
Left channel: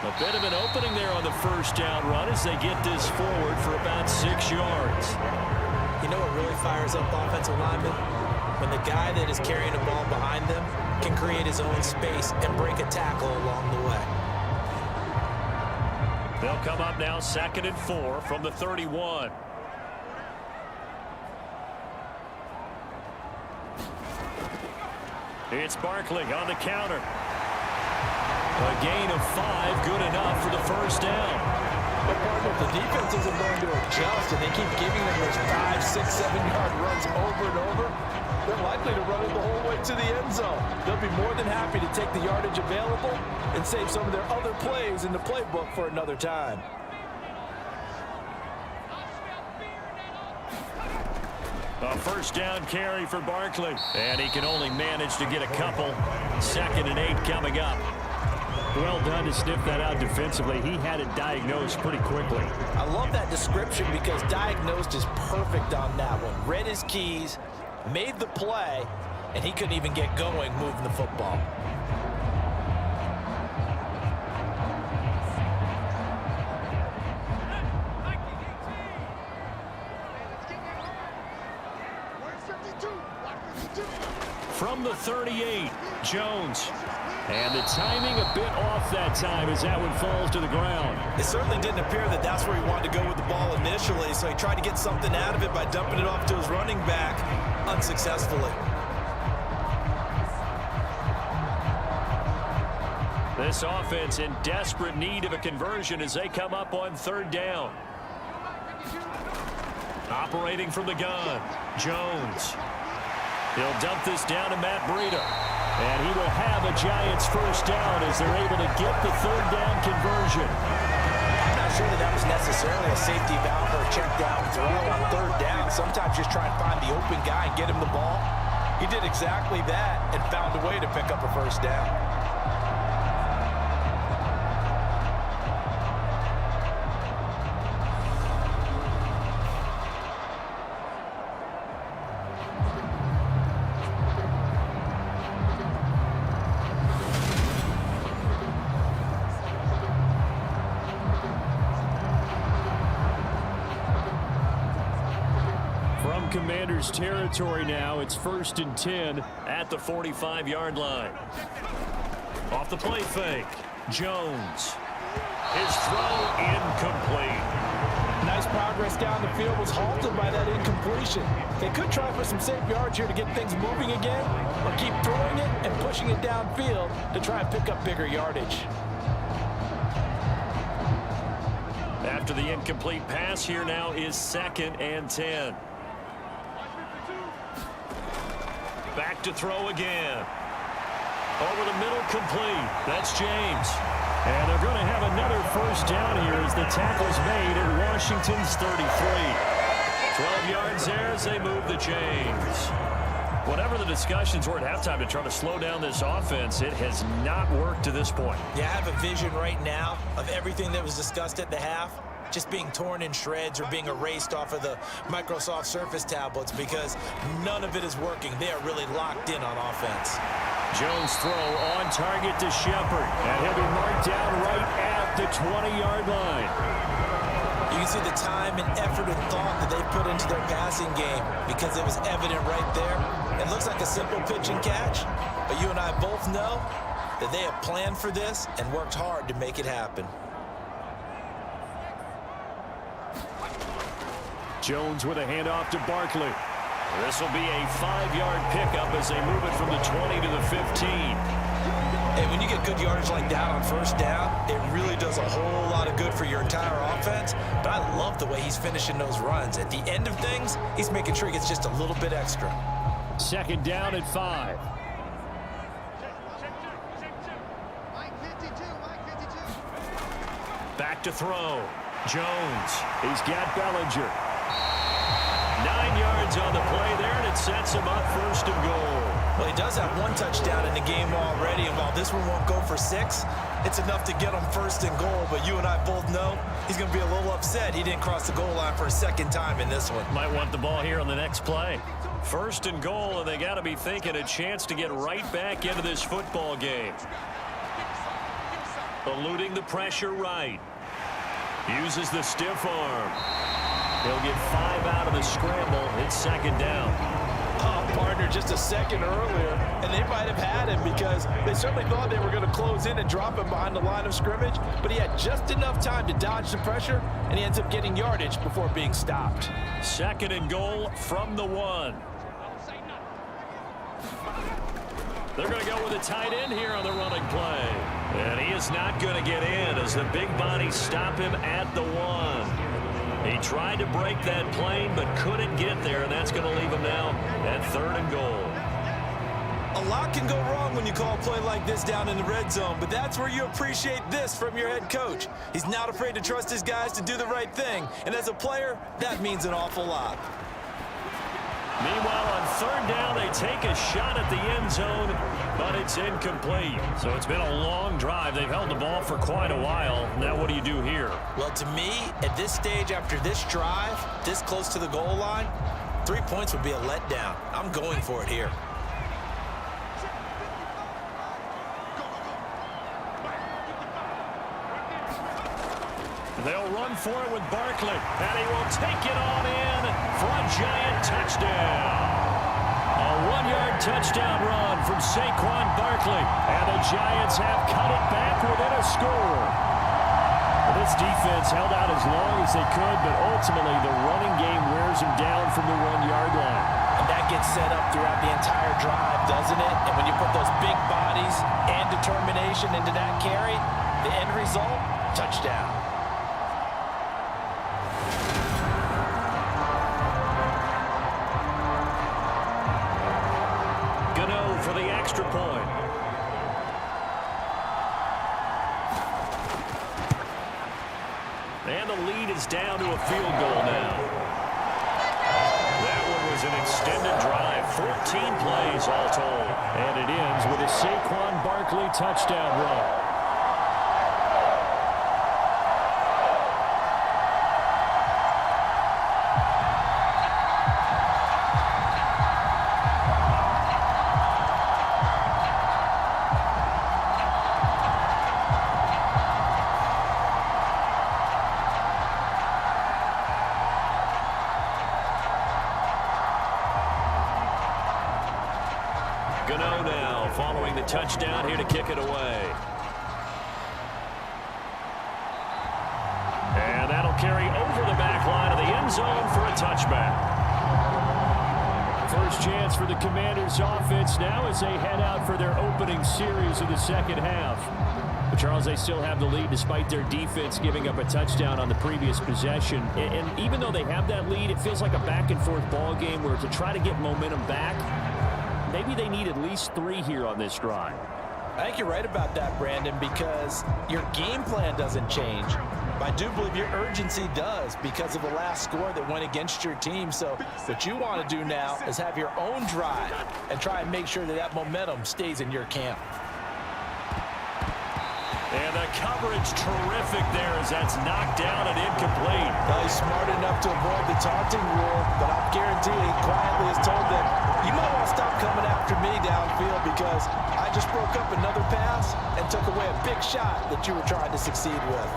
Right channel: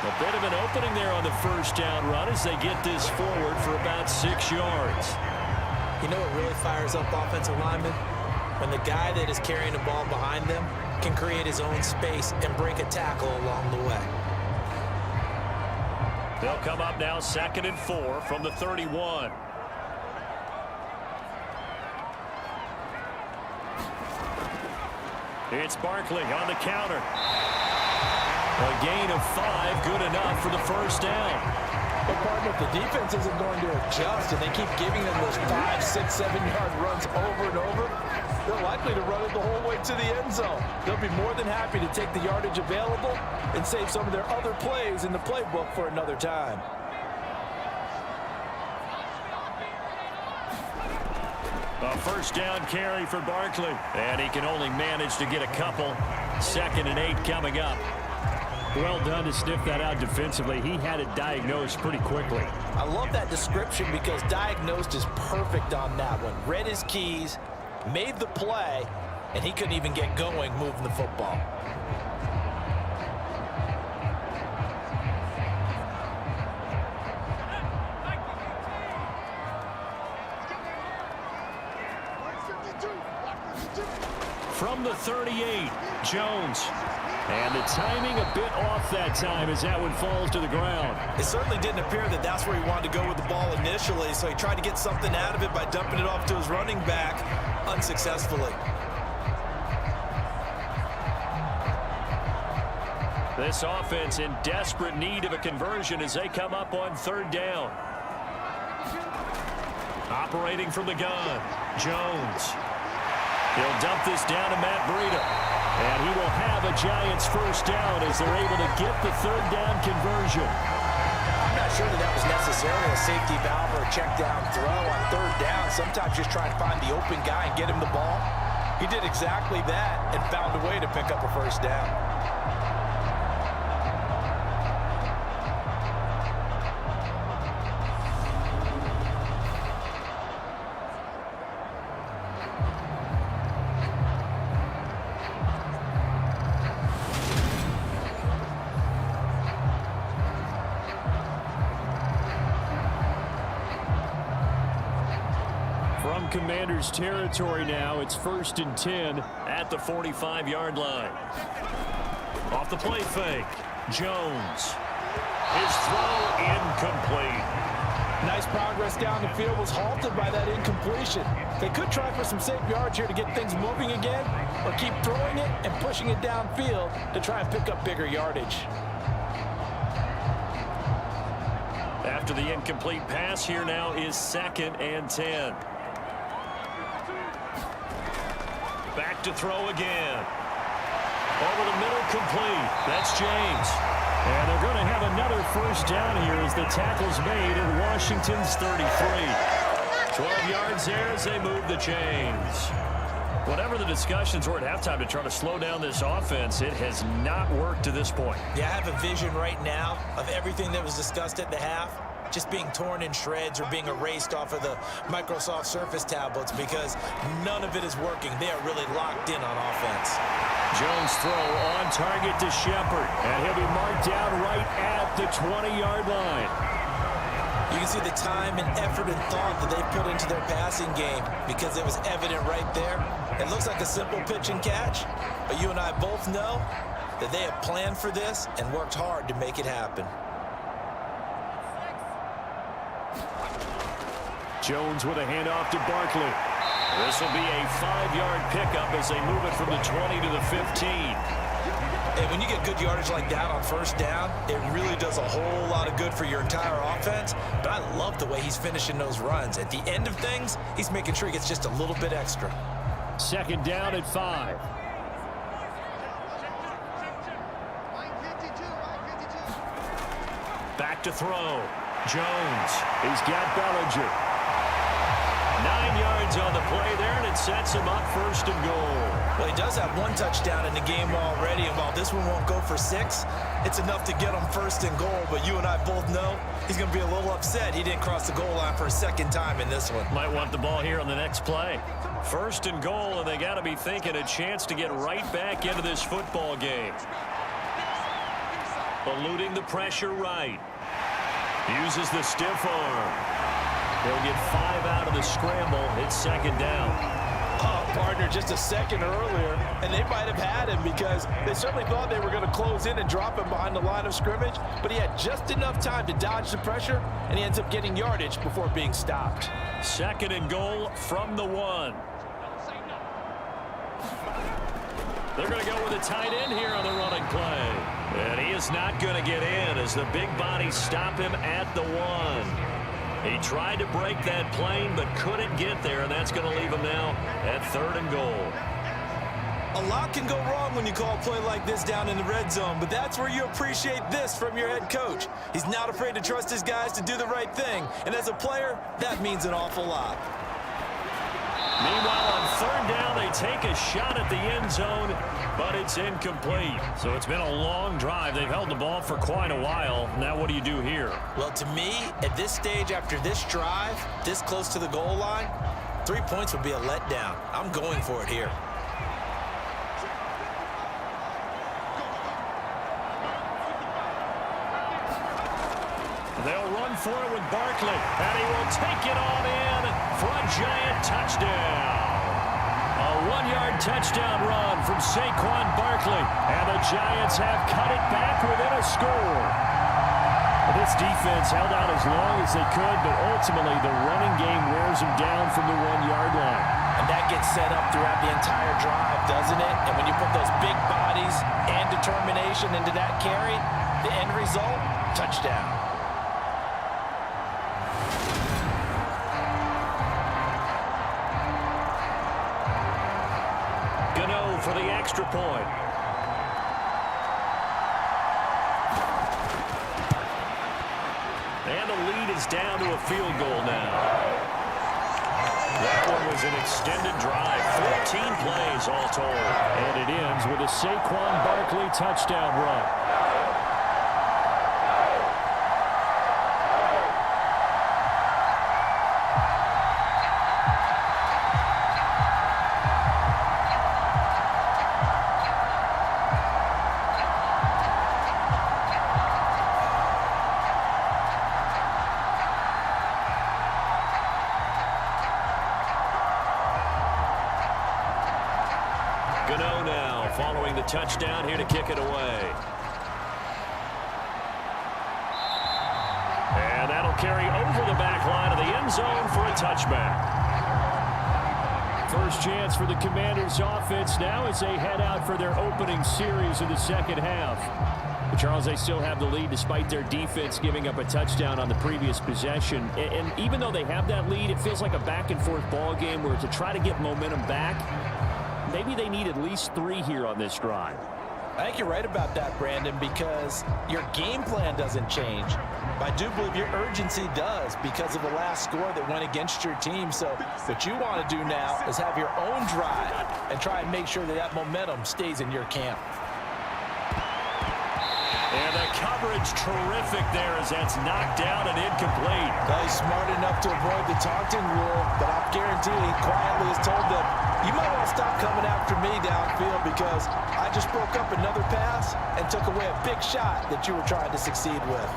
A bit of an opening there on the first down run as they get this forward for about 6 yards. You know what really fires up offensive linemen? When the guy that is carrying the ball behind them can create his own space and break a tackle along the way. They'll come up now 2nd and 4 from the 31. It's Barkley on the counter. A gain of 5, good enough for the first down. But, partner, if the defense isn't going to adjust and they keep giving them those 5, 6, 7-yard runs over and over, they're likely to run it the whole way to the end zone. They'll be more than happy to take the yardage available and save some of their other plays in the playbook for another time. A first down carry for Barkley, and he can only manage to get a couple. 2nd and 8 coming up. Well done to sniff that out defensively. He had it diagnosed pretty quickly. I love that description because diagnosed is perfect on that one. Read his keys, made the play, and he couldn't even get going moving the football. From the 38, Jones. And the timing a bit off that time as that one falls to the ground. It certainly didn't appear that that's where he wanted to go with the ball initially, so he tried to get something out of it by dumping it off to his running back unsuccessfully. This offense in desperate need of a conversion as they come up on 3rd down. Operating from the gun, Jones. He'll dump this down to Matt Breida. And he will have a Giants first down as they're able to get the 3rd down conversion. I'm not sure that was necessarily a safety valve or a check down throw on 3rd down. Sometimes just try and find the open guy and get him the ball. He did exactly that and found a way to pick up a first down. Commanders territory now. It's 1st and 10 at the 45-yard line. Off the play fake, Jones. His throw incomplete. Nice progress down the field was halted by that incompletion. They could try for some safe yards here to get things moving again, or keep throwing it and pushing it downfield to try and pick up bigger yardage. After the incomplete pass, here now is 2nd and 10. Back to throw again. Over the middle, complete. That's James. And they're going to have another first down here as the tackle's made at Washington's 33. 12 yards there as they move the chains. Whatever the discussions were at halftime to try to slow down this offense, it has not worked to this point. Yeah, I have a vision right now of everything that was discussed at the half just being torn in shreds or being erased off of the Microsoft Surface tablets because none of it is working. They are really locked in on offense. Jones throw on target to Shepard, and he'll be marked down right at the 20-yard line. You can see the time and effort and thought that they put into their passing game because it was evident right there. It looks like a simple pitch and catch, but you and I both know that they have planned for this and worked hard to make it happen. Jones with a handoff to Barkley. This will be a 5-yard pickup as they move it from the 20 to the 15. And when you get good yardage like that on first down, it really does a whole lot of good for your entire offense. But I love the way he's finishing those runs. At the end of things, he's making sure he gets just a little bit extra. 2nd down at 5. Mike 52. Back to throw. Jones. He's got Bellinger. 9 yards on the play there, and it sets him up 1st and goal. Well, he does have 1 touchdown in the game already, and while this one won't go for 6, it's enough to get him 1st and goal. But you and I both know he's going to be a little upset he didn't cross the goal line for a 2nd time in this one. Might want the ball here on the next play. 1st and goal, and they got to be thinking a chance to get right back into this football game. Eluding the pressure right. Uses the stiff arm. He'll get 5 out of the scramble. It's 2nd down. Oh, partner, just a second earlier, and they might have had him because they certainly thought they were going to close in and drop him behind the line of scrimmage, but he had just enough time to dodge the pressure, and he ends up getting yardage before being stopped. 2nd and goal from the 1. They're going to go with a tight end here on the running play. And he is not going to get in as the big bodies stop him at the 1. He tried to break that plane but couldn't get there, and that's going to leave him now at 3rd and goal. A lot can go wrong when you call a play like this down in the red zone, but that's where you appreciate this from your head coach. He's not afraid to trust his guys to do the right thing, and as a player, that means an awful lot. Meanwhile, on 3rd down, they take a shot at the end zone, but it's incomplete. So it's been a long drive. They've held the ball for quite a while. Now what do you do here? Well, to me, at this stage after this drive, this close to the goal line, 3 points would be a letdown. I'm going for it here. They'll run for it with Barkley, and he will take it on in for a giant touchdown. A 1-yard touchdown run from Saquon Barkley, and the Giants have cut it back within a score. This defense held out as long as they could, but ultimately the running game wears them down from the 1-yard line. And that gets set up throughout the entire drive, doesn't it? And when you put those big bodies and determination into that carry, the end result, touchdown. Gano for the extra point. And the lead is down to a field goal now. That one was an extended drive, 14 plays all told. And it ends with a Saquon Barkley touchdown run. Gano now following the touchdown here to kick it away. And that'll carry over the back line of the end zone for a touchback. First chance for the Commanders offense now as they head out for their opening series of the 2nd half. But Charles, they still have the lead despite their defense giving up a touchdown on the previous possession. And even though they have that lead, it feels like a back-and-forth ball game where to try to get momentum back, maybe they need at least 3 here on this drive. I think you're right about that, Brandon, because your game plan doesn't change. I do believe your urgency does because of the last score that went against your team. So what you want to do now is have your own drive and try and make sure that that momentum stays in your camp. And the coverage terrific there as that's knocked down and incomplete. Well, he's smart enough to avoid the taunting rule, but I'll guarantee he quietly has told them, you might want to stop coming after me downfield because I just broke up another pass and took away a big shot that you were trying to succeed with.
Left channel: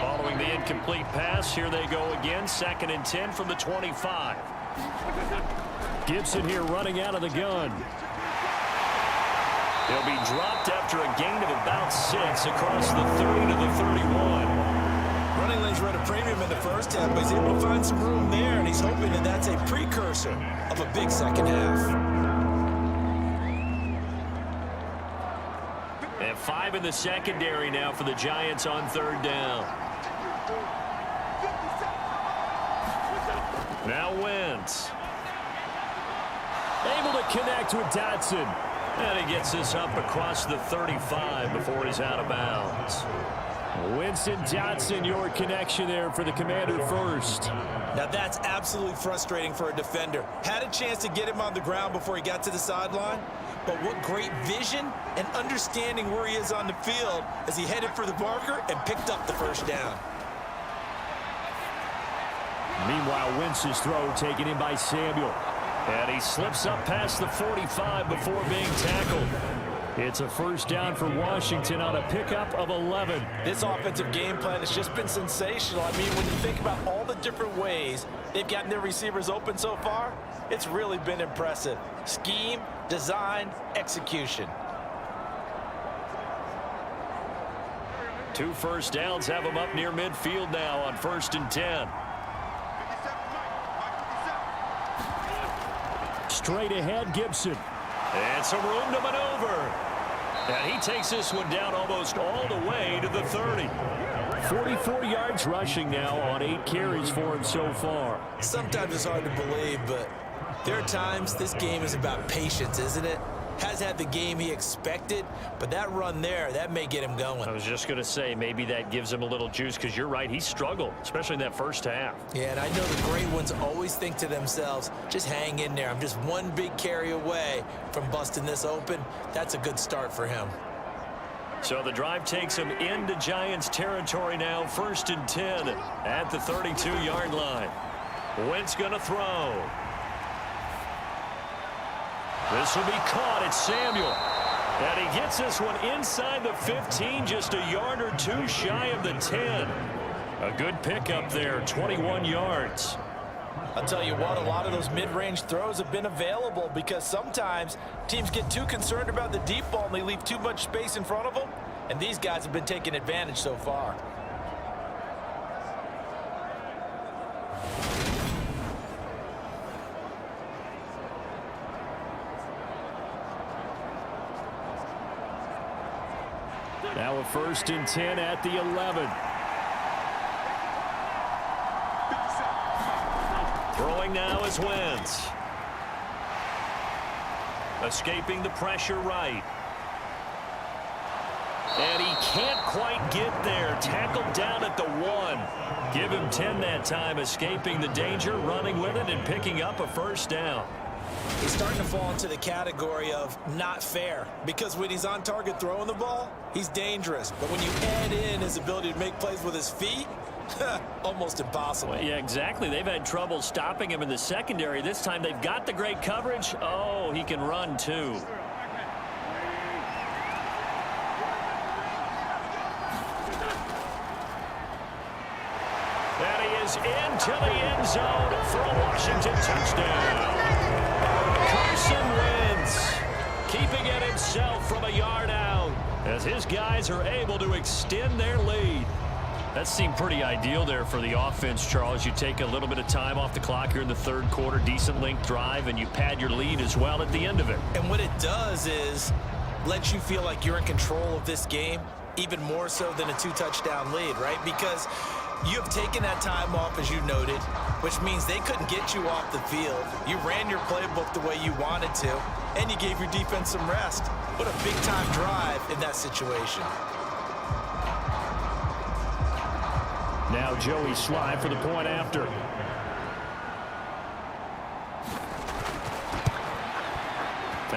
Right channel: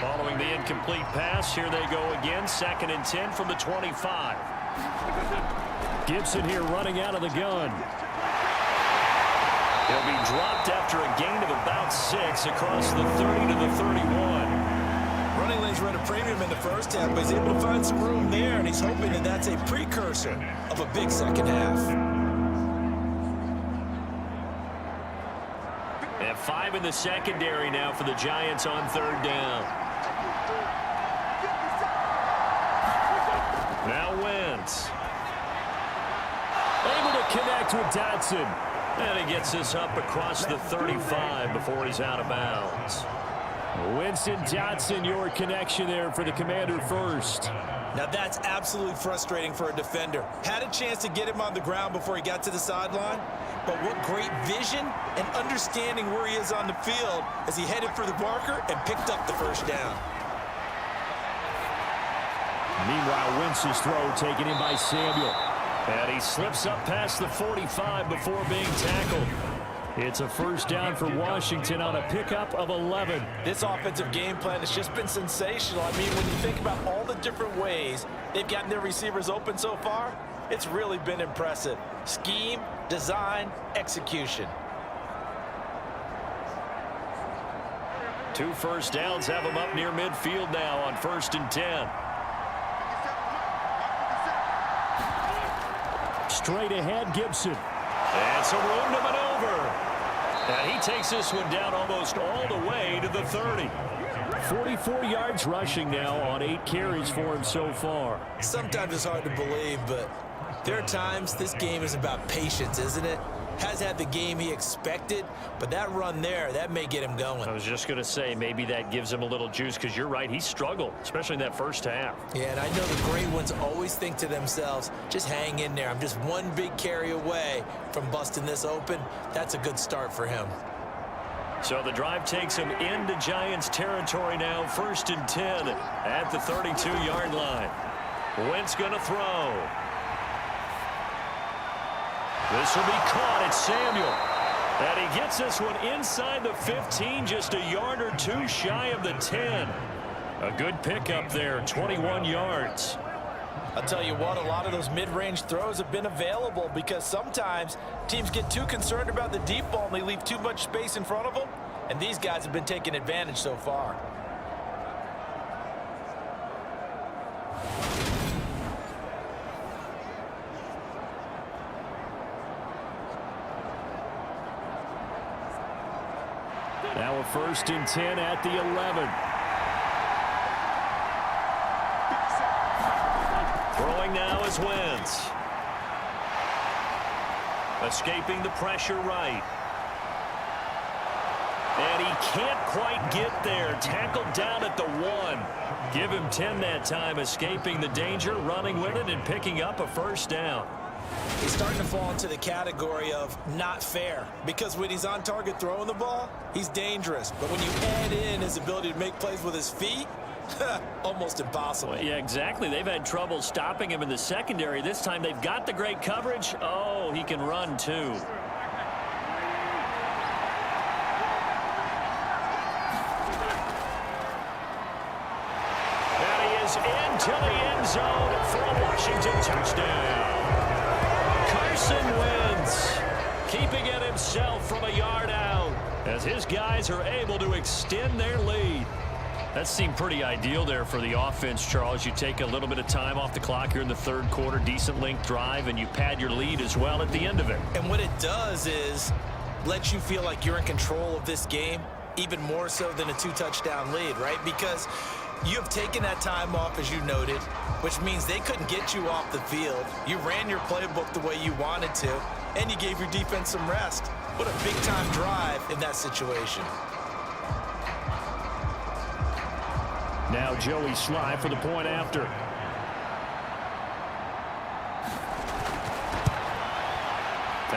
Following the incomplete pass, here they go again. 2nd and 10 from the 25. Gibson here running out of the gun. He'll be dropped after a gain of about 6 across the 30 to the 31. Running lanes run a premium in the first half, but he's able to find some room there, and he's hoping that that's a precursor of a big second half. And 5 in the secondary now for the Giants on 3rd down. Now Wentz. Able to connect with Dotson. And he gets this up across the 35 before he's out of bounds. Winston Dotson, your connection there for the Commander first. Now that's absolutely frustrating for a defender. Had a chance to get him on the ground before he got to the sideline, but what great vision and understanding where he is on the field as he headed for the marker and picked up the first down. Meanwhile, Wentz's throw taken in by Samuel. And he slips up past the 45 before being tackled. It's a first down for Washington on a pickup of 11. This offensive game plan has just been sensational. I mean, when you think about all the different ways they've gotten their receivers open so far, it's really been impressive. Scheme, design, execution. 2 first downs have them up near midfield now on 1st and 10. Straight ahead, Gibson. And some room to maneuver. And he takes this one down almost all the way to the 30. 44 yards rushing now on 8 carries for him so far. Sometimes it's hard to believe, but there are times this game is about patience, isn't it? Has had the game he expected, but that run there, that may get him going. I was just going to say, maybe that gives him a little juice, because you're right, he struggled, especially in that first half. Yeah, and I know the great ones always think to themselves, just hang in there. I'm just one big carry away from busting this open. That's a good start for him. So the drive takes him into Giants territory now, 1st and 10 at the 32-yard line. Wentz going to throw. This will be caught. It's Samuel. And he gets this one inside the 15, just a yard or 2 shy of the 10. A good pickup there, 21 yards. I'll tell you what, a lot of those mid-range throws have been available because sometimes teams get too concerned about the deep ball and they leave too much space in front of them. And these guys have been taking advantage so far. Now a 1st and 10 at the 11. Throwing now is Wentz. Escaping the pressure right. And he can't quite get there. Tackled down at the 1. Give him 10 that time, escaping the danger, running with it, and picking up a first down. He's starting to fall into the category of not fair, because when he's on target throwing the ball, he's dangerous. But when you add in his ability to make plays with his feet, almost impossible. Well, yeah, exactly. They've had trouble stopping him in the secondary. This time they've got the great coverage. Oh, he can run too. And he is into the end zone for a Washington touchdown. Carson Wentz keeping it himself from a yard out as his guys are able to extend their lead. That seemed pretty ideal there for the offense, Charles. You take a little bit of time off the clock here in the 3rd quarter, decent length drive, and you pad your lead as well at the end of it. And what it does is let you feel like you're in control of this game, even more so than a 2-touchdown lead, right? Because you have taken that time off, as you noted, which means they couldn't get you off the field. You ran your playbook the way you wanted to, and you gave your defense some rest. What a big-time drive in that situation. Now Joey Sly for the point after.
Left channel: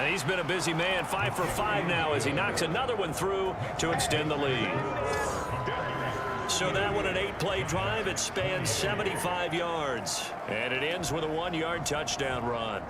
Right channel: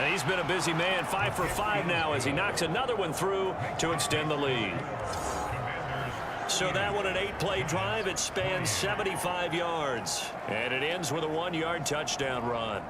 And he's been a busy man, 5 for 5 now as he knocks another one through to extend the lead. So that one an 8-play drive. It spans 75 yards. And it ends with a 1-yard touchdown run.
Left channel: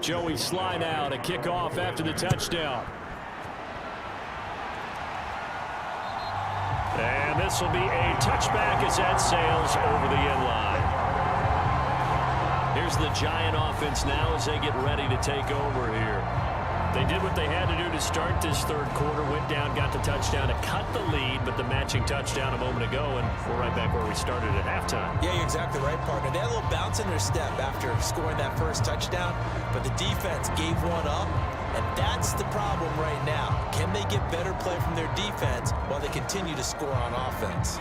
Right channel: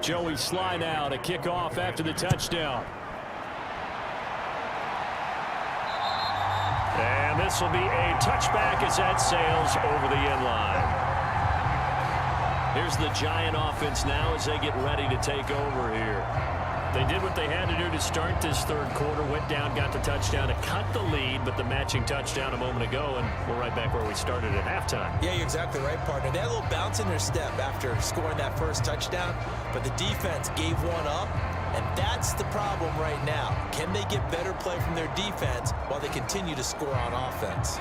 Joey Sly now to kick off after the touchdown. And And this will be a touchback as that sails over the end line. Here's the Giant offense now as they get ready to take over here. They did what they had to do to start this third quarter, went down, got the touchdown to cut the lead, but the matching touchdown a moment ago, and we're right back where we started at halftime. Yeah, you're exactly right, partner. They had a little bounce in their step after scoring that first touchdown, but the defense gave one up, and that's the problem right now. Can they get better play from their defense while they continue to score on offense?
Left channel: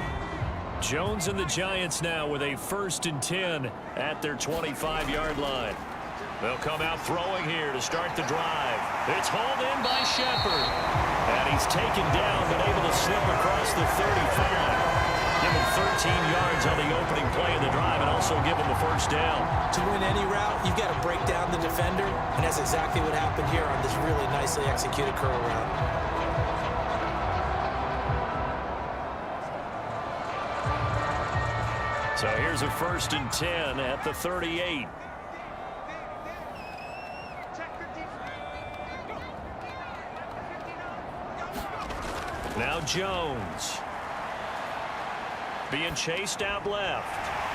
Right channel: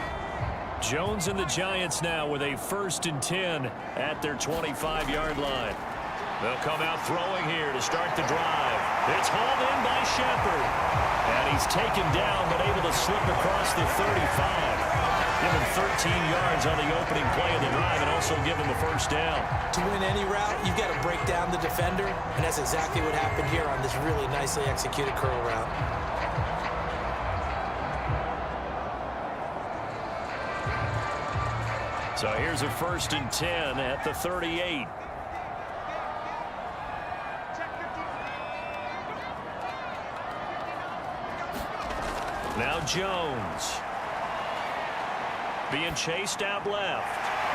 Jones and the Giants now with a 1st and 10 at their 25-yard line. They'll come out throwing here to start the drive. It's hauled in by Shepard. And he's taken down but able to slip across the 35. Give him 13 yards on the opening play of the drive and also give him a first down. To win any route, you've got to break down the defender, and that's exactly what happened here on this really nicely executed curl route. So here's a 1st and 10 at the 38. Now Jones. Being chased out left.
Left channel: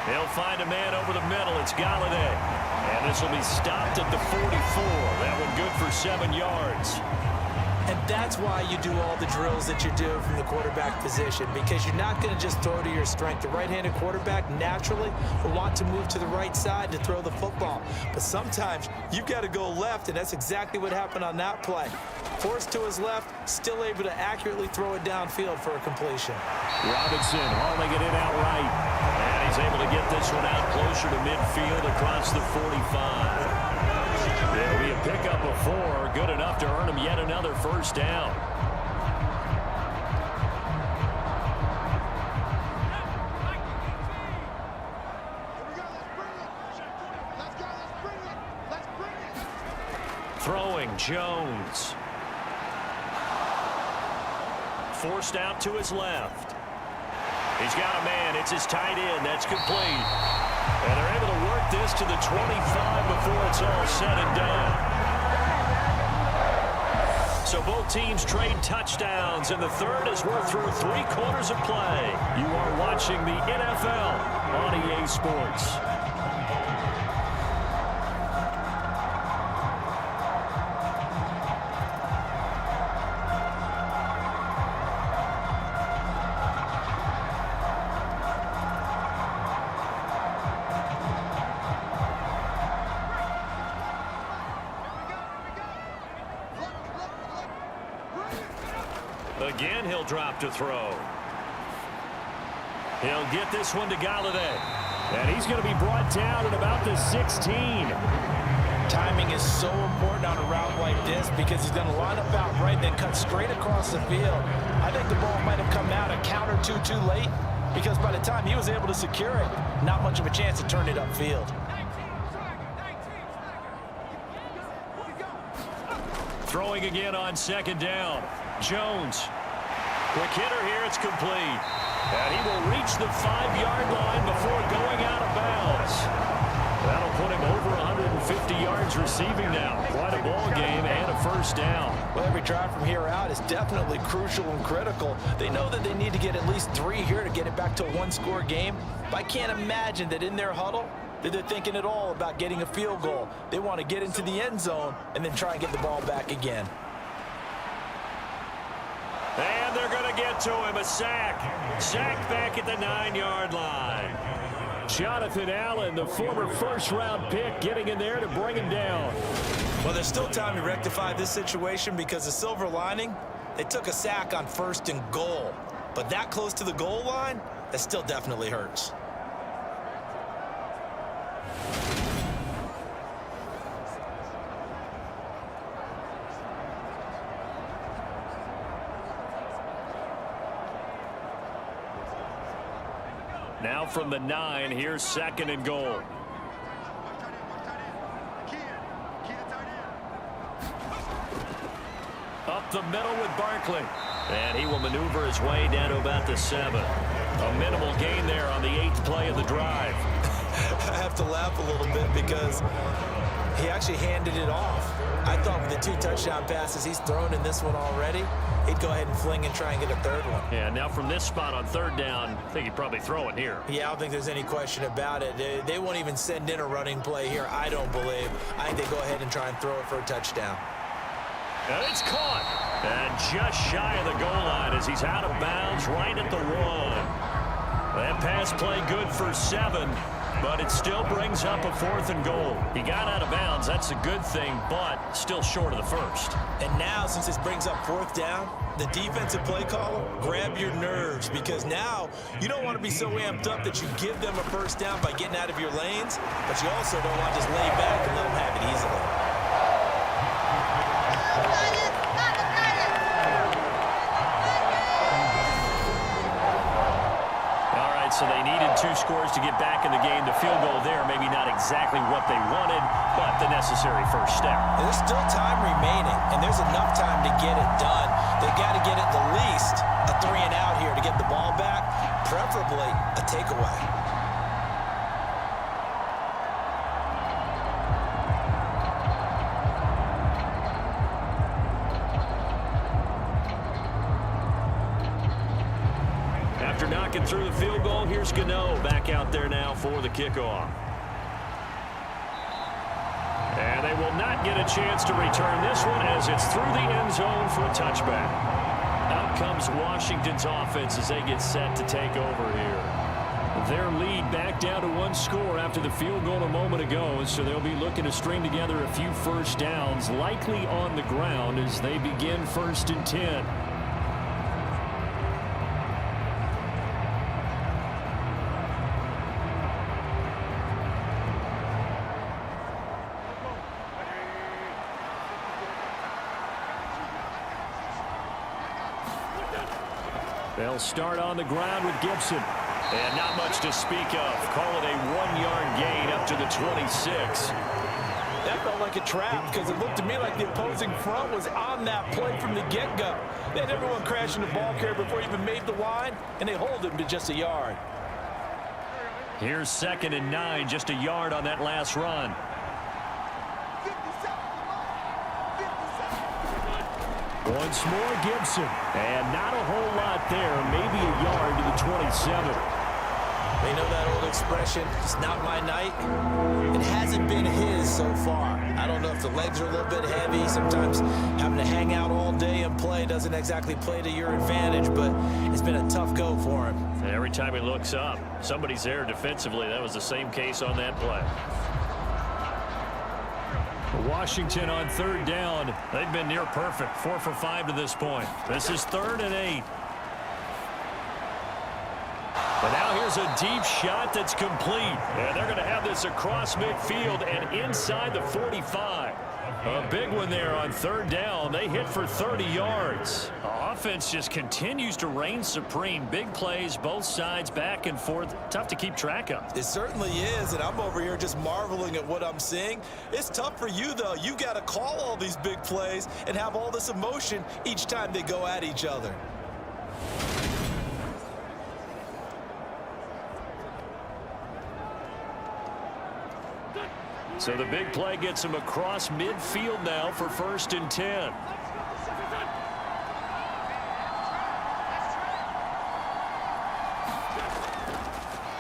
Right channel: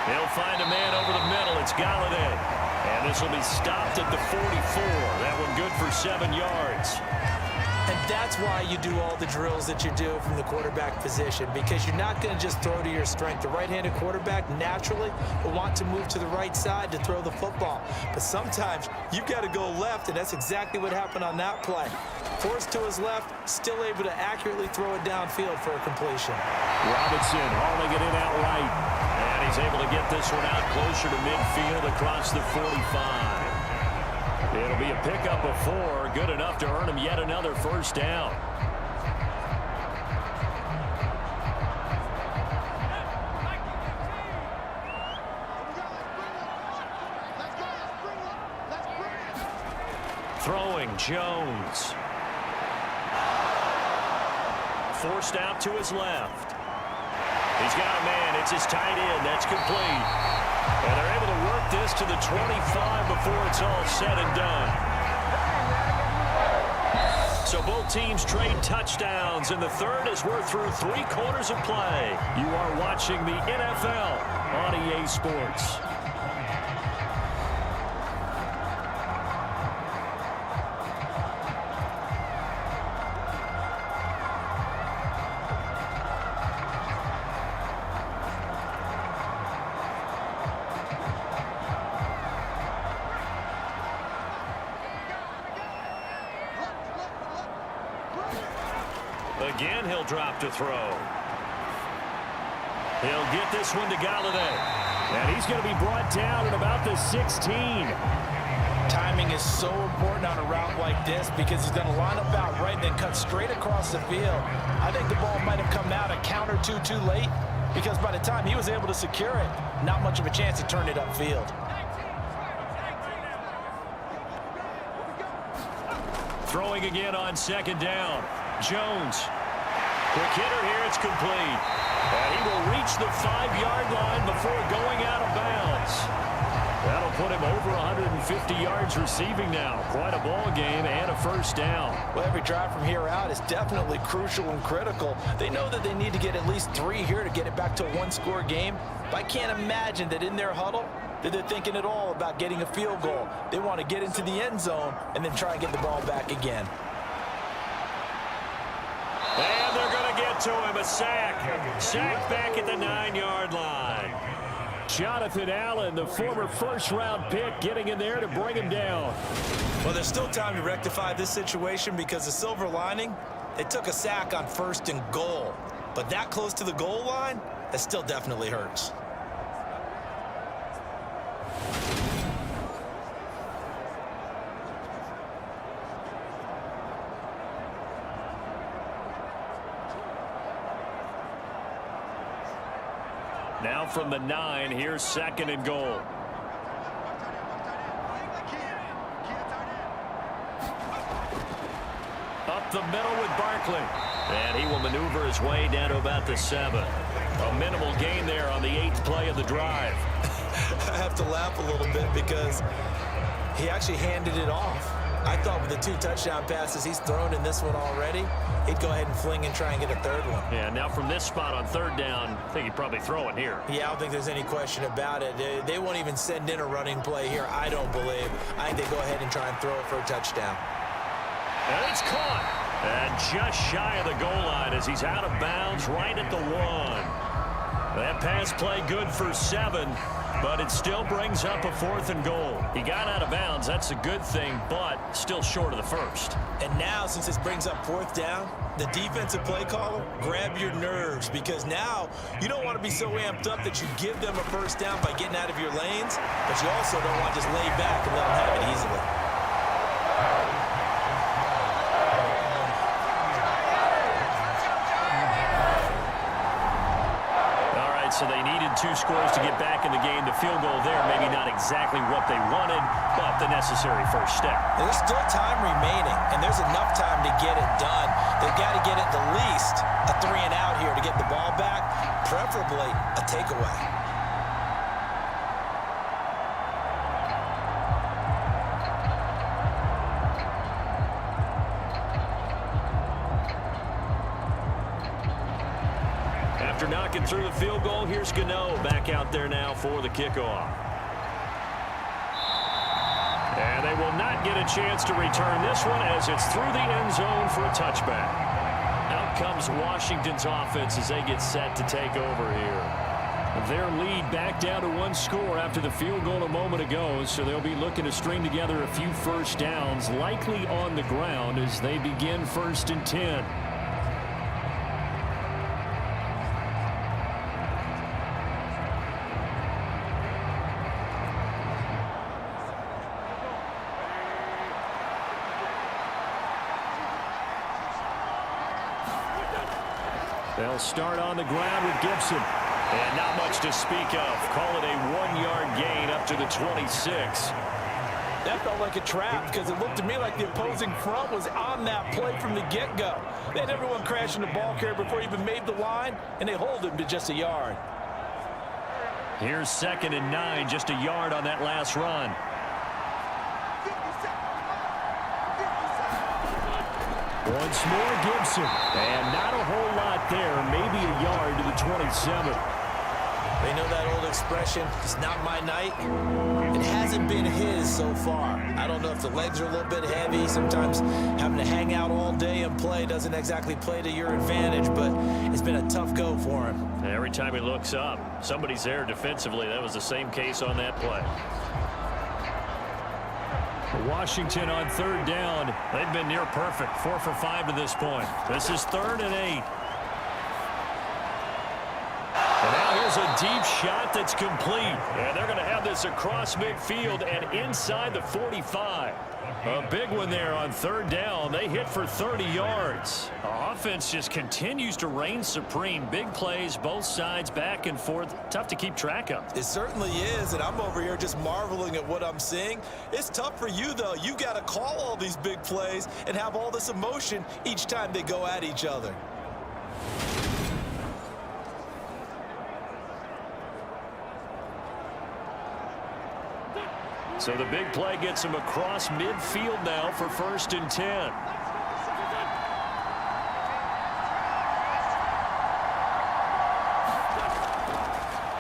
He'll find a man over the middle. It's Galladay. And this will be stopped at the 44. That one good for 7 yards. And that's why you do all the drills that you do from the quarterback position, because you're not going to just throw to your strength. The right-handed quarterback naturally will want to move to the right side to throw the football. But sometimes you've got to go left, and that's exactly what happened on that play. Forced to his left, still able to accurately throw it downfield for a completion. Robinson hauling it in outright. And he's able to get this one out closer to midfield across the 45. It'll be a pickup of 4, good enough to earn him yet another first down. Throwing Jones. Forced out to his left. He's got a man. It's his tight end. That's complete. And they're able to work this to the 25 before it's all said and done. So both teams trade touchdowns in the third as we're through 3 quarters of play. You are watching the NFL on EA Sports. Again, he'll drop to throw. He'll get this one to Galladay. And he's going to be brought down at about the 16. Timing is so important on a route like this because he's going to line up out right and then cut straight across the field. I think the ball might have come out a count or two too late because by the time he was able to secure it, not much of a chance to turn it upfield. Throwing again on 2nd down. Jones. Quick hitter here. It's complete. And he will reach the 5-yard line before going out of bounds. That'll put him over 150 yards receiving now. Quite a ball game and a first down. Well, every drive from here out is definitely crucial and critical. They know that they need to get at least 3 here to get it back to a 1-score game. But I can't imagine that in their huddle that they're thinking at all about getting a field goal. They want to get into the end zone and then try and get the ball back again. And they're going to get to him. A sack. Sack back at the 9-yard line. Jonathan Allen, the former first-round pick, getting in there to bring him down. Well, there's still time to rectify this situation because the silver lining, they took a sack on 1st and goal. But that close to the goal line, that still definitely hurts. Now from the 9, here's 2nd and goal. Up the middle with Barkley. And he will maneuver his way down to about the 7. A minimal gain there on the 8th play of the drive. I have to laugh a little bit because he actually handed it off. I thought with the 2 touchdown passes he's thrown in this one already, he'd go ahead and fling and try and get a 3rd one. Yeah, now from this spot on 3rd down, I think he'd probably throw it here. Yeah, I don't think there's any question about it. They won't even send in a running play here, I don't believe. I think they go ahead and try and throw it for a touchdown. And it's caught. And just shy of the goal line as he's out of bounds right at the 1. That pass play good for 7, but it still brings up a 4th and goal. He got out of bounds. That's a good thing, but still short of the 1st. And now, since this brings up 4th down, the defensive play caller, grab your nerves, because now you don't want to be so amped up that you give them a 1st down by getting out of your lanes, but you also don't want to just lay back and let them have it easily. So they needed 2 scores to get back in the game. The field goal there, maybe not exactly what they wanted, but the necessary 1st step. There's still time remaining, and there's enough time to get it done. They've got to get at the least a 3 and out here to get the ball back, preferably a takeaway. After knocking through the field goal, here's Gano back out there now for the kickoff. And they will not get a chance to return this one as it's through the end zone for a touchback. Out comes Washington's offense as they get set to take over here. Their lead back down to 1 score after the field goal a moment ago, so they'll be looking to string together a few 1st downs, likely on the ground as they begin 1st and 10. They'll start on the ground with Gibson. And not much to speak of. Call it a 1-yard gain up to the 26. That felt like a trap because it looked to me like the opposing front was on that play from the get-go. They had everyone crashing the ball carrier before he even made the line, and they hold him to just a yard. Here's 2nd and 9, just a yard on that last run. Once more, Gibson. And not a whole lot there. Maybe a yard to the 27. They know that old expression, it's not my night. It hasn't been his so far. I don't know if the legs are a little bit heavy. Sometimes having to hang out all day and play doesn't exactly play to your advantage, but it's been a tough go for him. And every time he looks up, somebody's there defensively. That was the same case on that play. Washington on 3rd down. They've been near perfect. 4 for 5 to this point. This is 3rd and 8. And now here's a deep shot that's complete. And they're going to have this across midfield and inside the 45. A big one there on 3rd down. They hit for 30 yards. Offense just continues to reign supreme. Big plays, both sides, back and forth. Tough to keep track of. It certainly is, and I'm over here just marveling at what I'm seeing. It's tough for you, though. You got to call all these big plays and have all this emotion each time they go at each other. So the big play gets him across midfield now for 1st and 10.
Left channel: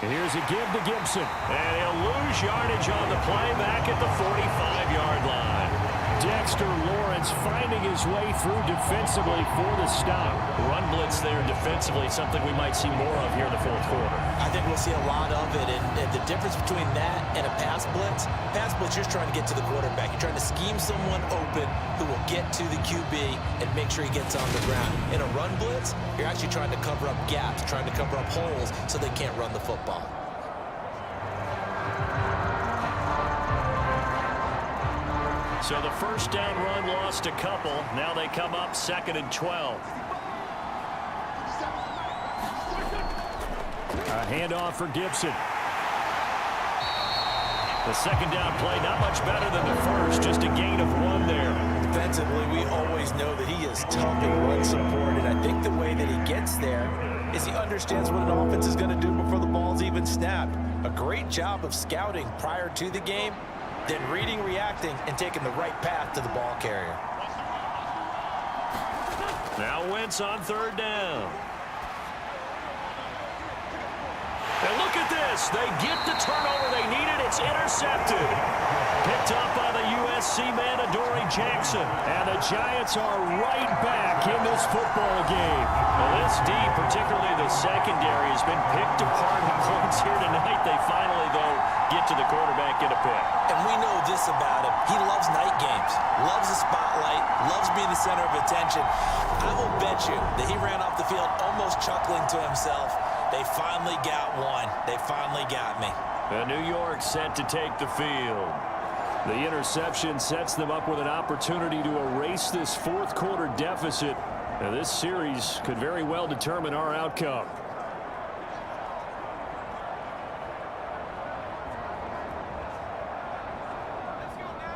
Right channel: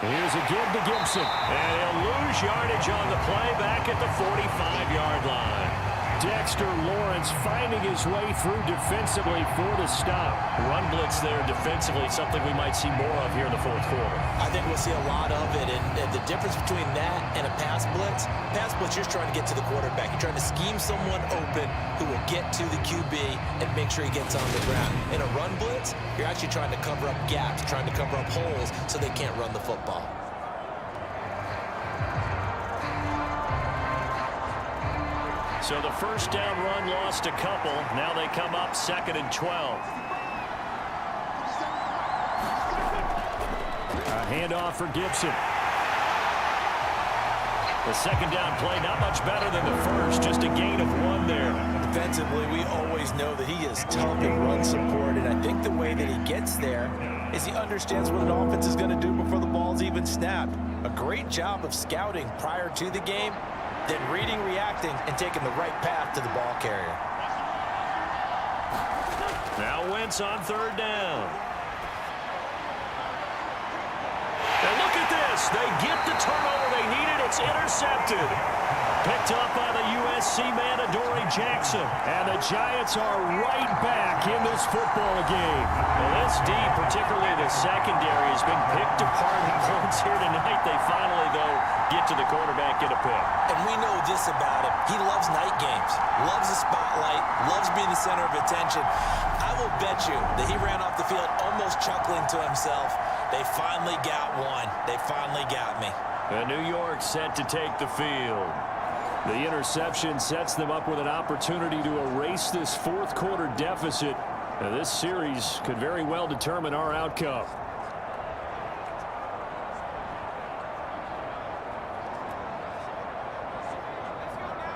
Here's a give to Gibson. And he'll lose yardage on the play back at the 45-yard line. Dexter Lawrence finding his way through defensively for the stop. Run blitz there defensively, something we might see more of here in the 4th quarter. I think we'll see a lot of it, and the difference between that and a pass blitz, you're just trying to get to the quarterback. You're trying to scheme someone open who will get to the QB and make sure he gets on the ground. In a run blitz, you're actually trying to cover up gaps, trying to cover up holes so they can't run the football. So the 1st down run lost a couple. Now they come up 2nd and 12. A handoff for Gibson. The 2nd down play, not much better than the 1st, just a gain of 1 there. Defensively, we always know that he is tough in run support, and I think the way that he gets there is he understands what an offense is going to do before the ball's even snapped. A great job of scouting prior to the game, then reading, reacting, and taking the right path to the ball carrier. Now Wentz on third down. And look at this. They get the turnover they needed. It's intercepted. Picked up by the USC man, Adoree Jackson. And the Giants are right back in this football game. Well, this D, particularly the secondary, has been picked apart in points here tonight. They finally, though, get to the quarterback in a pick. And we know this about him. He loves night games, loves the spotlight, loves being the center of attention. I will bet you that he ran off the field almost chuckling to himself. They finally got one. They finally got me. And New York set to take the field. The interception sets them up with an opportunity to erase this fourth quarter deficit. Now, this series could very well determine our outcome.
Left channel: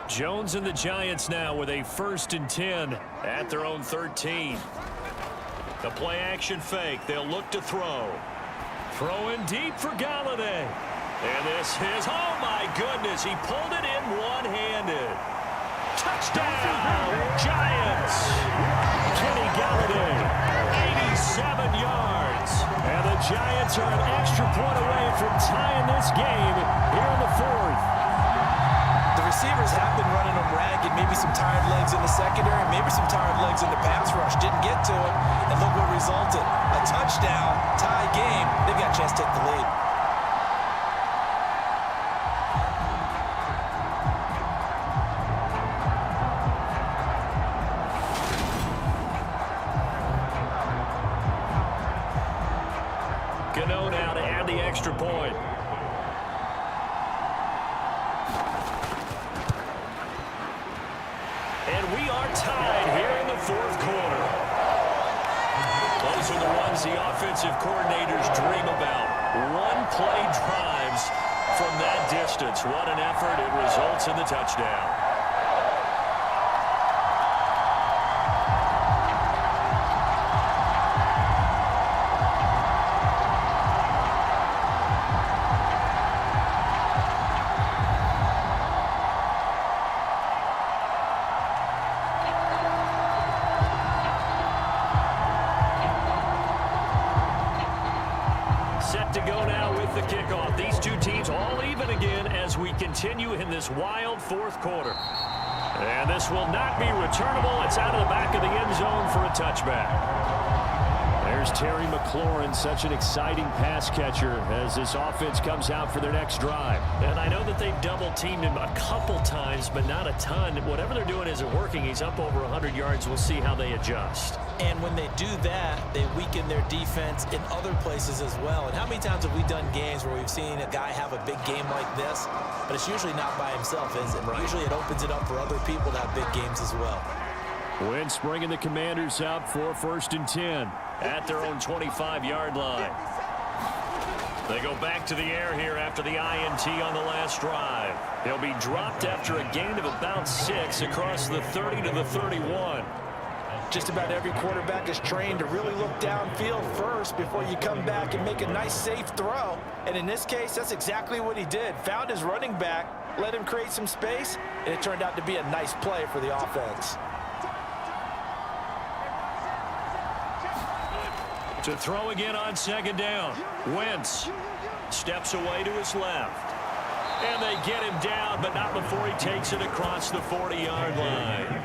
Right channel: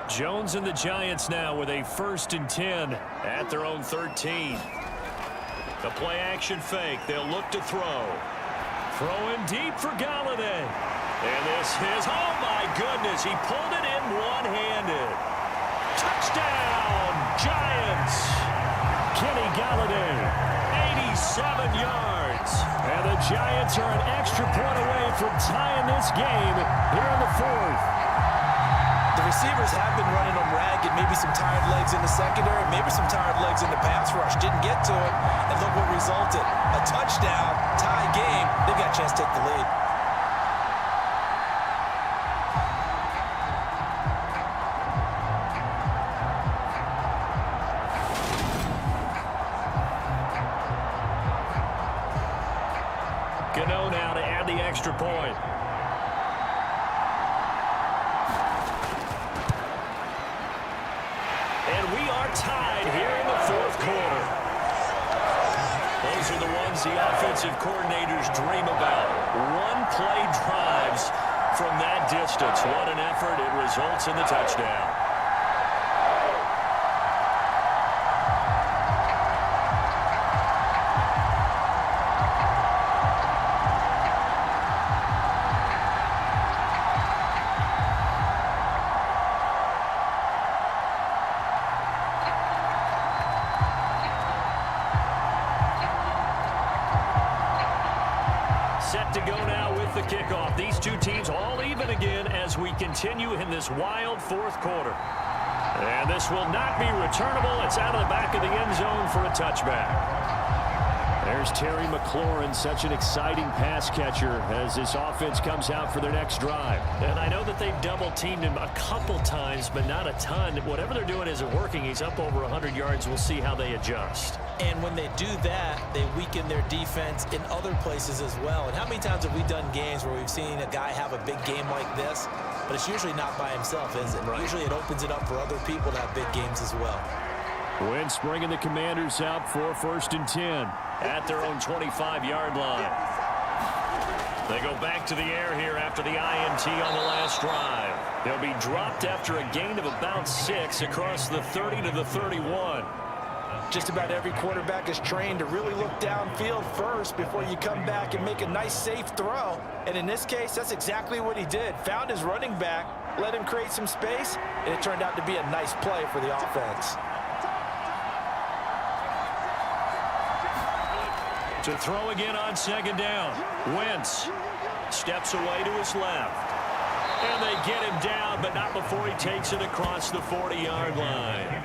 Jones and the Giants now with a 1st and 10 at their own 13. The play action fake. They'll look to throw. Throwing deep for Galladay. And this is, oh my goodness, he pulled it in one-handed. Touchdown, Giants. Kenny Galladay, 87 yards. And the Giants are an extra point away from tying this game here in the fourth. The receivers have been running them ragged. Maybe some tired legs in the secondary, maybe some tired legs in the pass rush. Didn't get to it, and look what resulted. A touchdown, tie game. They've got a chance to take the lead. Gano now to add the extra point. And we are tied here in the fourth quarter. Those are the ones the offensive coordinators dream about. One-play drives from that distance. What an effort. It results in the touchdown. Set to go now with the kickoff. These two teams all even again as we continue in this wild fourth quarter. And this will not be returnable. It's out of the back of the end zone for a touchback. There's Terry McLaurin, such an exciting pass catcher as this offense comes out for their next drive. And I know that they've double-teamed him a couple times, but not a ton. Whatever they're doing isn't working. He's up over 100 yards. We'll see how they adjust. And when they do that, they weaken their defense in other places as well. And how many times have we done games where we've seen a guy have a big game like this, but it's usually not by himself, is it? Right. Usually it opens it up for other people to have big games as well. Wentz bringing the Commanders out for 1st and 10 at their own 25-yard line. They go back to the air here after the INT on the last drive. They'll be dropped after a gain of about 6 across the 30 to the 31. Just about every quarterback is trained to really look downfield first before you come back and make a nice, safe throw. And in this case, that's exactly what he did. Found his running back, let him create some space, and it turned out to be a nice play for the offense. To throw again on 2nd down. Wentz steps away to his left. And they get him down, but not before he takes it across the 40-yard line.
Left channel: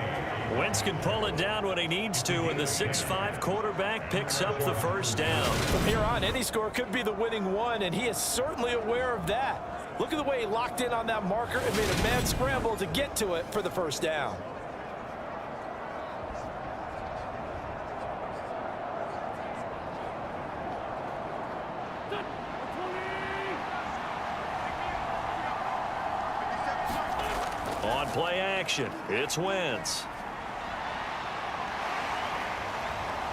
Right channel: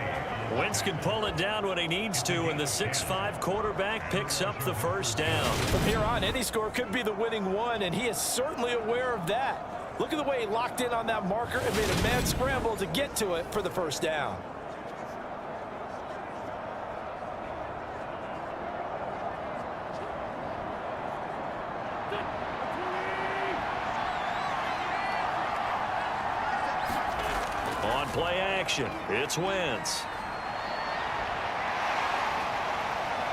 Wentz can pull it down when he needs to, and the 6'5" quarterback picks up the 1st down. From here on, any score could be the winning one, and he is certainly aware of that. Look at the way he locked in on that marker and made a mad scramble to get to it for the 1st down. On play action, it's Wentz.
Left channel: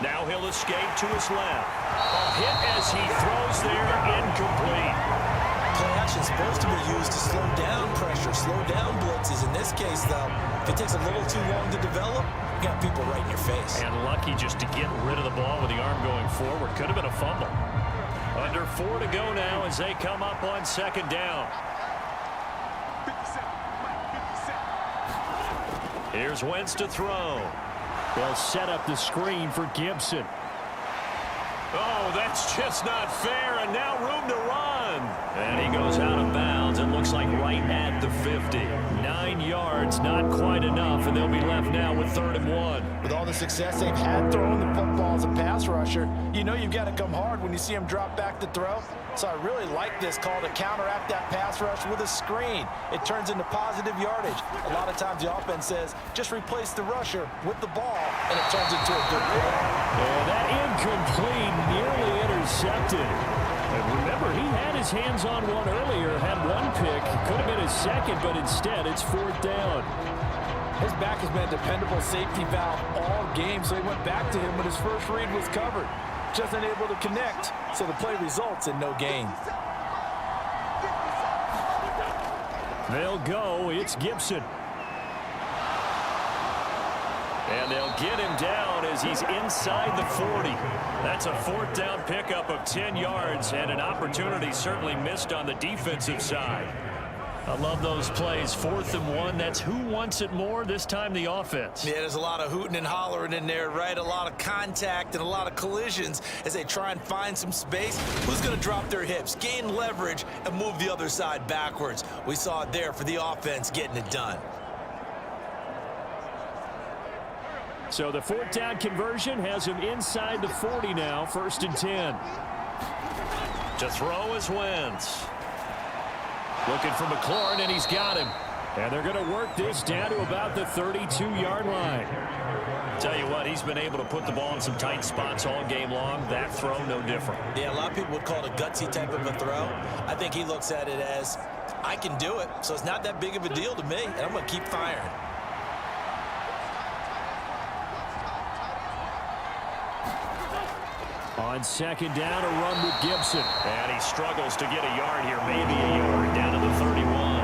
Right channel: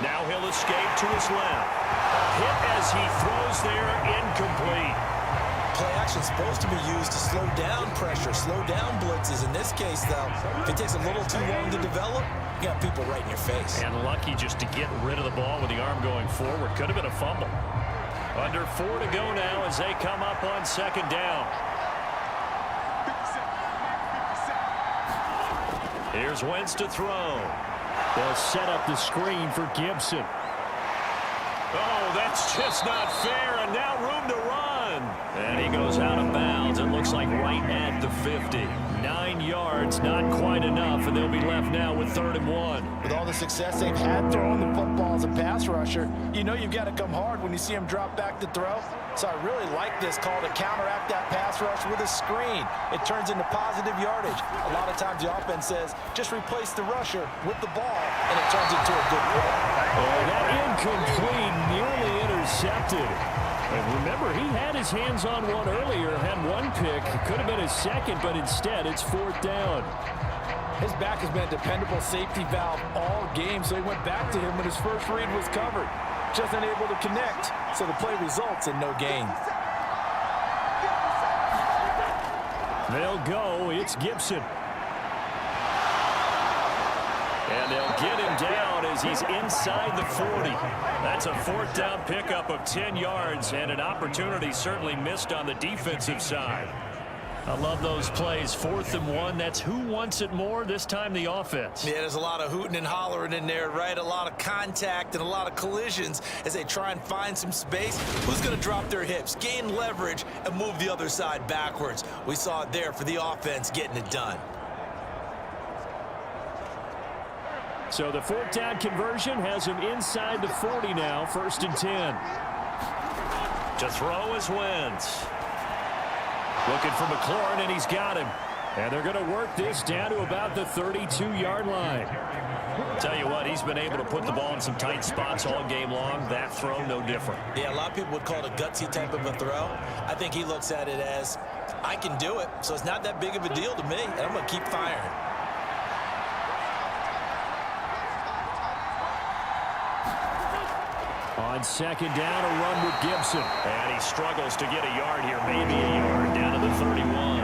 Now he'll escape to his left. A hit as he throws there, incomplete. Play action is supposed to be used to slow down pressure, slow down blitzes. In this case, though, if it takes a little too long to develop, you got people right in your face. And lucky just to get rid of the ball with the arm going forward. Could have been a fumble. Under 4 to go now as they come up on 2nd down. Here's Wentz to throw. They'll set up the screen for Gibson. Oh, that's just not fair, and now room to run. And he goes out of bounds. It looks like right at the 50. 9 yards, not quite enough, and they'll be left now with 3rd and 1. With all the success they've had throwing the football as a pass rusher, you know you've got to come hard when you see him drop back to throw. So I really like this call to counteract that pass rush with a screen. It turns into positive yardage. A lot of times the offense says, just replace the rusher with the ball, and it turns into a good play. And that incomplete, nearly intercepted. And remember, he had his hands on one earlier, had one pick. Could have been his second, but instead it's 4th down. His back has been a dependable safety valve all game, so he went back to him when his first read was covered. Just unable to connect, so the play results in no gain. They'll go. It's Gibson. And they'll get him down as he's inside the 40. That's a 4th down pickup of 10 yards and an opportunity certainly missed on the defensive side. I love those plays. 4th and 1. That's who wants it more, this time the offense. Yeah, there's a lot of hooting and hollering in there, right? A lot of contact and a lot of collisions as they try and find some space. Who's going to drop their hips, gain leverage, and move the other side backwards? We saw it there for the offense getting it done. So the 4th down conversion has him inside the 40 now, 1st and 10. To throw is Wentz. Looking for McLaurin, and he's got him. And they're going to work this down to about the 32-yard line. Tell you what, he's been able to put the ball in some tight spots all game long. That throw, no different. Yeah, a lot of people would call it a gutsy type of a throw. I think he looks at it as, I can do it, so it's not that big of a deal to me, and I'm going to keep firing. On 2nd down, a run with Gibson. And he struggles to get a yard here, maybe a yard, down to the 31.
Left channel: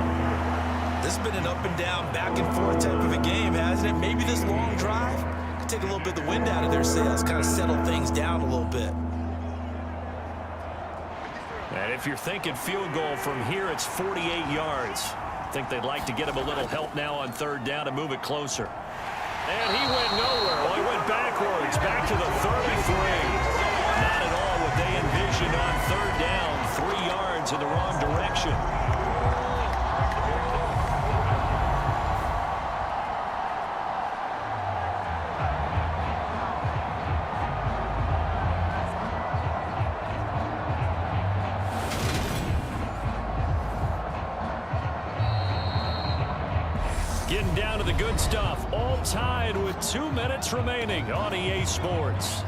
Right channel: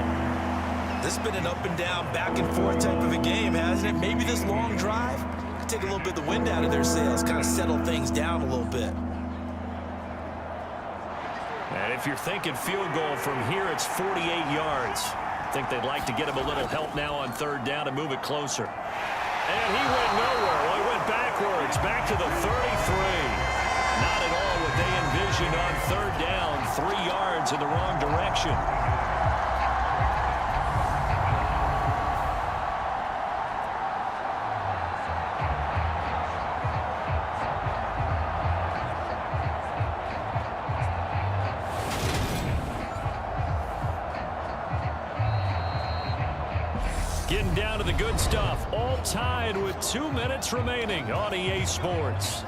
This has been an up and down, back and forth type of a game, hasn't it? Maybe this long drive could take a little bit of the wind out of their sails, kind of settle things down a little bit. And if you're thinking field goal from here, it's 48 yards. I think they'd like to get him a little help now on 3rd down to move it closer. And he went nowhere. Well, he went backwards, back to the 33. Not at all what they envisioned on 3rd down. 3 yards in the wrong direction. Getting down to the good stuff. All tied with 2 minutes remaining on EA Sports.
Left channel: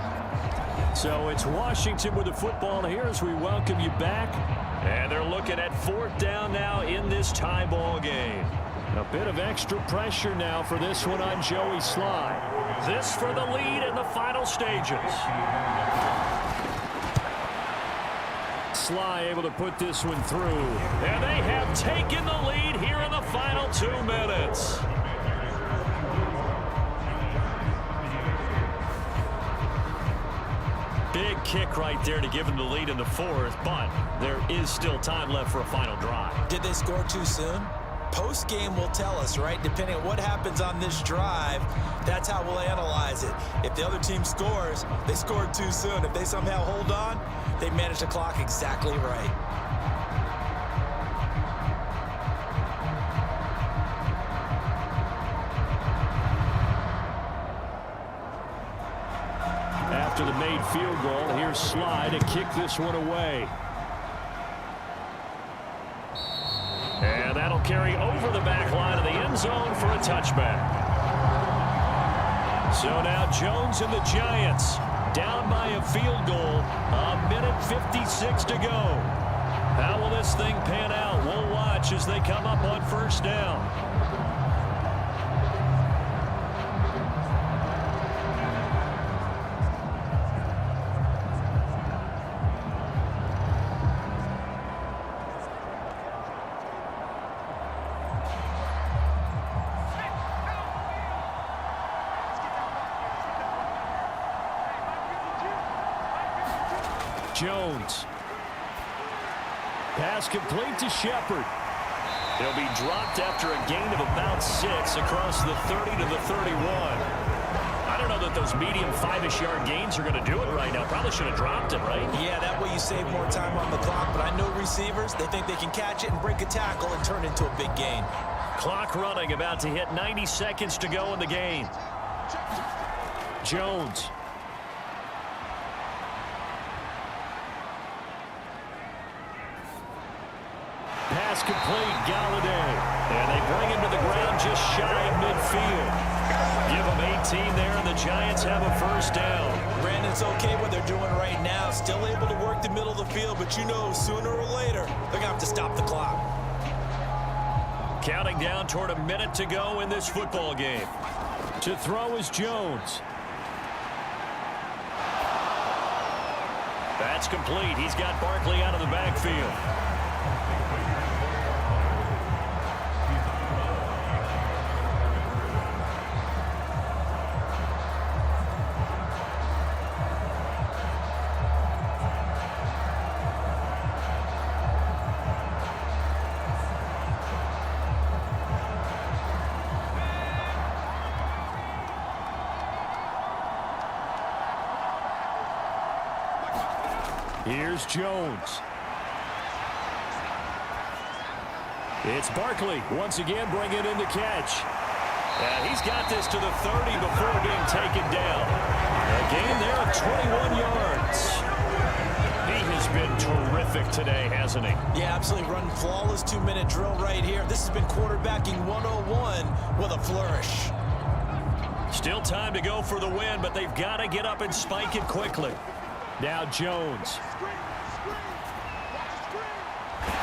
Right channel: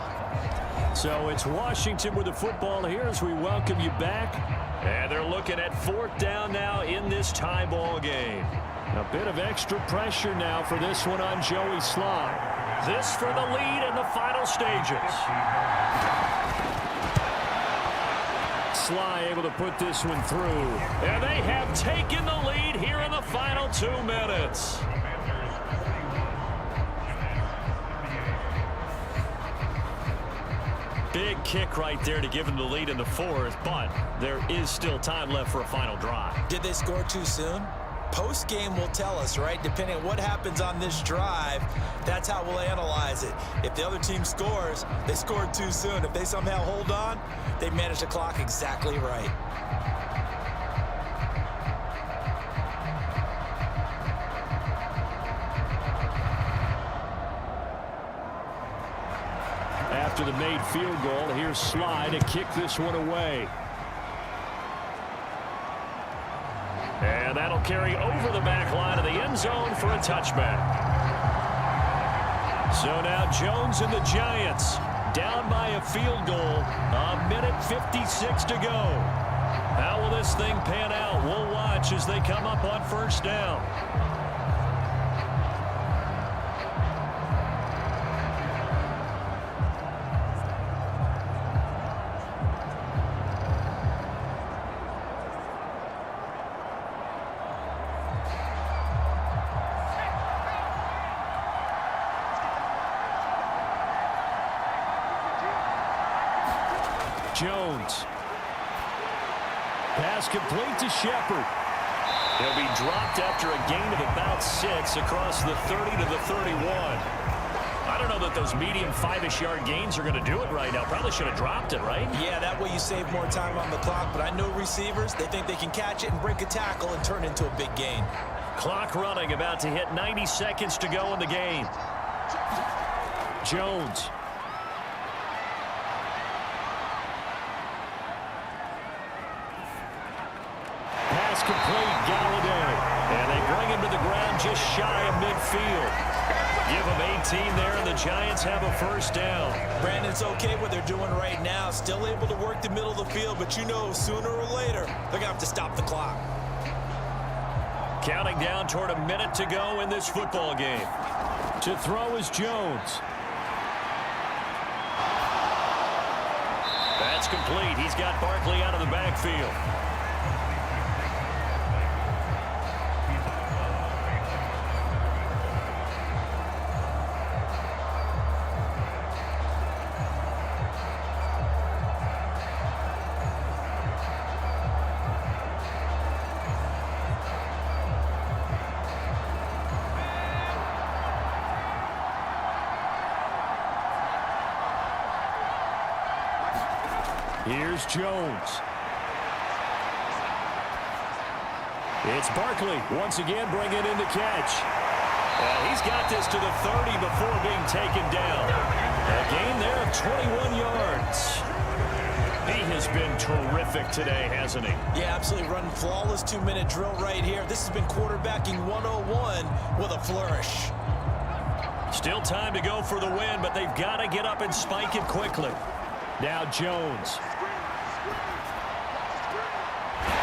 So it's Washington with the football here as we welcome you back. And they're looking at 4th down now in this tie ball game. A bit of extra pressure now for this one on Joey Sly. This for the lead in the final stages. Sly able to put this one through. And they have taken the lead here in the final 2 minutes. Big kick right there to give them the lead in the 4th, but there is still time left for a final drive. Did they score too soon? Post-game will tell us, right? Depending on what happens on this drive, that's how we'll analyze it. If the other team scores, they scored too soon. If they somehow hold on, they manage the clock exactly right. After the made field goal, here's Sly to kick this one away. And that'll carry over the back line of the end zone for a touchback. So now Jones and the Giants down by a field goal. 1:56 to go. How will this thing pan out? We'll watch as they come up on 1st down. Jones. Pass complete to Shepard. He'll be dropped after a gain of about 6 across the 30 to the 31. I don't know that those medium 5-ish yard gains are going to do it right now. Probably should have dropped it, right? Yeah, that way you save more time on the clock, but I know receivers, they think they can catch it and break a tackle and turn it into a big gain. Clock running, about to hit 90 seconds to go in the game. Jones. Pass complete, Galladay. And they bring him to the ground just shy of midfield. Give them 18 there, and the Giants have a first down. Brandon, it's okay what they're doing right now. Still able to work the middle of the field, but you know sooner or later they're going to have to stop the clock. Counting down toward a minute to go in this football game. To throw is Jones. That's complete. He's got Barkley out of the backfield. Here's Jones. It's Barkley once again bringing in the catch. And he's got this to the 30 before being taken down. A gain there of 21 yards. He has been terrific today, hasn't he? Yeah, absolutely. Running flawless 2-minute drill right here. This has been quarterbacking 101 with a flourish. Still time to go for the win, but they've got to get up and spike it quickly. Now Jones.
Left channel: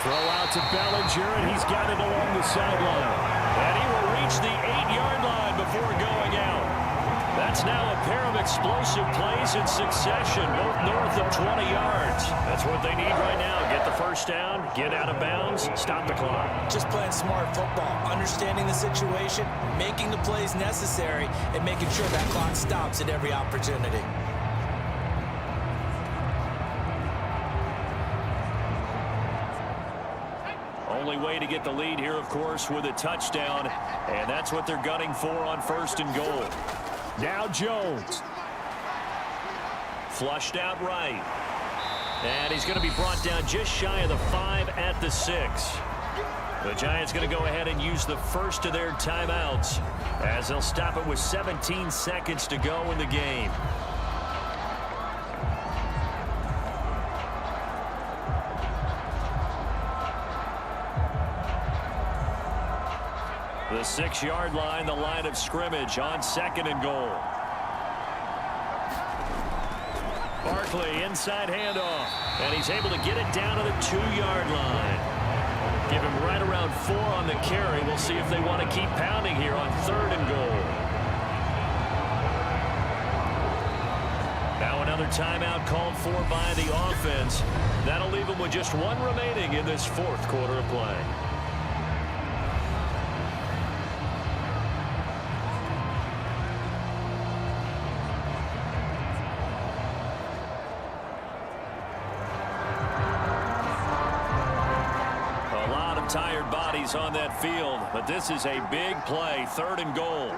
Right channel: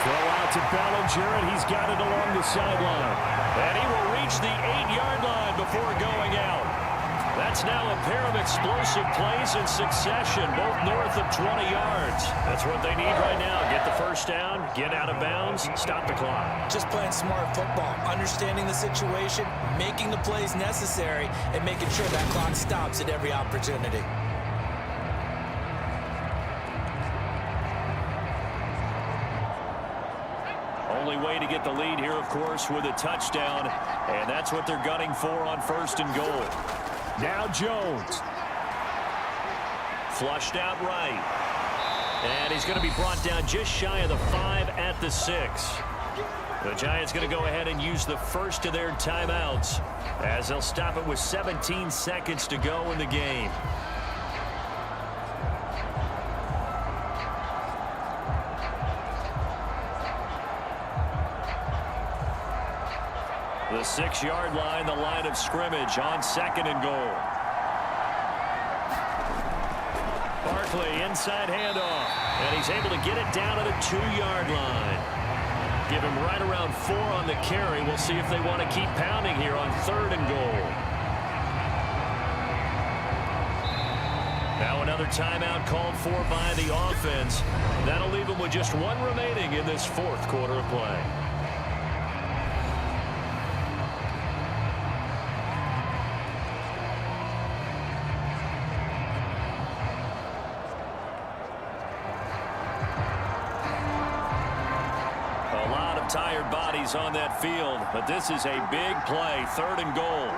Throw out to Bellinger, and he's got it along the sideline. And he will reach the 8-yard line before going out. That's now a pair of explosive plays in succession, both north of 20 yards. That's what they need right now. Get the first down, get out of bounds, stop the clock. Just playing smart football, understanding the situation, making the plays necessary, and making sure that clock stops at every opportunity. Only way to get the lead here, of course, with a touchdown, and that's what they're gunning for on 1st and goal. Now Jones. Flushed out right. And he's going to be brought down just shy of the 5 at the 6. The Giants going to go ahead and use the first of their timeouts as they'll stop it with 17 seconds to go in the game. The 6-yard line, the line of scrimmage on 2nd and goal. Barkley, inside handoff, and he's able to get it down to the 2-yard line. Give him right around 4 on the carry. We'll see if they want to keep pounding here on 3rd and goal. Now another timeout called for by the offense. That'll leave them with just 1 remaining in this 4th quarter of play. Tired bodies on that field, but this is a big play. 3rd and goal.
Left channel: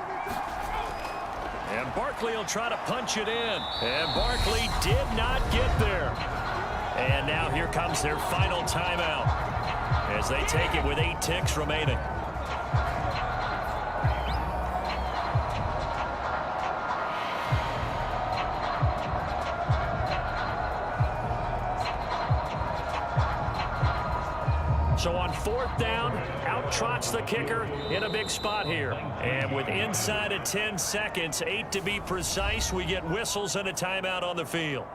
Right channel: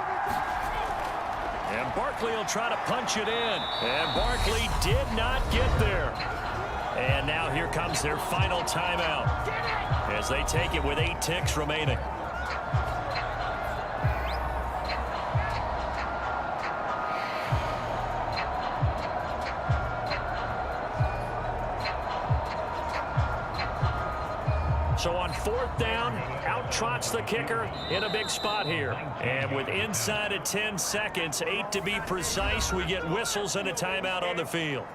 And Barkley will try to punch it in. And Barkley did not get there. And now here comes their final timeout as they take it with 8 ticks remaining. So on 4th down, out trots the kicker in a big spot here. And with inside of 10 seconds, 8 to be precise, we get whistles and a timeout on the field.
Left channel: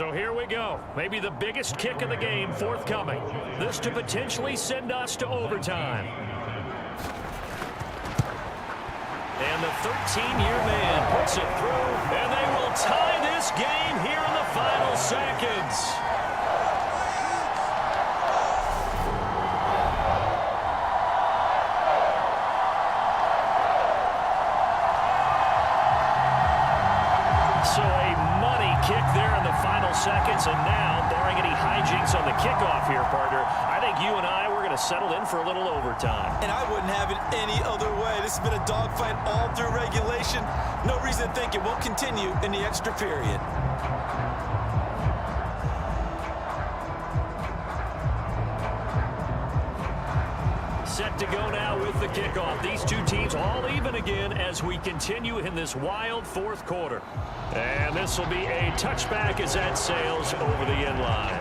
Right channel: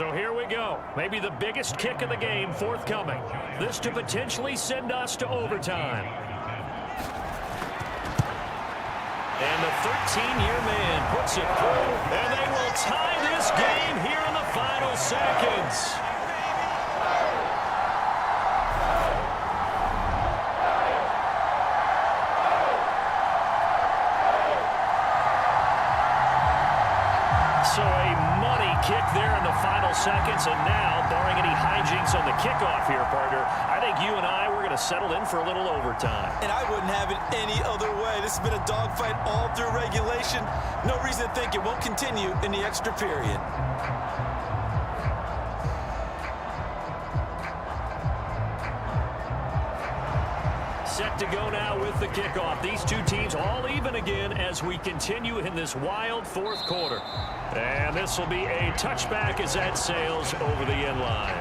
So here we go. Maybe the biggest kick of the game forthcoming. This to potentially send us to overtime. And the 13-year man puts it through, and they will tie this game here in the final seconds. So a money kick there in the final seconds, and now, barring any hijinks on the kickoff here, partner, I think you and I, we're going to settle in for a little overtime. And I wouldn't have it any other way. This has been a dogfight all through regulation. No reason to think it won't continue in the extra period. Set to go now with the kickoff. These two teams all even again as we continue in this wild fourth quarter. And this will be a touchback as that sails over the end line.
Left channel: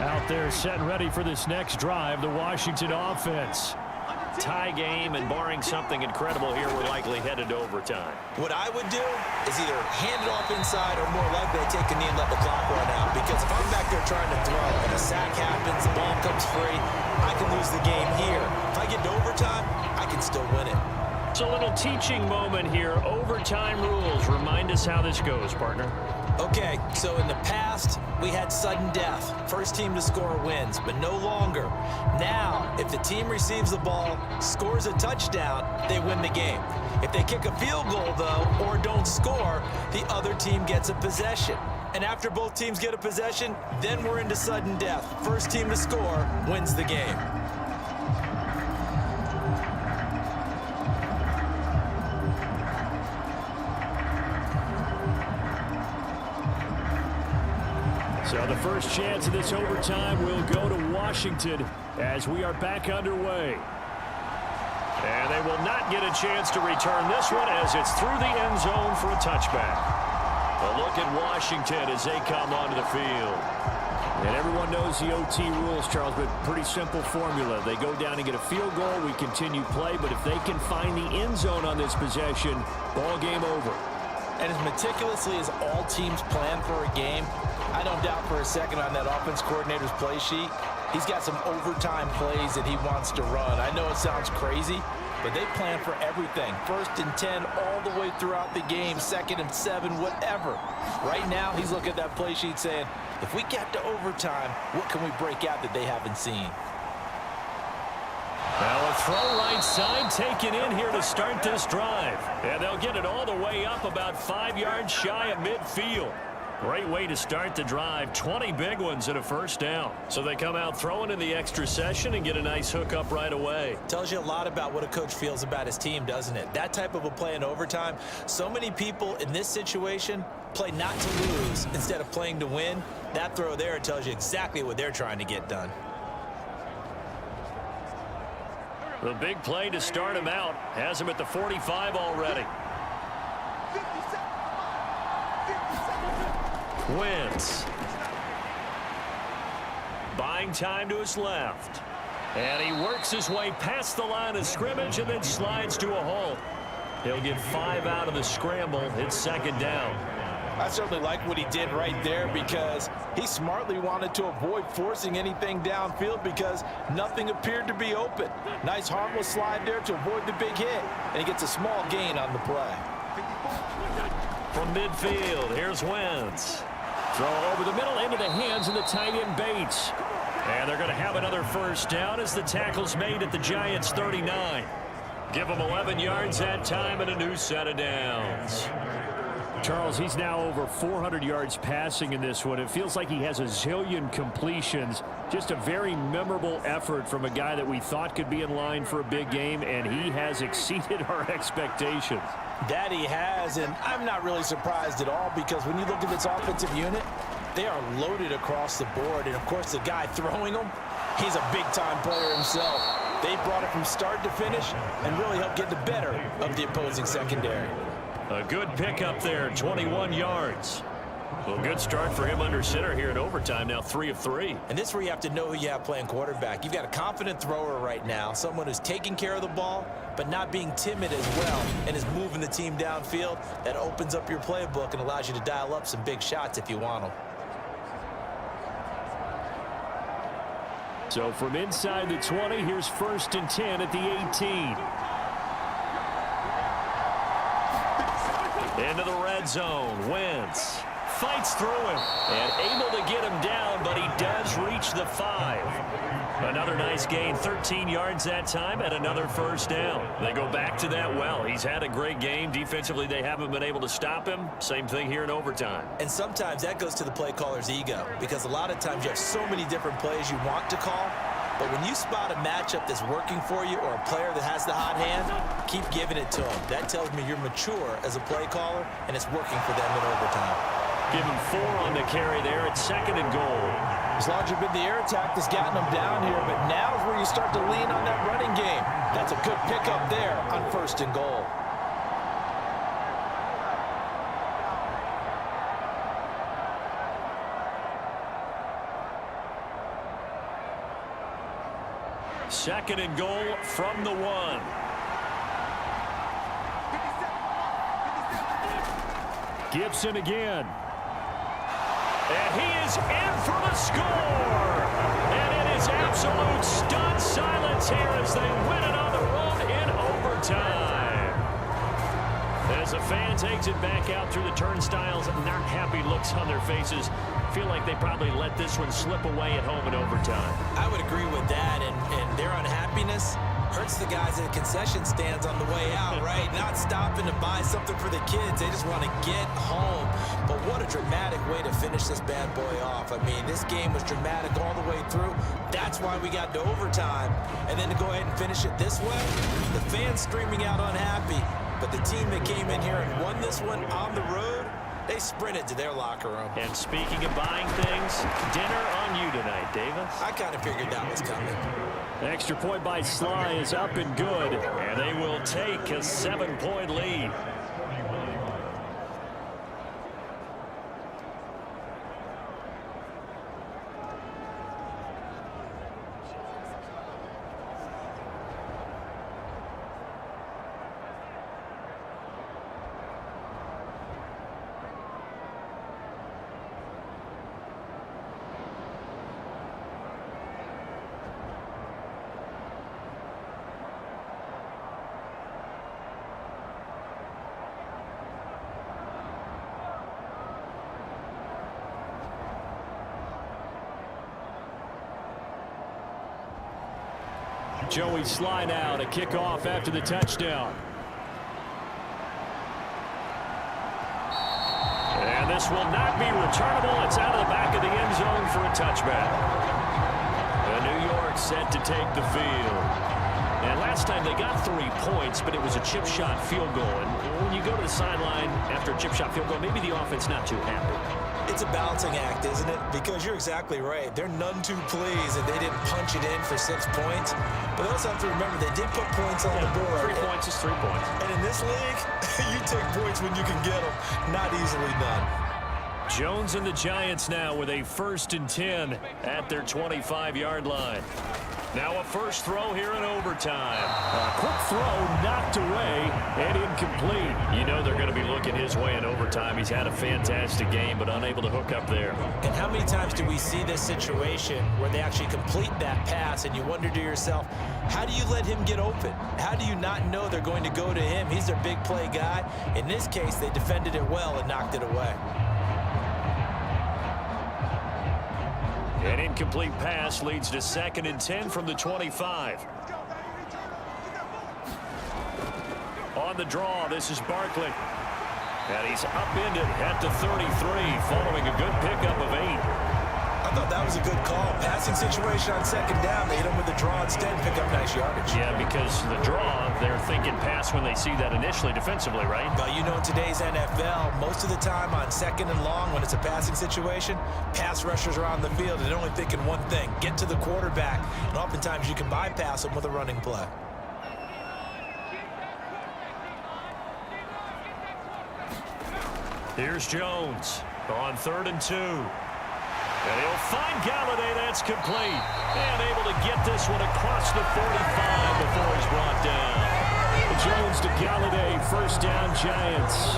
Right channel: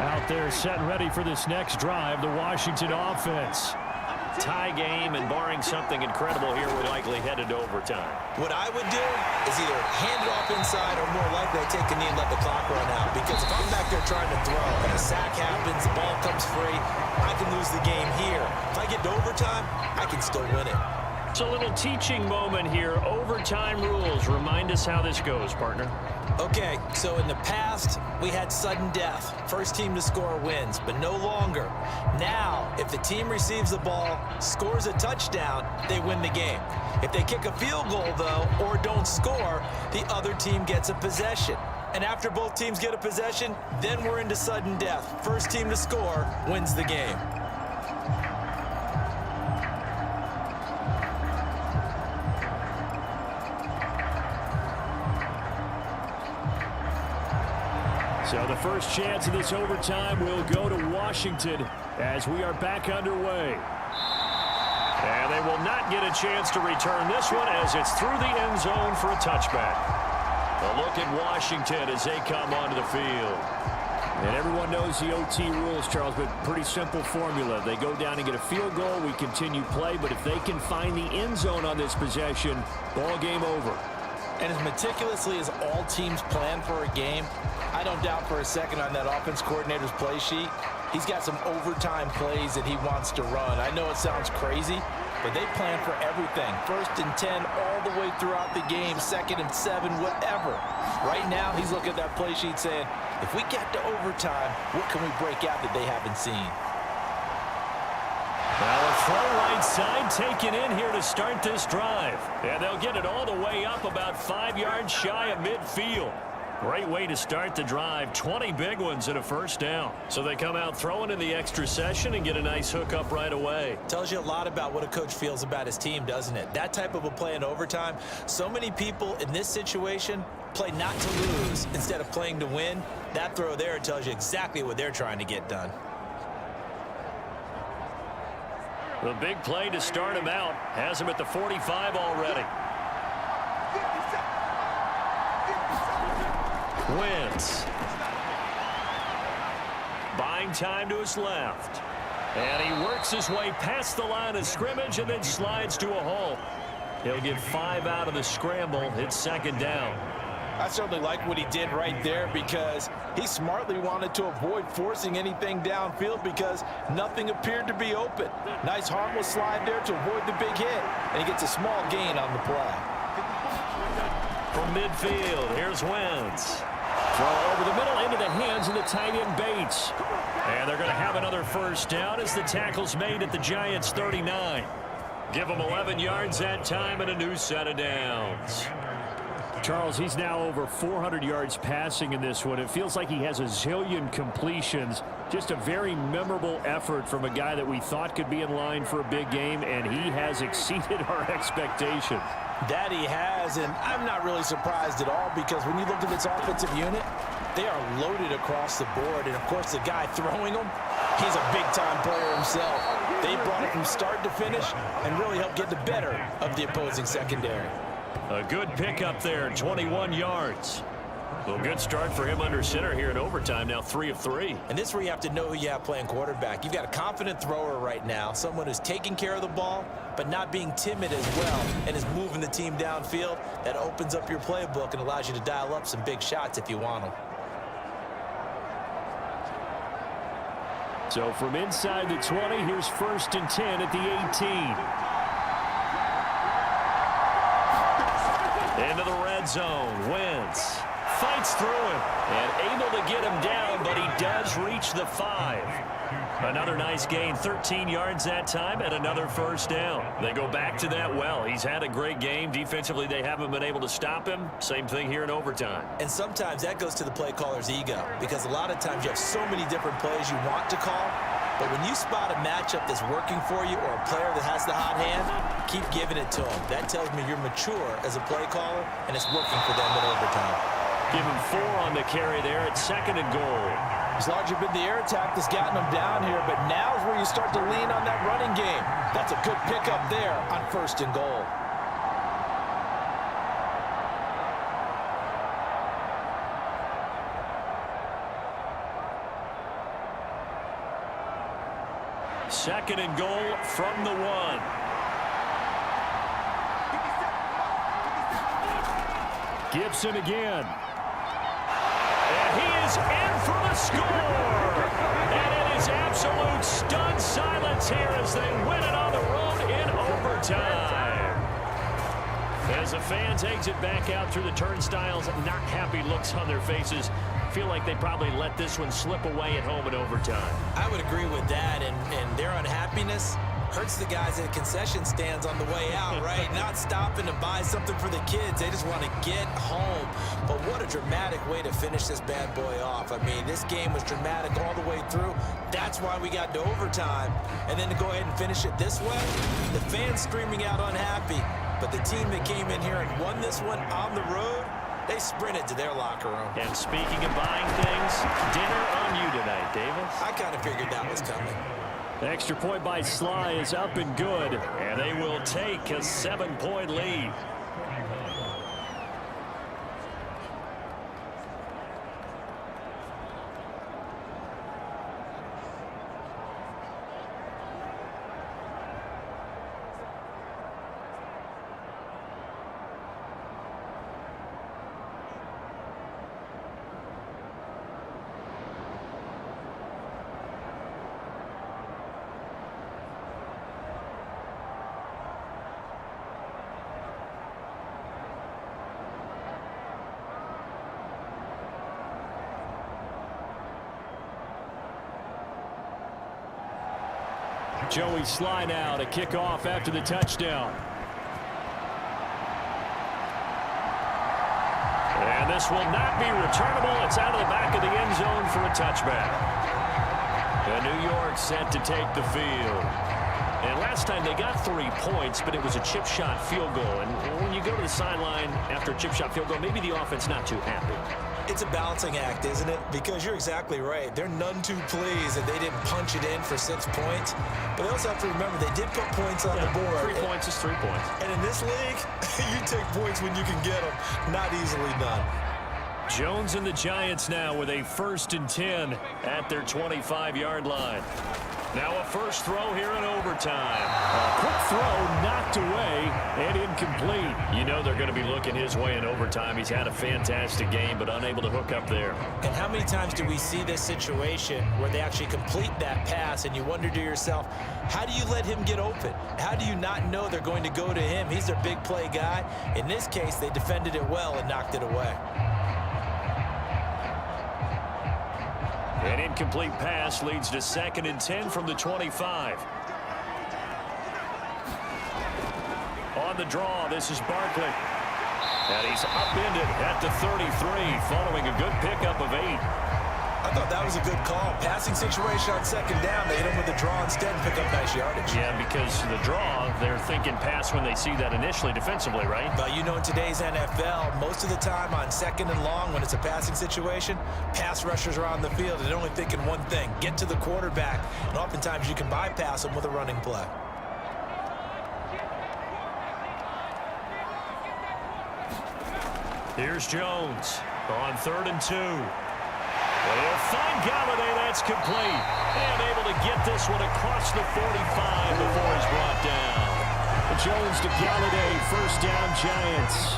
Out there set and ready for this next drive, the Washington offense. Tie game, and barring something incredible here, we're likely headed to overtime. What I would do is either hand it off inside or more likely I take a knee and let the clock run out. Because if I'm back there trying to throw and a sack happens, the ball comes free, I can lose the game here. If I get to overtime, I can still win it. It's a little teaching moment here. Overtime rules. Remind us how this goes, partner. Okay, so in the past, we had sudden death. First team to score wins, but no longer. Now, if the team receives the ball, scores a touchdown, they win the game. If they kick a field goal, though, or don't score, the other team gets a possession. And after both teams get a possession, then we're into sudden death. First team to score wins the game. So the first chance of this overtime will go to Washington as we are back underway. And they will not get a chance to return this one as it's through the end zone for a touchback. A look at Washington as they come onto the field. And everyone knows the OT rules, Charles, but pretty simple formula. They go down and get a field goal, we continue play, but if they can find the end zone on this possession, ball game over. And as meticulously as all teams plan for a game, I don't doubt for a second on that offense coordinator's play sheet, he's got some overtime plays that he wants to run. I know it sounds crazy, but they plan for everything. 1st and 10 all the way throughout the game, 2nd and 7, whatever. Right now, he's looking at that play sheet saying, if we get to overtime, what can we break out that they haven't seen? Now a throw right side taken in here to start this drive. And they'll get it all the way up about 5 yards shy of midfield. Great way to start the drive. 20 big ones and a first down. So they come out throwing in the extra session and get a nice hook up right away. Tells you a lot about what a coach feels about his team, doesn't it? That type of a play in overtime. So many people in this situation play not to lose instead of playing to win. That throw there tells you exactly what they're trying to get done. The big play to start him out has him at the 45 already. Wentz. Buying time to his left. And he works his way past the line of scrimmage and then slides to a halt. He'll get 5 out of the scramble. It's 2nd down. I certainly like what he did right there because he smartly wanted to avoid forcing anything downfield because nothing appeared to be open. Nice harmless slide there to avoid the big hit, and he gets a small gain on the play. From midfield, here's Wentz. Throw over the middle into the hands of the tight end Bates. And they're going to have another first down as the tackle's made at the Giants' 39. Give them 11 yards that time and a new set of downs. Charles, he's now over 400 yards passing in this one. It feels like he has a zillion completions. Just a very memorable effort from a guy that we thought could be in line for a big game, and he has exceeded our expectations. That he has, and I'm not really surprised at all because when you look at this offensive unit, they are loaded across the board. And, of course, the guy throwing them, he's a big-time player himself. They brought it from start to finish and really helped get the better of the opposing secondary. A good pickup there, 21 yards. Well, good start for him under center here in overtime. Now 3 of 3. And this is where you have to know who you have playing quarterback. You've got a confident thrower right now, someone who's taking care of the ball, but not being timid as well, and is moving the team downfield. That opens up your playbook and allows you to dial up some big shots if you want them. So from inside the 20, here's 1st and 10 at the 18. Into the red zone. Wentz fights through him and able to get him down, but he does reach the 5. Another nice gain, 13 yards that time, and another 1st down. They go back to that well. He's had a great game. Defensively, they haven't been able to stop him. Same thing here in overtime. And sometimes that goes to the play caller's ego, because a lot of times you have so many different plays you want to call, but when you spot a matchup that's working for you or a player that has the hot hand, keep giving it to him. That tells me you're mature as a play caller, and it's working for them in overtime. Give him 4 on the carry there at 2nd and goal. It's largely been the air attack that's gotten them down here, but now is where you start to lean on that running game. That's a good pickup there on 1st and goal. Second and goal from the 1. Gibson again. And he is in for the score. And it is absolute stunned silence here as they win it on the road in overtime. As the fans exit back out through the turnstiles, not happy looks on their faces. Feel like they probably let this one slip away at home in overtime. I would agree with that, and their unhappiness hurts the guys at concession stands on the way out, right? Not stopping to buy something for the kids. They just want to get home. But what a dramatic way to finish this bad boy off. I mean, this game was dramatic all the way through. That's why we got to overtime. And then to go ahead and finish it this way, the fans screaming out unhappy. But the team that came in here and won this one on the road, they sprinted to their locker room. And speaking of buying things, dinner on you tonight, Davis. I kind of figured that was coming. The extra point by Sly is up and good, and they will take a 7-point lead. Joey Sly now to kick off after the touchdown. And this will not be returnable. It's out of the back of the end zone for a touchback. New York set to take the field. And last time they got 3 points, but it was a chip shot field goal. And when you go to the sideline after a chip shot field goal, maybe the offense not too happy. It's a balancing act, isn't it? Because you're exactly right. They're none too pleased that they didn't punch it in for 6 points. But they also have to remember they did put points on the board. 3 points is 3 points. And in this league, you take points when you can get them. Not easily done. Jones and the Giants now with a 1st and 10 at their 25-yard line. Now a first throw here in overtime. A quick throw knocked away and incomplete. You know they're going to be looking his way in overtime. He's had a fantastic game, but unable to hook up there. And how many times do we see this situation where they actually complete that pass and you wonder to yourself, how do you let him get open? How do you not know they're going to go to him? He's their big play guy. In this case, they defended it well and knocked it away. An incomplete pass leads to 2nd and 10 from the 25. On the draw, this is Barkley. And he's upended at the 33 following a good pickup of 8. I thought that was a good call. Passing situation on 2nd down. They hit him with the draw instead and pick up nice yardage. Yeah, because the draw, they're thinking pass when they see that initially defensively, right? But you know, in today's NFL, most of the time on 2nd and long, when it's a passing situation, pass rushers are on the field and they're only thinking one thing, get to the quarterback. And oftentimes you can bypass them with a running play. Here's Jones. On 3rd and 2. And he'll find Galladay. That's complete. And able to get this one across the 45 before he's brought down. Jones to Galladay. First down, Giants.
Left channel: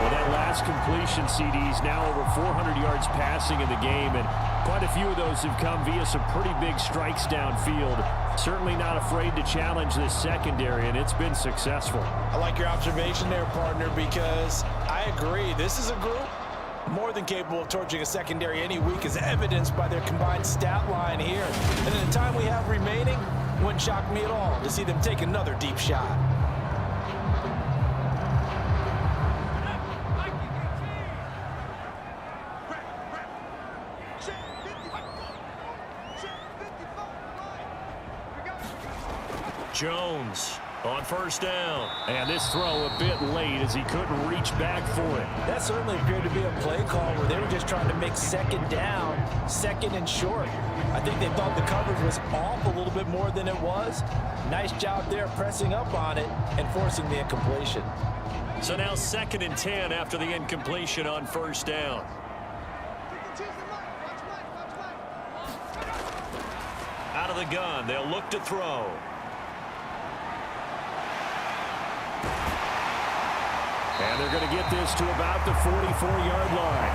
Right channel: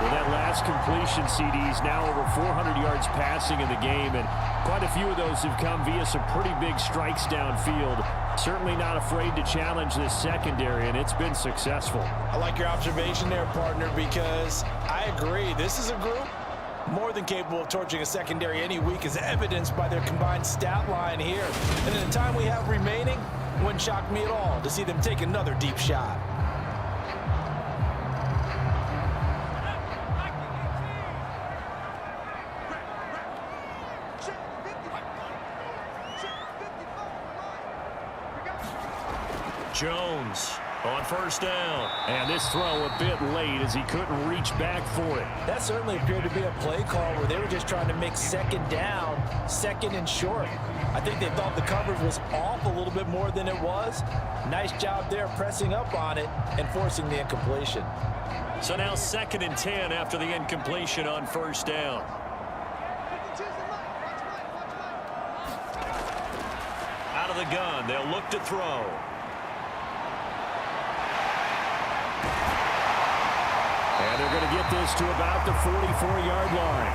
Well, that last completion, CD's now over 400 yards passing in the game, and quite a few of those have come via some pretty big strikes downfield. Certainly not afraid to challenge this secondary, and it's been successful. I like your observation there, partner, because I agree. This is a group more than capable of torching a secondary any week, as evidenced by their combined stat line here. And in the time we have remaining, wouldn't shock me at all to see them take another deep shot. Jones on first down. And this throw a bit late as he couldn't reach back for it. That certainly appeared to be a play call where they were just trying to make second down, second and short. I think they thought the coverage was off a little bit more than it was. Nice job there pressing up on it and forcing the incompletion. So now 2nd and 10 after the incompletion on first down. Out of the gun, they'll look to throw. And they're going to get this to about the 44-yard line.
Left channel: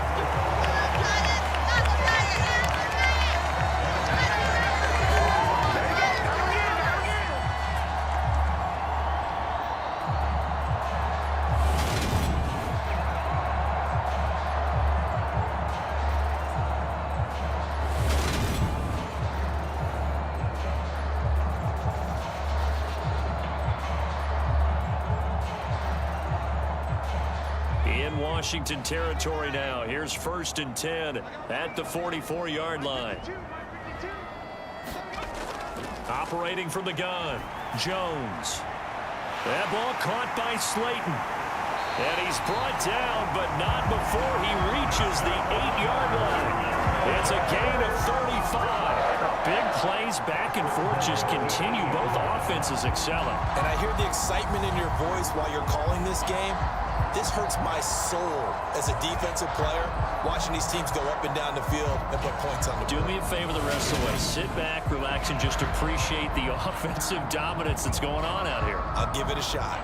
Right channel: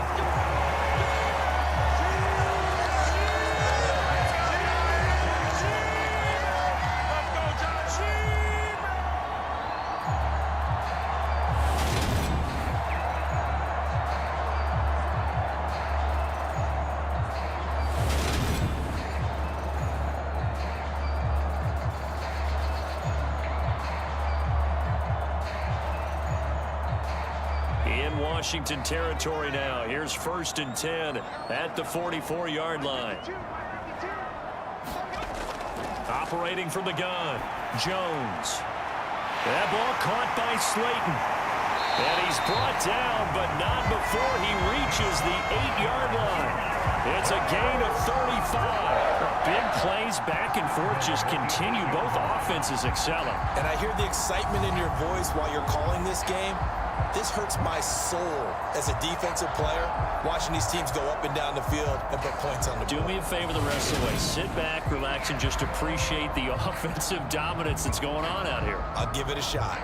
In Washington territory now. Here's 1st and 10 at the 44-yard line. Operating from the gun, Jones. That ball caught by Slayton. And he's brought down, but not before he reaches the 8-yard line. It's a gain of 35. Big plays back and forth just continue. Both offenses excelling. And I hear the excitement in your voice while you're calling this game. This hurts my soul as a defensive player, watching these teams go up and down the field and put points on the board. Do me a favor the rest of the way. Sit back, relax, and just appreciate the offensive dominance that's going on out here. I'll give it a shot.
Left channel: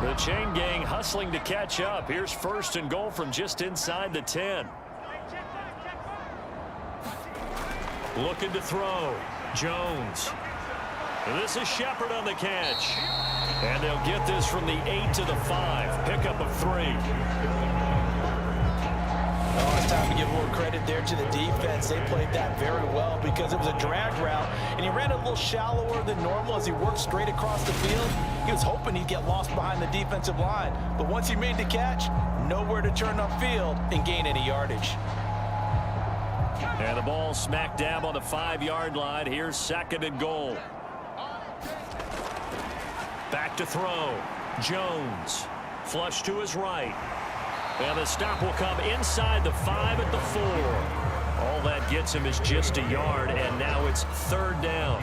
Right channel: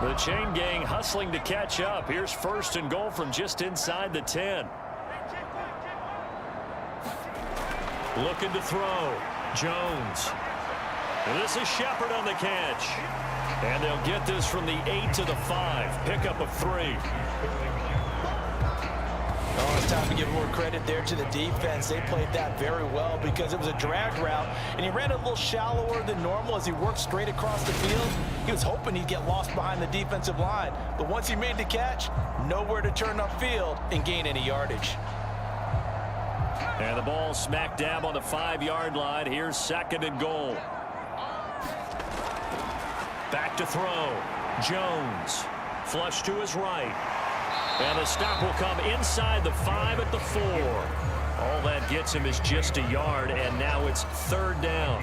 The chain gang hustling to catch up. Here's 1st and goal from just inside the 10. Looking to throw. Jones. And this is Shepard on the catch. And they'll get this from the 8 to the 5. Pickup of 3. Oh, it's time to give more credit there to the defense. They played that very well because it was a drag route, and he ran a little shallower than normal as he worked straight across the field. He was hoping he'd get lost behind the defensive line, but once he made the catch, nowhere to turn upfield and gain any yardage. And the ball smack dab on the 5-yard line. Here's 2nd and goal. Back to throw. Jones. Flush to his right. And the stop will come inside the 5 at the 4. All that gets him is just a yard, and now it's 3rd down.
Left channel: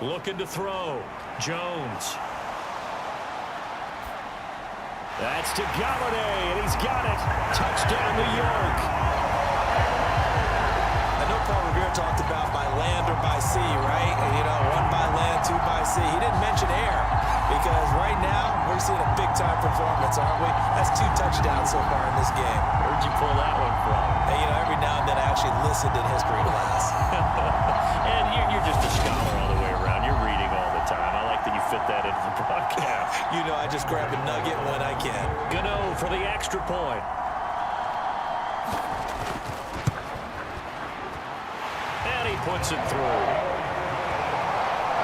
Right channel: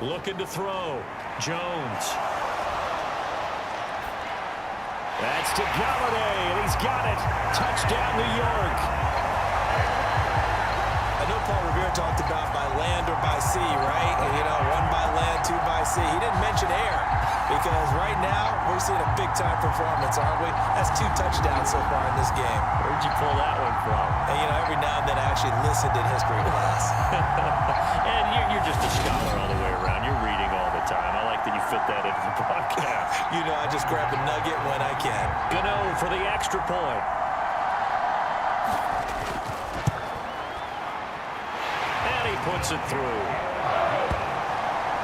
Looking to throw. Jones. That's to Galladay, and he's got it. Touchdown, New York. I know Paul Revere talked about by land or by sea, right? And, you know, 1 by land, 2 by sea. He didn't mention air because right now we're seeing a big-time performance, aren't we? That's 2 touchdowns so far in this game. Where'd you pull that one from? And, you know, every now and then I actually listened in history class. And you're just a scholar all the way around. You're reading all the time. I like that you fit that into the broadcast. You know, I just grab a nugget when I can. Gano for the extra point. And he puts it through.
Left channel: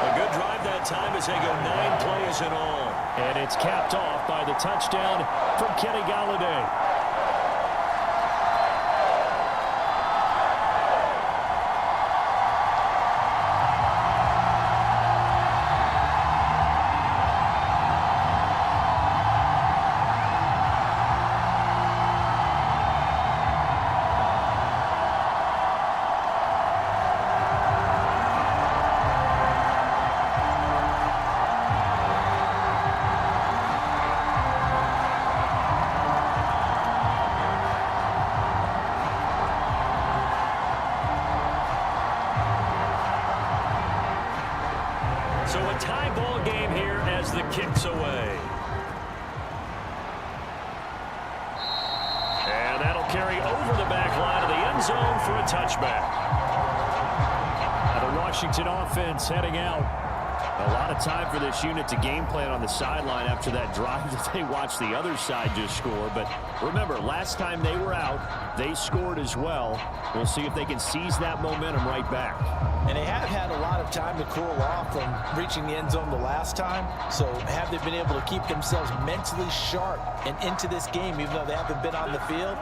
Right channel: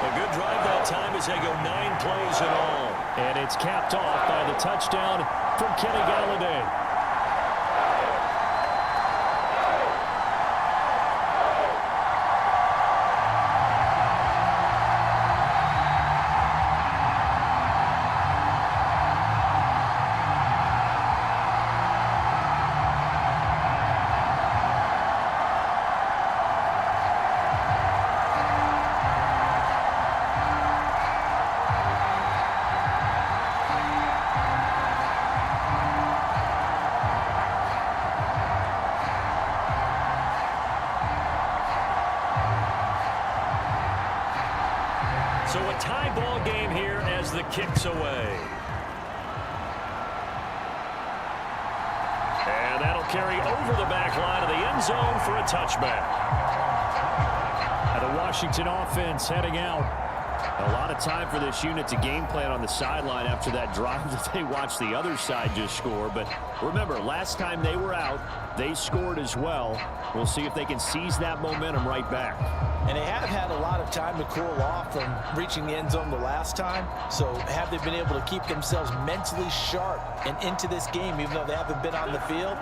A good drive that time as they go 9 plays in all. And it's capped off by the touchdown from Kenny Galladay. tie ball game here as the kick's away. And that'll carry over the back line of the end zone for a touchback. The Washington offense heading out. A lot of time for this unit to game plan on the sideline after that drive that they watched the other side just score. But remember, last time they were out, they scored as well. We'll see if they can seize that momentum right back. And they have had a lot of time to cool off from reaching the end zone the last time. So have they been able to keep themselves mentally sharp and into this game, even though they haven't been on the field?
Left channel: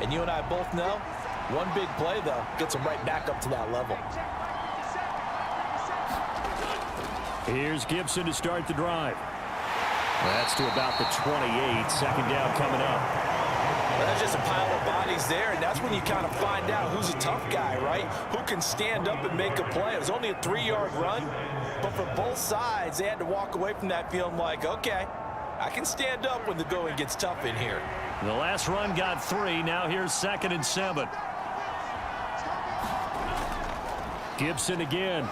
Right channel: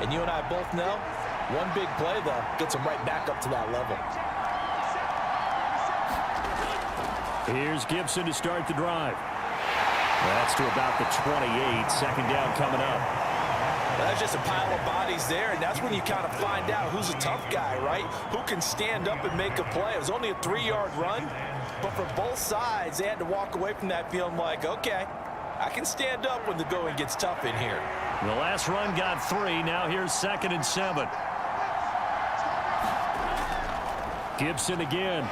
And you and I both know, one big play, though, gets them right back up to that level. Here's Gibson to start the drive. That's to about the 28. Second down coming up. Well, that's just a pile of bodies there, and that's when you kind of find out who's a tough guy, right? Who can stand up and make a play. It was only a 3-yard run, but for both sides, they had to walk away from that feeling like, okay, I can stand up when the going gets tough in here. The last run got 3. Now here's 2nd and 7. Gibson again.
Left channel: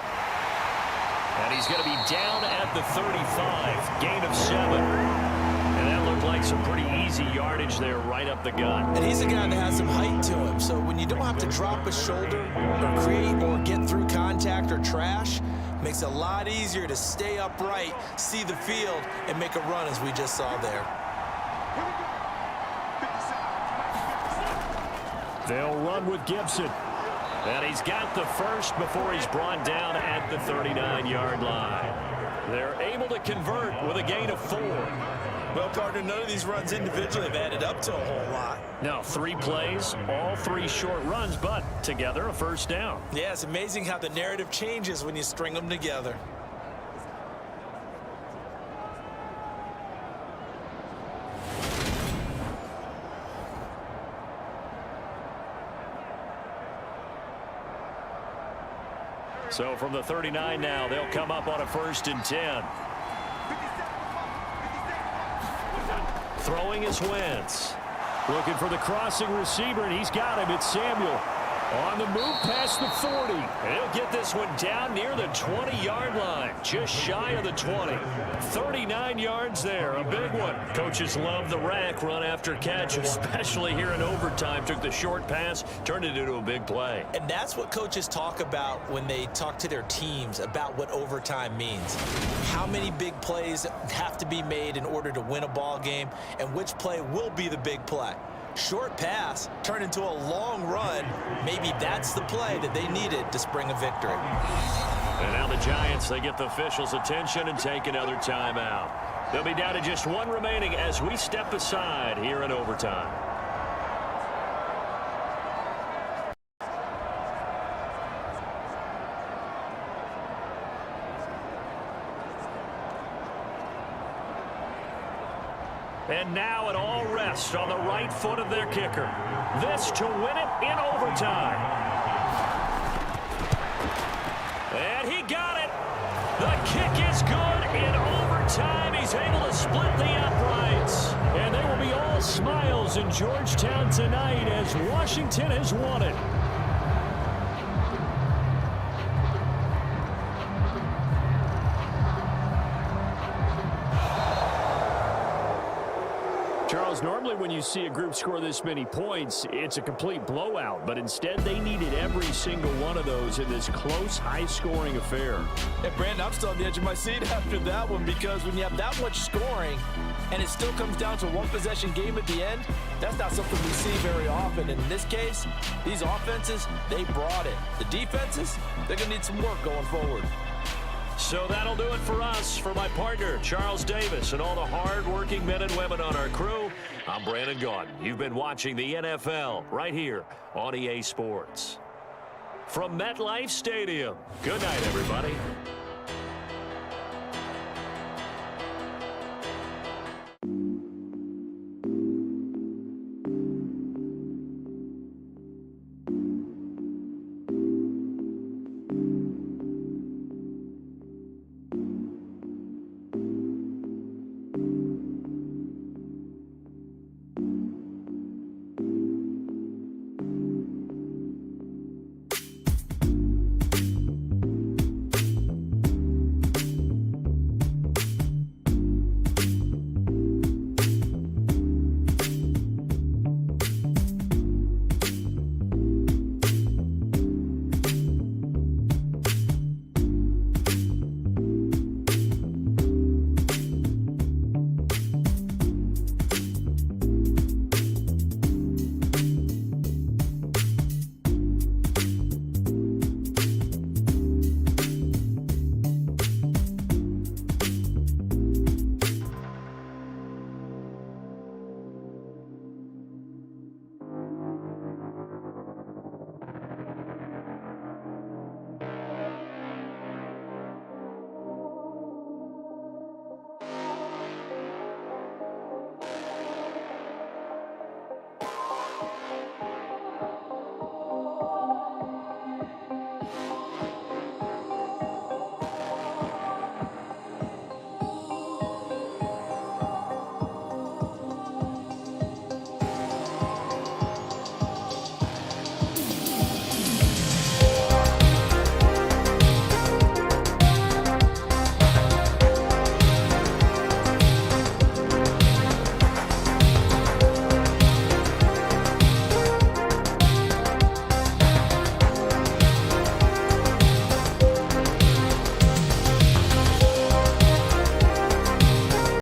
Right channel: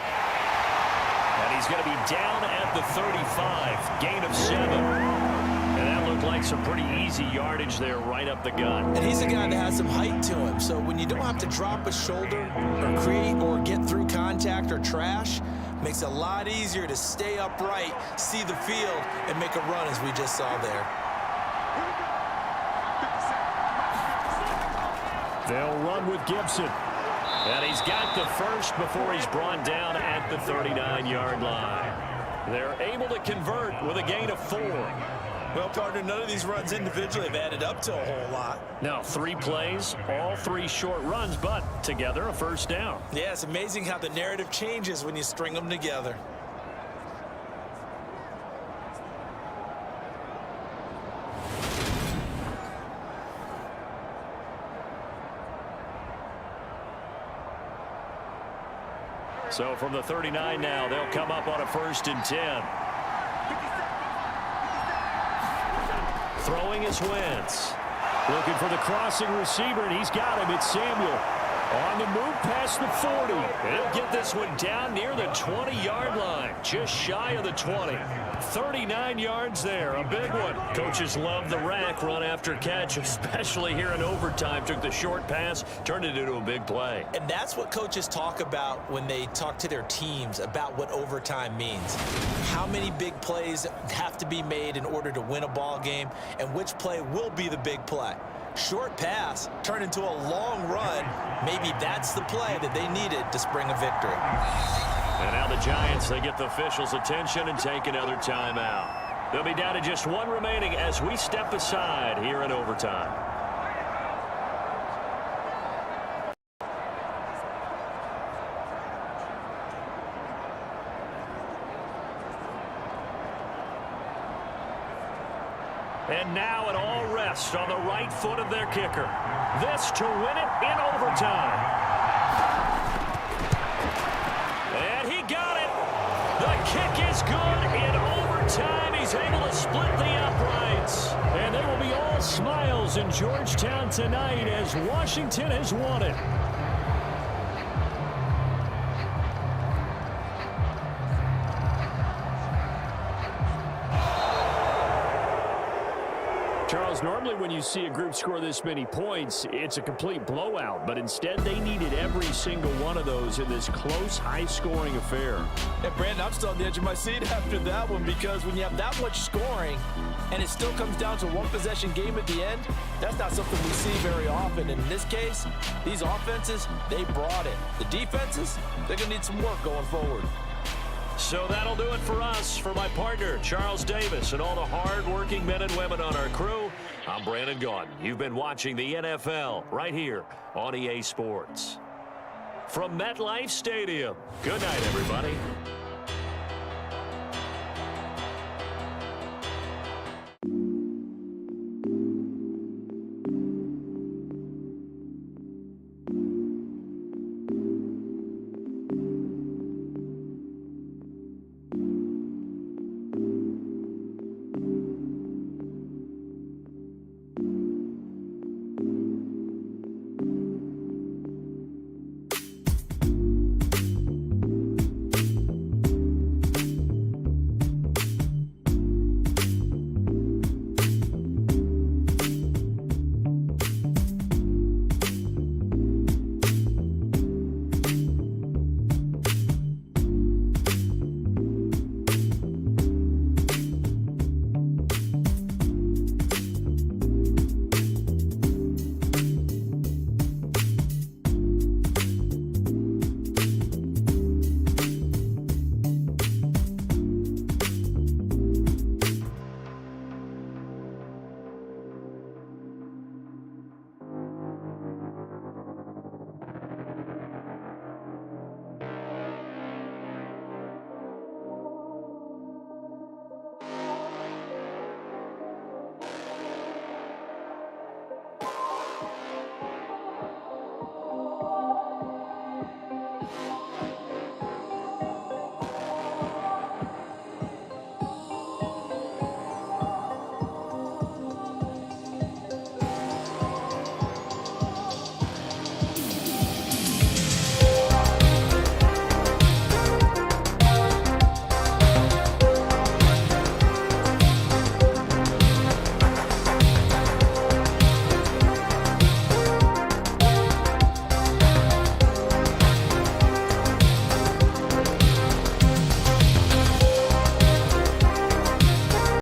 And he's going to be down at the 35. Gain of 7. And that looked like some pretty easy yardage there right up the gut. And he's a guy that has some height to him. So when you don't have to drop a shoulder or create or get through contact or trash, makes it a lot easier to stay upright, see the field, and make a run as we just saw there. They'll run with Gibson. And he's got the first before he's brought down at the 39-yard line. They're able to convert with a gain of 4. Well, partner, none of these runs individually have added up to a whole lot. No, 3 plays, all 3 short runs, but together a first down. Yeah, it's amazing how the narrative changes when you string them together. So from the 39 now, they'll come up on a 1st and 10. Throwing is Wentz. Looking for the crossing receiver, and he's got him. It's Samuel. On the move past the 40. And he'll get this one down near the 20-yard line. Just shy of the 20. 39 yards there. A big one. Coaches love the rack run after catch, especially here in overtime. Took the short pass, turned it into a big play. And that's what coaches talk about when they talk to their teams about what overtime means. How many big plays have to be made in order to win a ball game, and which play will be the big play. Short pass turned into a long run. Maybe that's the play that they needed to spring a victory. And now the Giants, they get the officials' attention and take another timeout. They'll be down to just 1 remaining as we step aside here in overtime. And now it all rests on the right foot of their kicker. This to win it in overtime. And he got it. The kick is good in overtime. He's able to split the uprights. And they will be all smiles in Georgetown tonight as Washington has won it. Charles, normally when you see a group score this many points, it's a complete blowout. But instead, they needed every single one of those in this close, high-scoring affair. And, Brandon, I'm still on the edge of my seat after that one, because when you have that much scoring and it still comes down to 1-possession game at the end, that's not something we see very often. And in this case, these offenses, they brought it. The defenses, they're going to need some work going forward. So that'll do it for us. For my partner, Charles Davis, and all the hard-working men and women on our crew, I'm Brandon Gaudin. You've been watching the NFL right here on EA Sports. From MetLife Stadium, good night, everybody.